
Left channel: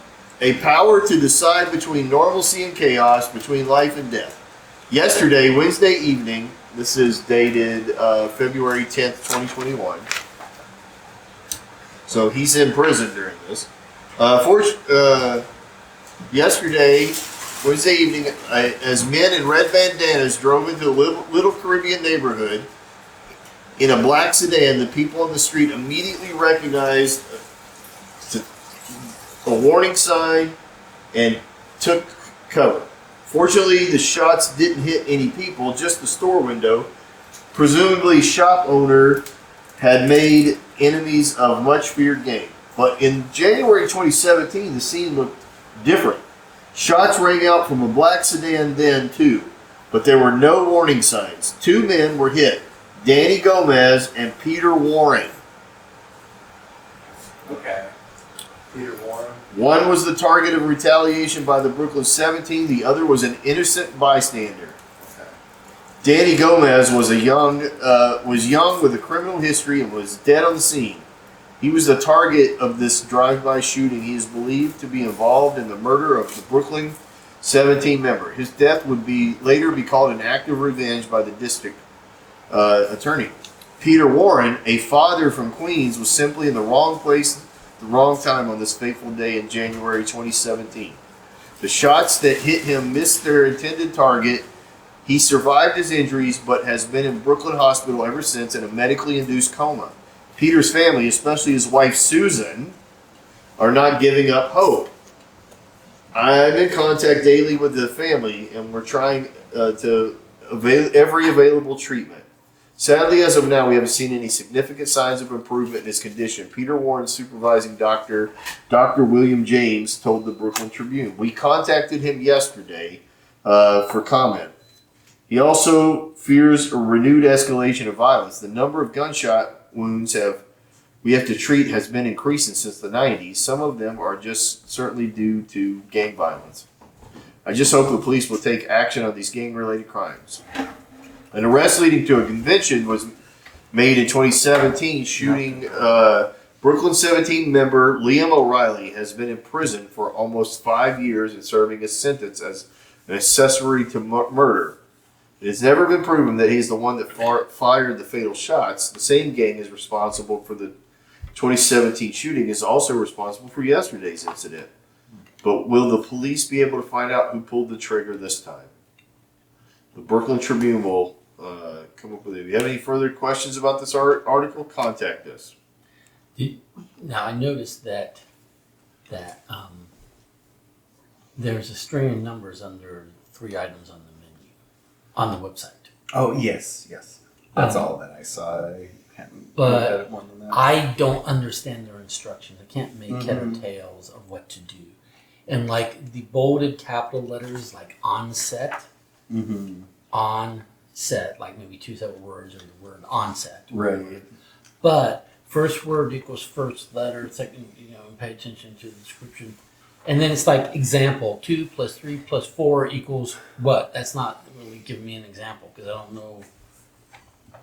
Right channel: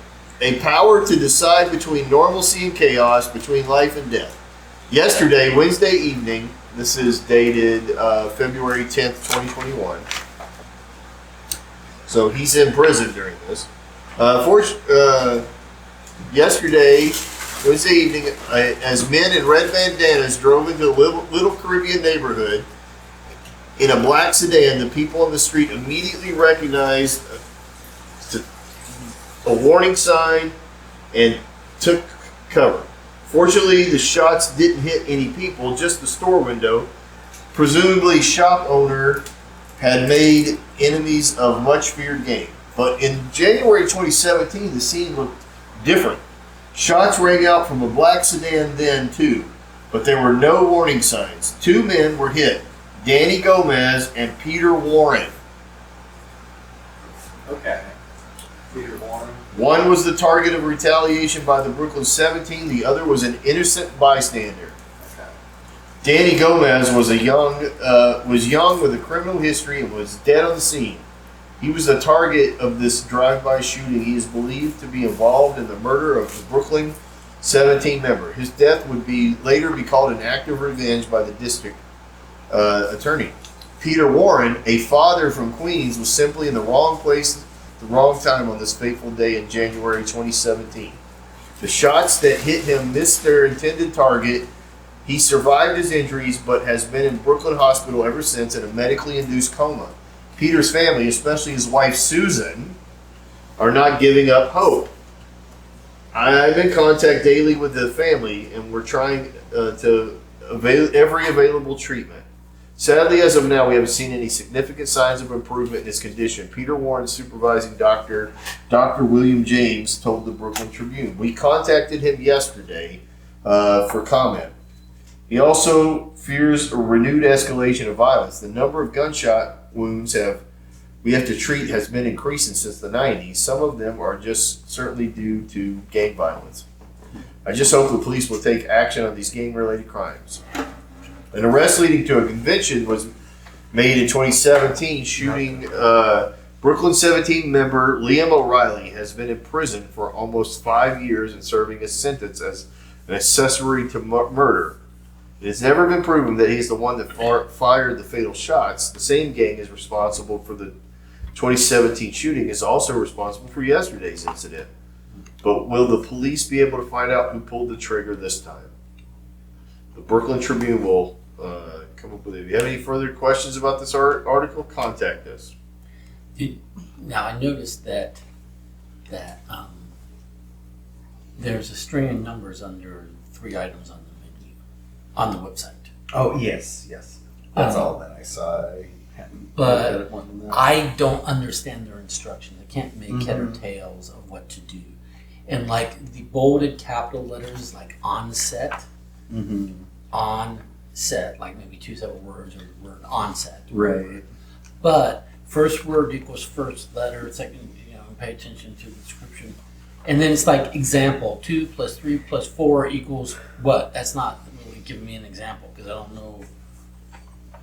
power to decide between normalcy and chaos, between life and death. Yesterday, Wednesday evening, this is dated February 10th, 2021. So he's in prison during this. Yesterday, Wednesday evening, as men in red bandanas drove into the Little Caribbean neighborhood in a black sedan, the people on the street immediately recognized a warning sign and took cover. Fortunately, the shots didn't hit any people, just the store window. Presumably, shop owner had made enemies of much feared game. But in January 2017, the scene looked different. Shots rang out from a black sedan then, too. but there were no warning signs. 2 men were hit, Danny Gomez and Peter Warren. Okay. Peter Warren. One was the target of retaliation by the Brooklyn 17. The other was an innocent bystander. Okay. Danny Gomez was young with a criminal history and was dead on the scene. He was the target of this drive-by shooting. He is believed to be involved in the murder of the Brooklyn 17 member. His death would later be called an act of revenge by the district attorney. Peter Warren, a father from Queens, was simply in the wrong place at the wrong time on this fateful day in January 2017. The shots that hit him missed their intended target. He survived his injuries but has been in Brooklyn Hospital ever since in a medically induced coma. Peter's family, especially his wife Susan, are not giving up hope. I'm in contact daily with the family, and we're trying to avail every available treatment. Sadly, as of now, we haven't seen any significant signs of improvement in his condition. Peter Warren, supervising doctor, Dr. William James, told the Brooklyn Tribune. We contacted him yesterday for comment. He also fears a renewed escalation of violence. The number of gunshot wounds we have to treat has been increasing since the 90s. Some of them are just certainly due to gang violence. I just hope the police will take action on these gang-related crimes. An arrest leading to a conviction was made in 2017, shooting Brooklyn 17 member Liam O'Reilly has been in prison for almost 5 years and serving a sentence as an accessory to murder. It has never been proven that he's the one that fired the fatal shots. The same gang is responsible for the 2017 shooting, is also responsible for yesterday's incident. But will the police be able to find out who pulled the trigger this time? The Brooklyn Tribune will come up with it. If you have any further questions about this article, contact us. Now, I noticed that there's a string of numbers under 3 items on the menu on the website. Oh, yes. That's all that I saw. I hadn't But looked at it more than that. I don't understand their instructions. I can't make head or tails of what to do. And like the bolded capital letters, like on set, on set, like maybe 2 separate words or the word on set. Right. But first word equals first letter, second, pay attention to the description. And then it's like example, 2 + 3 + 4 equals what? That's not really giving me an example because I don't know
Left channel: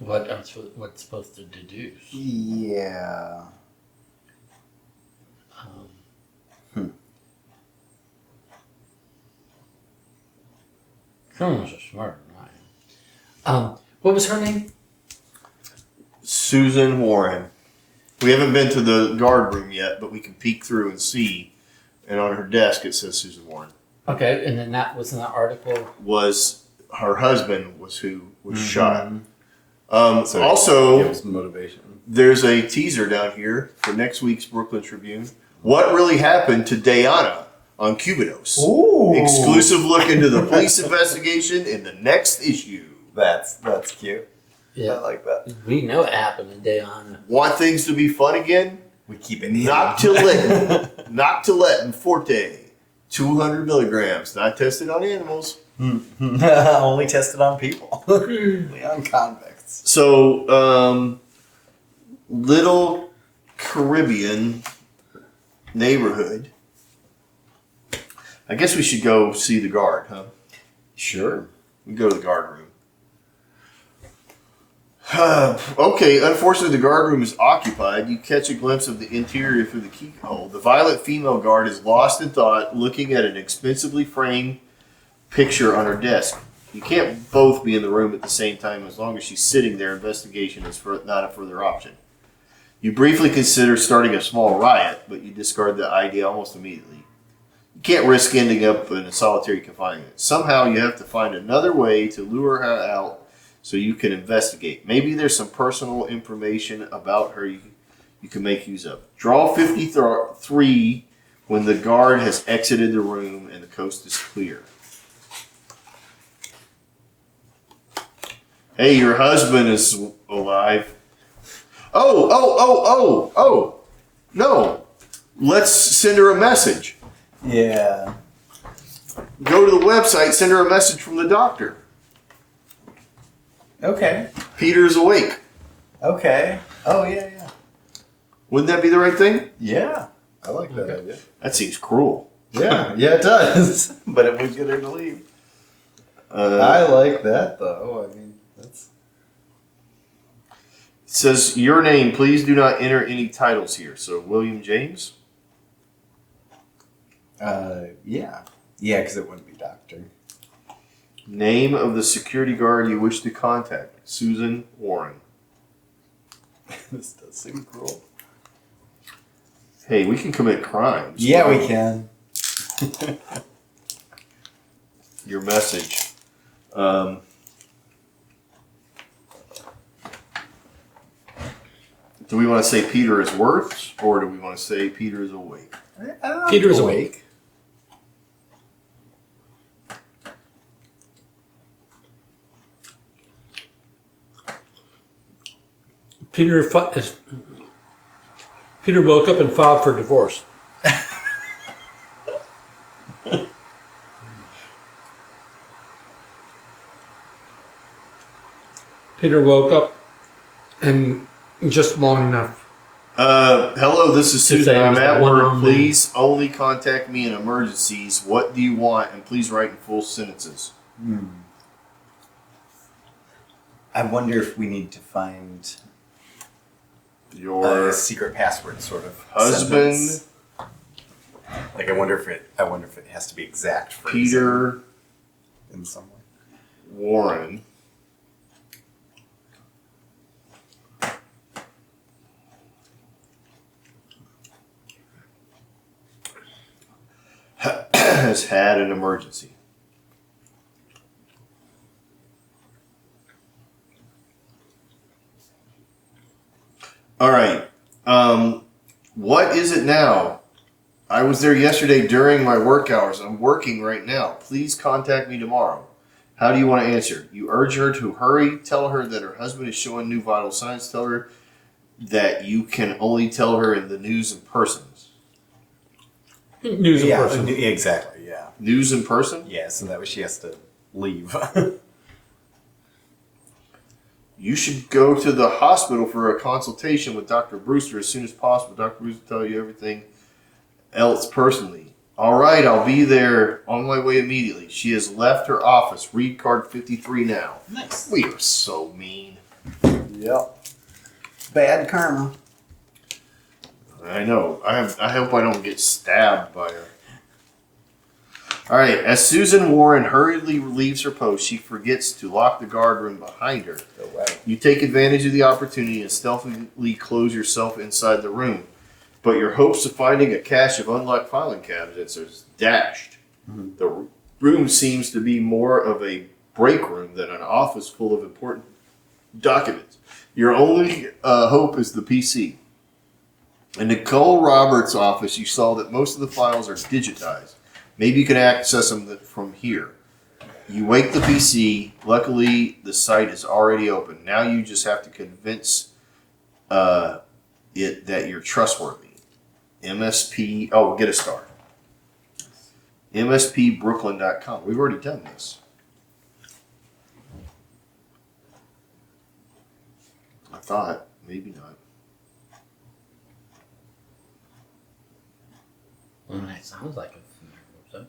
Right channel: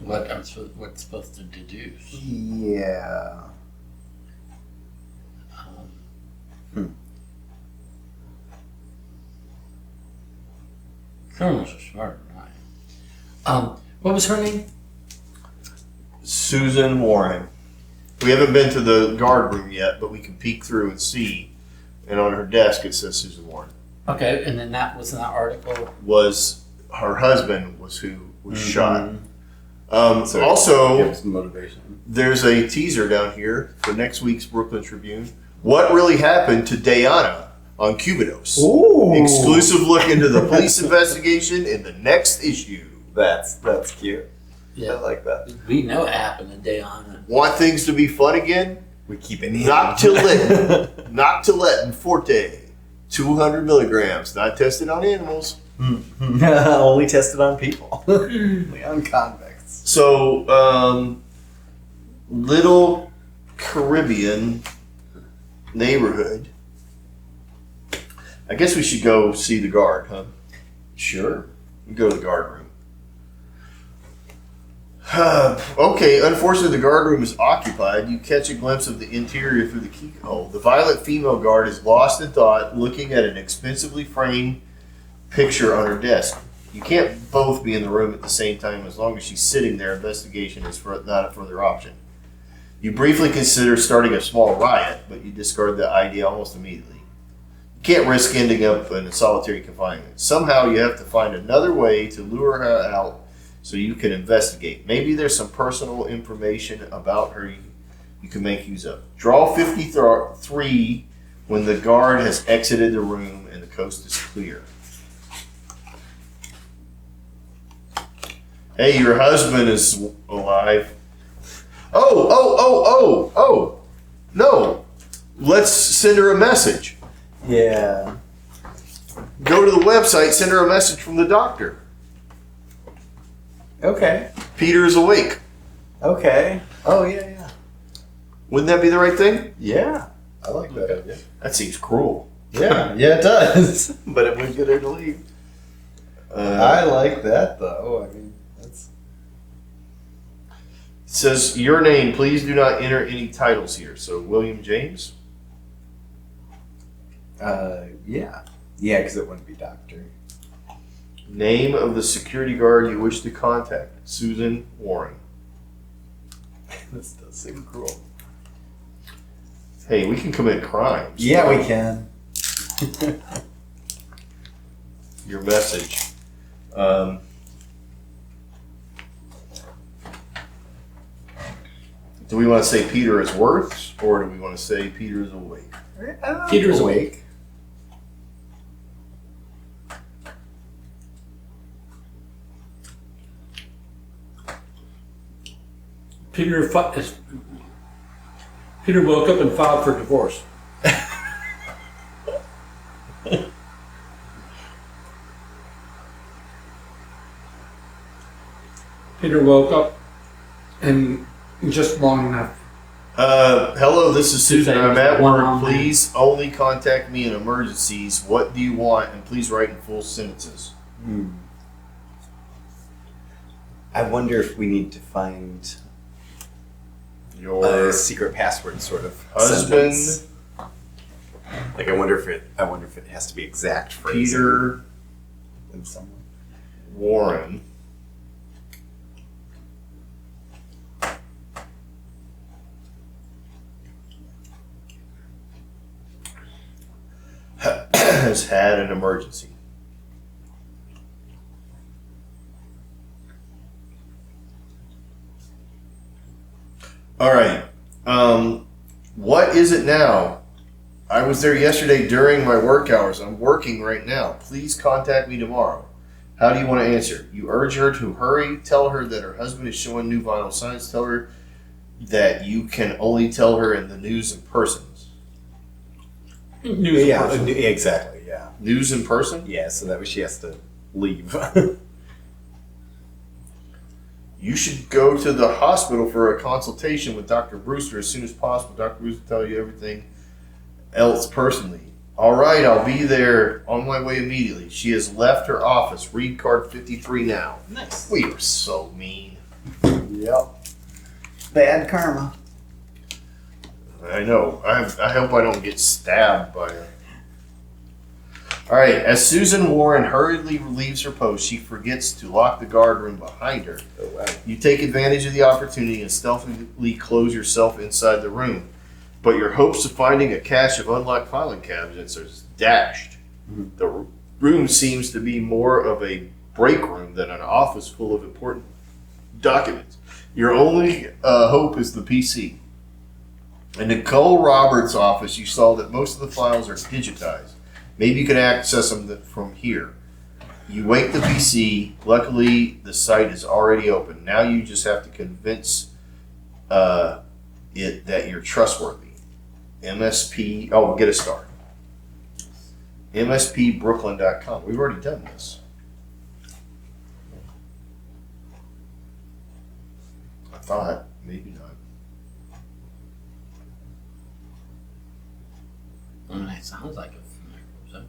what's supposed to deduce. Yeah. Criminals are smarter than I am. What was her name? Susan Warren. We haven't been to the guard room yet, but we can peek through and see. And on her desk it says Susan Warren. Okay, and then that was in that article. Was her husband was who was shot. So also, gives motivation. there's a teaser down here for next week's Brooklyn Tribune. What really happened to Diana on Cubidos? Ooh. Exclusive look into the police investigation in the next issue. That's cute. Yeah, I like that. we know it happened the day on. Want things to be fun again? We keep it Noctiletin Forte, 200 milligrams, not tested on animals. Only tested on people. Only on convicts. So, little Caribbean neighborhood. I guess we should go see the guard, huh? Sure. We can go to the guard room. Okay, unfortunately the guard room is occupied. You catch a glimpse of the interior through the keyhole. The violent female guard is lost in thought, looking at an expensively framed picture on her desk. You can't both be in the room at the same time. As long as she's sitting there, investigation is not a further option. You briefly consider starting a small riot, but you discard the idea almost immediately. You can't risk ending up in a solitary confinement. Somehow you have to find another way to lure her out so you can investigate. Maybe there's some personal information about her you can make use of. Draw 53 when the guard has exited the room and the coast is clear. Hey, your husband is alive. Oh. No. Let's send her a message. Yeah. Go to the website, send her a message from the doctor. Okay. Peter's awake. Okay. Oh, yeah. Wouldn't that be the right thing? Yeah. I like that idea. That seems cruel. Yeah, it does. But it would get her to leave. I like that, though. I mean, that's... It says, your name, please do not enter any titles here. So, William James? Yeah. Yeah, because it wouldn't be doctor. Name of the security guard you wish to contact. Susan Warren. This does seem cruel. Hey, we can commit crimes. Yeah, we can. Your message. Do we want to say Peter is worth, or do we want to say Peter is awake? I don't know. Peter's awake. Peter woke up and filed for divorce. Peter woke up and just long enough. Hello, this is Susan. I'm at work. One-on-one. Please only contact me in emergencies. What do you want? And please write in full sentences. I wonder if we need to find Your a secret password sort of husband, sentence. Like I wonder if it has to be exact phrasing Peter in some way. Warren. Has had an emergency. All right. What is it now? I was there yesterday during my work hours. I'm working right now. Please contact me tomorrow. How do you want to answer? You urge her to hurry. Tell her that her husband is showing new vital signs. Tell her that you can only tell her in the news and persons. News Yeah, person. exactly. Yeah. News in person? Yeah. So that way she has to leave. You should go to the hospital for a consultation with Dr. Brewster as soon as possible. Dr. Brewster will tell you everything else personally. All right, I'll be there on my way immediately. She has left her office. Read card 53 now. Nice. We are so mean. Yep. Bad karma. I know. I hope I don't get stabbed by her. All right, as Susan Warren hurriedly leaves her post, she forgets to lock the guard room behind her. Oh, wow. You take advantage of the opportunity and stealthily close yourself inside the room. But your hopes of finding a cache of unlocked filing cabinets are dashed. Mhm. The room seems to be more of a break room than an office full of important documents. Your only hope is the PC. In Nicole Roberts' office, you saw that most of the files are digitized. Maybe you can access them from here. You wake the PC. Luckily, the site is already open. Now you just have to convince it that you're trustworthy. MSP, oh, get a star. MSPbrooklyn.com. We've already done this. I thought, maybe not. It sounds like a familiar website.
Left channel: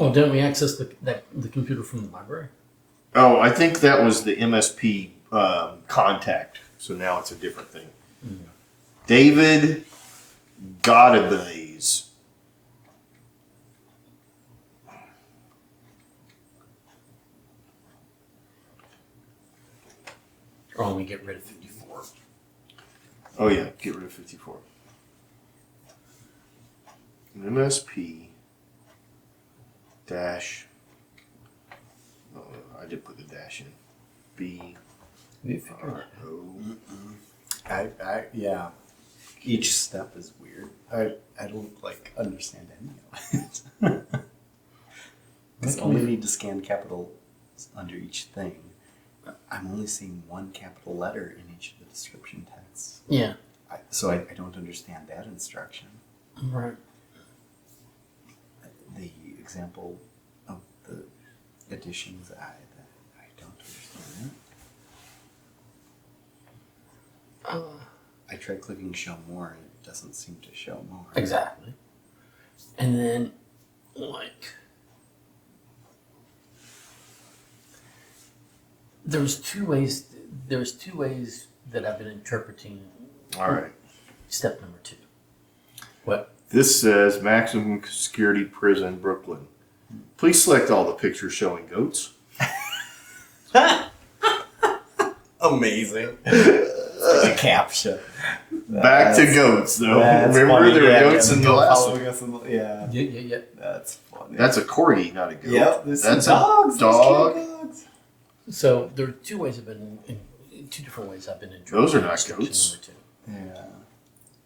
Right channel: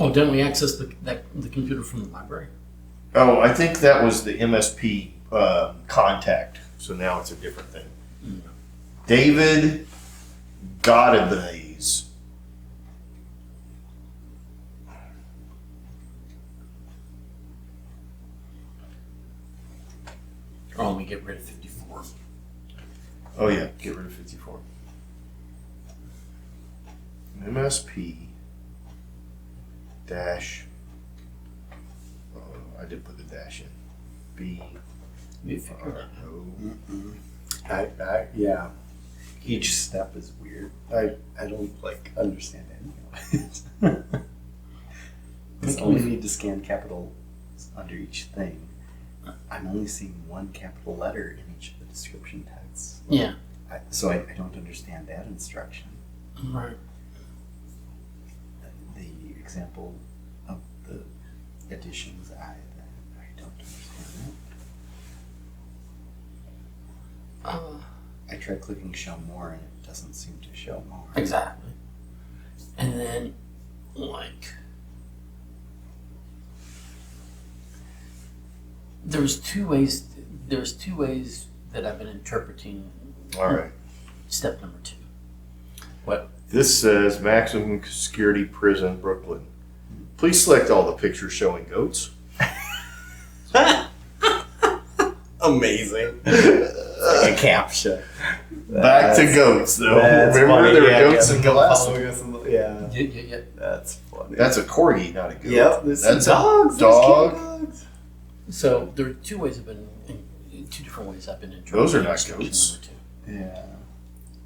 Oh, didn't we access the computer from the library? Oh, I think that was the MSP contact. So now it's a different thing. Mm-hmm. David Godabase. Or only get rid of 54. Oh yeah, get rid of 54. MSP dash. Oh, I did put the dash in. B. We figured it out. Yeah. Each step is weird. I don't understand any of it. Because I only need to scan capitals under each thing. I'm only seeing one capital letter in each of the description texts. Yeah. So I don't understand that instruction. Right. The example of the additions. I don't understand that. I tried clicking show more and it doesn't seem to show more. Exactly. And then, there's two ways that I've been interpreting All right. step number 2. What? This says maximum security prison, Brooklyn. Please select all the pictures showing goats. Amazing. A captcha. Back to goats, though. That's Remember, funny. there were Yeah, goats the in the goat last following one. us in the- yeah. Yeah. That's funny. That's a corgi, not a goat. Yep, there's That's some dogs. a There's dog. cute dogs. So there are two different ways I've been interpreting. Those are not instruction goats. number 2. Yeah.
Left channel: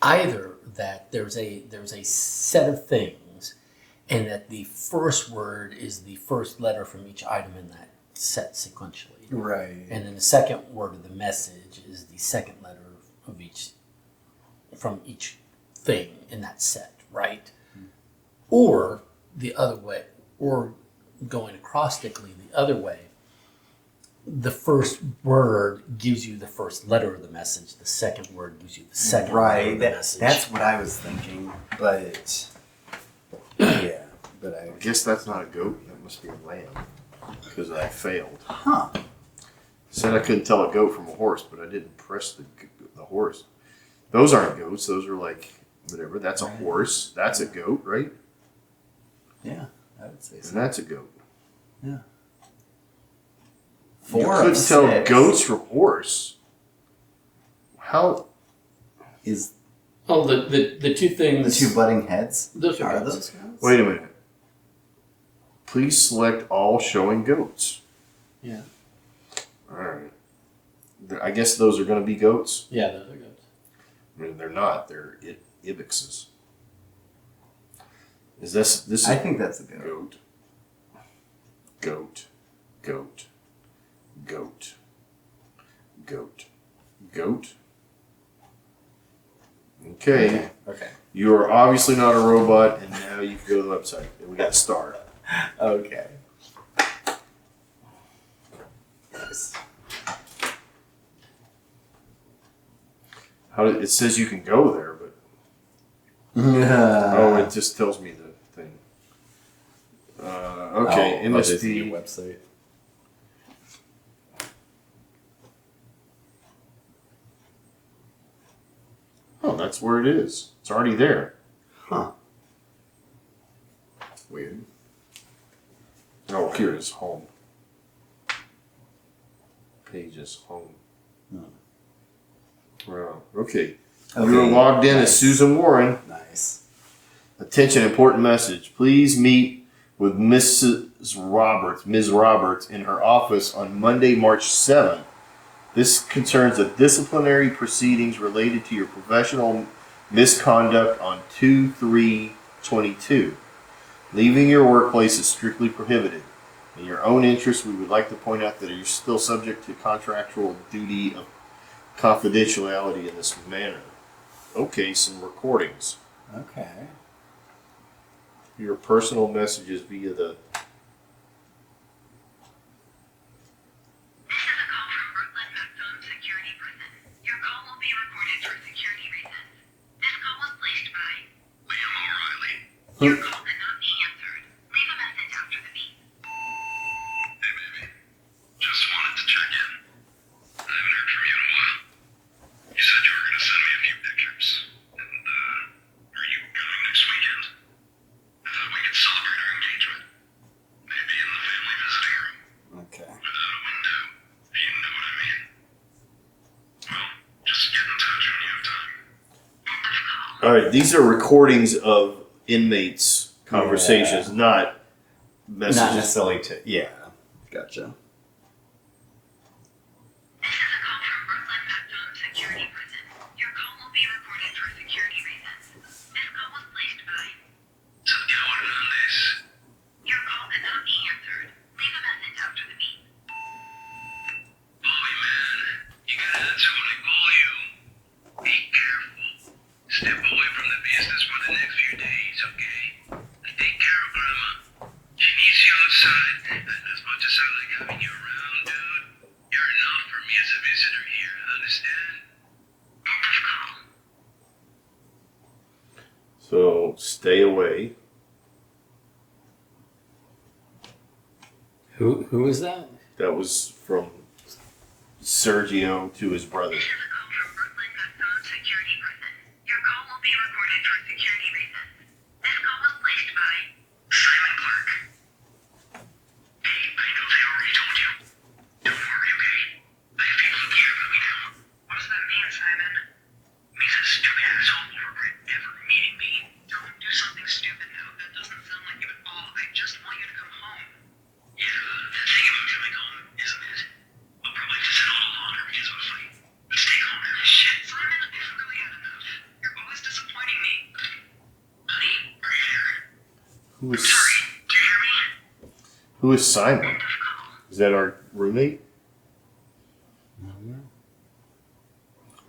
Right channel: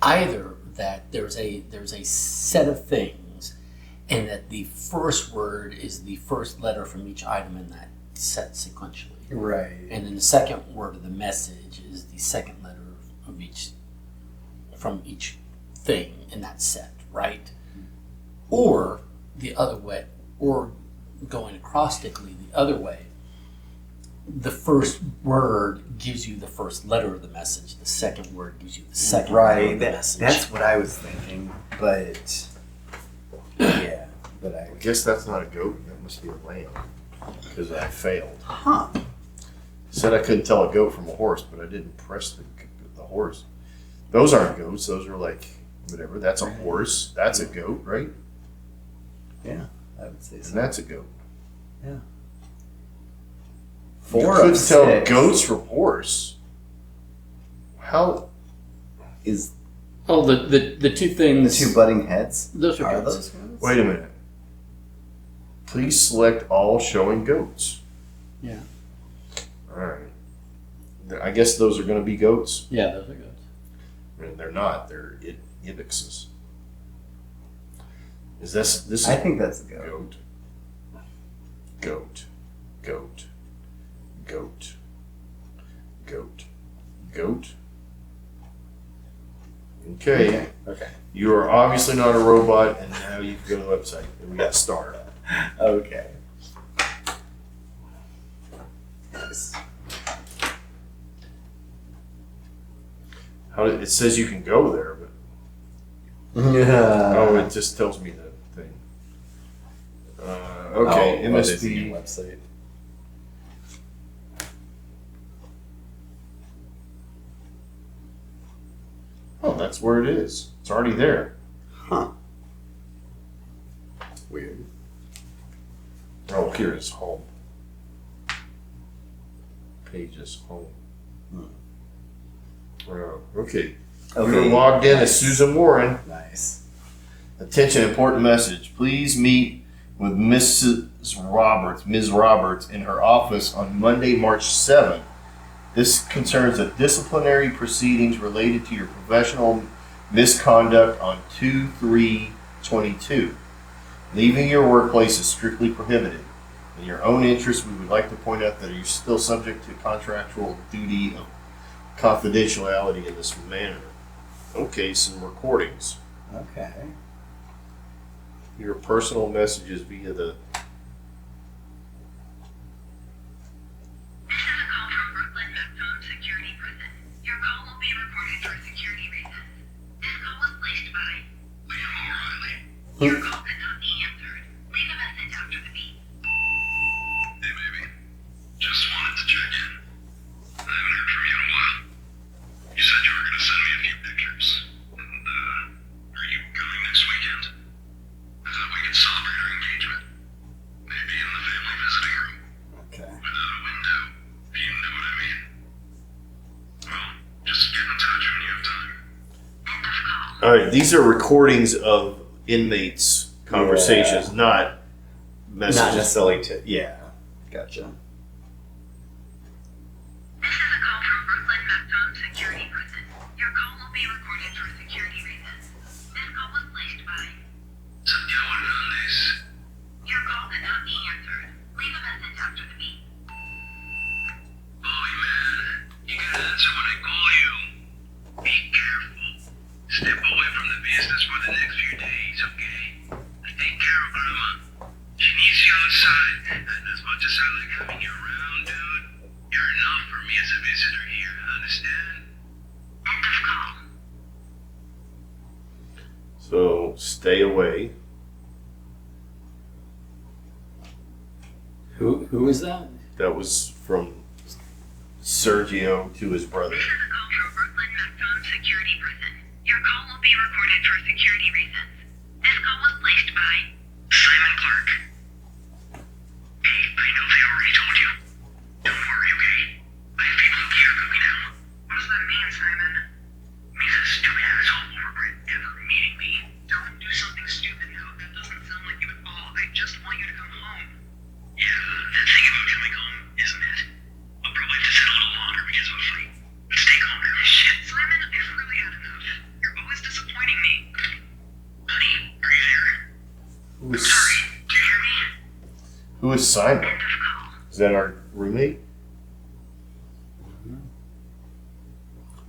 Either that there's a set of things, and that the first word is the first letter from each item in that set sequentially. Right. And then the second word of the message is the second letter of each from each thing in that set, right? Or the other way, or going acrostically the other way, the first word gives you the first letter of the message, the second word gives you the second letter Right. of the message. That's what I was thinking, but yeah. But I guess that's not a goat. That must be a lamb. Because I failed. Huh. Said I couldn't tell a goat from a horse, but I didn't press the horse. Those aren't goats. Those are like whatever. That's a horse. That's a goat, right? Yeah, I would say And so. that's a goat. Yeah. You 4 couldn't of tell 6 goats from horse. How? is Oh, the two the things. 2 butting heads. Those are Are goats. those goats? Wait a minute. Please select all showing goats. Yeah. All right. I guess those are going to be goats. Yeah, those are goats. I mean, they're not. They're ibixes. Is this? I think that's a goat. Goat. Goat. Goat. Goat. Goat. Goat. Okay. Okay. You are obviously not a robot, and now you can go to the website. We got a star. Okay. Nice. It says you can go there, but Yeah. it just tells me the thing. Okay, What is the MSP. website? Oh, that's where it is. It's already there. Huh. Weird. Oh, here it is. Home. Pages. Home. Wow. Okay. We were logged in as Susan Warren. Nice. Attention, important message. Please meet with Ms. Roberts in her office on Monday, March 7th. This concerns the disciplinary proceedings related to your professional misconduct on 2/3/22. Leaving your workplace is strictly prohibited. In your own interest, we would like to point out that you're still subject to contractual duty of confidentiality in this manner. Okay, some recordings. Okay. Your personal messages via the. This is a call from Brooklyn Maximum Security Prison. Your call will be recorded for security reasons. This call was placed by Liam O'Reilly. Your call cannot be answered. Leave a message after the beep. Hey, baby. Just wanted to check in. I haven't heard from you in a while. You said you were going to send me a few pictures. And, are you coming next weekend? I thought we could celebrate our engagement. Maybe in the family visiting room. Okay. Without a window, if you know what I mean. Well, just get in touch when you have time. End of call. All right, these are recordings of inmates' conversations, not messages. Not necessarily to. Yeah. Gotcha. This is a call from Brooklyn Maximum Security Prison. Your call will be recorded for security reasons. This call was placed by Santiago Hernandez. Your call cannot be answered. Leave a message after the beep. Bobby, man. You gotta answer when I call you. Be careful. Step away from the business for the next few days, okay? I take care of Grandma. So stay away. Who is that? That was from Sergio to his brother. This is a call from Brooklyn Macdon Security Prison. Your call will be recorded for security reasons. This call was placed by Simon Clark. Hey, I know they already told you. Don't worry, okay? I have people who care about me now. What does that mean, Simon? Means that stupid asshole will regret ever meeting me. Don't do something stupid now. That doesn't sound like it at all. I just want you to come home. Yeah, that thing about coming home, isn't it? I'll probably have to sit a little longer because of a fight. But stay calm now. Shit, Simon, I've really had enough. You're always disappointing me. Honey, are you there? Who is, Sorry, do you hear me? who is Simon? End of call. Is that our roommate?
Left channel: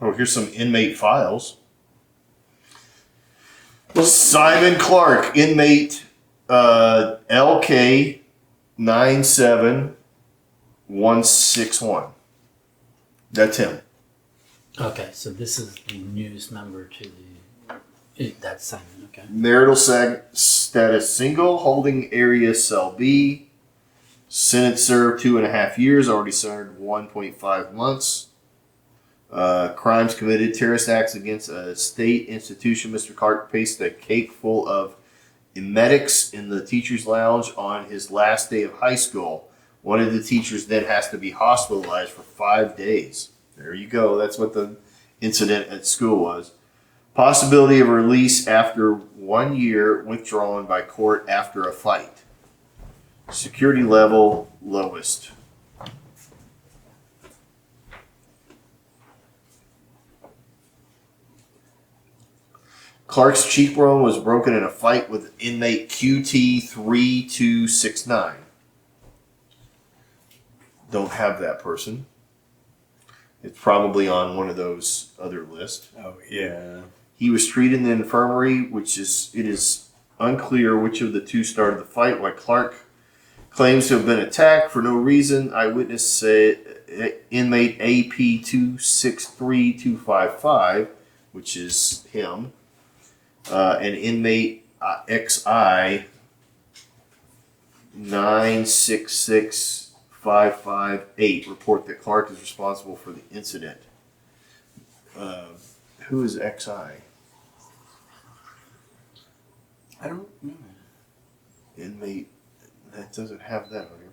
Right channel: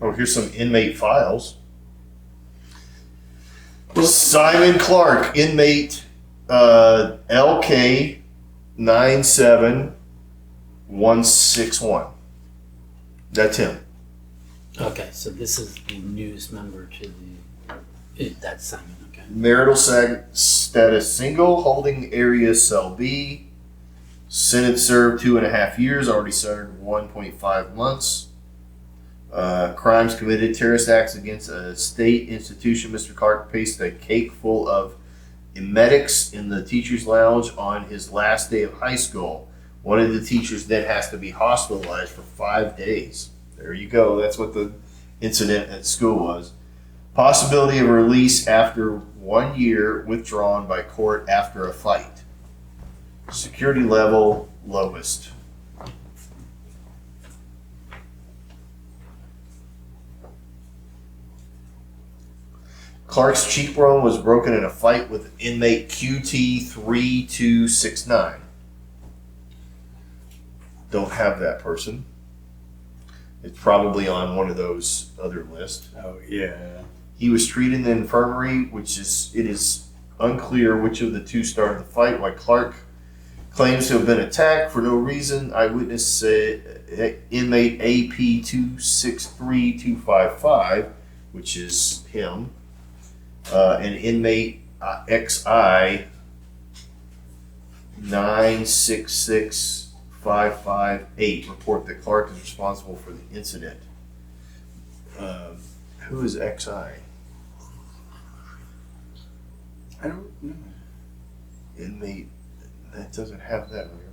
Oh, here's some inmate files. Simon Clark, inmate LK 97161. That's him. Okay, so this is the newest member to the. That's Simon. Okay. Marital status single, holding area cell B. Sentence served 2.5 years, already served 1.5 months. Crimes committed, terrorist acts against a state institution. Mr. Clark placed a cake full of emetics in the teacher's lounge on his last day of high school. One of the teachers then has to be hospitalized for 5 days. There you go. That's what the incident at school was. Possibility of release after 1 year, withdrawn by court after a fight. Security level lowest. Clark's cheekbone was broken in a fight with inmate QT3269. Don't have that person. It's probably on one of those other lists. Oh yeah. He was treated in the infirmary, it is unclear which of the two started the fight. While Clark claims to have been attacked for no reason, eyewitness said inmate AP263255, which is him, and inmate XI 966558 report that Clark is responsible for the incident. Who is XI? I don't know. Inmate, that doesn't have that on here.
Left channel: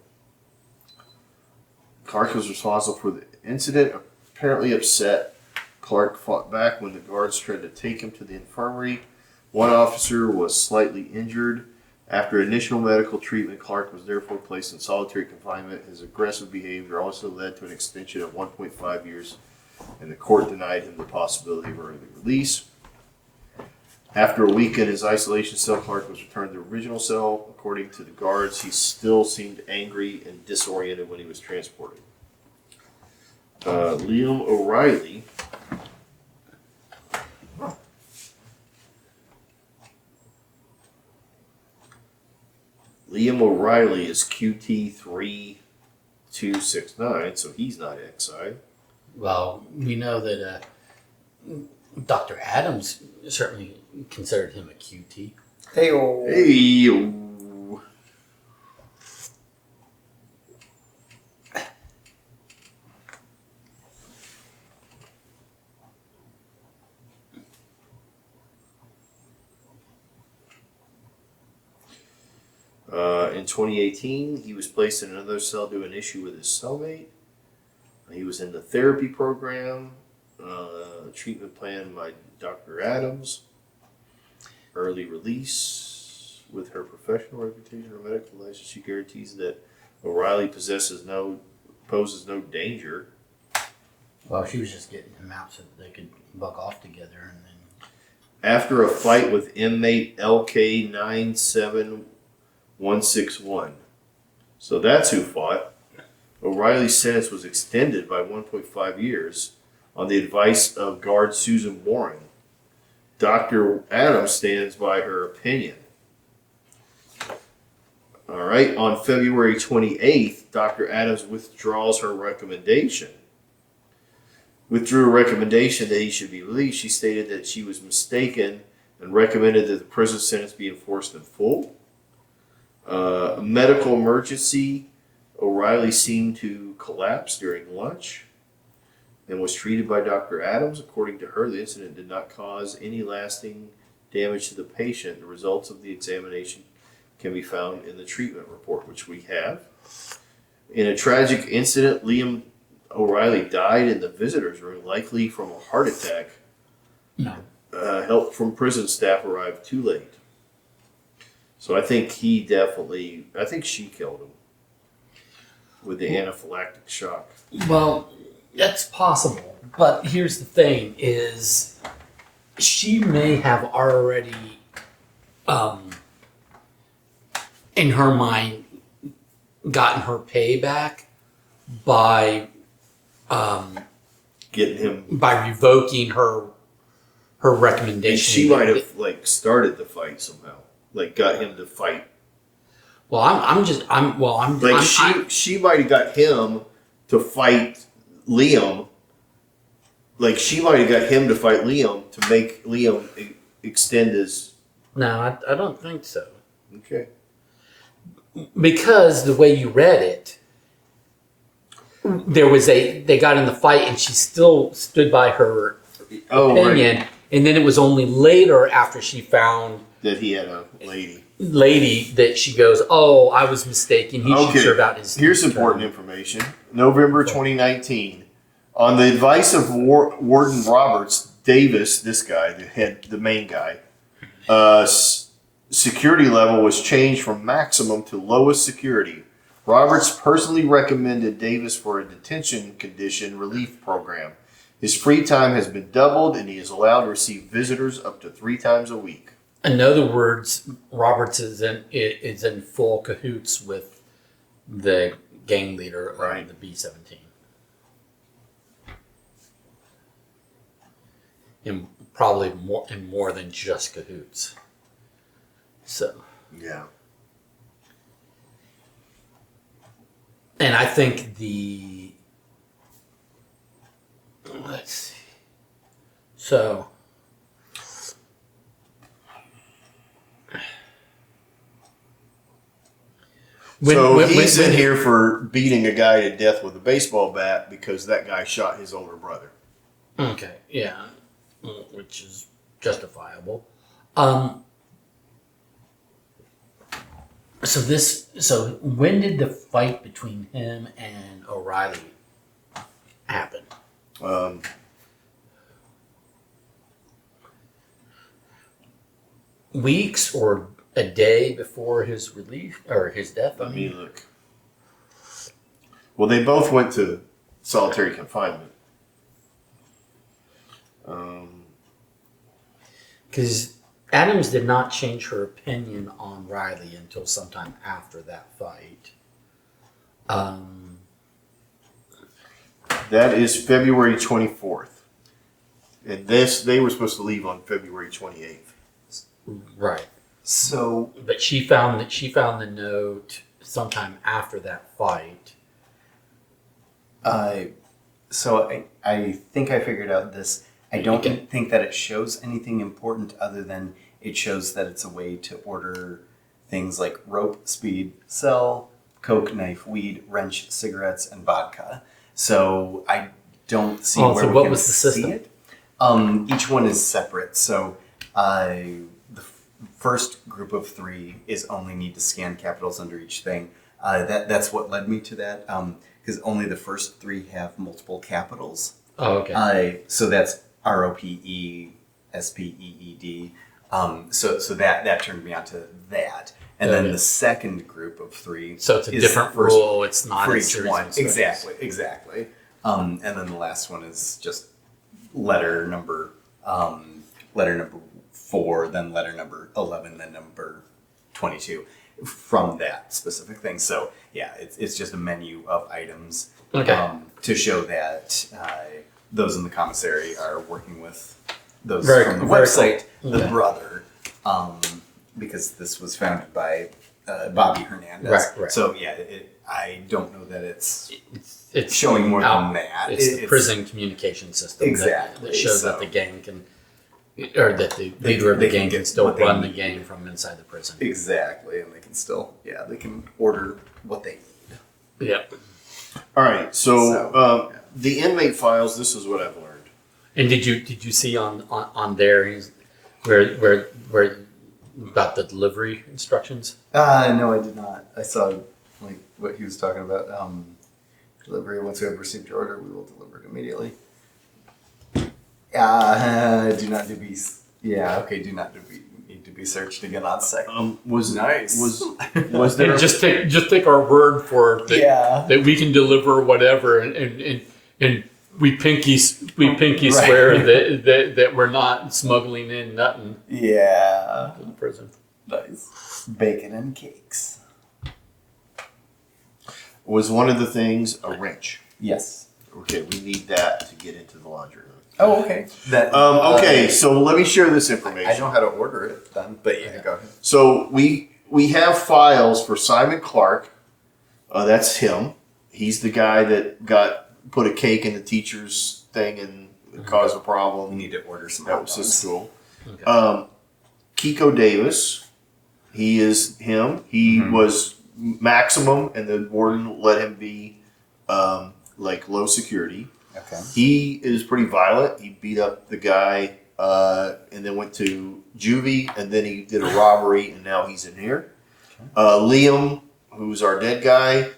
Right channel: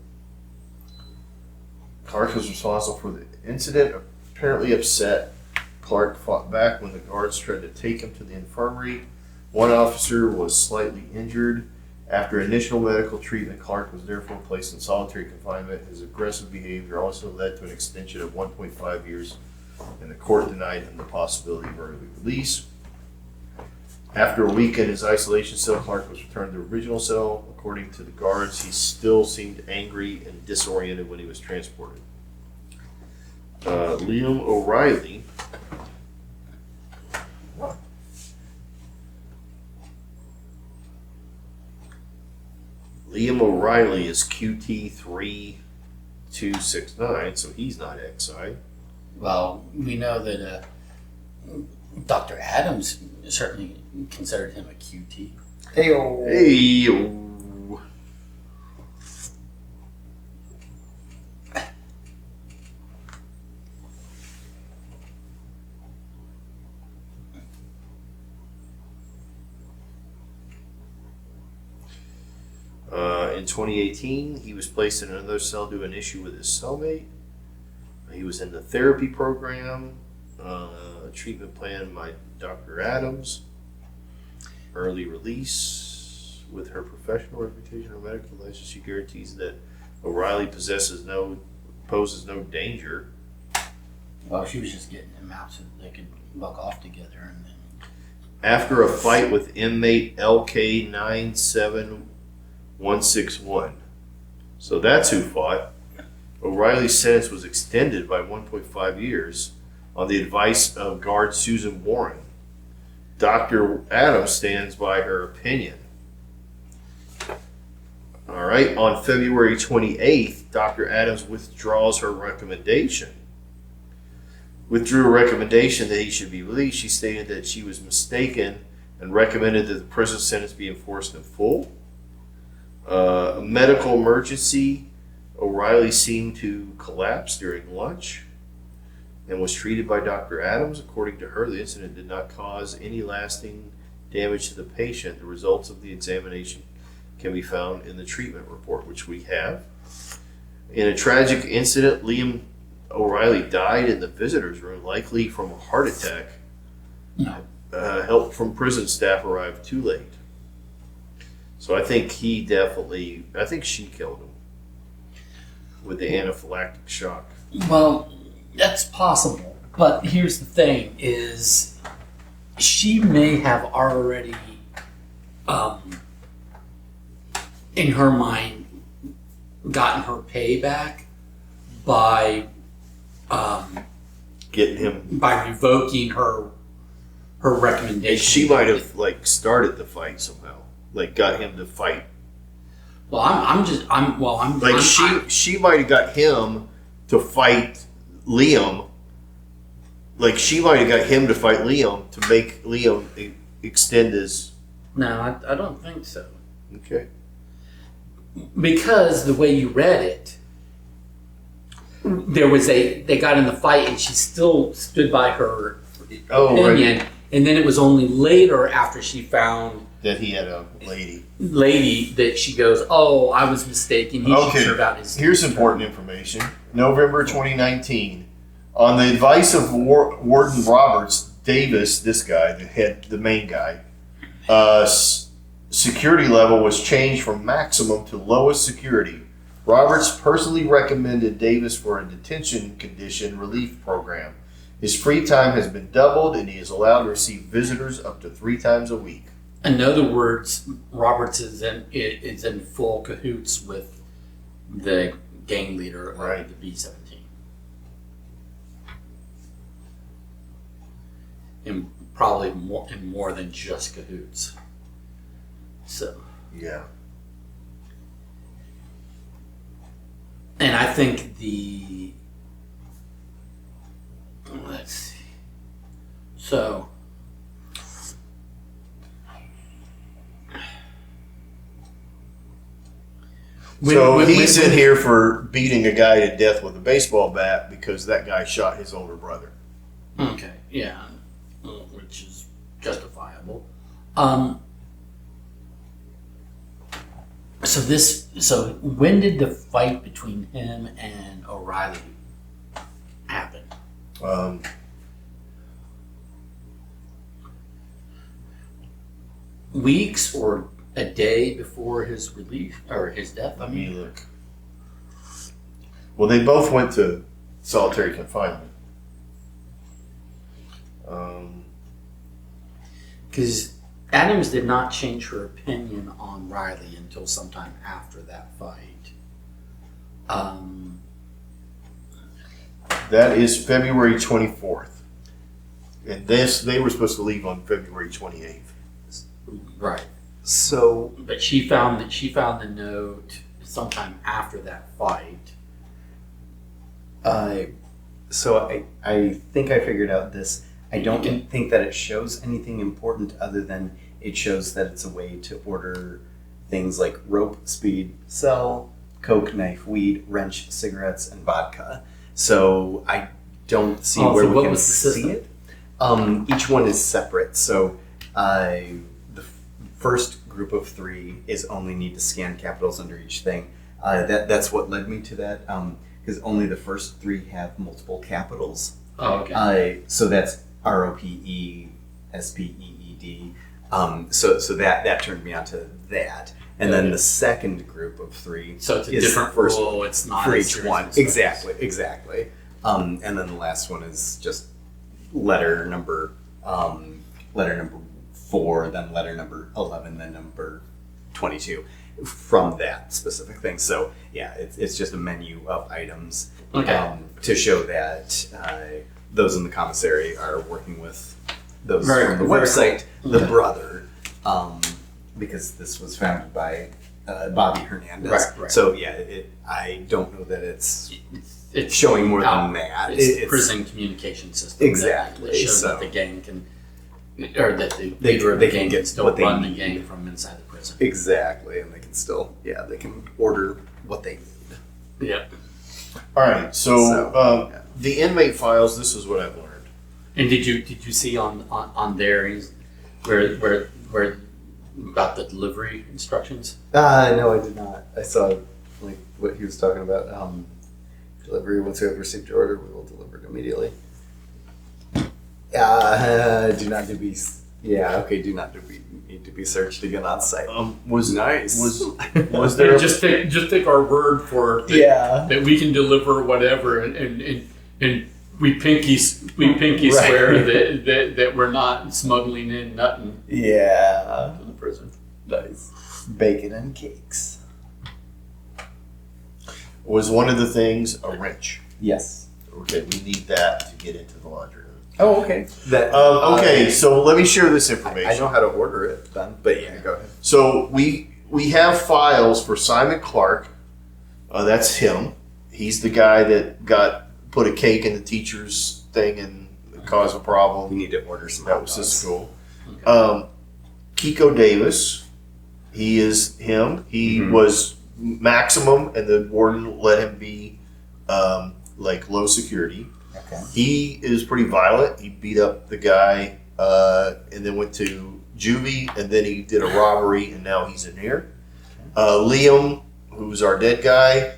Clark was responsible for the incident. Apparently upset, Clark fought back when the guards tried to take him to the infirmary. One officer was slightly injured. After initial medical treatment, Clark was therefore placed in solitary confinement. His aggressive behavior also led to an extension of 1.5 years, and the court denied him the possibility of early release. After a week in his isolation cell, Clark was returned to the original cell. According to the guards, he still seemed angry and disoriented when he was transported. Liam O'Reilly. Liam O'Reilly is QT3269, so he's not XI. Well, we know that Dr. Adams certainly considered him a QT. Hey-o. Hey. In 2018, he was placed in another cell due to an issue with his cellmate. He was in the therapy program, treatment plan by Dr. Adams. Early release. With her professional reputation or medical license, she guarantees that O'Reilly poses no danger. Well, she was just getting him out so that they could buck off together, and then After a fight with inmate LK 97161. So that's who fought. O'Reilly's sentence was extended by 1.5 years on the advice of guard Susan Warren. Dr. Adams stands by her opinion. All right, on February 28th, Dr. Adams withdraws her recommendation. Withdrew a recommendation that he should be released. She stated that she was mistaken and recommended that the prison sentence be enforced in full. A medical emergency, O'Reilly seemed to collapse during lunch and was treated by Dr. Adams. According to her, the incident did not cause any lasting damage to the patient. The results of the examination can be found in the treatment report, which we have. In a tragic incident, Liam O'Reilly died in the visitor's room, likely from a heart attack. No. Help from prison staff arrived too late. So I think she killed him with the anaphylactic shock. Well, that's possible. But here's the thing is she may have already in her mind gotten her payback by Getting him. by revoking her recommendation. She might have started the fight somehow, got him to fight. Well, She might have got him to fight Liam. She might have got him to fight Liam to make Liam extend his. No, I don't think so. Okay. Because the way you read it, they got in the fight and she still stood by her opinion, and then it was only later after she found that he had a lady that she goes, "Oh, I was mistaken. He should serve out his." Here's important information. November 2019, on the advice of Warden Roberts Davis, this guy, the main guy, security level was changed from maximum to lowest security. Roberts personally recommended Davis for a detention condition relief program. His free time has been doubled, and he is allowed to receive visitors up to 3 times a week. In other words, Roberts is in full cahoots with the gang leader, Right. of the B-17, and probably more than just cahoots. So, Yeah. and I think let's see. So, He's in here for beating a guy to death with a baseball bat because that guy shot his older brother. Okay, yeah, which is justifiable. So when did the fight between him and O'Reilly happen? Weeks or a day before his release or his death? Let me look. Well, they both went to solitary confinement. Because Adams did not change her opinion on Riley until sometime after that fight. That is February 24th. And they were supposed to leave on February 28th. Right. So, But she found the note sometime after that fight. I think I figured out this. I don't think that it shows anything important other than it shows that it's a way to order things like rope, speed, cell, coke, knife, weed, wrench, cigarettes, and vodka. So I don't see where so we what can was the system? see it. Each one is separate. So the first group of 3 is only need to scan capitals under each thing. That's what led me to that, because only the first 3 have multiple capitals. Oh, okay. So that's ROPE, SPEED. So that turned me on to that. And then the second group of 3. So it's a is different first rule. It's not for as each serious one. as those. Exactly. And then the last one is just letter number 4, then letter number 11, then number 22 from that specific thing. So yeah, it's just a menu of items to show that those in the commissary are working with those from the website, the brother, because this was founded by Bobby Hernandez. Right. So yeah, I don't know that it's showing more than that. It's the prison communication system. Exactly. That shows So- that the gang can or that the leader of the they can gang get can still what they run the need. gang from inside the prison. Exactly, and they can still, they can order what they need. Yep. All right. So the inmate files. This is what I've learned. And did you see on there where about the delivery instructions? No, I did not. I saw like what he was talking about. Delivery. Once we have received your order, we will deliver it immediately. Do not to be. Yeah. Okay. Do not to be need to be searched again on site. Was Nice. was there? just take our word for it that we can deliver whatever, and we pinky swear that we're not smuggling in nothing Yeah. to the prison. Nice. Bacon and cakes. Was one of the things a wrench? Yes. Okay, we need that to get into the laundry room. Oh, okay. That. Okay, so let me share this information. I know how to order it then, but yeah, go ahead. So we have files for Simon Clark. That's him. He's the guy that put a cake in the teacher's thing and caused a problem. You need to order some. That was his hot school. Okay. Kiko Davis, he is him. He was maximum, and the warden let him be like low security. dogs. Okay. He is pretty violent. He beat up the guy and then went to juvie, and then he did a robbery, and now he's in here. Liam, who's our dead guy,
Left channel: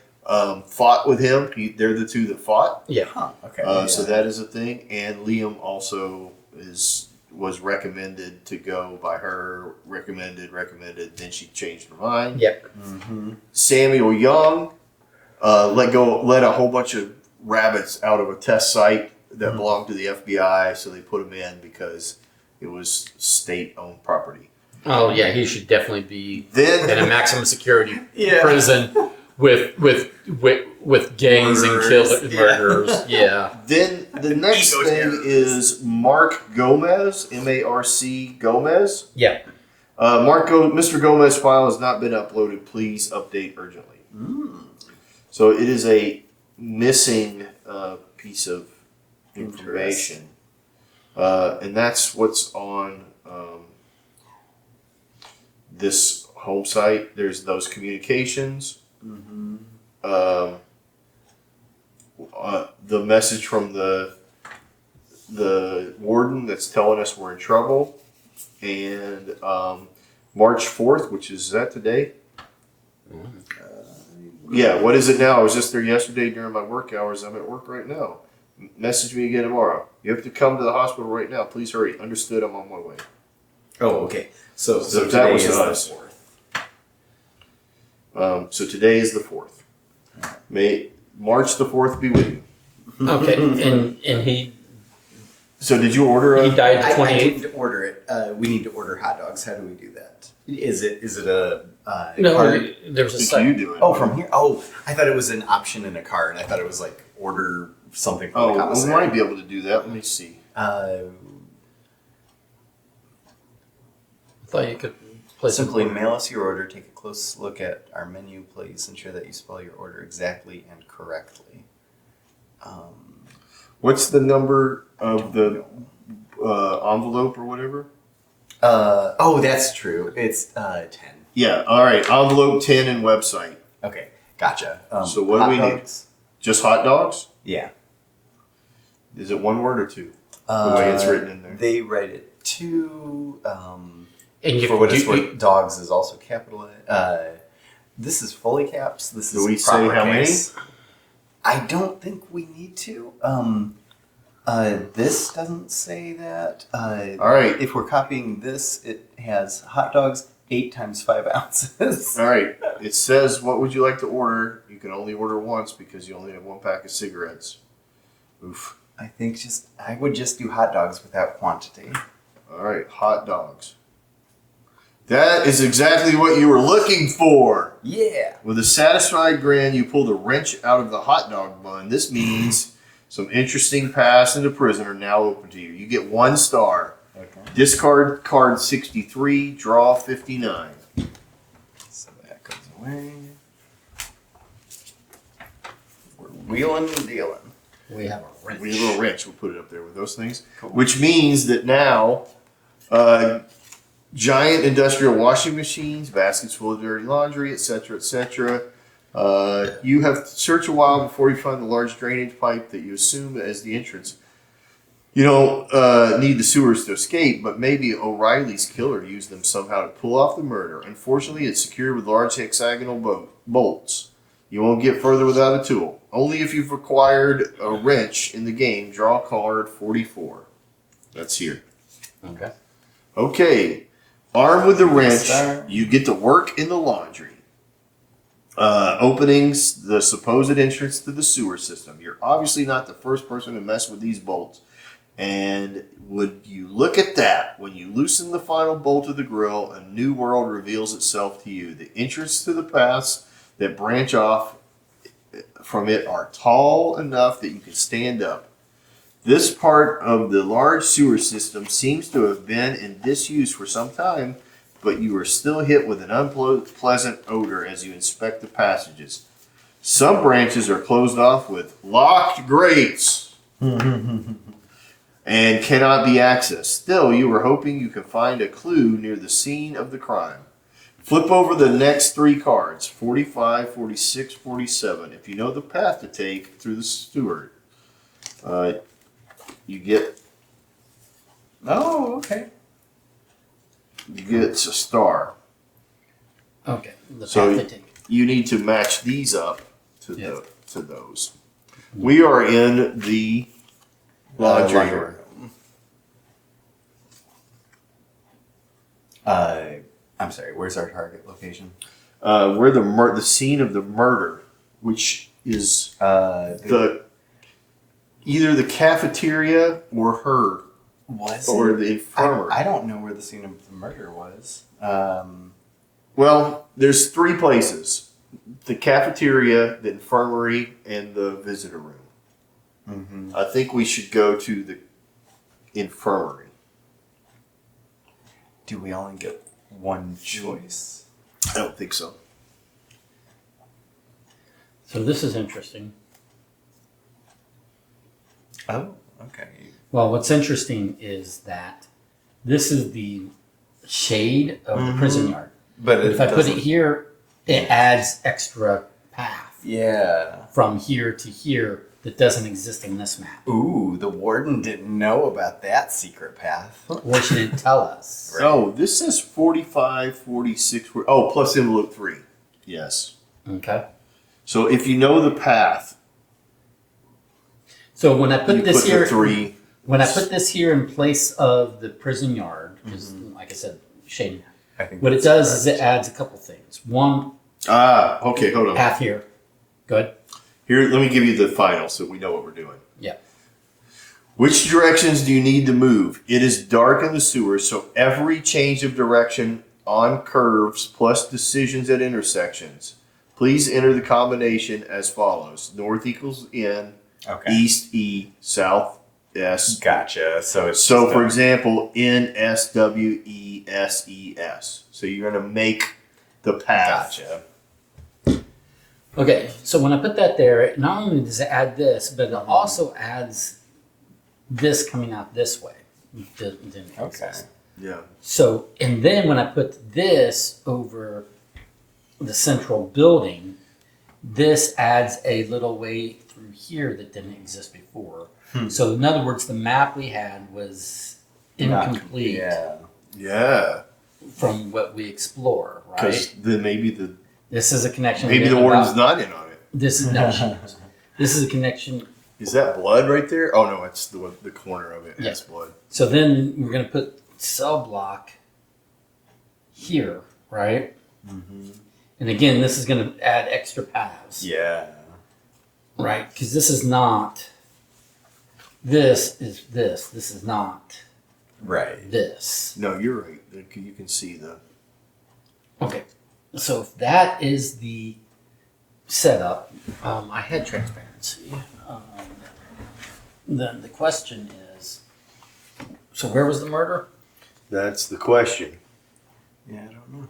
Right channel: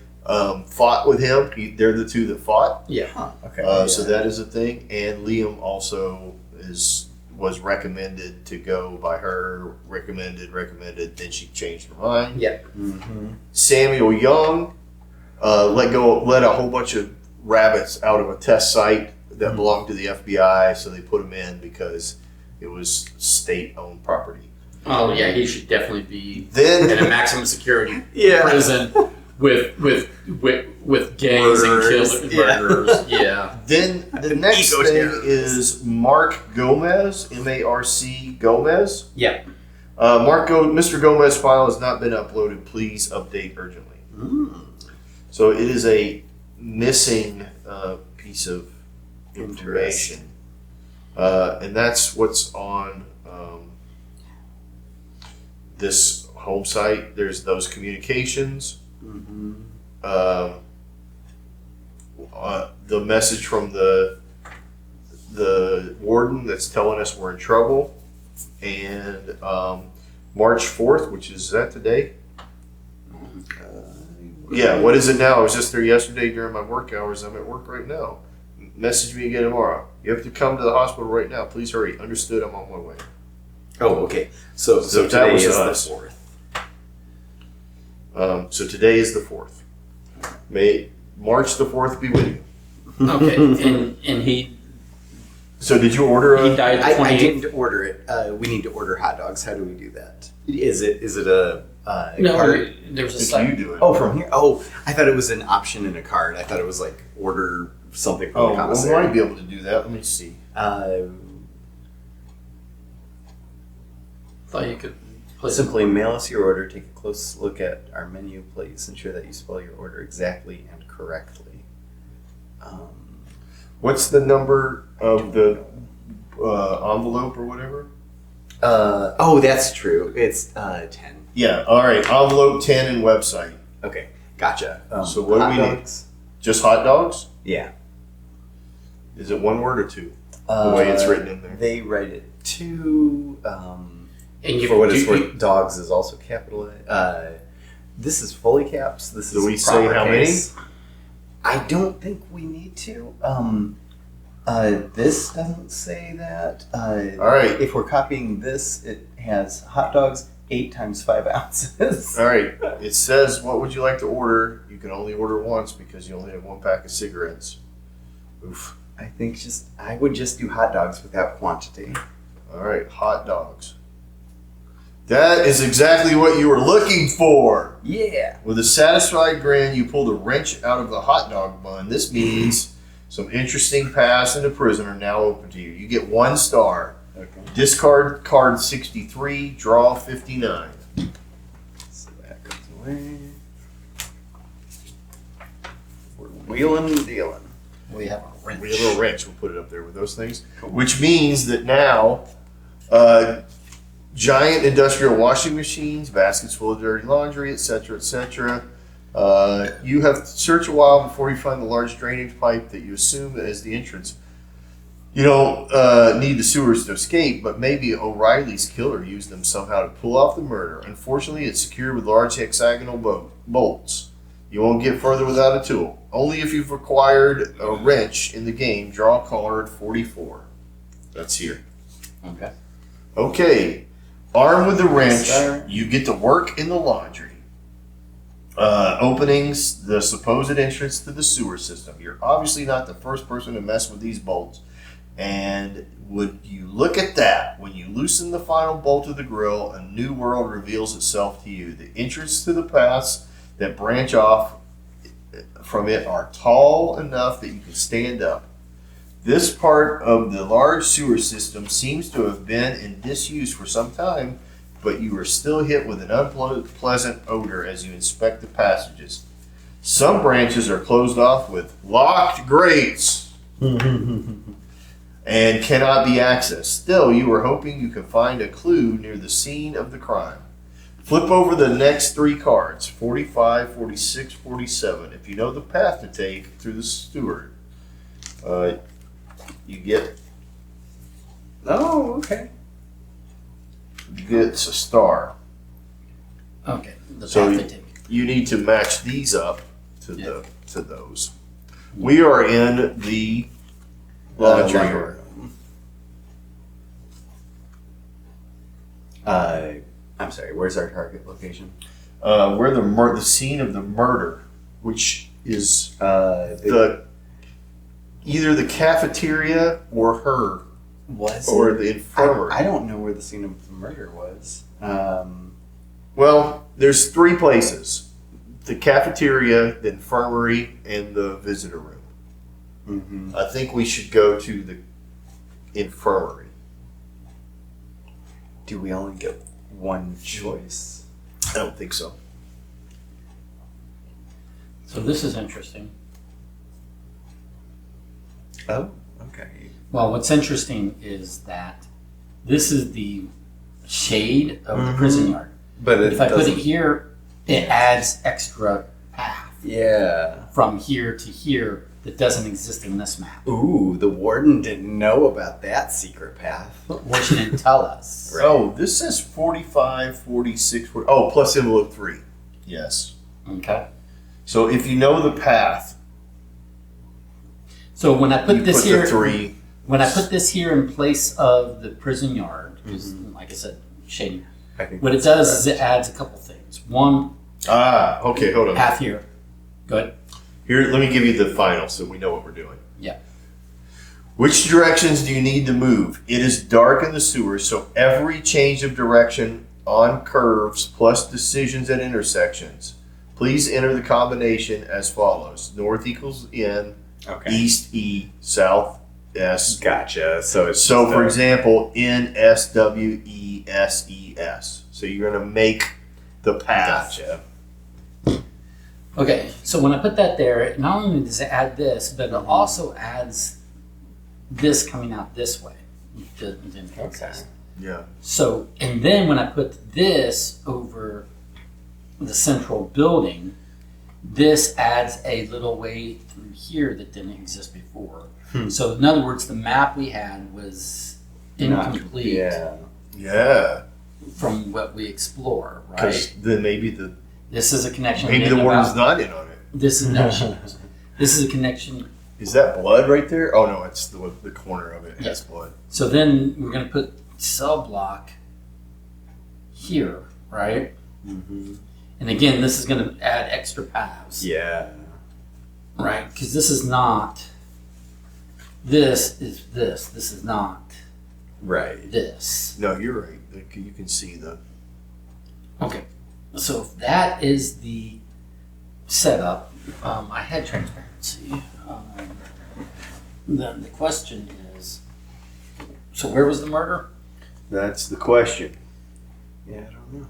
fought with him. They're the two that fought. Yeah. Huh. Okay. So that is a thing. And Liam also was recommended to go by her. Recommended. Then she changed her mind. Yep. Mm-hmm. Samuel Young let a whole bunch of rabbits out of a test site that belonged to the FBI, so they put him in because it was state-owned property. Oh yeah, he should definitely be Then in a maximum security Yeah. prison with gangs and Murderers. murderers. Yeah. Then the next Ego thing terrorists. is Mark Gomez, M-A-R-C Gomez. Yeah. Mr. Gomez file has not been uploaded. Please update urgently. So it is a missing piece of information, and that's what's on this home site. There's those communications. Mm-hmm. The message from the warden that's telling us we're in trouble, and March 4th, which is that today? Yeah, what is it now? I was just there yesterday during my work hours. I'm at work right now. Message me again tomorrow. You have to come to the hospital right now. Please hurry. Understood, I'm on my way. Oh, okay. So So that today was is us. the 4th. So today is the 4th. May March the 4th be with you. Okay. And he So did you order he a... died I 28th. didn't order it. We need to order hot dogs. How do we do that? Is it a No, card? there's a Did site. you do it? Oh, from here. Oh, I thought it was an option in a card. I thought it was like order something from Oh, the well, we commissary. might be able to do that. Let me see. Thought you could place Simply mail us your order. Take a close look at our menu, please. Ensure that you spell your order exactly and correctly. What's the number of the envelope or whatever? Oh, that's true. It's 10. Yeah, all right. Envelope 10 and website. Okay, gotcha. So what do hot we need? dogs? Just hot dogs? Yeah. Is it one word or two? The way it's written in there. They write it two. And you For what it's do- worth, dogs is also capitalized. This is fully caps. This Do is we say proper how case. I don't think we need to. This doesn't say that. All right. If we're copying this, it has hot dogs 8 times 5 ounces. All right. It says, what would you like to order? You can only order once because you only have one pack of cigarettes. Oof. I think I would just do hot dogs without quantity. All right. Hot dogs. That is exactly what you were looking for. Yeah. With a satisfied grin, you pulled a wrench out of the hot dog bun. This means some interesting paths into prison are now open to you. You get 1 star. Okay. Discard card 63, draw 59. So that goes away. We're wheeling and dealing. We have a wrench. We have a wrench. We'll put it up there with those things. Which means that now Giant industrial washing machines, baskets full of dirty laundry, etc., etc. You have to search a while before you find the large drainage pipe that you assume is the entrance. You don't need the sewers to escape, but maybe O'Reilly's killer used them somehow to pull off the murder. Unfortunately, it's secured with large hexagonal bolts. You won't get further without a tool. Only if you've acquired a wrench in the game, draw card 44. That's here. Okay. Okay. Armed with the wrench, Sir. you get to work in the laundry. Openings the supposed entrance to the sewer system. You're obviously not the first person to mess with these bolts. And would you look at that? When you loosen the final bolt of the grill, a new world reveals itself to you. The entrance to the paths that branch off from it are tall enough that you can stand up. This part of the large sewer system seems to have been in disuse for some time, but you are still hit with an unpleasant odor as you inspect the passages. Some branches are closed off with locked grates and cannot be accessed. Still, you are hoping you can find a clue near the scene of the crime. Flip over the next 3 cards, 45, 46, 47. If you know the path to take through the steward, you get Oh, okay. a star. Okay. The So path they take. you need to match these up to Yeah. to those. We are in the laundry laundry room. I'm sorry. Where's our target location? Where the scene of the murder, which is the either the cafeteria or her was or it? the infirmary. I don't know where the scene of the murder was. Well, there's 3 places: the cafeteria, the infirmary, and the visitor room. Mm-hmm. I think we should go to the infirmary. Do we only get one choice? I don't think so. So this is interesting. Oh, okay. Well, what's interesting is that this is the shade of the prison yard. But If I put it here, it adds extra path yeah. from here to here that doesn't exist in this map. Ooh, the warden didn't know about that secret path. Or she didn't tell us. Right. Oh, this says 45, 46. Plus envelope 3. Yes. Okay. So if you know the path, So when I put you this put here, the 3. when I put this here in place of the prison yard, because like I said, shading. I think What it that's does is correct. it adds a couple things. One, Okay, hold on. path here. Good. Here, let me give you the final so we know what we're doing. Yeah. Which directions do you need to move? It is dark in the sewer, so every change of direction on curves plus decisions at intersections. Please enter the combination as follows. North equals in, Okay. east E, south S. Gotcha. So it's So, just for a- example, NSWESES. So you're going to make the path. Gotcha. Okay, so when I put that there, it not only does it add this, but it also adds this coming out this way. It didn't exist. Yeah. So, and then when I put this over the central building, this adds a little way through here that didn't exist before. So, in other words, the map we had was incomplete Yeah. Yeah. from what we explore, Because right? then maybe This is a connection. maybe the about- warden's not in on it. This is no. This is a connection. Is that blood right there? Oh no, it's the corner of it has Yes. blood. So then we're going to put cell block here, right? Mm-hmm. And again, this is going to add extra paths, Yeah. right? Because this is not. This is this. This is not Right. this. No, you're right. You can see the. Okay. So if that is the setup, I had transparency. Then the question is, so where was the murder? That's the question. Yeah, I don't know.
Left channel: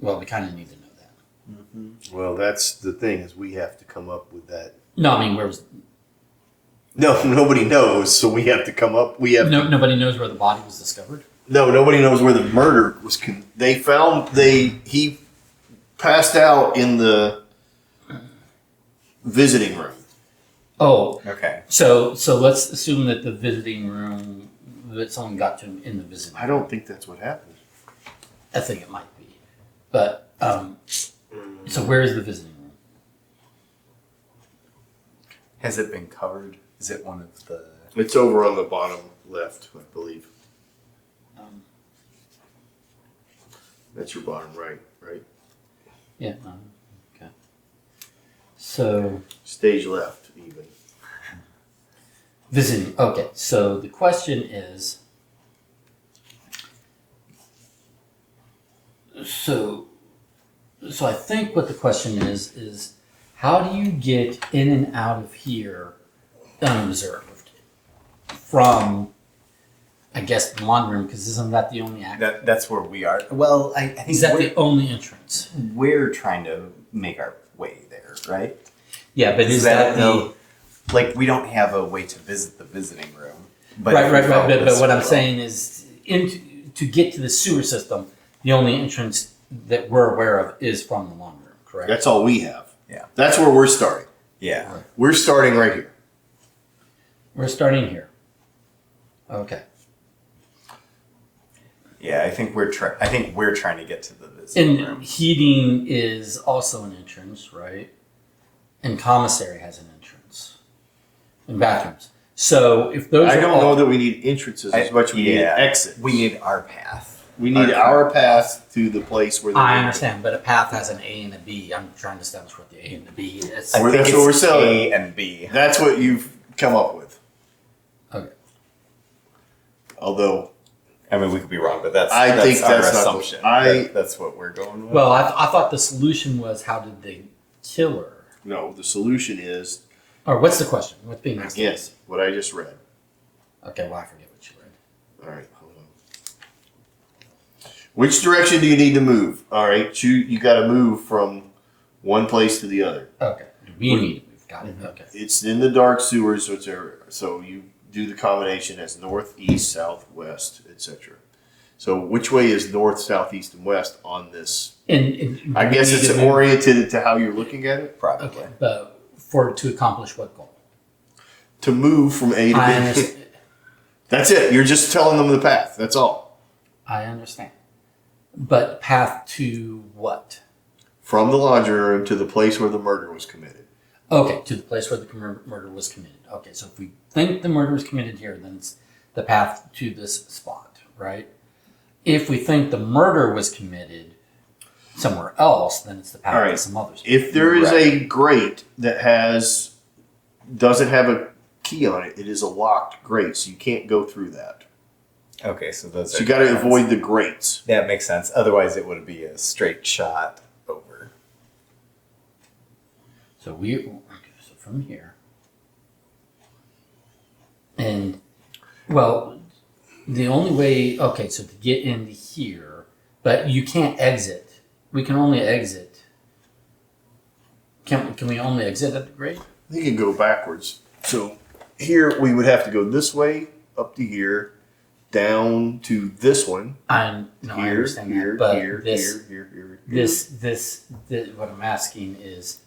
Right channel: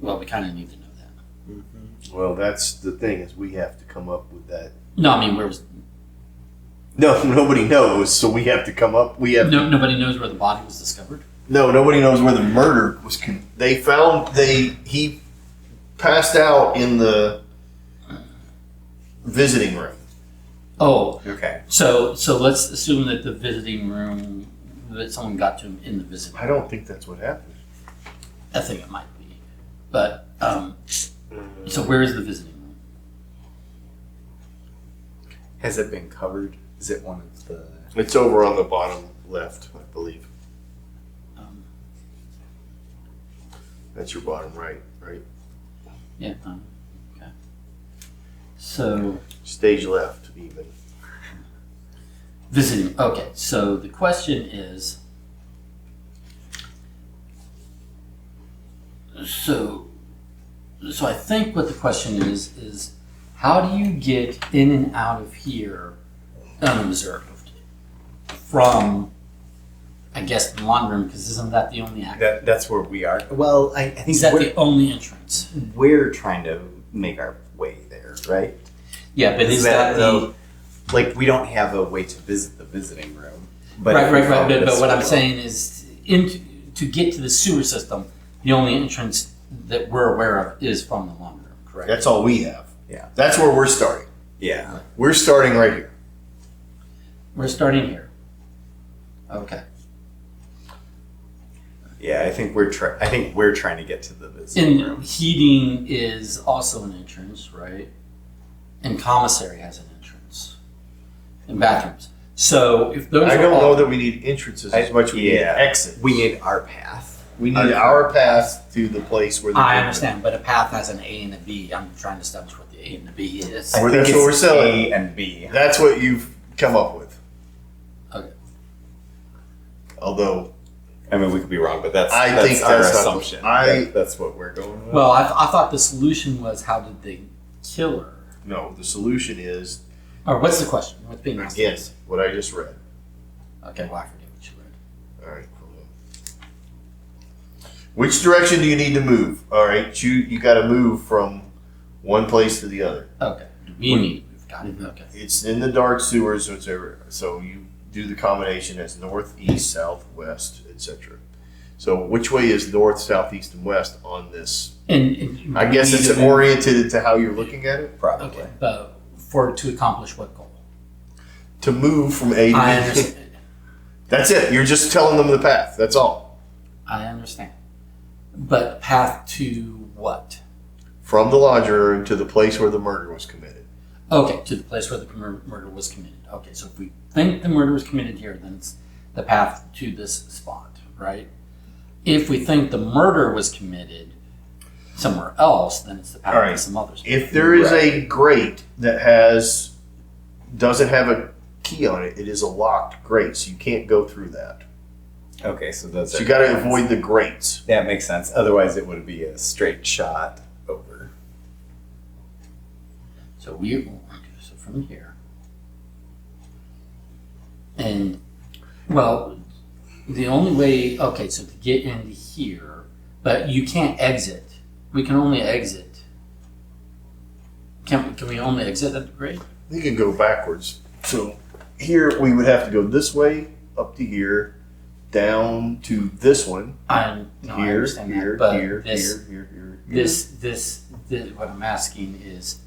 Well, we kind of need to know that. Mm-hmm. Well, that's the thing is we have to come up with that. No, I mean, where was? No, nobody knows, so we have to come up. We have No, nobody knows where the body was discovered. No, nobody knows where the murder was. He passed out in the visiting room. Oh, Okay. so let's assume that the visiting room, that someone got to him in the visiting room. I don't think that's what happened. I think it might be. But, so where is the visiting room? Has it been covered? Is it one of the? It's over on the bottom left, I believe. That's your bottom right? Yeah. Okay. So Stage left, even. visiting. Okay. So the question is. So I think what the question is how do you get in and out of here unobserved from, I guess, the laundry room? Because isn't that the only act? That's where we are. Well, I think Is that the only entrance? we're trying to make our way there, right? Yeah, but is that the though? Like, we don't have a way to visit the visiting room. But right? if we Right. follow But this what I'm road- saying is, to get to the sewer system, the only entrance that we're aware of is from the laundry room. Correct. That's all we have. Yeah. That's where we're starting. Yeah. We're starting right here. We're starting here. Okay. Yeah, I think we're trying to get to the visiting And room. heating is also an entrance, right? And commissary has an entrance. And bathrooms. So if those I are don't all, know that we need entrances as much as we need exits. We need our path. We need our path to the place where the I understand, but a path has an A and a B. I'm trying to establish what the A and the B is. I Well, think that's what it's we're selling. A and B. That's what you've come up with. Okay. Although I mean, we could be wrong, but that's I think our that's not the- assumption. I- That's what we're going with. Well, I thought the solution was how did they kill her? no, the solution is Or what's the question? What's being asked? again what I just read. Okay, well, I forget what you read. All right, hold on. Which direction do you need to move? All right, you got to move from one place to the other. Okay. We need to move. Got it. Okay. It's in the dark sewers, so you do the combination as north, east, south, west, etc. So which way is north, south, east, and west on this? And I guess we need it's to move- oriented to how you're looking at it. Probably. Okay, but to accomplish what goal? To move from A to I B. understand. That's it. You're just telling them the path. That's all. I understand. But path to what? From the laundry room to the place where the murder was committed. Okay, to the place where the murder was committed. Okay, so if we think the murder was committed here, then it's the path to this spot, right? If we think the murder was committed somewhere else, then it's the path All right. to some others. If there is a grate that doesn't have a key on it, it is a locked grate, so you can't go through that. Okay, so those So are you got to good ones. avoid the grates. That makes sense. Otherwise, it would be a straight shot over. So so from here, and well, the only way. Okay, so to get into here, but you can't exit. We can only exit. Can we only exit at the grade? You can go backwards. So here we would have to go this way up to here, down to this one. I Here, understand here, that, but here, this, here. this, what I'm asking is,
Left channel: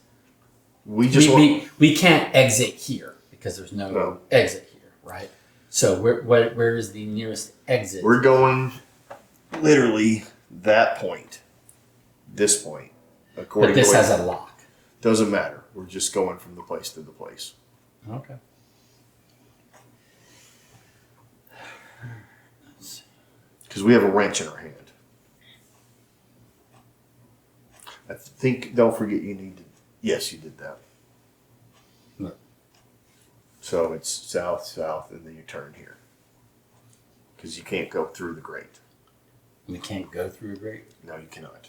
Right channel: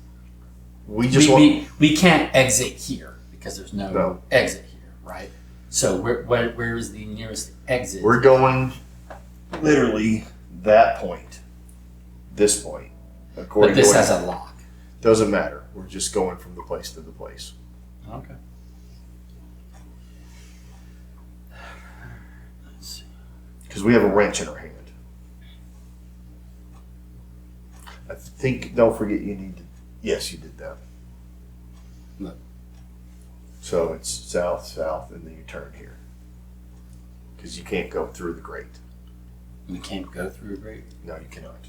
We just want. we can't exit here because there's no, No. exit here, right? So where is the nearest exit? We're going literally that point, this point. but this to has a lock. doesn't matter. We're just going from the place to the place. Okay. Let's see. Because we have a wrench in our hand. I think, don't forget you need to, yes, you did that. What? So it's south, south, and then you turn here. Because you can't go through the grate. We can't go through a grate. No, you cannot.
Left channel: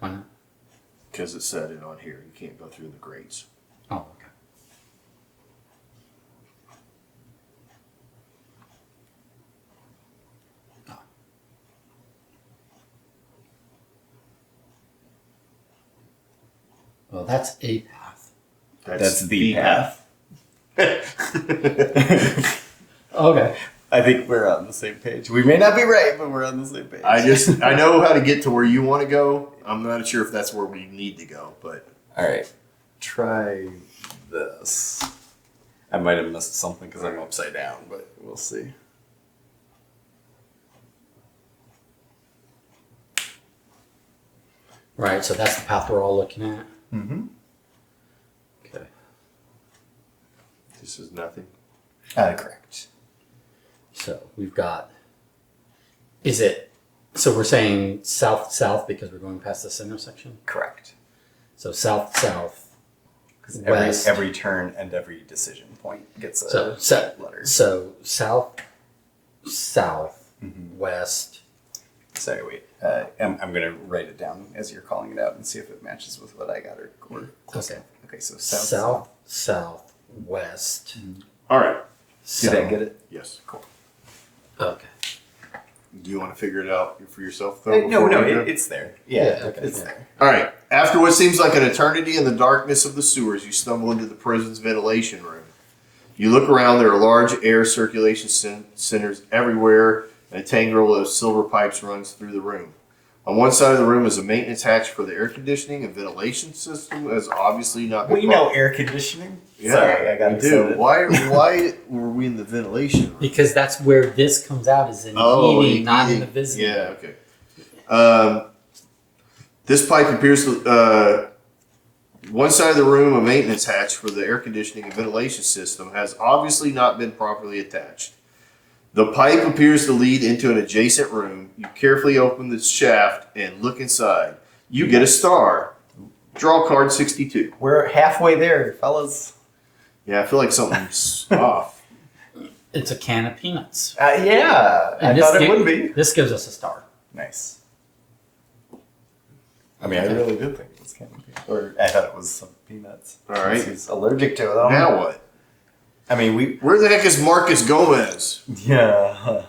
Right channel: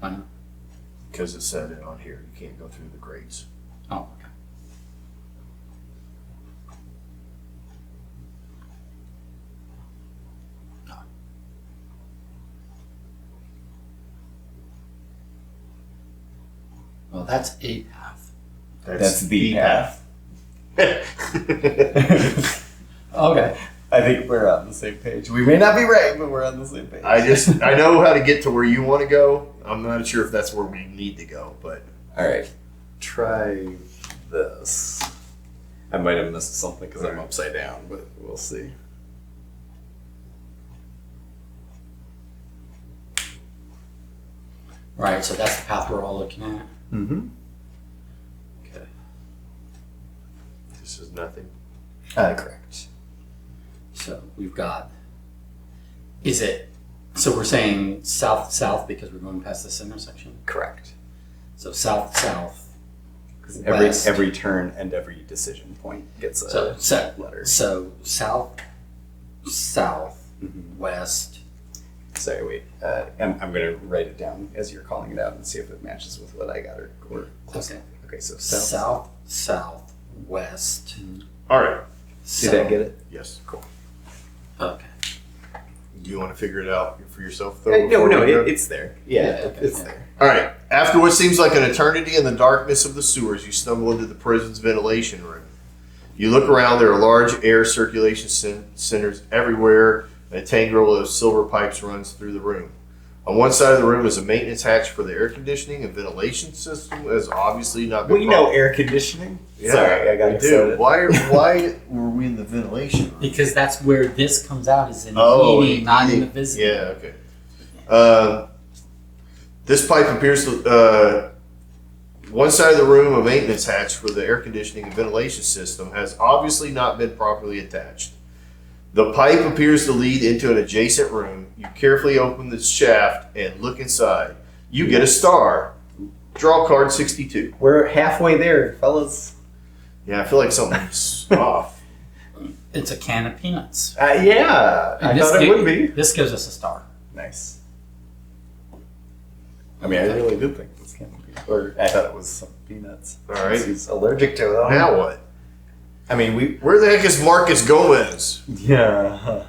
Why not? Because it said it on here. You can't go through the grates. Oh, okay. Well, that's a path. That's the path. Okay. I think we're on the same page. We may not be right, but we're on the same page. I know how to get to where you want to go. I'm not sure if that's where we need to go, but All right. Try this. I might have missed something because I'm upside down, but we'll see. Right, so that's the path we're all looking at. Mm-hmm. Okay. this is nothing. Correct. So we've got. Is it? So we're saying south because we're going past this intersection. Correct. So south. Because West. every turn and every decision point gets a letter. So south, Mhm. west. Sorry, wait. I'm going to write it down as you're calling it out and see if it matches with what I got or close enough. Okay, so South, west. All right. Did I get it? Yes. Cool. Okay. Do you want to figure it out for yourself, though? No, before we go? it's there. Yeah, okay. it's there. All right. After what seems like an eternity in the darkness of the sewers, you stumble into the prison's ventilation room. You look around. There are large air circulation centers everywhere, and a tangle of silver pipes runs through the room. On one side of the room is a maintenance hatch for the air conditioning and ventilation system, has obviously not been. Well, you know air conditioning. Yeah, Sorry, I got we excited. do. Why were we in the ventilation room? Because that's where this comes out is in Oh, heating, not in the heating. visiting. Yeah, okay. This pipe appears to. One side of the room, a maintenance hatch for the air conditioning and ventilation system, has obviously not been properly attached. The pipe appears to lead into an adjacent room. You carefully open the shaft and look inside. You get a star. Draw card 62. We're halfway there, fellas. Yeah, I feel like something's off. It's a can of peanuts. Yeah, I And this thought it ga- would be. This gives us a star. Nice. I mean, I really did think it was kind of peanuts. Or I thought it was some peanuts. All right. He's allergic to them. Now what? I mean, we. Where the heck is Marcus Gomez? Yeah.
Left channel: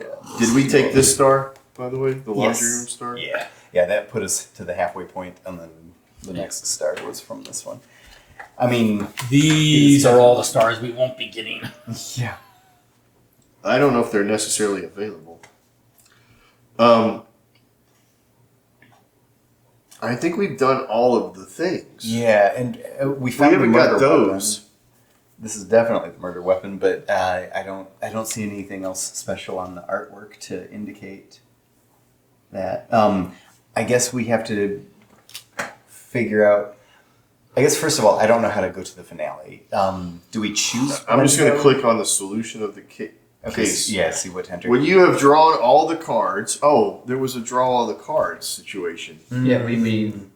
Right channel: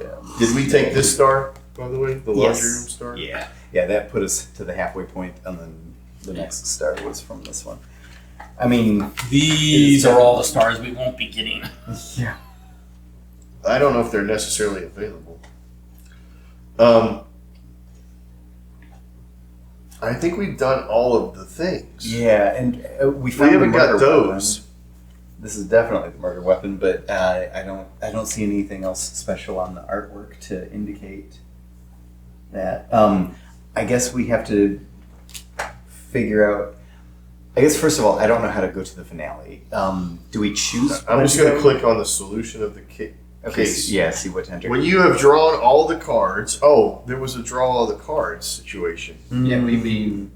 Yeah. Did we take this star, by the way? The laundry Yes. room star? Yeah. Yeah, that put us to the halfway point, and then the next star was from this one. I mean, These are all the stars we won't be getting. yeah. I don't know if they're necessarily available. I think we've done all of the things. Yeah, and we We found haven't the got murder those. weapon. This is definitely the murder weapon, but I don't see anything else special on the artwork to indicate that. I guess we have to figure out. I guess first of all, I don't know how to go to the finale. Do we choose? I'm when just going to go? click on the solution of the case. Okay, yeah, see what to enter. When you have drawn all the cards, oh, there was a draw all the cards situation. Yeah, we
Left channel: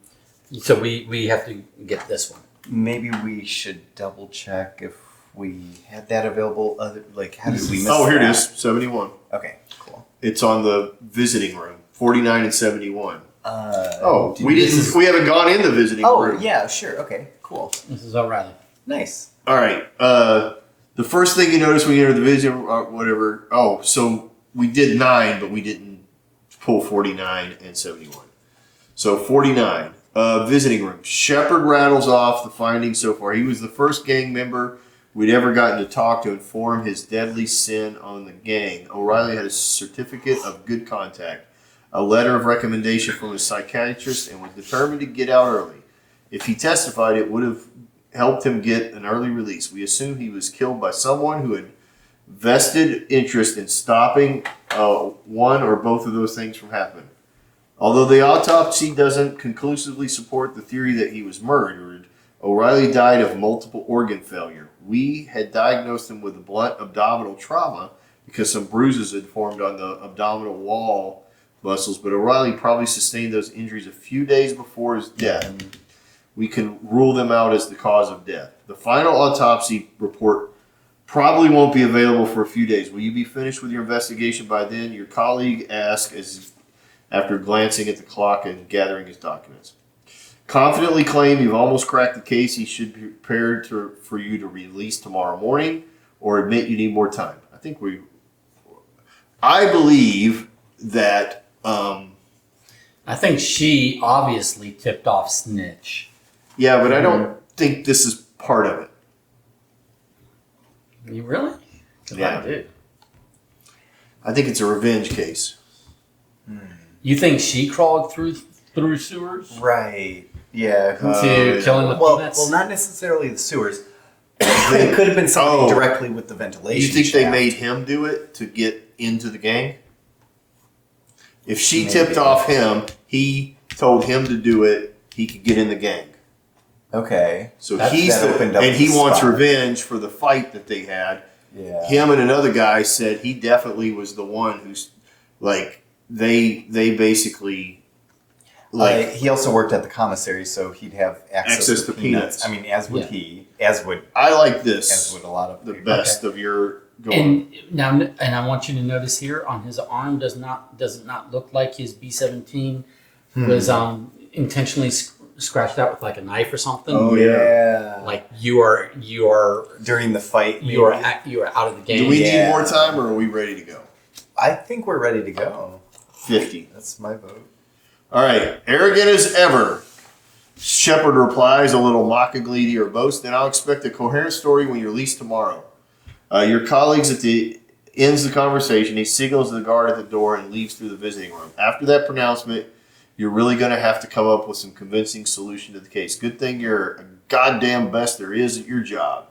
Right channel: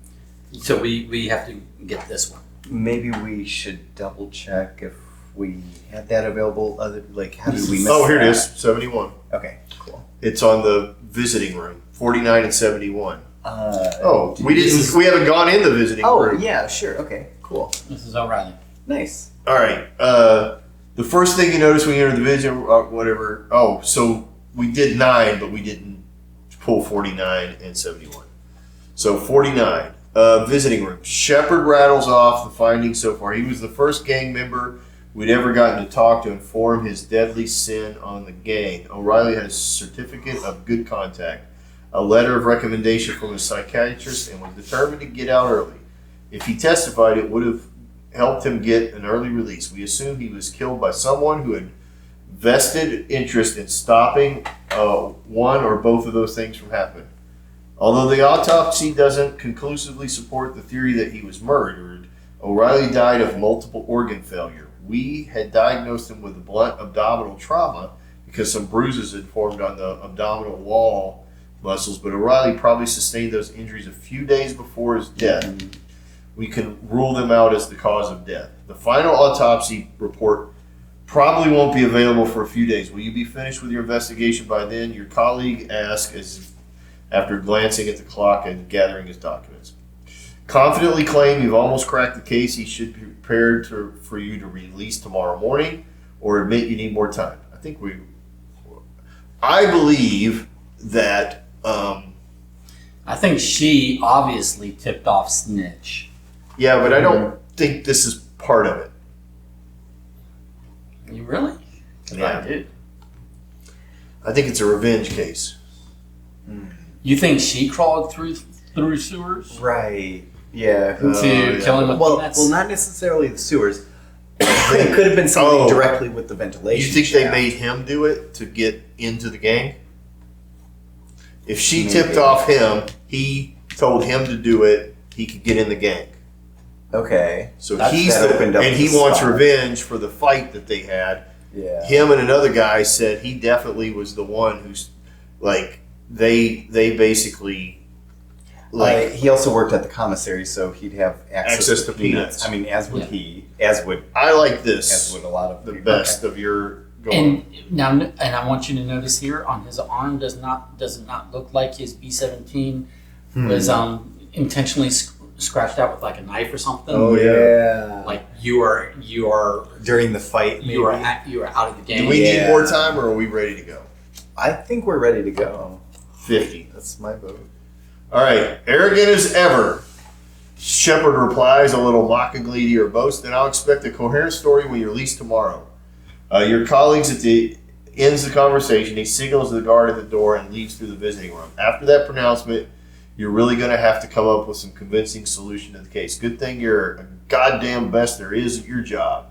so we have to get this one. Maybe we should double check if we had that available. How did we miss? Oh, here it that? is, 71. Okay, cool. It's on the visiting room, 49 and 71. Did We haven't gone in the visiting room. Yeah, sure. Okay, cool. This is O'Reilly. Nice. All right. The first thing you notice when you enter the vision, or whatever. Oh, so we did 9, but we didn't pull 49 and 71. So 49, visiting room. Shepard rattles off the findings so far. He was the first gang member we'd ever gotten to talk to inform his deadly sin on the gang. O'Reilly had a certificate of good contact, a letter of recommendation from a psychiatrist, and was determined to get out early. If he testified, it would have helped him get an early release. We assume he was killed by someone who had vested interest in stopping one or both of those things from happening. Although the autopsy doesn't conclusively support the theory that he was murdered, O'Reilly died of multiple organ failure. We had diagnosed him with blunt abdominal trauma because some bruises had formed on the abdominal wall muscles, but O'Reilly probably sustained those injuries a few days before his death. We can rule them out as the cause of death. The final autopsy report probably won't be available for a few days. Will you be finished with your investigation by then? Your colleague asked after glancing at the clock and gathering his documents. Confidently claim you've almost cracked the case. He should be prepared for you to release tomorrow morning, or admit you need more time. I believe that. I think she obviously tipped off Snitch. Yeah, but I don't think this is part of it. You really? Yeah. I did. I think it's a revenge case. You think she crawled through sewers Right. Yeah. Who, to yeah. kill him with well, peanuts? well, not necessarily the sewers. It could have been something Oh. directly with the ventilation. You think they shaft. made him do it to get into the gang? If she Maybe. tipped off him, he told him to do it, he could get in the gang. Okay. So That he's opened up and he the wants spot. revenge for the fight that they had. Yeah. Him and another guy said he definitely was the one who's like they basically like He also worked at the commissary, so he'd have access to peanuts. I mean, as would Yeah. he, as would I like this a lot of the people. best of your going. and I want you to notice here on his arm does it not look like his B-17 was intentionally scratched out with like a knife or something. Oh, yeah. Like you are During the fight, you are maybe? out of the game. Do we need Yeah. more time or are we ready to go? I think we're ready to go. 50. That's my vote. All right. Arrogant as ever. Shepard replies a little mockingly to your boast, and I'll expect a coherent story when you're released tomorrow. Your colleagues ends the conversation. He signals the guard at the door and leaves through the visiting room. After that pronouncement, you're really going to have to come up with some convincing solution to the case. Good thing you're a goddamn best there is at your job.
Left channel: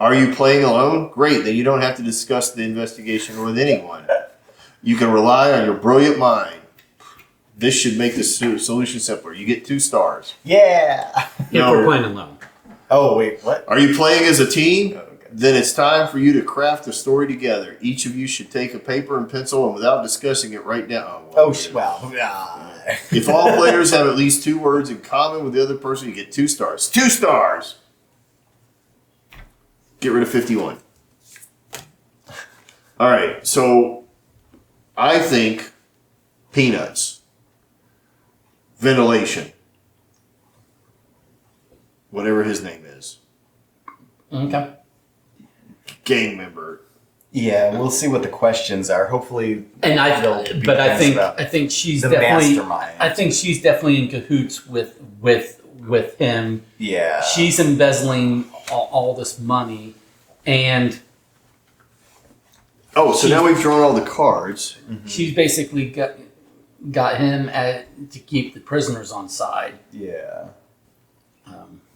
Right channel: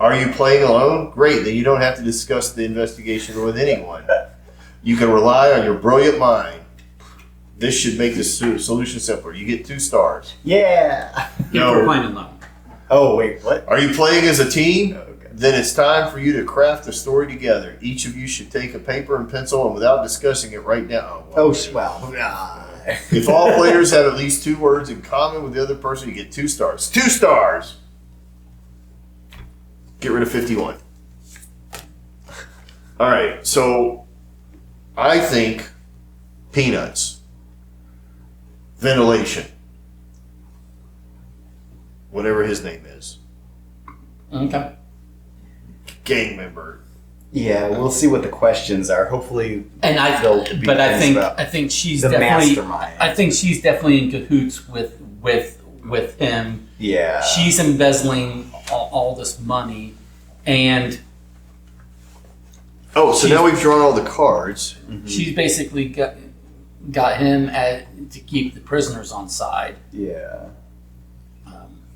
Are you playing alone? Great. Then you don't have to discuss the investigation with anyone. You can rely on your brilliant mind. This should make the solution simpler. You get 2 stars. Yeah. If we're playing alone. Oh wait, what? Are you playing as a team? Okay. Then it's time for you to craft a story together. Each of you should take a paper and pencil, and without discussing it right now. Well. If all players have at least 2 words in common with the other person, you get 2 stars. 2 stars! Get rid of 51. All right, so I think peanuts, ventilation, whatever his name is, Okay. gang member. Yeah, we'll see what the questions are. Hopefully, And They'll be but I things about think she's the definitely mastermind. I think she's definitely in cahoots with him. Yeah. She's embezzling all this money, and Oh, so She's- now we've drawn all the cards. she's basically got him to keep the prisoners on side. Yeah.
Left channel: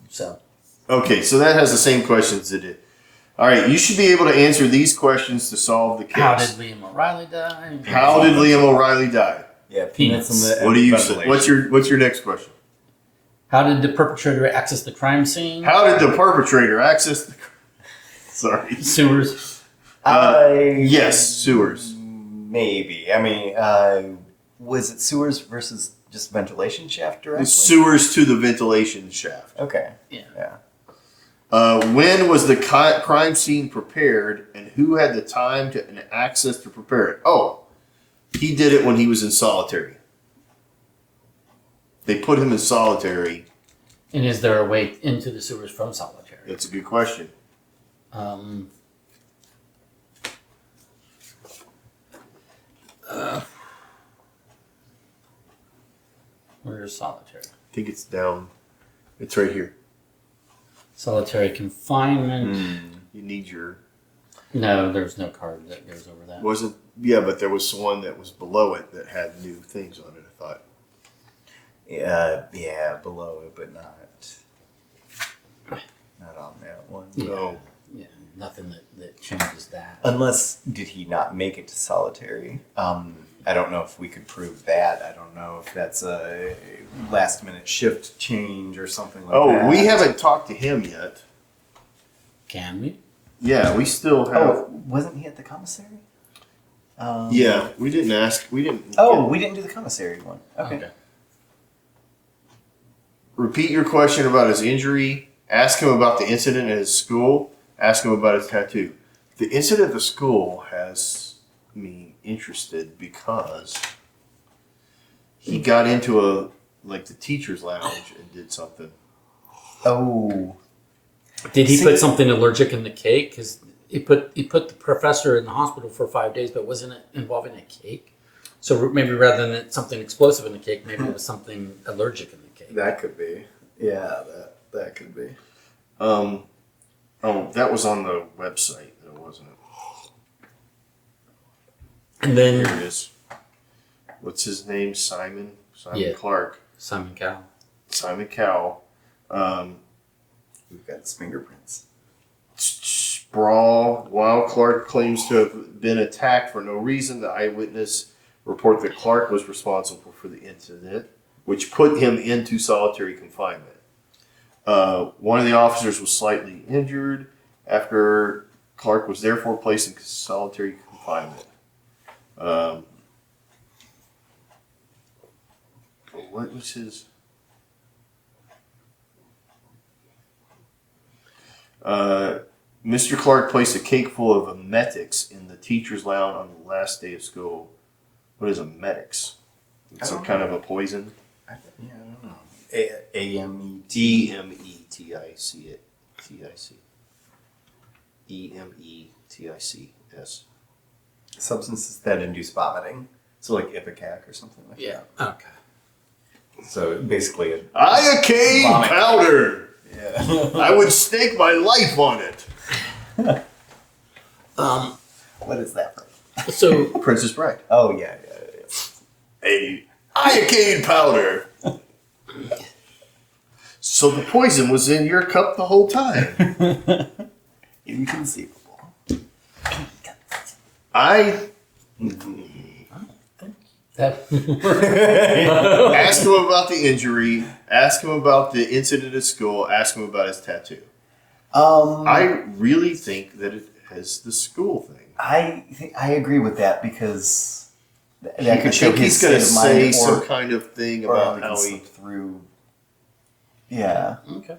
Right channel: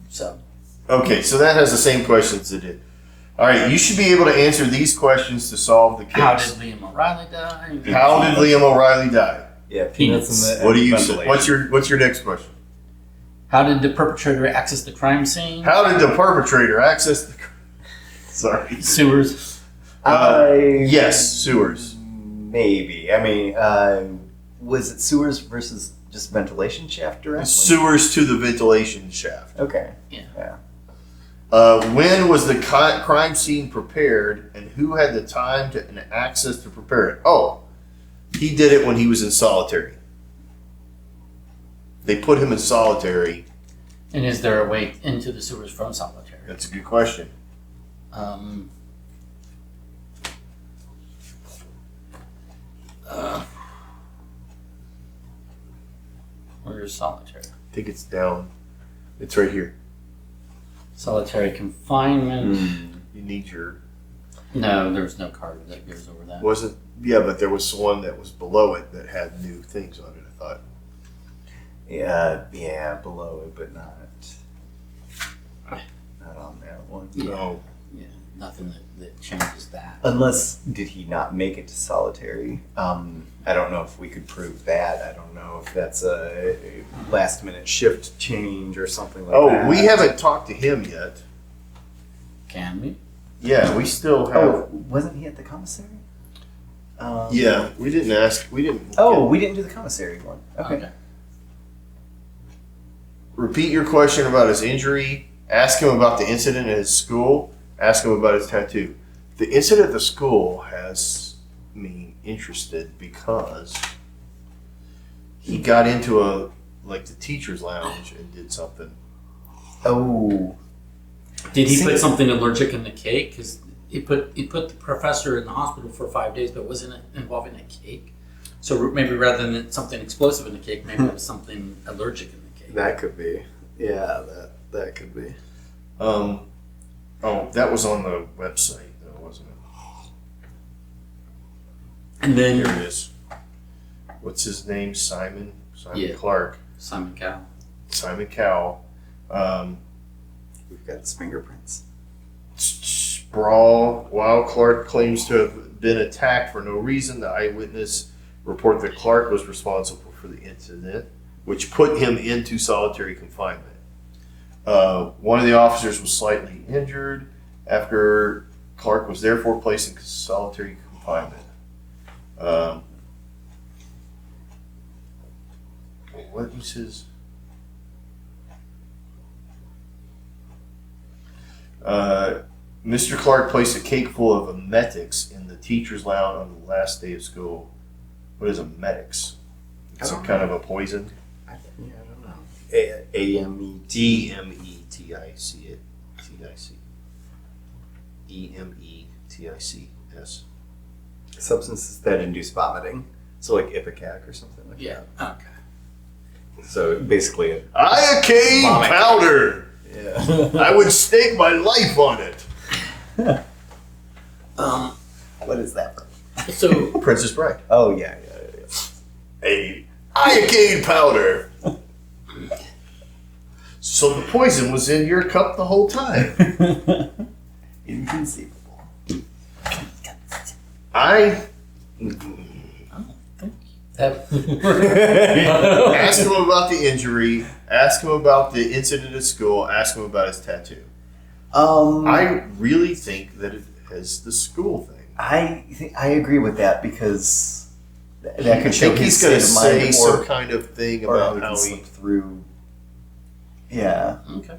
So Okay, so that has the same questions it did. All right, you should be able to answer these questions to solve the case. how did Liam O'Reilly die? How did Liam O'Reilly die? Yeah. Peanuts in the. What do you and say? ventilation. What's your next question? How did the perpetrator access the crime scene? How did the perpetrator access the? Sorry. Sewers. Yes, sewers. Maybe. I mean, was it sewers versus just ventilation shaft directly? Sewers to the ventilation shaft. Okay. Yeah. When was the crime scene prepared, and who had the time and access to prepare it? Oh, he did it when he was in solitary. They put him in solitary. And is there a way into the sewers from solitary? That's a good question. Where is solitary? I think it's down. It's right here. Solitary confinement. You need your. No, there's no card that goes over that. Wasn't. Yeah, but there was one that was below it that had new things on it, I thought. Yeah, below it, but not on that one. Yeah. No. Yeah, nothing that changes that. Unless, did he not make it to solitary? I don't know if we could prove that. I don't know if that's a last minute shift change or something like that. Oh, we haven't talked to him yet. Can we? Yeah, we still have. Oh, wasn't he at the commissary? Yeah, we didn't ask. We didn't. Oh, we didn't do the commissary one. Okay. Repeat your question about his injury. Ask him about the incident at his school. Ask him about his tattoo. The incident at the school has me interested because he got into the teacher's lounge and did something. Oh. Did he See- put something allergic in the cake? Because he put the professor in the hospital for 5 days, but wasn't it involving a cake? So maybe rather than something explosive in the cake, maybe it was something allergic in the cake. That could be. Yeah, that could be. Oh, that was on the website, though, wasn't it? And then There it is. What's his name? Simon Yeah. Clark. Simon Cowell. Simon Cowell. We've got his fingerprints. Sprawl. While Clark claims to have been attacked for no reason, the eyewitness report that Clark was responsible for the incident, which put him into solitary confinement. One of the officers was slightly injured after Clark was therefore placed in solitary confinement. What was his? Mr. Clark placed a cake full of emetics in the teacher's lounge on the last day of school. What is emetics? It's some kind of a poison. I don't know. A-M-E-T. E-M-E-T-I-C. E-M-E-T-I-C-S. Substances that induce vomiting. So like Ipecac or something like Yeah. that. Okay. So basically a Iocane Vomit. powder. yeah. I would stake my life on it. What is that from? So Princess Bride. Oh yeah. A iocane powder. So the poison was in your cup the whole time. Inconceivable. I That, asked him about the injury, asked him about the incident at school, asked him about his tattoo. I really think that it has the school thing. I agree with that because that I could show think his he's going to state of say mind some or kind of thing how about he how can he. slip through. Yeah. okay.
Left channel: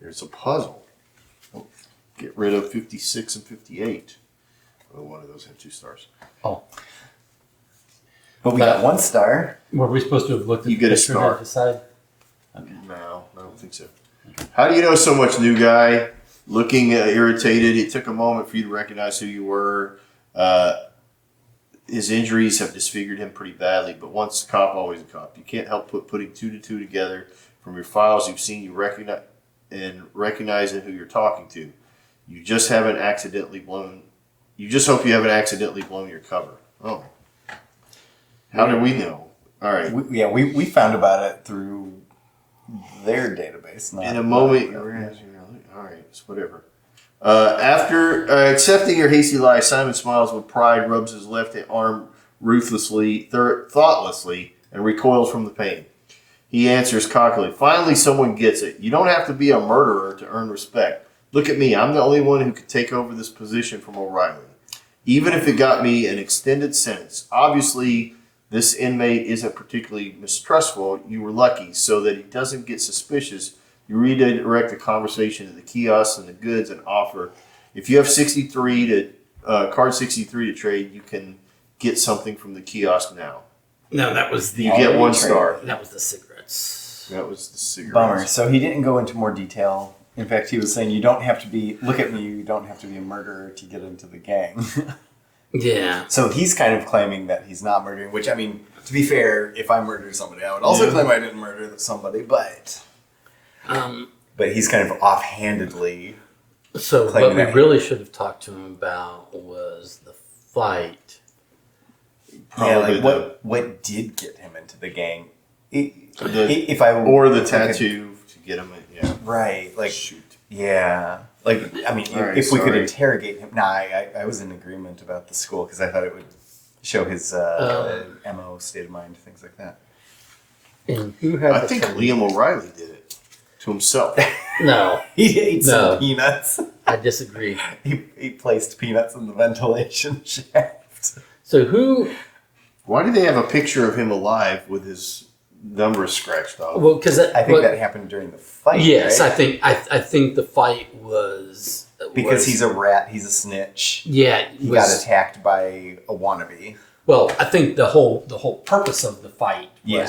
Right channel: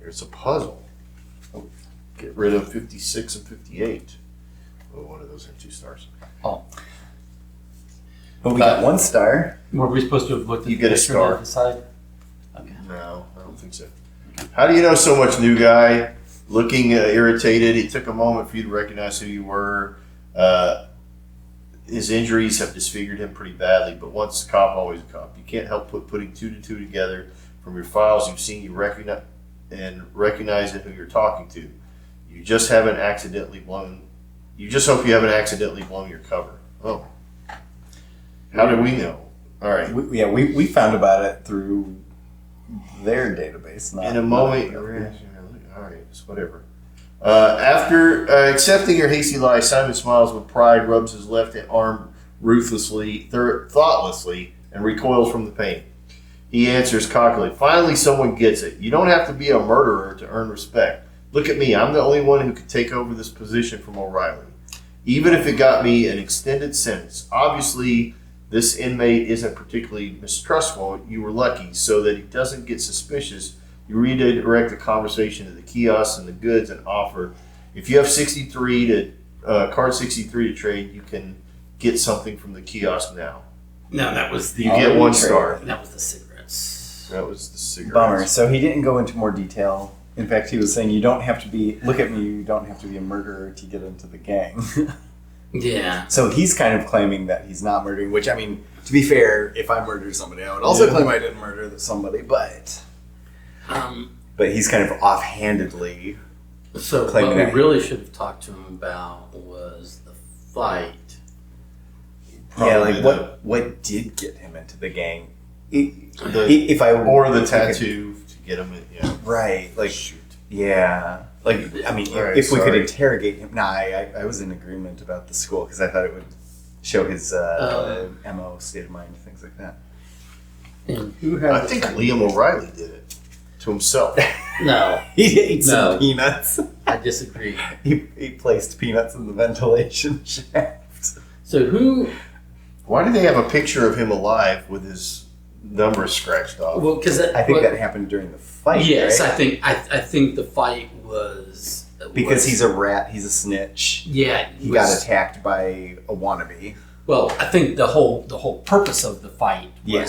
There's a puzzle. Get rid of 56 and 58. Oh, one of those had 2 stars. Oh, But we got 1 star. were we supposed to have looked at You the get a picture star. at the side? Okay. No, I don't think so. How do you know so much, new guy? Looking irritated. It took a moment for you to recognize who you were. His injuries have disfigured him pretty badly, but once a cop, always a cop. You can't help putting 2 to 2 together from your files you've seen. You recognize recognizing who you're talking to. You just haven't accidentally blown. You just hope you haven't accidentally blown your cover. Oh, how do we know? All right. We found about it through their database. Not In a moment, all right, it's whatever. After accepting your hasty lie, Simon smiles with pride, rubs his left arm ruthlessly, thoughtlessly, and recoils from the pain. He answers cockily, "Finally, someone gets it. You don't have to be a murderer to earn respect. Look at me. I'm the only one who could take over this position from O'Reilly, even if it got me an extended sentence. Obviously, this inmate isn't particularly mistrustful. You were lucky, so that he doesn't get suspicious. You redirect the conversation to the kiosks and the goods and offer, if you have 63 to card 63 to trade, you can get something from the kiosk now. no, that was the You get 1 star. that was the cigarettes. That was the cigarette. Bummer. So he didn't go into more detail. In fact, he was saying you don't have to be. Look at me. You don't have to be a murderer to get into the gang. Yeah. So he's kind of claiming that he's not murdering. Which I mean, to be fair, if I murdered somebody, I would also claim I didn't murder somebody. But he's kind of offhandedly. So Claiming what we that. really should have talked to him about was the fight. Yeah, Probably like what did get him into the gang? The- If I or the if I could- tattoo to get him. Yeah. right? Like Shoot. yeah, like I mean, All right, if we could sorry. interrogate him. Nah, I was in agreement about the school because I thought it would show his MO, state of mind, things like that. And who had I think Liam O'Reilly did it to himself. No, He ate No. some peanuts. I disagree. He placed peanuts in the ventilation shaft. So who? Why do they have a picture of him alive with his number scratched off? Well, because I think that happened during the fight. yes, right? I think the fight was Because he's a rat, he's a snitch. yeah. He got attacked by a wannabe. Well, I think the whole purpose of the fight was Yeah.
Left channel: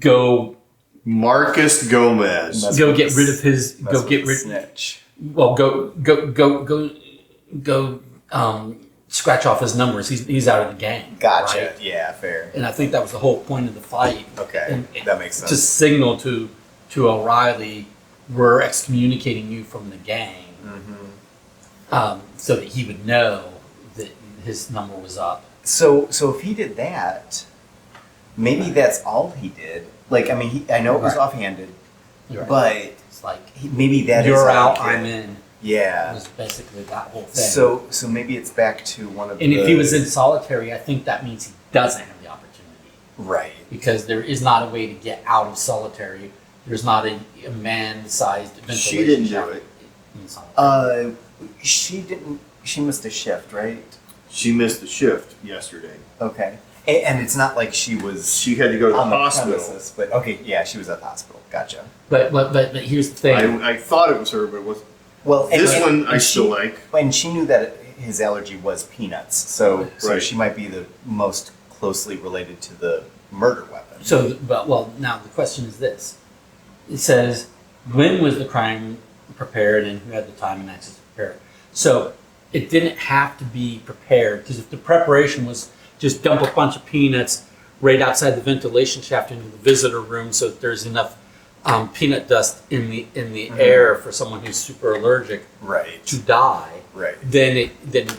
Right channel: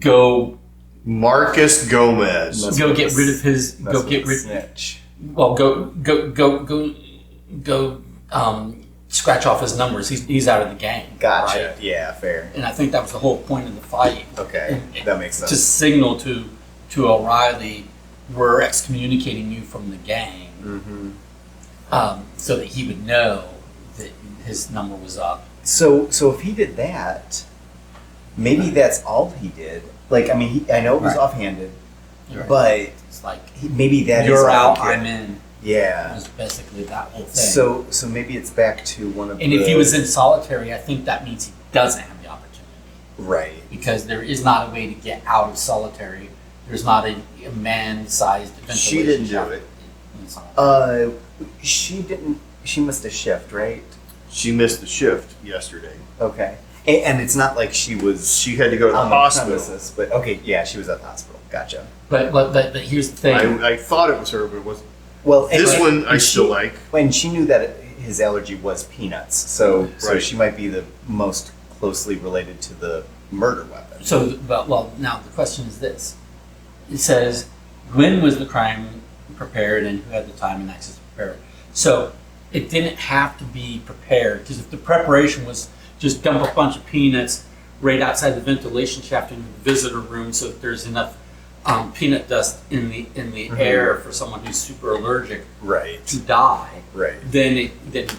go Marcus Gomez. That's go what get the- rid of his That's go what get the rid snitch. well go scratch off his numbers. He's out of the game. Gotcha. right? Yeah, fair. And I think that was the whole point of the fight. Okay, And- that makes sense. To signal to O'Reilly, we're excommunicating you from the gang, Mm-hmm. so that he would know that his number was up. So if he did that, maybe that's all he did. Like, I mean, I know it was Right. offhanded, Right. but It's like maybe that is you're all out, he did. I'm in. It Yeah. was basically that whole thing. So maybe it's back to one of and the... if he was in solitary, I think that means he doesn't have the opportunity Right. because there is not a way to get out of solitary. There's not a man-sized ventilation. She didn't do shaft it. in solitary. She didn't... She missed a shift, right? She missed the shift yesterday. Okay. And it's not like she was She had to go to the on hospital. premises, but okay, yeah, she was at the hospital. Gotcha. But here's the thing. I thought it was her, but it wasn't. Well, and This one I and still she- like. And she knew that his allergy was peanuts, so Right. she might be the most closely related to the murder weapon. So, but well, now the question is this: it says, when was the crime prepared, and who had the time and access to prepare it? So, it didn't have to be prepared because if the preparation was just dump a bunch of peanuts right outside the ventilation shaft into the visitor room, so that there's enough peanut dust in the air for someone who's super allergic Right. to die, Right. then it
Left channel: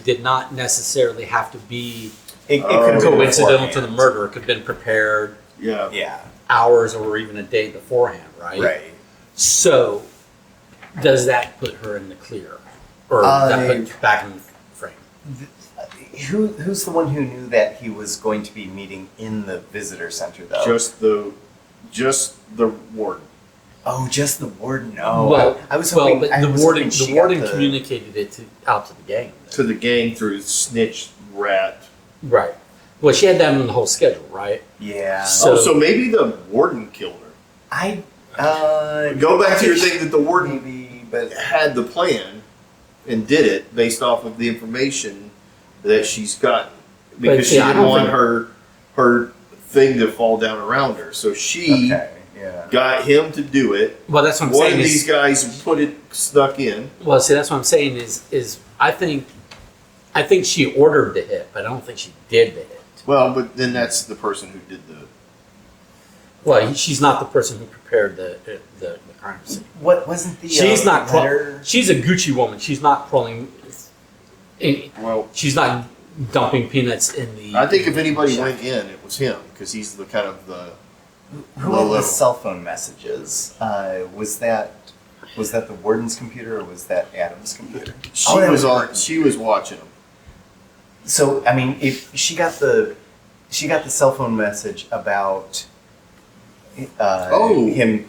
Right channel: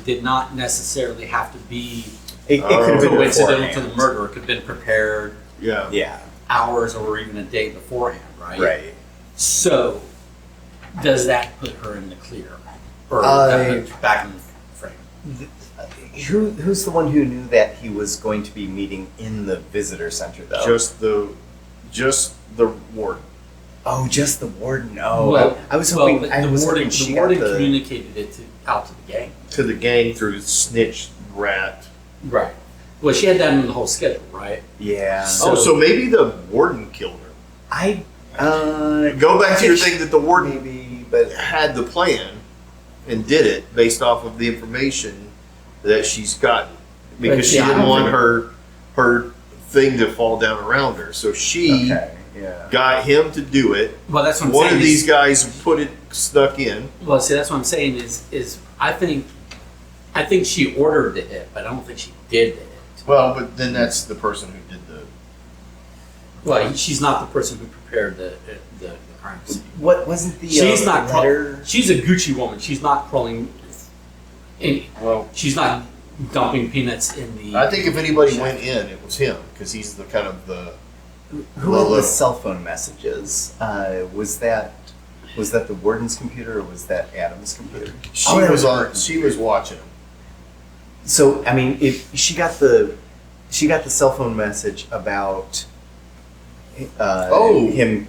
did not necessarily have to be It could have been coincidental to the beforehand. murder. It could have been prepared Yeah. Yeah. hours or even a day beforehand, right? Right. So, does that put her in the clear, or that put her back in the frame? Who's the one who knew that he was going to be meeting in the visitor center, though? Just the warden. Oh, just the warden. Oh, well, I was well, hoping. but I the was warden, hoping she the got warden communicated it out to the gang. To the gang through snitch rat. Right. Well, she had that in the whole schedule, right? Yeah. So- So maybe the warden killed her. I Go back to your thing that the warden maybe, but had the plan and did it based off of the information that she's gotten because she see, I didn't don't want think- her thing to fall down around her. So she okay, yeah. got him to do it. Well, that's what I'm One saying. of is- these guys snuck in. Well, see, that's what I'm saying is I think she ordered the hit, but I don't think she did the hit. Well, but then that's the person who did the. Well, she's not the person who prepared the crime scene. What wasn't the She's not. letter? She's a Gucci woman. She's not crawling. Well, She's not dumping peanuts in the. I think if anybody went in, it was him because he's the kind of the. Who had Low. the cell phone messages? Was that the warden's computer or was that Adam's computer? She Oh, that was was on. her. She was watching him. So I mean, if she got the cell phone message about Oh. him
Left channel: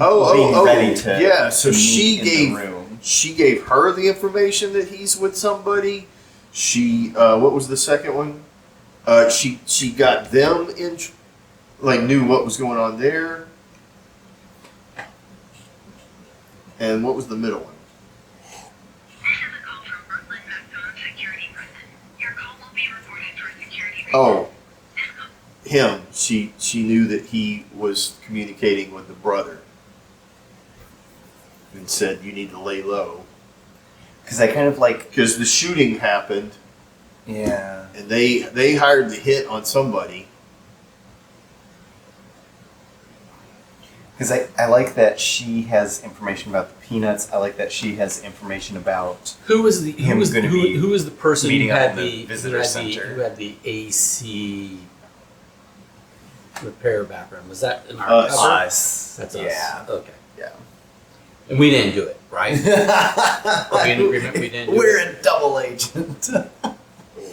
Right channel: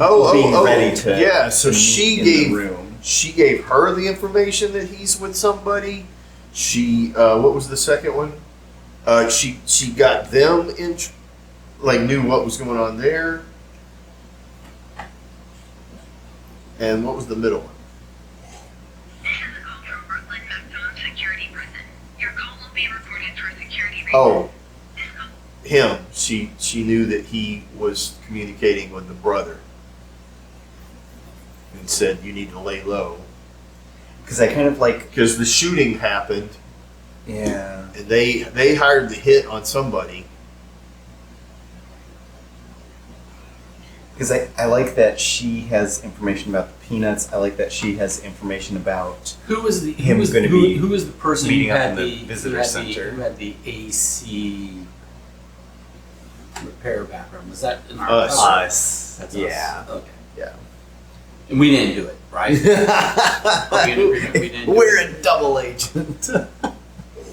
Oh, being ready to yeah. So to meet she in gave the room. she gave her the information that he's with somebody. She what was the second one? She got them in, like knew what was going on there. And what was the middle one? This is a call from Brooklyn Macdon Security Prison. Your call will be recorded for security reasons. Oh, This call him. She knew that he was communicating with the brother, and said you need to lay low Because I kind of like, because the shooting happened, yeah. and they hired the hit on somebody. Because I like that she has information about the peanuts. I like that she has information about Who was the Him who was, gonna who, be who was the person meeting who up had in the the visitor who had center. who had the AC repair background? Was that in our Us. cover? us. That's Yeah. us. Okay. Yeah. And we didn't do it, right? Are we in agreement we didn't do We're it? a double agent.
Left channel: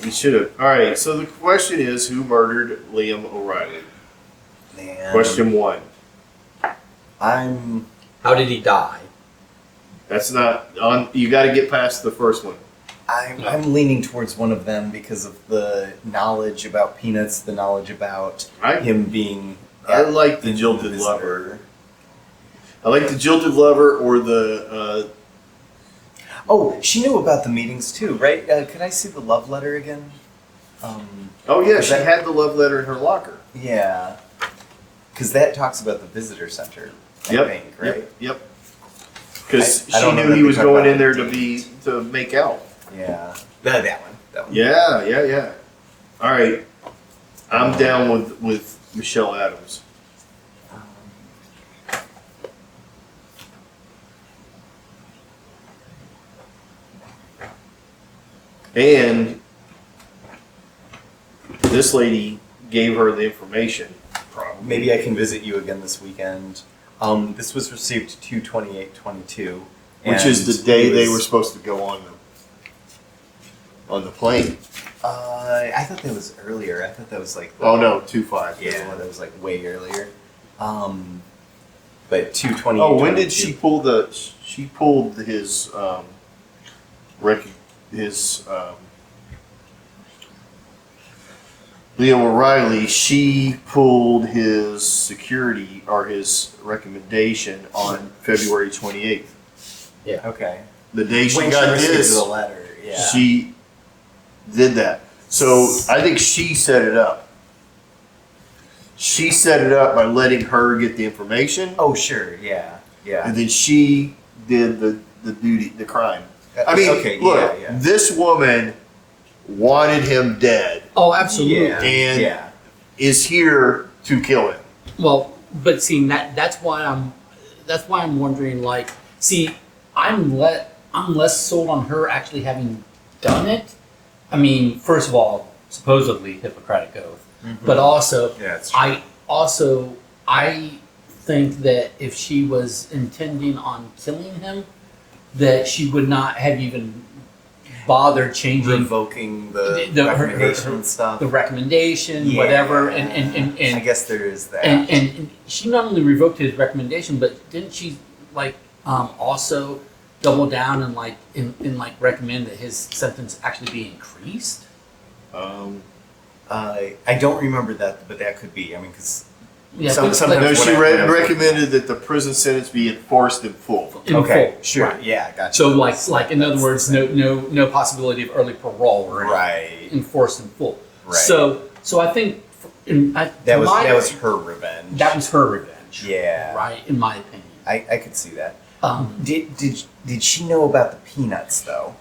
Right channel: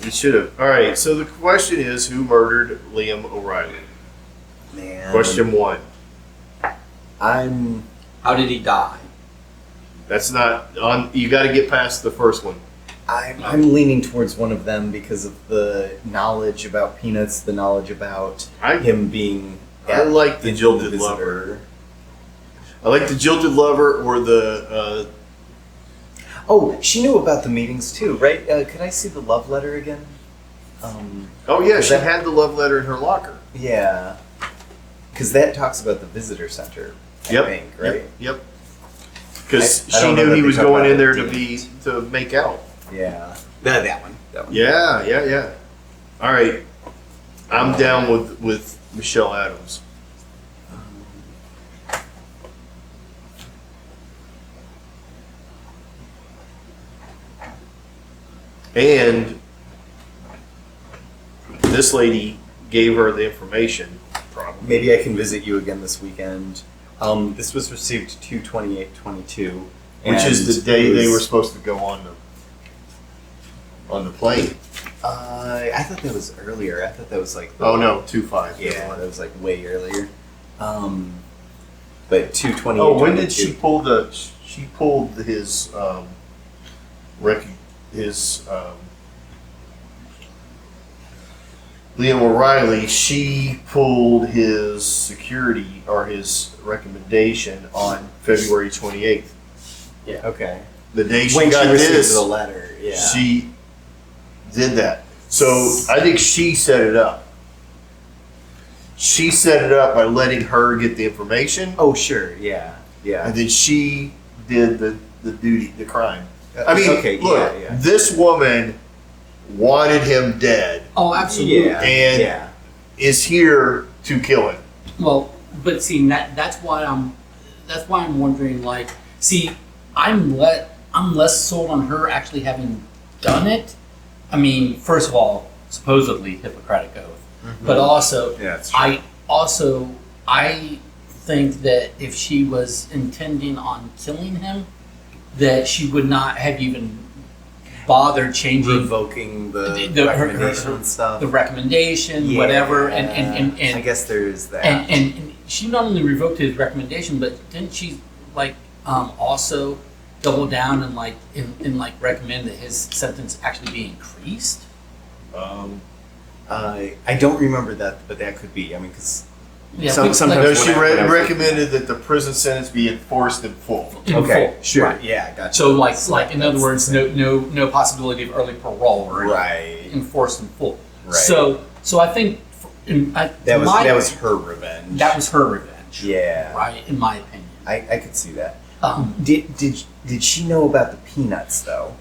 You should have. All right. So the question is, who murdered Liam O'Reilly? Man. Question one. I'm How did he die? That's not on. You got to get past the first one. I'm leaning towards one of them because of the knowledge about peanuts, the knowledge about I him being. I like the in jilted visitor. lover. I like the jilted lover or the. Oh, she knew about the meetings too, right? Could I see the love letter again? Oh yeah, Is she that- had the love letter in her locker. Yeah. Because that talks about the visitor center, I Yep. think, right? Yep. Because I she don't know knew that he they was talk going about in it there in to make out. Yeah. That one. That one. Yeah. All right, I'm down with Michelle Adams. And this lady gave her the information. Probably. Maybe I can visit you again this weekend. This was received 2/28/22, Which is the day they were supposed to go on the plane. I thought that was earlier. I thought that was like. Oh no, 2/5. Yeah, that was like way earlier. But 2/28. Oh, when did she pull the? She pulled his Leo O'Reilly. She pulled his security or his recommendation on February 28th. Yeah. Okay. The day she when got she received this, the letter. Yeah. she did that. So I think she set it up. She set it up by letting her get the information, Oh, sure. Yeah. Yeah. and then she did the duty, the crime. I mean, okay. look, Yeah. this woman wanted him dead Oh, absolutely. Yeah. and Yeah. is here to kill him. Well, but see, that's why I'm wondering. Like, see, I'm less sold on her actually having done it. I mean, first of all, supposedly Hippocratic oath, but also, Yeah, it's true. I think that if she was intending on killing him, that she would not have even bothered changing Revoking the her- recommendation and stuff. the recommendation, Yeah. whatever, and I guess there is that. and she not only revoked his recommendation, but didn't she like also double down and like like recommend that his sentence actually be increased? I don't remember that, but that could be. I mean, because Yeah, sometimes No, when she I- when I was recommended that the prison sentence be enforced in full. in okay, full. sure, Right. yeah, gotcha. So like in other words, no possibility of early parole or Right. enforced in full. Right. So I think That was her revenge. that was her revenge. Yeah. Right. In my opinion. I could see that. Um, Did she know about the peanuts though?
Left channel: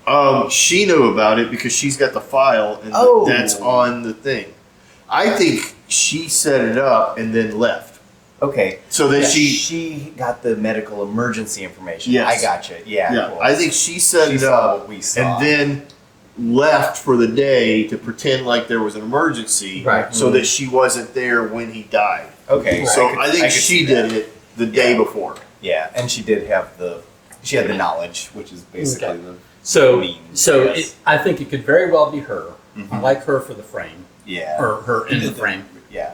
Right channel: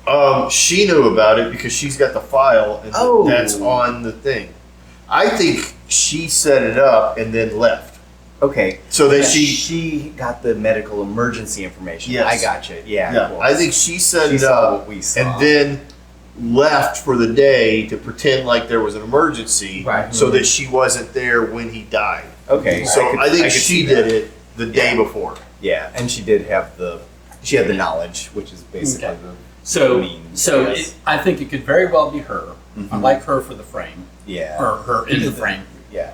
She knew about it because she's got the file and Oh. that's on the thing. I think she set it up and then left. Okay. So that she got the medical emergency information. Yes. I gotcha. Yeah. yeah, cool. I think she set She it saw up what we saw. and then left for the day to pretend like there was an emergency Right. so that she wasn't there when he died. Okay. So I think could she see that. did it the day Yeah. before. Yeah, and she did have she had the knowledge, which is basically Okay. the So means. so yes. I think it could very well be her. I Mhm. like her for the frame yeah. or her in the frame. Yeah.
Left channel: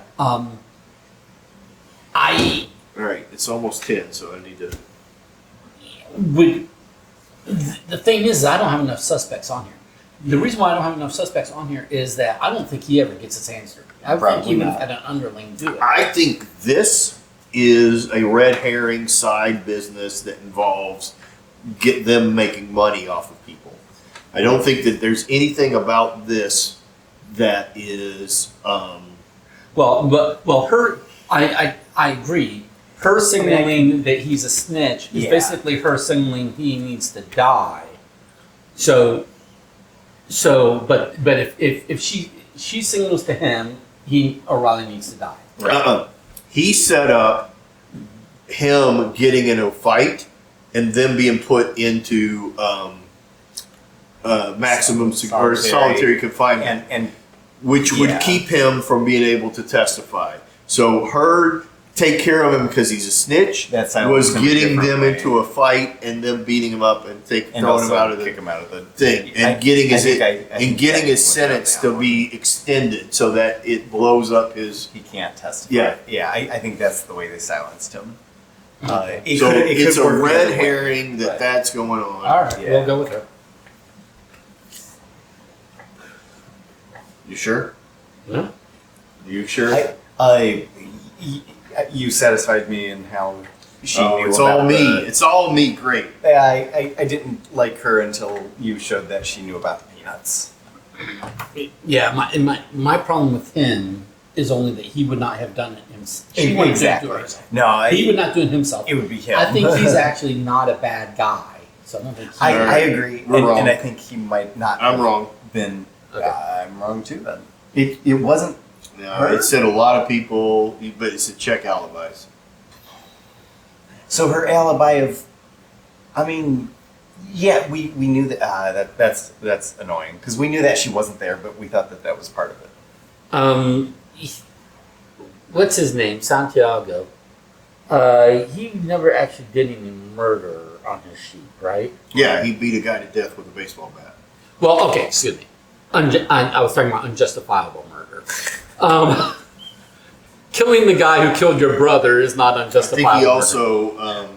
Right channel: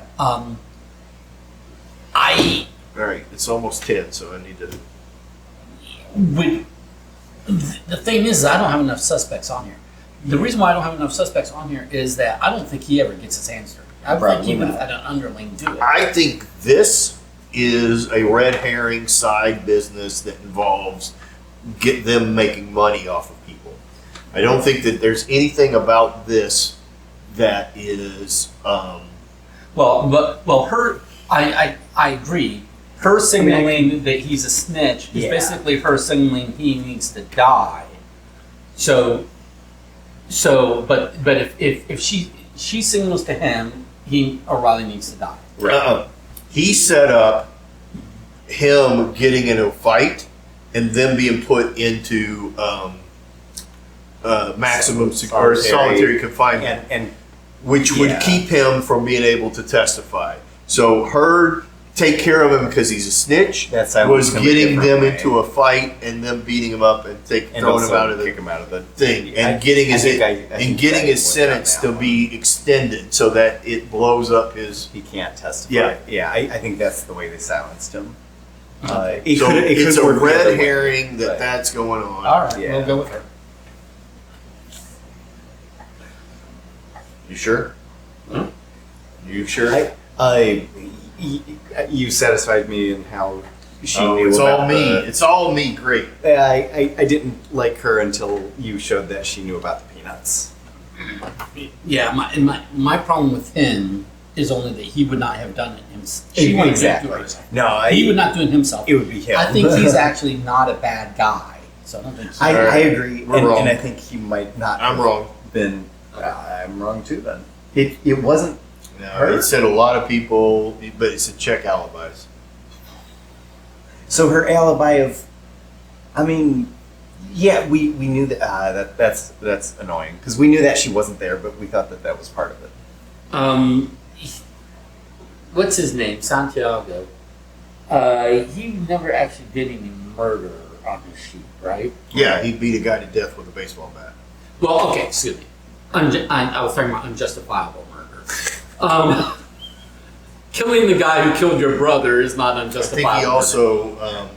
I All right, it's almost 10, so I need to. would. The thing is, I don't have enough suspects on here. The reason why I don't have enough suspects on here is that I don't think he ever gets his hands dirty. I think Probably even not. if an underling do it. I think this is a red herring side business that involves get them making money off of people. I don't think that there's anything about this that is. Well, her. I agree. Her signaling that he's a snitch is Yeah. basically her signaling he needs to die. But if she signals to him, O'Reilly needs to die. He set up him getting in a fight and them being put into maximum or solitary confinement, And which would yeah. keep him from being able to testify. So her take care of him because he's a snitch That's was gonna be getting different, them right? into a fight and them beating him up and throwing him also out of the kick him out of the thing I and getting his think I think getting that his went down sentence that to one. be extended so that it blows up his. He can't testify. Yeah. Yeah. I think that's the way they silenced him. So It it's could a work the other red way, herring that but- that's going on. All right, Yeah. we'll go with her. You sure? Yeah. You sure? You satisfied me in how she Oh, knew it's about all me. the- It's all me. Great. I didn't like her until you showed that she knew about the peanuts. Yeah, my problem with him is only that he would not have done it himself. He wouldn't do it himself. No, He would not do it himself. it would be him. I think he's actually not a bad guy. So I don't think he, I agree. We're and, wrong. and I think he might not I'm have wrong. been. Okay. I'm wrong too then. It wasn't. No, Her? it said a lot of people, but it's a check alibis. So her alibi of, I mean, yeah, we knew that that's annoying because we knew that she wasn't there, but we thought that was part of it. What's his name? Santiago. He never actually did any murder on his sheet, right? Yeah, he beat a guy to death with a baseball bat. Well, okay, excuse me. I was talking about unjustifiable murder. Killing the guy who killed your brother is not I unjustifiable. think he murder. also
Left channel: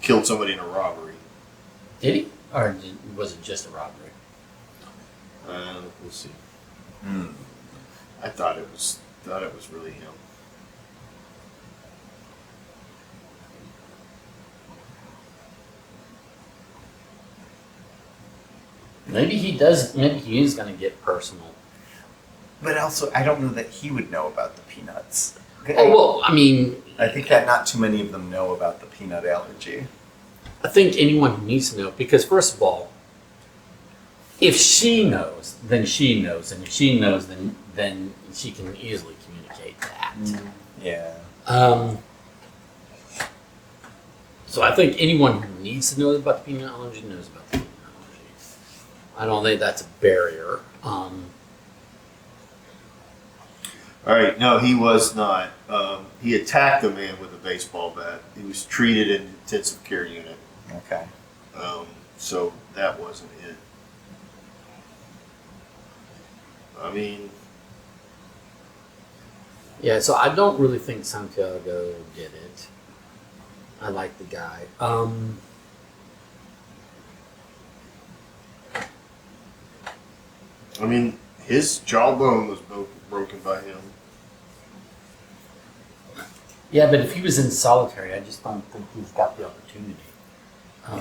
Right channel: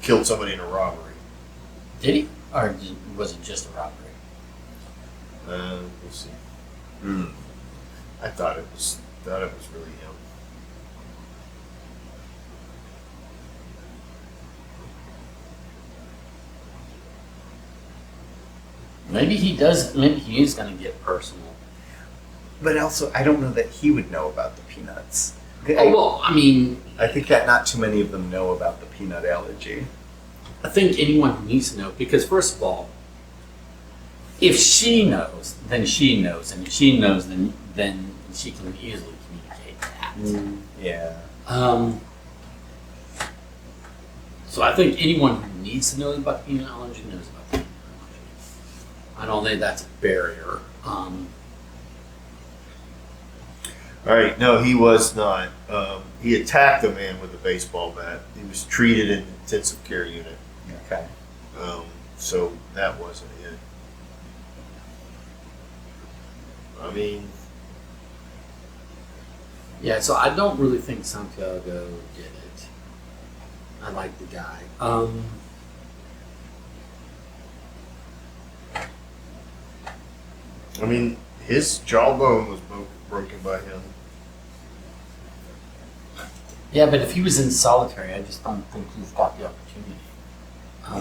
killed somebody in a robbery. Did he, or was it just a robbery? We'll see. Hmm. I thought it was really him. Maybe he does. Maybe he is going to get personal. But also, I don't know that he would know about the peanuts. Oh, well, I mean, I think that not too many of them know about the peanut allergy. I think anyone needs to know because, first of all, if she knows, then she knows, and if she knows, then she can easily communicate that. Yeah. So I think anyone who needs to know about the peanut allergy knows about the peanut allergy. I don't think that's a barrier. All right, no, he was not. He attacked a man with a baseball bat. He was treated in an intensive care unit. Okay. So that wasn't it. I mean, Yeah, so I don't really think Santiago did it. I like the guy. I mean, his jawbone was broken by him. Yeah, but if he was in solitary, I just don't think he's got the opportunity.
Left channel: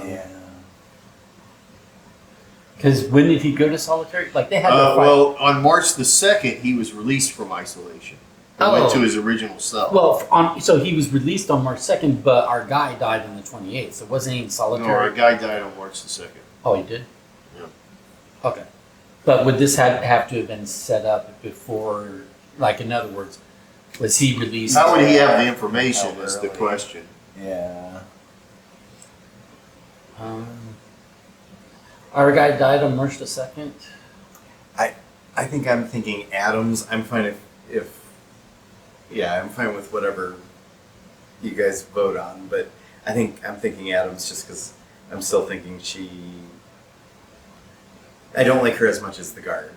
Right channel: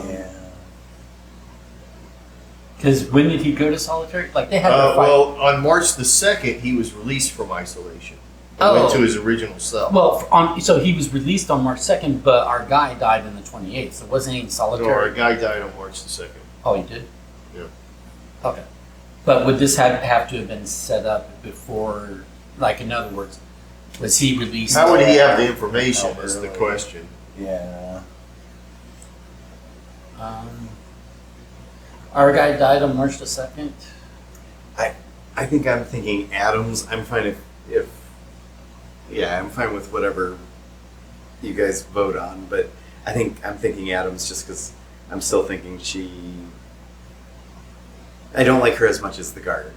Yeah. Because when did he go to solitary? Like they had to fight. Well, on March the 2nd, he was released from isolation. He went to his original cell. Well, so he was released on March 2nd, but our guy died on the 28th. So wasn't he in No, solitary? our guy died on March the 2nd. Oh, he did? Yeah. Okay. But would this have to have been set up before, like, in other words, was he released? How would he have the information How is the early? question. Yeah. Our guy died on March the 2nd? I think I'm thinking Adams. I'm fine if yeah, I'm fine with whatever you guys vote on, but I'm thinking Adams just because I'm still thinking I don't like her as much as the guard.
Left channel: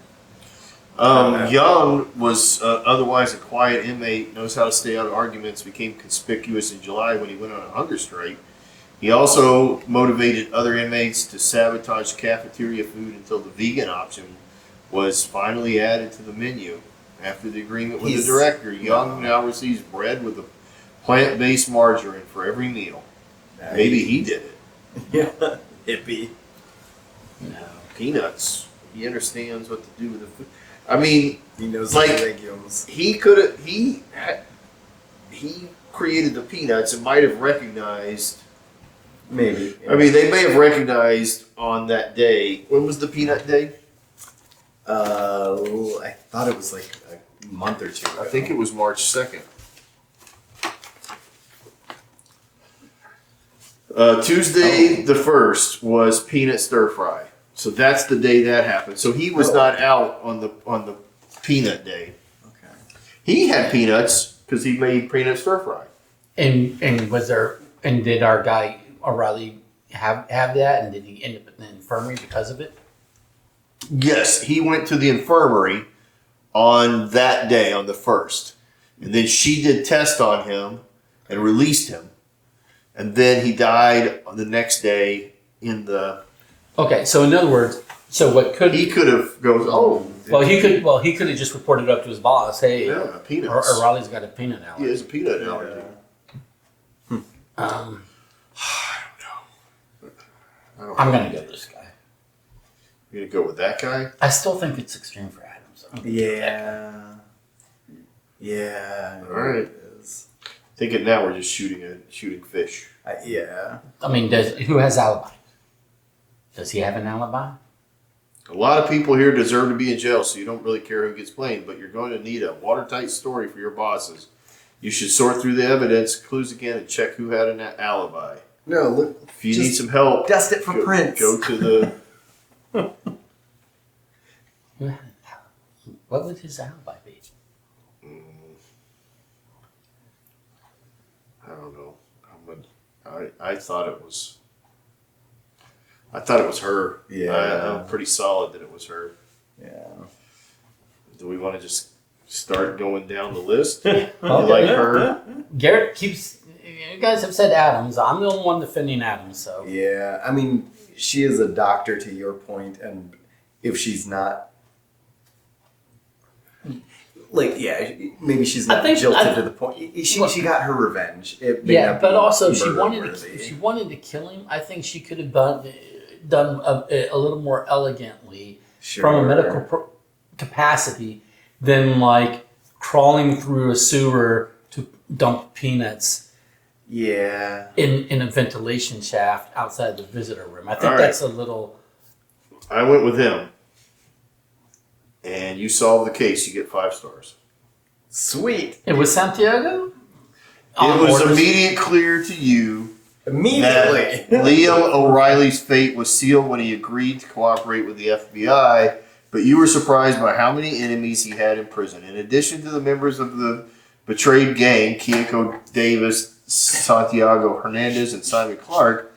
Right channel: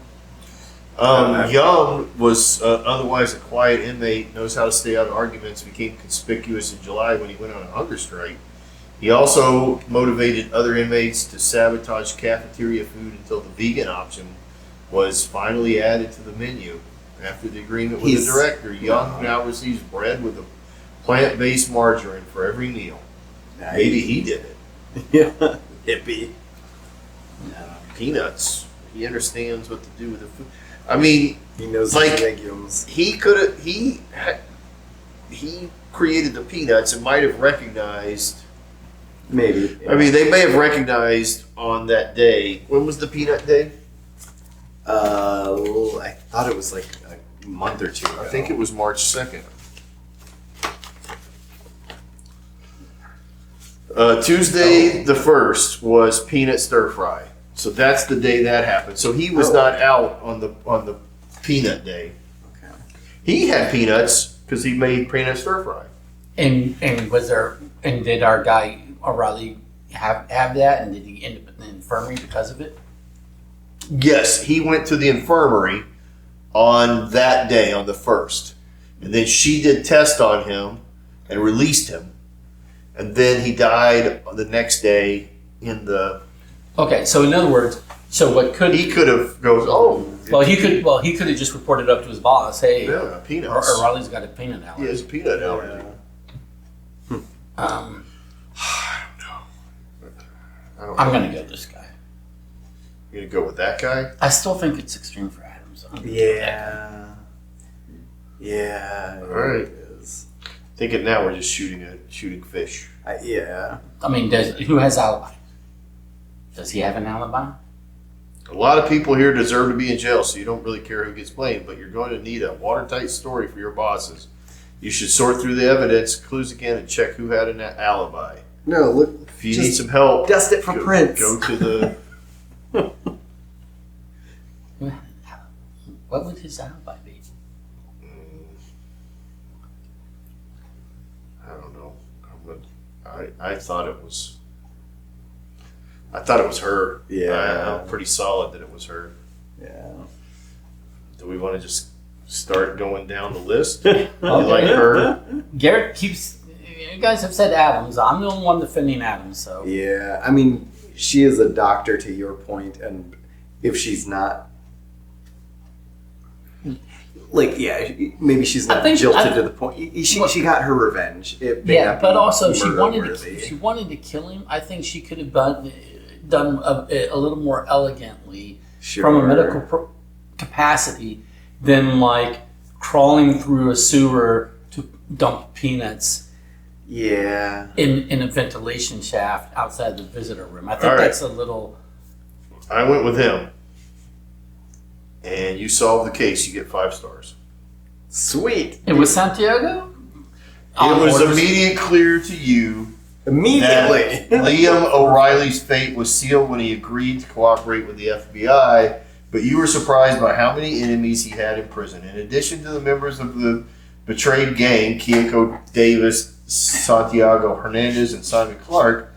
Young was otherwise a quiet inmate, knows how to stay out of arguments, became conspicuous in July when he went on a hunger strike. He also motivated other inmates to sabotage cafeteria food until the vegan option was finally added to the menu. After the agreement with the director, Young now receives bread with a plant-based margarine for every meal. Maybe he did it. Yeah. Hippie. Peanuts. He understands what to do with the food. I mean, He knows Like- the legumes. he could have. He created the peanuts and might have recognized. Maybe. I mean, they may have recognized on that day. When was the peanut day? I thought it was like a month or two ago. I think it was March 2nd. Tuesday the 1st was peanut stir fry. So that's the day that happened. So he was not out on the peanut day. Okay. He had peanuts because he made peanut stir fry. And did our guy O'Reilly have that? And did he end up in the infirmary because of it? Yes, he went to the infirmary on that day, on the 1st. And then she did test on him and released him. And then he died the next day in the... Okay, so in other words, He could have goes, oh. he could have just reported up to his boss, hey, Yeah, peanuts. O'Reilly's got a peanut He allergy. has a peanut allergy. Um, I don't I'm know. gonna go with this guy. You're going to go with that guy? I still think it's extreme for Adams. I'm gonna go with that guy. Yeah. All right. It is. Thinking now we're just shooting fish. Yeah. I mean, who has alibi? Does he have an alibi? A lot of people here deserve to be in jail, so you don't really care who gets blamed, but you're going to need a watertight story for your bosses. You should sort through the evidence, clues again, and check who had an alibi. No, look. If you need some help, Dust it for prints. Go to the... What would his alibi be? I don't know. I thought it was. I thought it was her. Yeah. I'm pretty solid that it was her. Yeah. Do we want to just start going down the list? You like her? Garrett keeps. You guys have said Adams. I'm the only one defending Adams, so. Yeah. I mean, she is a doctor to your point, and if she's not. Like, yeah, maybe she's not jilted to the point. She got her revenge. It may not but be also if murder-worthy. she wanted to kill him, I think she could have done a little more elegantly from a medical capacity than like crawling through a sewer to dump peanuts. Yeah. In a ventilation shaft outside the visitor room. I think All right. that's a little. I went with him. And you solve the case, you get 5 stars. Sweet. It was Santiago? It was immediate clear to you Immediately. that Liam O'Reilly's fate was sealed when he agreed to cooperate with the FBI, but you were surprised by how many enemies he had in prison. In addition to the members of the betrayed gang, Keiko Davis, Santiago Hernandez, and Simon Clark,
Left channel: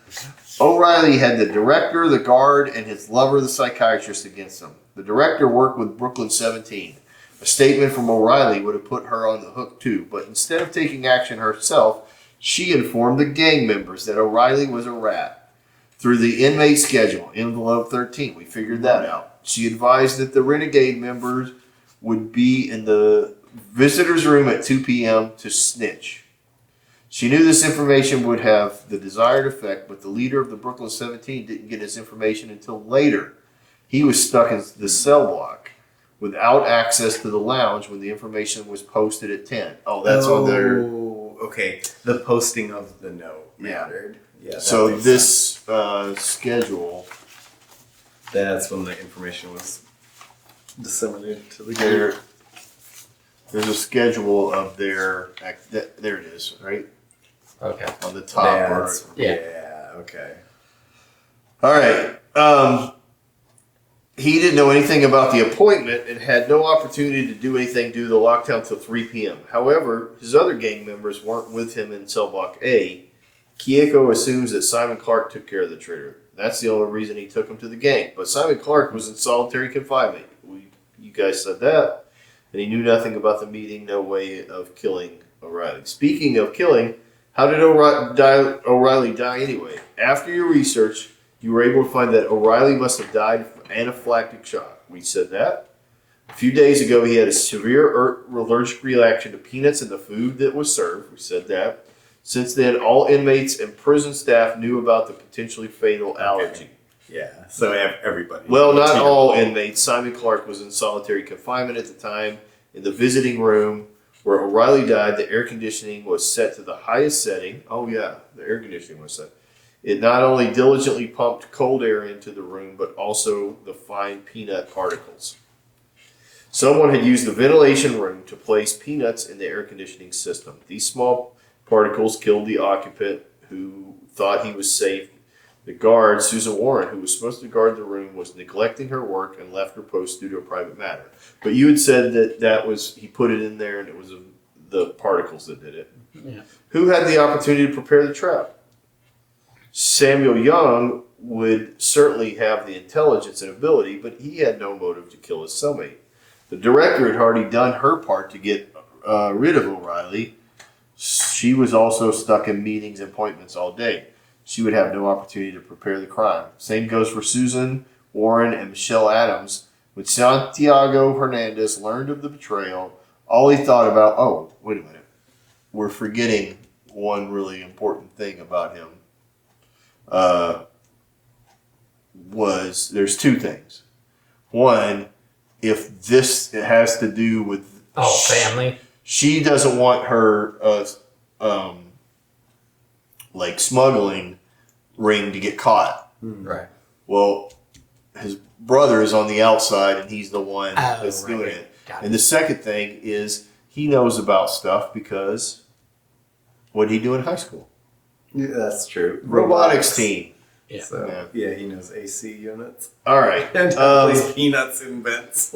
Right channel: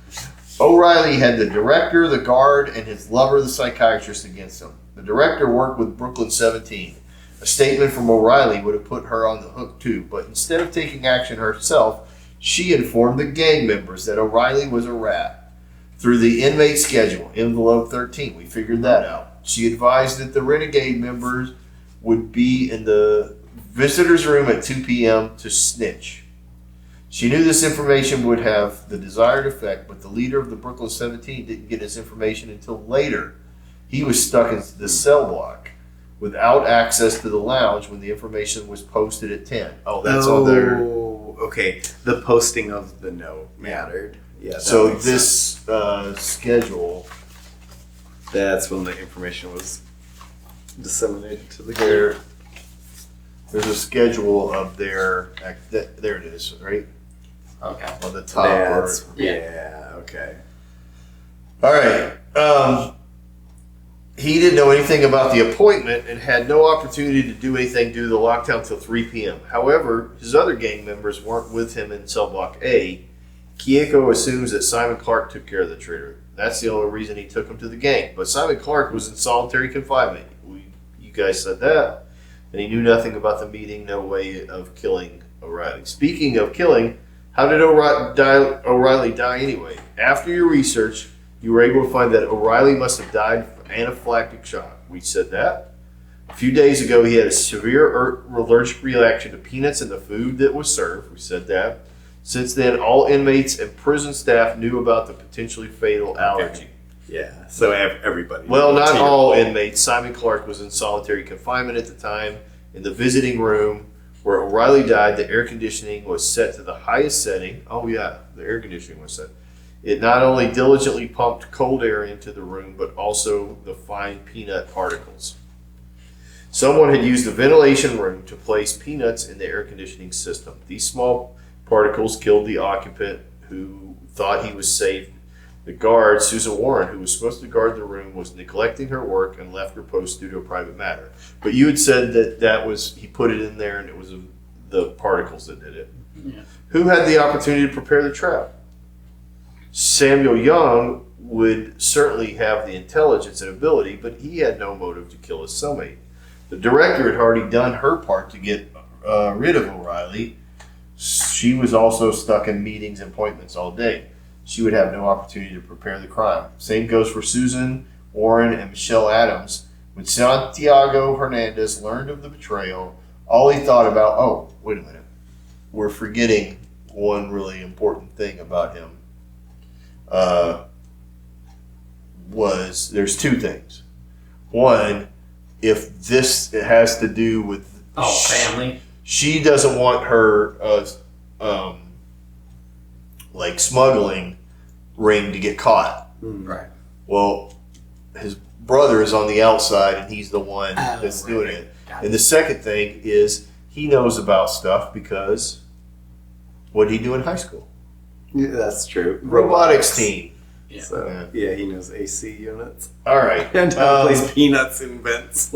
O'Reilly had the director, the guard, and his lover, the psychiatrist, against him. The director worked with Brooklyn 17. A statement from O'Reilly would have put her on the hook too, but instead of taking action herself, she informed the gang members that O'Reilly was a rat. Through the inmate schedule, envelope 13, we figured that out. She advised that the renegade members would be in the visitor's room at 2 p.m. to snitch. She knew this information would have the desired effect, but the leader of the Brooklyn 17 didn't get his information until later. He was stuck in the cell block without access to the lounge when the information was posted at 10. Oh, that's on their... Okay. The posting of the note mattered. Yeah. that So makes this schedule, That's when the information was disseminated to the there's a schedule of their... There it is, right? Okay. On the top. Yeah. Okay. All right. He didn't know anything about the appointment and had no opportunity to do anything due to the lockdown till 3 p.m. However, his other gang members weren't with him in cell block A. Keiko assumes that Simon Clark took care of the traitor. That's the only reason he took him to the gang. But Simon Clark was in solitary confinement. You guys said that. And he knew nothing about the meeting, no way of killing O'Reilly. Speaking of killing, how did O'Reilly die anyway? After your research, you were able to find that O'Reilly must have died from anaphylactic shock. We said that. A few days ago, he had a severe allergic reaction to peanuts in the food that was served. We said that. Since then, all inmates and prison staff knew about the potentially fatal allergy. Yeah. So everybody. Well, not all inmates. Simon Clark was in solitary confinement at the time. In the visiting room where O'Reilly died, the air conditioning was set to the highest setting. Oh, yeah, the air conditioning was set. It not only diligently pumped cold air into the room, but also the fine peanut particles. Someone had used the ventilation room to place peanuts in the air conditioning system. These small particles killed the occupant who thought he was safe. The guard, Susan Warren, who was supposed to guard the room, was neglecting her work and left her post due to a private matter. But you had said that was, he put it in there and it was the particles that did it. Yeah. Who had the opportunity to prepare the trap? Samuel Young would certainly have the intelligence and ability, but he had no motive to kill his cellmate. The director had already done her part to get rid of O'Reilly. She was also stuck in meetings and appointments all day. She would have no opportunity to prepare the crime. Same goes for Susan Warren and Michelle Adams. When Santiago Hernandez learned of the betrayal, all he thought about, oh, wait a minute, we're forgetting one really important thing about him. Was there's 2 things. One, if this has to do with family. She doesn't want her like smuggling ring to get caught. Right. Well, his brother is on the outside and he's the one that's doing it. And the second thing is he knows about stuff because what did he do in high school? Yeah, that's true. Robotics team. Yeah. So, yeah, he knows AC units. All right. And plays peanuts in vents.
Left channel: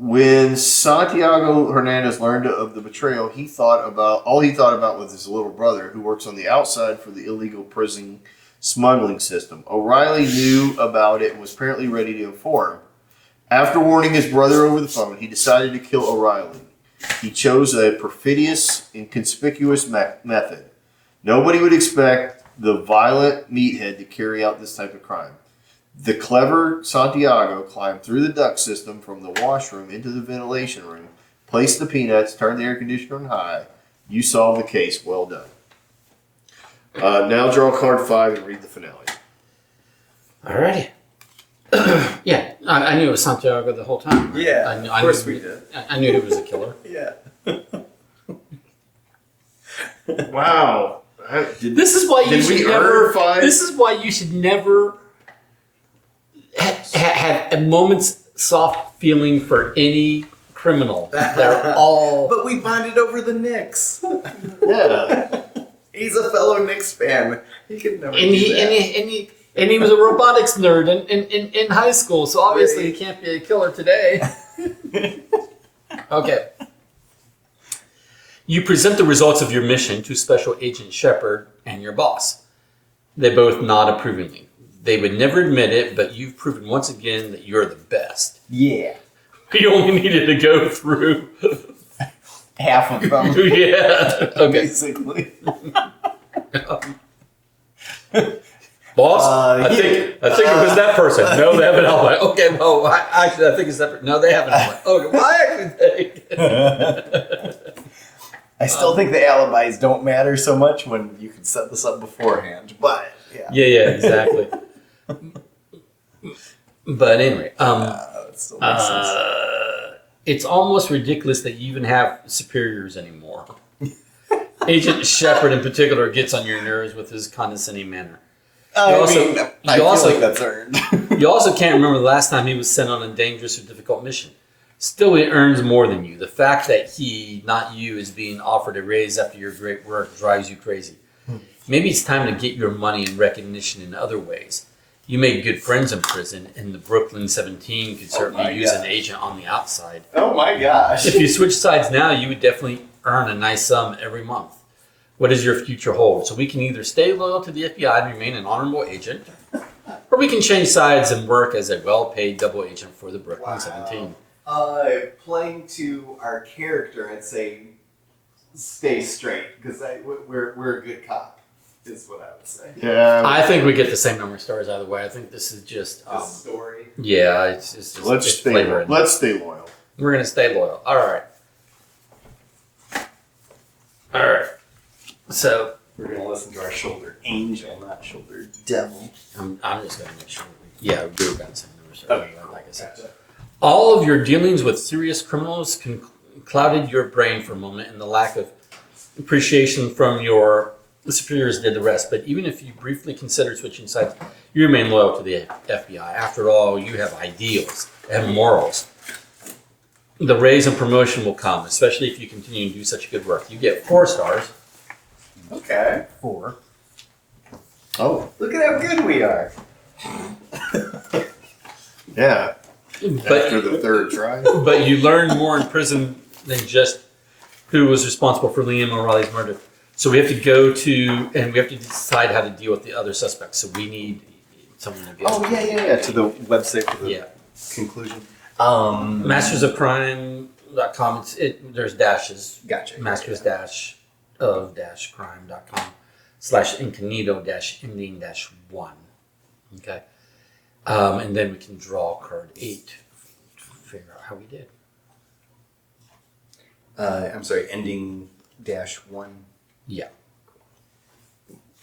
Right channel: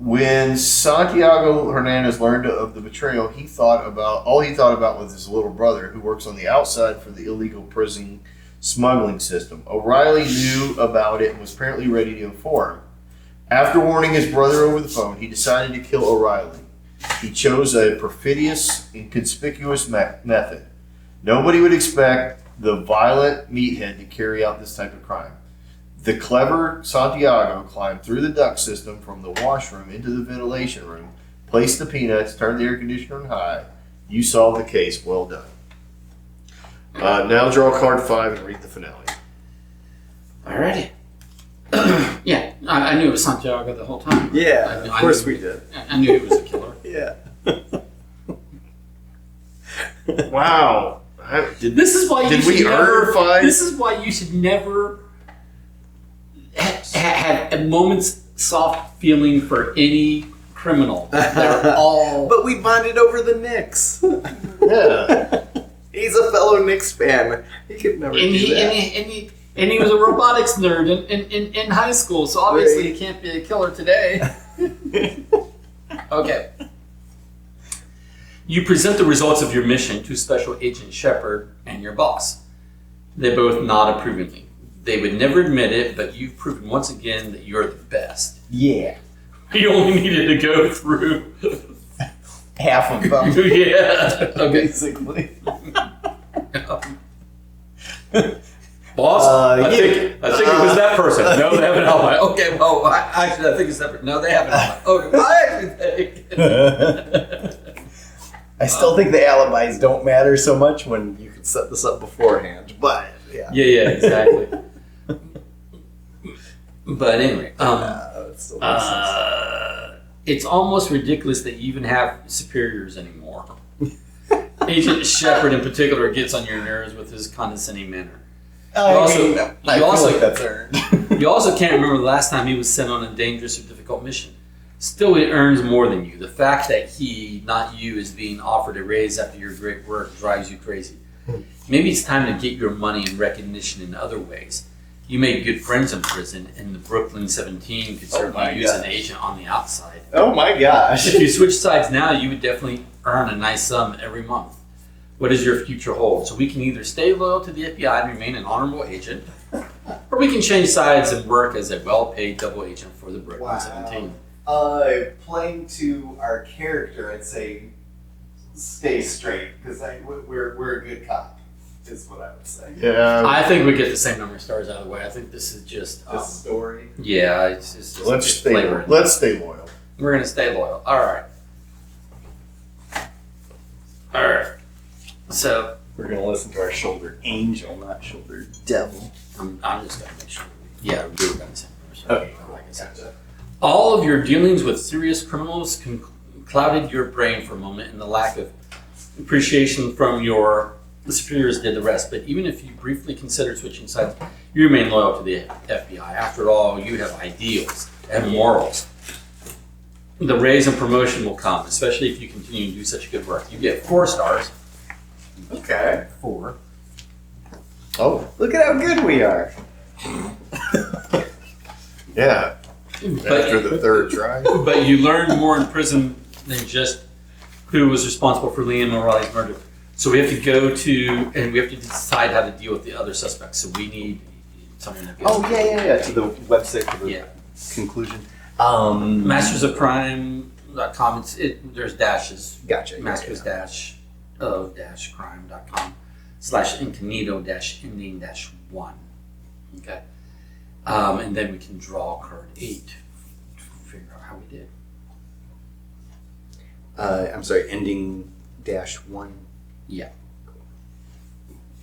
When Santiago Hernandez learned of the betrayal, all he thought about was his little brother, who works on the outside for the illegal prison smuggling system. O'Reilly knew about it and was apparently ready to inform. After warning his brother over the phone, he decided to kill O'Reilly. He chose a perfidious and conspicuous method. Nobody would expect the violent meathead to carry out this type of crime. The clever Santiago climbed through the duct system from the washroom into the ventilation room, placed the peanuts, turned the air conditioner on high. You solved the case. Well done. Now draw card 5 and read the finale. Alrighty. Yeah, I knew it was Santiago the whole time. Yeah, I knew, of course we did. I knew he was a killer. Yeah. Wow. This is why you Did should we never. earn 5? This is why you should never have a moment's soft feeling for any criminal. They're all. But we bonded over the Knicks. Yeah. He's a fellow Knicks fan. He could never do that. And he was a robotics nerd in high school, so obviously he can't be a killer today. Okay. You present the results of your mission to Special Agent Shepard and your boss. They both nod approvingly. They would never admit it, but you've proven once again that you're the best. Yeah. You only needed to go through Half of them. yeah. Okay. Basically. Boss, I yeah. think it was that person. No, they have an alibi. Okay, well, I think it's that person. No, they have an alibi. Okay, well, I actually think. I still think the alibis don't matter so much when you can set this up beforehand, but yeah. Yeah, exactly. But anyway, It still makes sense. it's almost ridiculous that you even have superiors anymore. Agent Shepard in particular gets on your nerves with his condescending manner. I feel like that's earned. You also can't remember the last time he was sent on a dangerous or difficult mission. Still, he earns more than you. The fact that he, not you, is being offered a raise after your great work drives you crazy. Maybe it's time to get your money and recognition in other ways. You made good friends in prison, and the Brooklyn 17 could certainly use an agent on the outside. Oh my gosh. If you switch sides now, you would definitely earn a nice sum every month. What does your future hold? So we can either stay loyal to the FBI and remain an honorable agent, or we can change sides and work as a well-paid double agent for the Brooklyn 17. Playing to our character, I'd say stay straight, because we're a good cop, is what I would say. Yeah. I think we get the same number of stars either way. I think this is just The story. yeah, it's just Let's it's stay flavor loyal. in it. Let's stay loyal. We're gonna stay loyal. All right. So We're going to listen to our shoulder angel, not shoulder devil. I'm just gonna make sure. Yeah, we were gonna say numbers. Okay, Like I said. Gotcha. All of your dealings with serious criminals clouded your brain for a moment, and the lack of appreciation from your superiors did the rest. But even if you briefly considered switching sides, you remain loyal to the FBI. After all, you have ideals and morals. The raise and promotion will come, especially if you continue to do such good work. You get 4 stars. Okay. 4. Oh, Look at how good we are. yeah. After the third try. But you learn more in prison than just who was responsible for Liam O'Reilly's murder. So we have to go to, and we have to decide how to deal with the other suspects. So we need someone to get. Oh yeah. To the website for the Yeah. conclusion. Mastersofcrime.com. There's dashes. Gotcha. Masters-of-crime.com/incognito-ending-1. Okay. And then we can draw card 8 to figure out how we did. I'm sorry, ending -1. Yeah.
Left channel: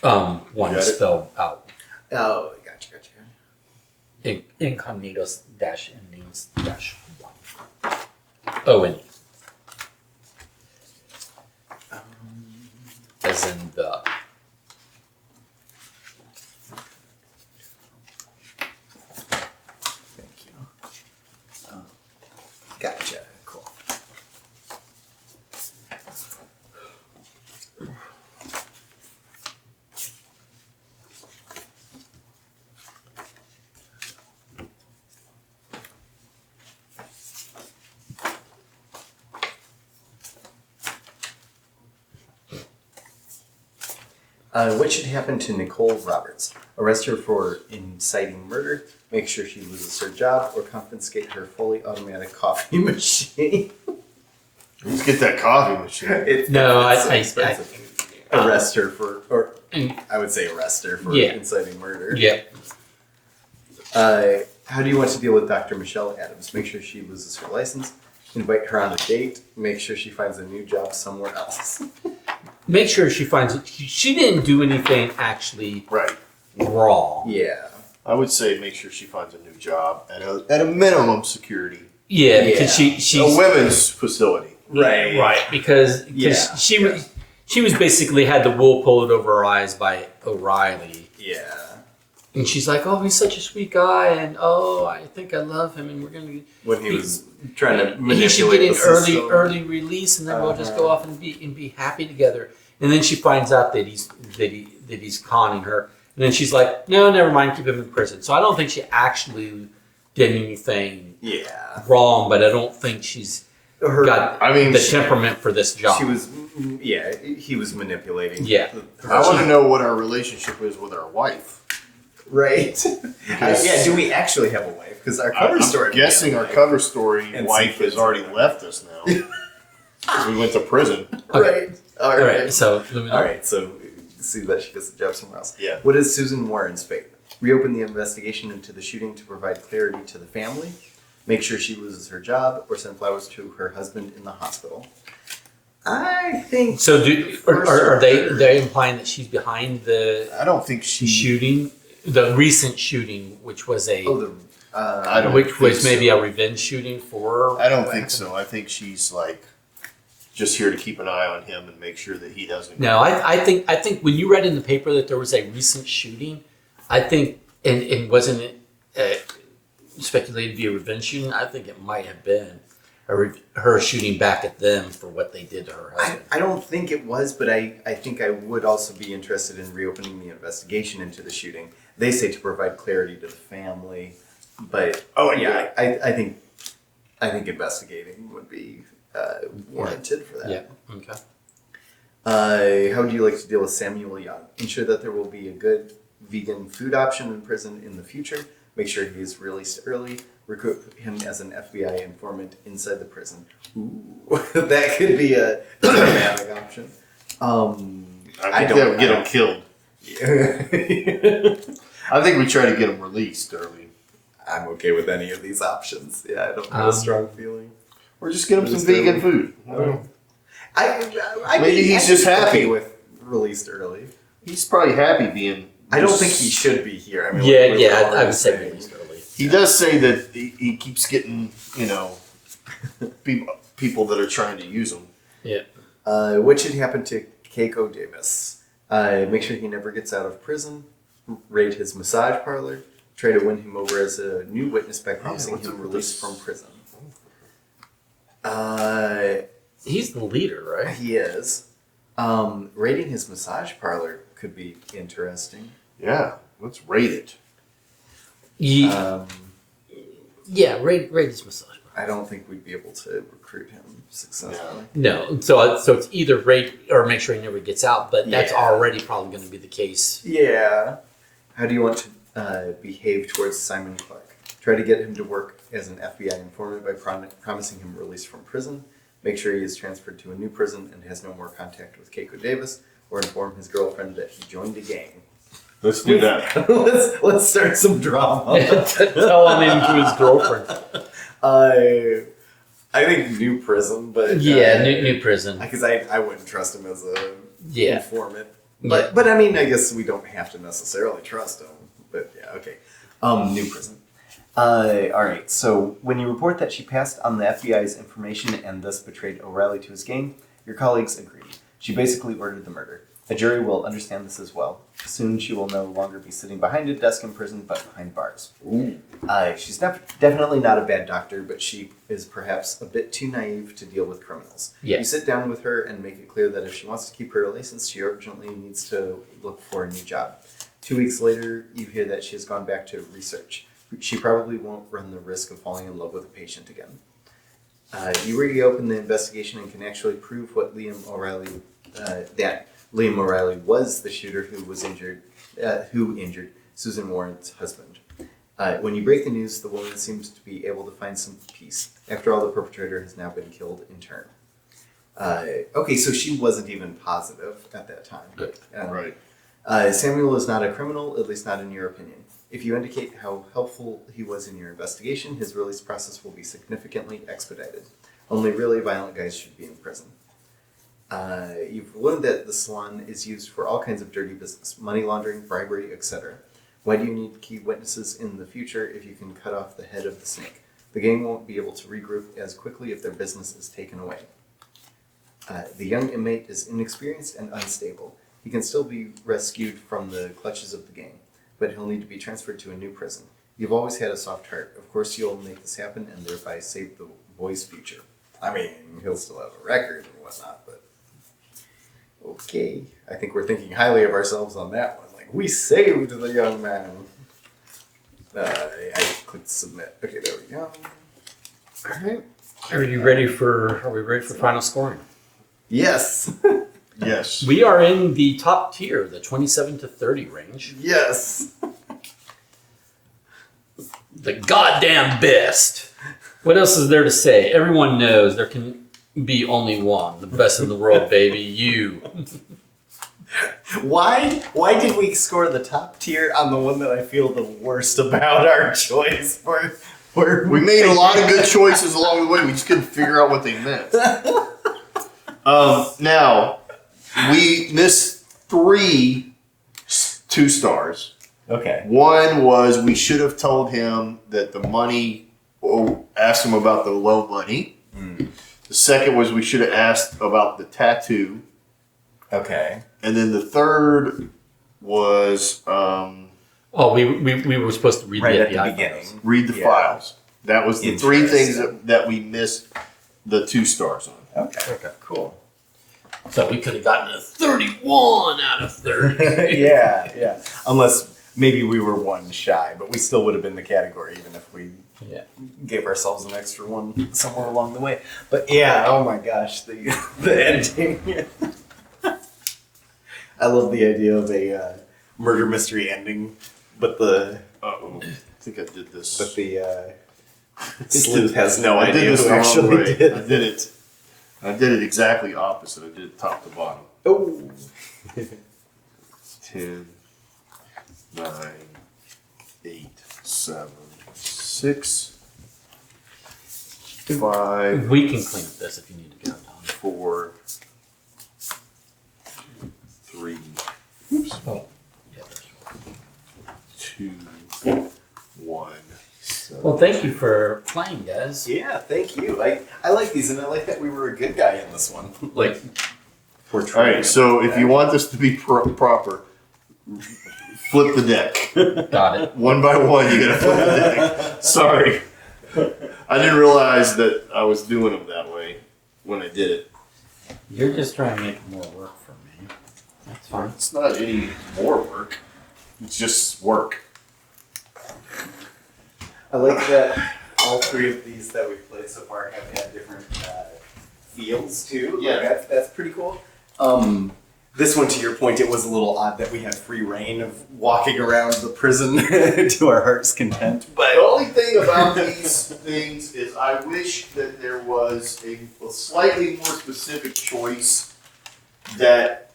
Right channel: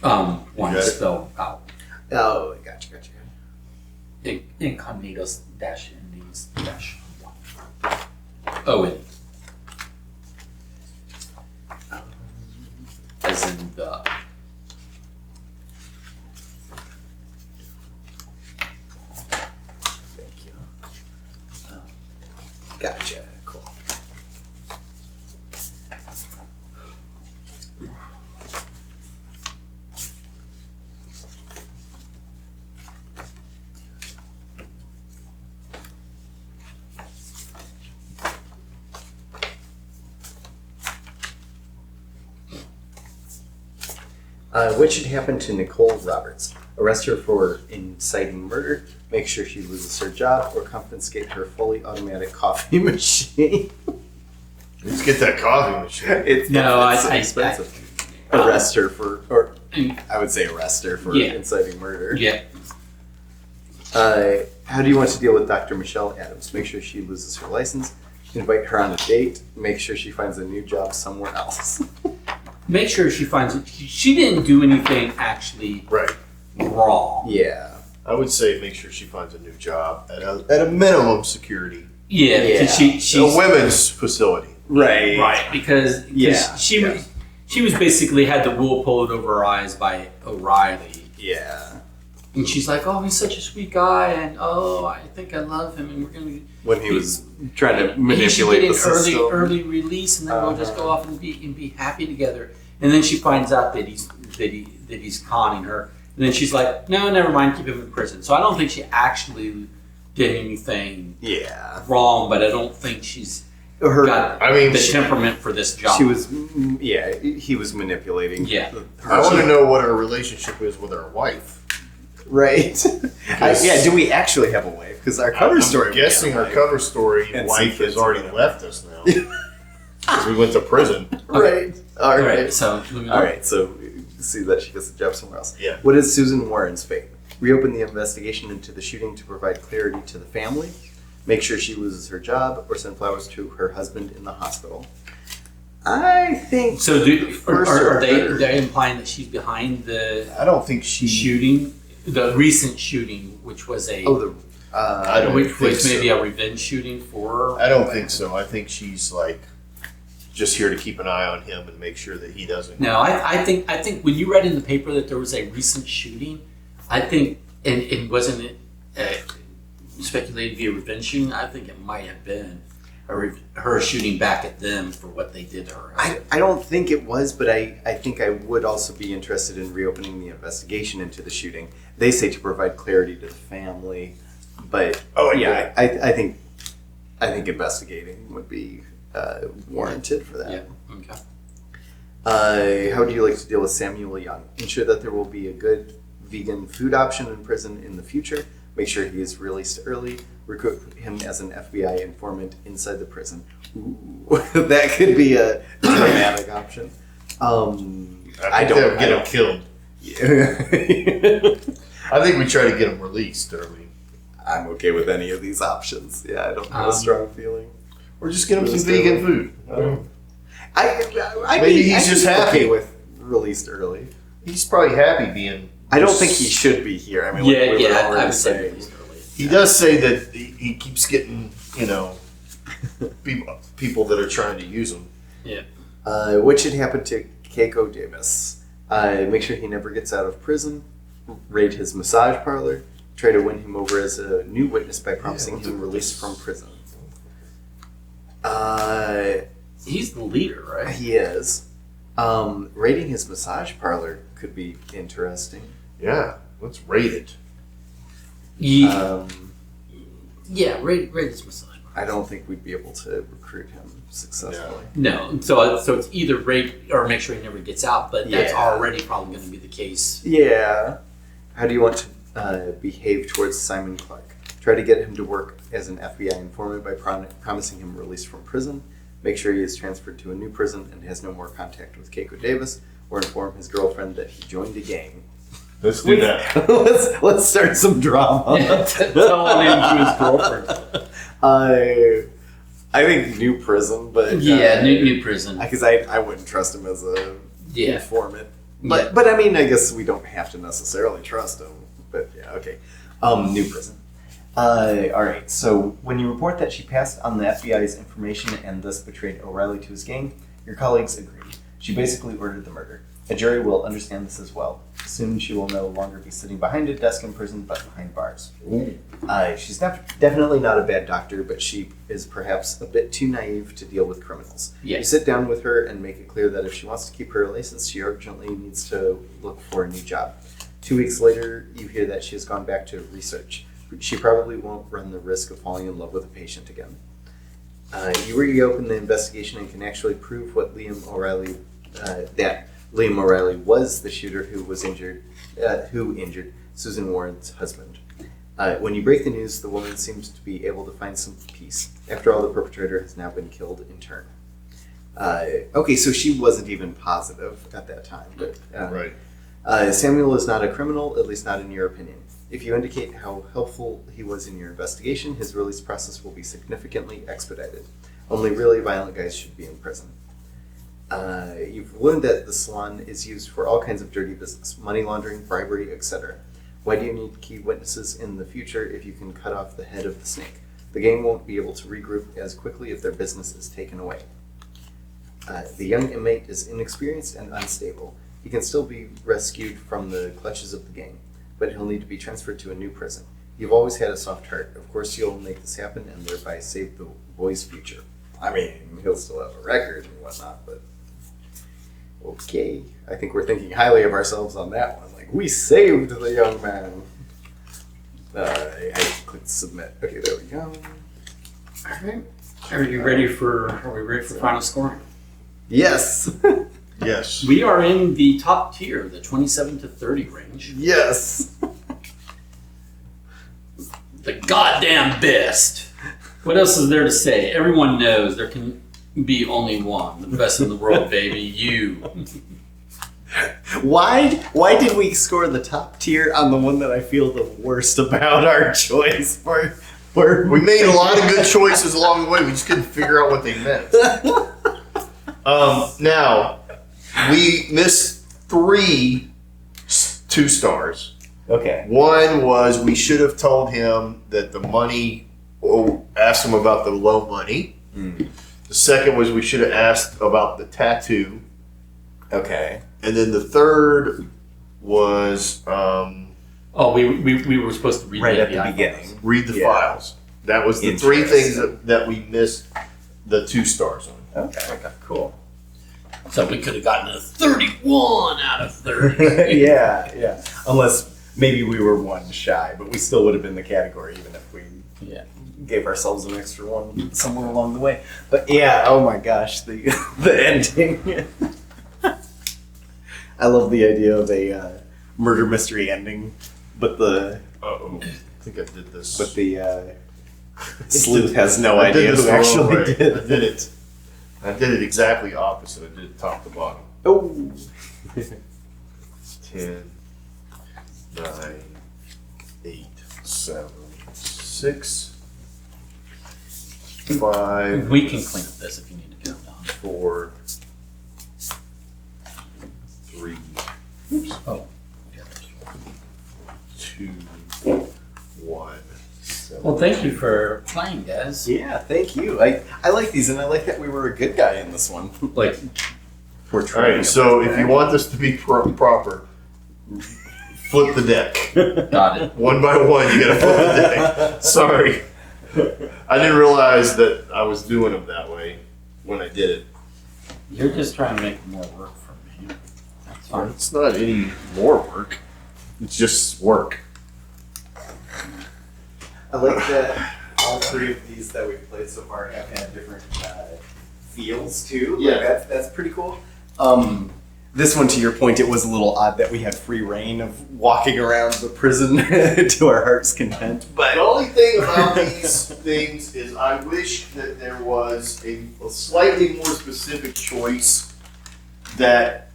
1 Okay. is spelled out. Oh, gotcha. Incognitos-endings-1. O-N-E. As in the. Thank you. Gotcha. Cool. What should happen to Nicole Roberts? Arrest her for inciting murder, make sure she loses her job, or confiscate her fully automatic coffee machine. Let's get that coffee machine. It's No, it's I- expensive. Arrest her for, or I would say arrest her for Yeah. inciting murder. Yeah. How do you want to deal with Dr. Michelle Adams? Make sure she loses her license, invite her on a date, make sure she finds a new job somewhere else. Make sure she finds it. She didn't do anything actually Right. wrong. Yeah. I would say make sure she finds a new job at a minimum security. Yeah, because Yeah. she's A women's facility. Right. right because Yeah. she was basically had the wool pulled over her eyes by O'Reilly, Yeah. and she's like, "Oh, he's such a sweet guy, and oh, I think I love him, and we're gonna." When he was trying to He should manipulate get the an system. early release, and then we'll just go off and be happy together. And then she finds out that he's conning her, and then she's like, "No, never mind, keep him in prison." So I don't think she actually did anything Yeah. wrong, but I don't think she's got I mean, the temperament for this job. She was, yeah, he was manipulating. Yeah. I want to know what her relationship is with her wife. Right. Yeah, do we actually have a wife? Because our cover story. I'm guessing her cover story And wife some has kids already in there. left us now. Because we went to prison. Right. All All right. right, so let me know. All right. So see that she gets a job somewhere else. Yeah. What is Susan Warren's fate? Reopen the investigation into the shooting to provide clarity to the family. Make sure she loses her job, or send flowers to her husband in the hospital. I think. So First are they order. they're implying that she's behind the I don't think she. shooting, the recent shooting, which was a Oh, the. I don't which think was maybe so. a revenge shooting for her. I don't think so. I think she's like just here to keep an eye on him and make sure that he doesn't. No, I think when you read in the paper that there was a recent shooting, I think and wasn't it speculated to be a revenge shooting? I think it might have been her shooting back at them for what they did to her husband. I don't think it was, but I think I would also be interested in reopening the investigation into the shooting. They say to provide clarity to the family, but yeah. I think investigating would be warranted for that. Yeah. Okay. How would you like to deal with Samuel Young? Ensure that there will be a good vegan food option in prison in the future. Make sure he is released early. Recruit him as an FBI informant inside the prison. Ooh, that could be a dramatic option. I think that would get him killed. I think we try to get him released early. I'm okay with any of these options. Yeah, I don't have a strong feeling. Or just get him some vegan food. I Maybe he's I'd just be okay happy. with released early. He's probably happy being. I don't think he should be here. I mean, Yeah, like we were yeah, already I've said saying. released early. He does say that he keeps getting, people that are trying to use him. What should happen to Keiko Davis? Make sure he never gets out of prison. Raid his massage parlor. Try to win him over as a new witness by promising what's him up with release this? from prison. He's the leader, right? He is. Raiding his massage parlor could be interesting. Yeah, let's rate it. Yeah, Um, yeah. Raid this massage. I don't think we'd be able to recruit him successfully. No, so it's either raid or make sure he never gets out, but that's Yeah. already probably going to be the case. Yeah. How do you want to behave towards Simon Clark? Try to get him to work as an FBI informant by promising him release from prison. Make sure he is transferred to a new prison and has no more contact with Keiko Davis, or inform his girlfriend that he joined a gang. Let's do that. let's start some drama. Tell him into his girlfriend. I think new prison, but Yeah, new prison. because I wouldn't trust him as a Yeah. informant. But I mean, I guess we don't have to necessarily trust him. But yeah, okay. New prison. All right. So when you report that she passed on the FBI's information and thus betrayed O'Reilly to his gang, your colleagues agreed. She basically ordered the murder. A jury will understand this as well. Soon she will no longer be sitting behind a desk in prison, but behind bars. She's definitely not a bad doctor, but she is perhaps a bit too naive to deal with criminals. Yeah. You sit down with her and make it clear that if she wants to keep her license, she urgently needs to look for a new job. 2 weeks later, you hear that she has gone back to research. She probably won't run the risk of falling in love with a patient again. You reopen the investigation and can actually prove what Liam O'Reilly, that Liam O'Reilly was the shooter who injured Susan Warren's husband. When you break the news, the woman seems to be able to find some peace. After all, the perpetrator has now been killed in turn. Okay, so she wasn't even positive at that time. Right. Samuel is not a criminal, at least not in your opinion. If you indicate how helpful he was in your investigation, his release process will be significantly expedited. Only really violent guys should be in prison. You've learned that the salon is used for all kinds of dirty business, money laundering, bribery, etc. Why do you need key witnesses in the future if you can cut off the head of the snake? The gang won't be able to regroup as quickly if their business is taken away. The young inmate is inexperienced and unstable. He can still be rescued from the clutches of the gang, but he'll need to be transferred to a new prison. You've always had a soft heart. Of course you'll make this happen and thereby save the boy's future. I mean, he'll still have a record and whatnot, but okay. I think we're thinking highly of ourselves on that one. Like, we saved the young man. I clicked submit. Okay, there we go. All right. Are we ready for final scoring? Yes. Yes. We are in the top tier, the 27 to 30 range. Yes. The goddamn best. What else is there to say? Everyone knows there can be only one. The best in the world, baby. You. Why did we score the top tier on the one that I feel the worst about our choice for? We made a lot of good choices along the way. We just couldn't figure out what they meant. Now, we missed 3 2 stars. Okay. One was we should have told him that the money, asked him about the low money. The second was we should have asked about the tattoo. Okay. And then the third was we were supposed to read Right at the the beginning. read the files. That was the 3 things Interesting. that we missed the 2 stars on. Okay. Cool. So we could have gotten a 31 out of 30. yeah. Unless maybe we were one shy, but we still would have been the category even if we gave ourselves an extra one somewhere along the way. But yeah, oh my gosh, the ending. I love the idea of a murder mystery ending, but the I think I did this. but the sleuth has no I did idea this who the wrong actually way. did. I did it exactly opposite. I did it top to bottom. Oh. 10, 9, 8, 7, 6, 5, We can clean up this if you need to go, Don. 4, 3, Oh. 2, 1. Well, thank you for playing, guys. Yeah, thank you. I like these, and I like that we were a good guy in this one. Like, All right, so if you want this to be proper, flip the deck. Got it. One by one, you gotta flip the deck. Sorry. I didn't realize that I was doing them that way when I did it. You're just trying to make more work for me. That's fine. It's not any more work. It's just work. I like that all 3 of these that we've played so far have had different feels too. Yeah. Like that's pretty cool. This one, to your point, it was a little odd that we had free reign of walking around the prison to our heart's content. But The only thing about these things is I wish that there was a slightly more specific choice that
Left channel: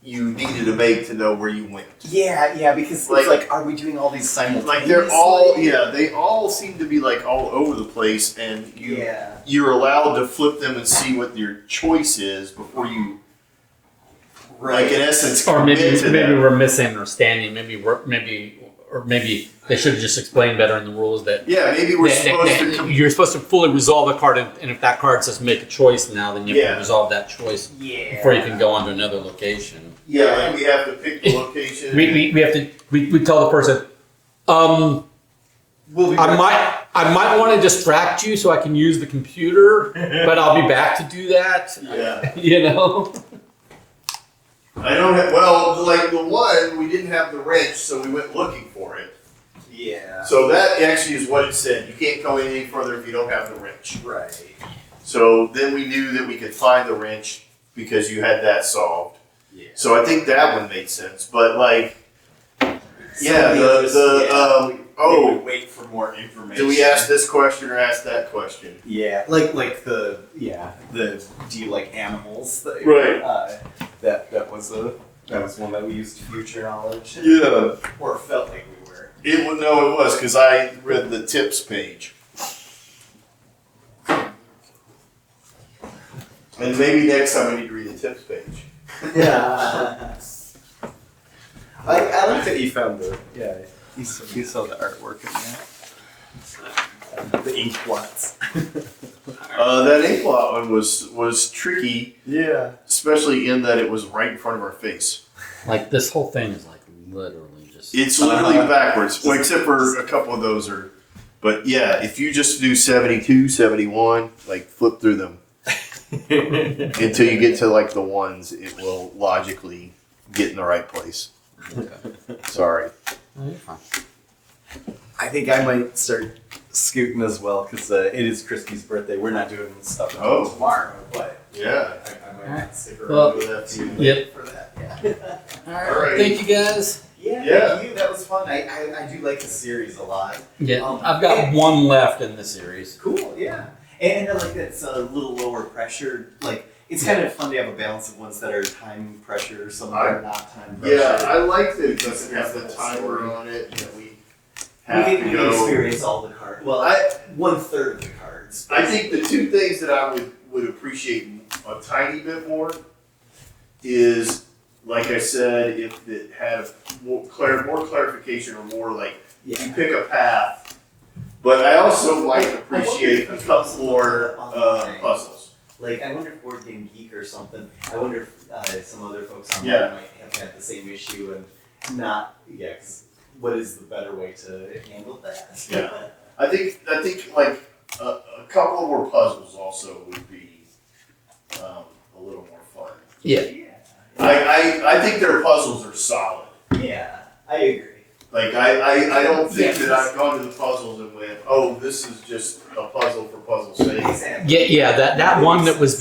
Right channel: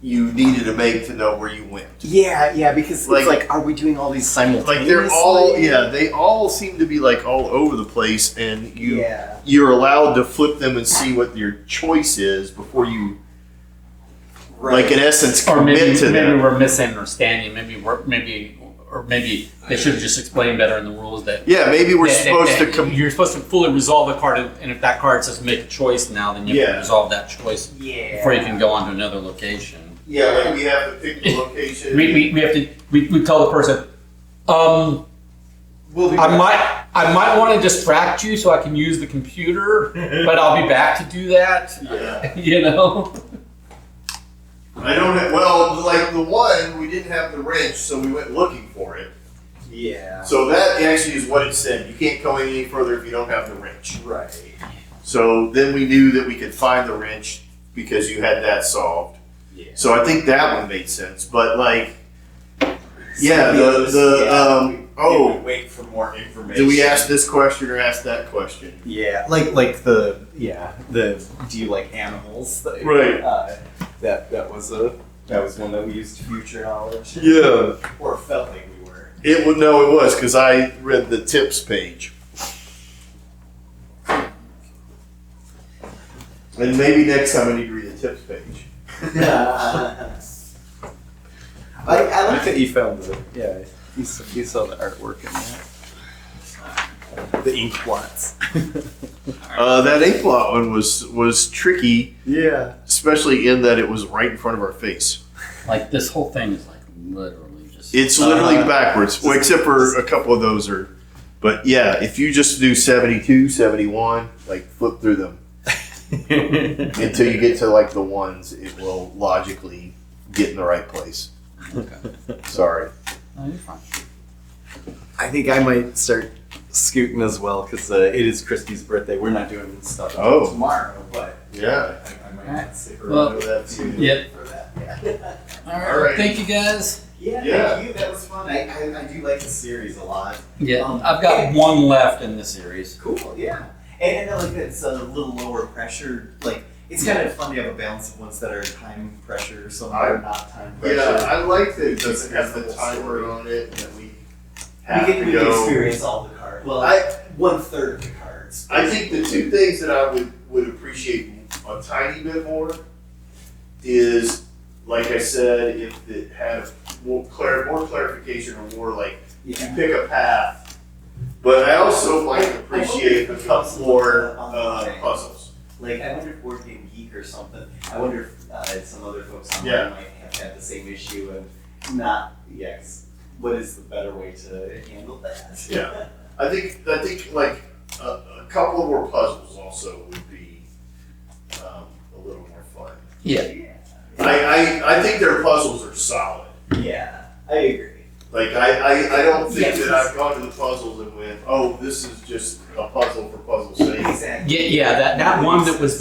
you needed to make to know where you went. yeah, because Like- it's like, are we doing all these simultaneously? Like they're all, they all seem to be like all over the place, and Yeah. you're allowed to flip them and see what your choice is before you, like in essence, Or commit maybe to maybe them. we're misunderstanding. Maybe they should have just explained better in the rules that. Yeah, maybe we're supposed to. You're supposed to fully resolve the card, and if that card says make a choice now, then you have Yeah. to resolve that choice before you can go on to another location. Yeah, like we have to pick the location. We have to we tell the person, We'll be I might want to distract you so I can use the computer, but I'll be back to do that. Yeah. You know. I don't have. Well, like the one we didn't have the wrench, so we went looking for it. Yeah. So that actually is what it said. You can't go any further if you don't have the wrench. Right. So then we knew that we could find the wrench because you had that solved. Yeah. So I think that one made sense. But like, yeah, Some of others, we oh, would wait for more information. do we ask this question or ask that question? Yeah, like the do you like animals? Right. That was one that we used future knowledge. Yeah. Or felt like we were. It was because I read the tips page. And maybe next time I need to read the tips page. I like that you found you saw the artwork in that. The ink blots. That ink blot one was tricky, Yeah. especially in that it was right in front of our face. Like this whole thing is like literally just. It's literally backwards, well, except for a couple of those are. But yeah, if you just do 72, 71, like flip through them until you get to like the ones, it will logically get in the right place. Sorry. No, you're fine. I think I might start scooting as well because it is Christy's birthday. We're not doing this stuff until Oh. tomorrow, but Yeah. I might not stick around Well, for that too. yep. For that, yeah. All right. Thank you guys. Yeah, Yeah. thank you. That was fun. I do like the series a lot. Yeah, I've got one left in the series. Cool, yeah. And I like that it's a little lower pressure. Like, it's kind of fun to have a balance of ones that are time pressure, some that are not time pressure. Yeah, I like that it doesn't have the timer on it and that we have we to can go. experience all the cards. Well, 1/3 of the cards. I think the two things that I would appreciate a tiny bit more is, like I said, if it had more clarification or more like you Yeah. pick a path. But I also like appreciate a couple more puzzles. Like, I wonder if Board Game Geek or something, I wonder if some other folks online Yeah. might have had the same issue and not, cause what is the better way to handle that? Yeah. I think like a couple more puzzles also would be a little more fun. Yeah. I think their puzzles are solid. Yeah, I agree. Like I don't think Yes. that I've gone to the puzzles and went, oh, this is just a puzzle for puzzle's sake. Exactly. Yeah. That one that was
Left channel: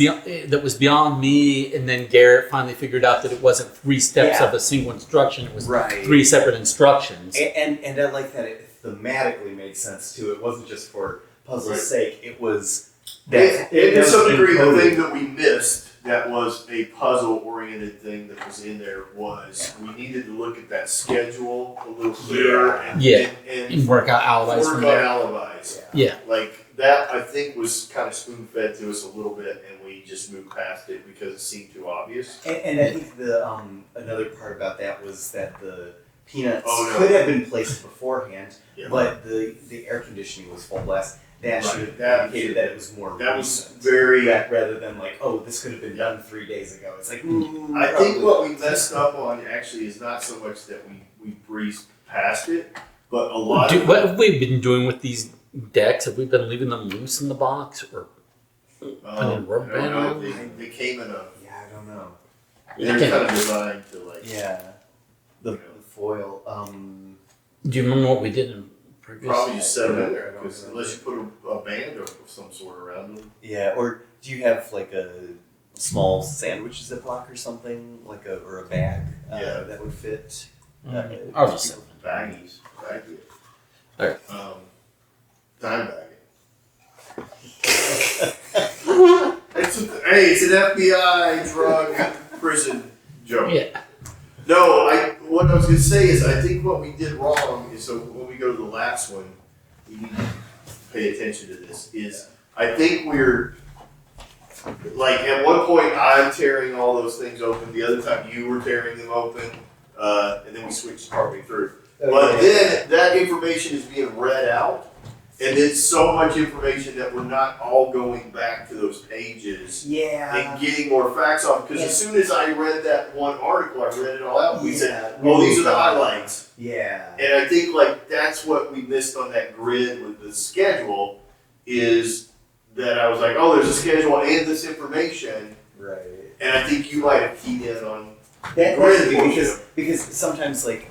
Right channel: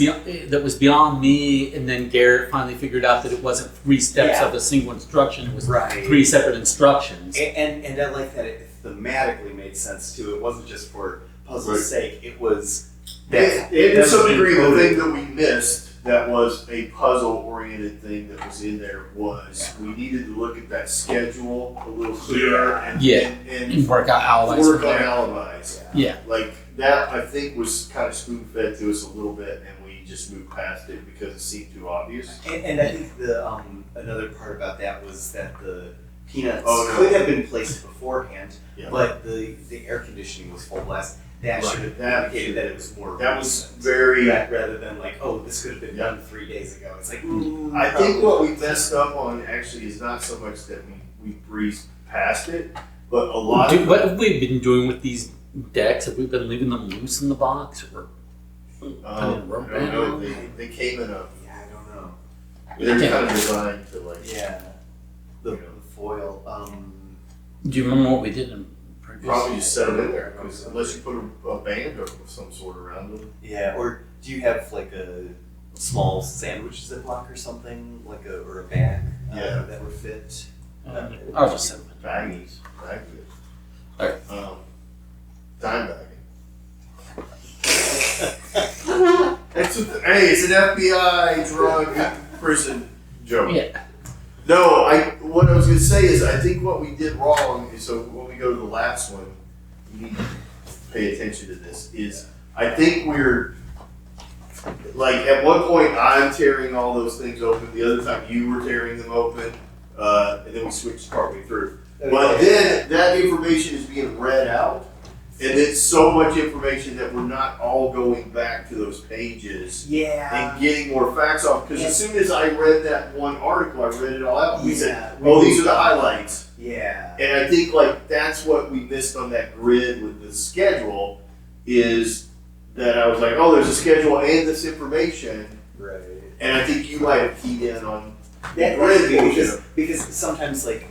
beyond me, and then Garrett finally figured out that it wasn't 3 steps Yeah. of a single instruction. It was Right. 3 separate instructions. And I like that it thematically made sense too. It wasn't just for puzzle's Right. sake. It was And to some degree, the thing that we missed that was a puzzle-oriented thing that was in there was we needed to look at that schedule a little clearer and And work out alibis work from on there. alibis. Yeah. Like that, I think was kind of spoon-fed to us a little bit, and we just moved past it because it seemed too obvious. And I think the another part about that was that the peanuts Oh, no. could have been placed beforehand, Yeah. but the air conditioning was full blast. That Right. should have That indicated that it was more That was recent. very. Rather than like, oh, this could have been done 3 days ago. It's like, I think what we messed up on actually is not so much that we breezed past it, but a lot of What have we been doing with these decks? Have we been leaving them loose in the box, or I don't rubber band know, around? they came in a. yeah, I don't know. They're kind of designed to like. Yeah, the foil. Do you remember what we did in previous? Probably just set them in there, 'cause unless you put a band of some sort around them. Yeah, or do you have like a small sandwich Ziploc or something, like or a bag Yeah. that would fit? I'll just set them. Baggies. Alright. Dime bag. It's an FBI drug prison joke. Yeah. No, what I was gonna say is I think what we did wrong is, so when we go to the last one, you need to pay attention to this, is I think we're like at one point I'm tearing all those things open, the other time you were tearing them open, and then we switched partway through. But then that information is being read out, and it's so much information that we're not all going back to those pages Yeah. and getting more facts off. Because as soon as I read that one article, I read it all out. We said, we "Oh, these are moved the on. highlights." Yeah. And I think like that's what we missed on that grid with the schedule, is that I was like, "Oh, there's a schedule and this information," Right. and I think you might have keyed in on That, grid that's good portion. because sometimes like,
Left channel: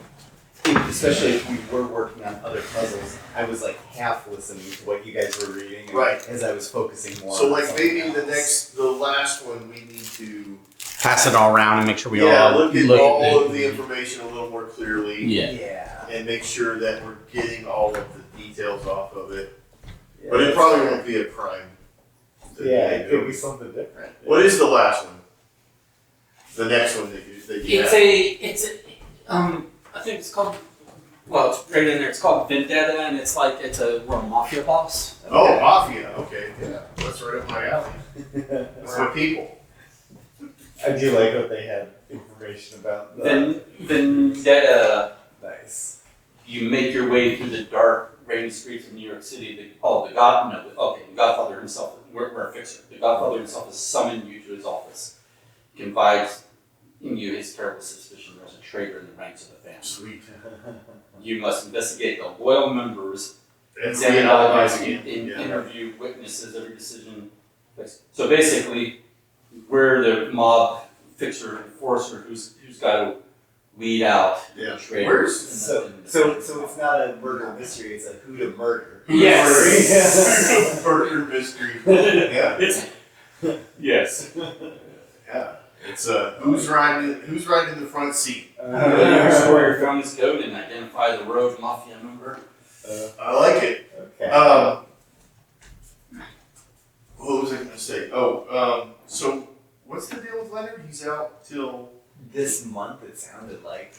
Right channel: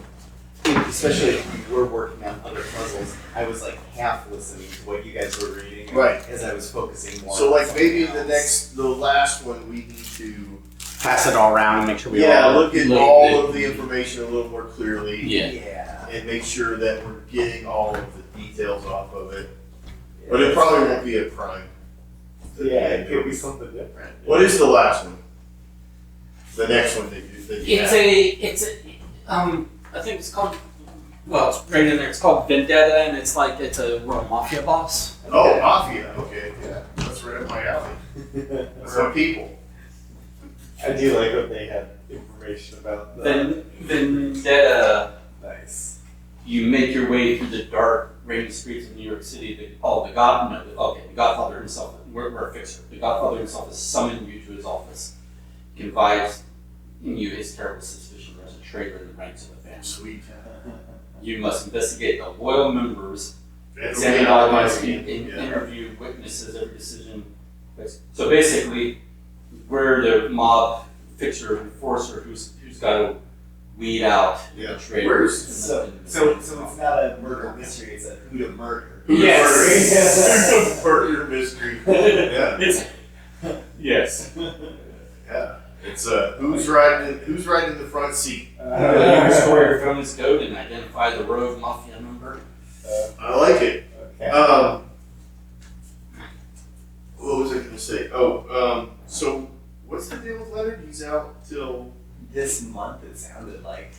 especially if we were working on other puzzles, I was like half listening to what you guys were reading, Right. as I was focusing more. So on like something maybe else. the last one we need to pass it all around and make sure we Yeah, all look at look all the- of the information a little more clearly. Yeah. Yeah. And make sure that we're getting all of the details off of it. But it probably won't be a crime. Yeah, it could be something different. What is the last one? The next one that you It's have? I think it's called, well, it's right in there, it's called Vendetta, and it's like, we're a mafia boss. Oh, Mafia. Okay, yeah. That's right up my alley. That's my people. I do like that they had information about that. Vendetta, Nice. you make your way through the dark, rainy streets of New York City. The Godfather himself, we're a fixer. The Godfather himself has summoned you to his office. He confides in you his terrible suspicion as a traitor in the ranks of the family. Sweet. You must investigate the loyal members, And examine documents, reanalyzing it. Yeah. interview witnesses, every decision. So basically, we're the mob fixer enforcer who's got to weed out Yeah. the traitors. So it's not a murder mystery. It's a who to murder. Yes. Murder mystery. Yeah. It's yes. Yeah. It's who's riding in the front seat. Restore your family's code and identify the rogue mafia member. I like it. Okay. What was I gonna say? Oh, so what's the deal with Leonard? He's out till This month it sounded like.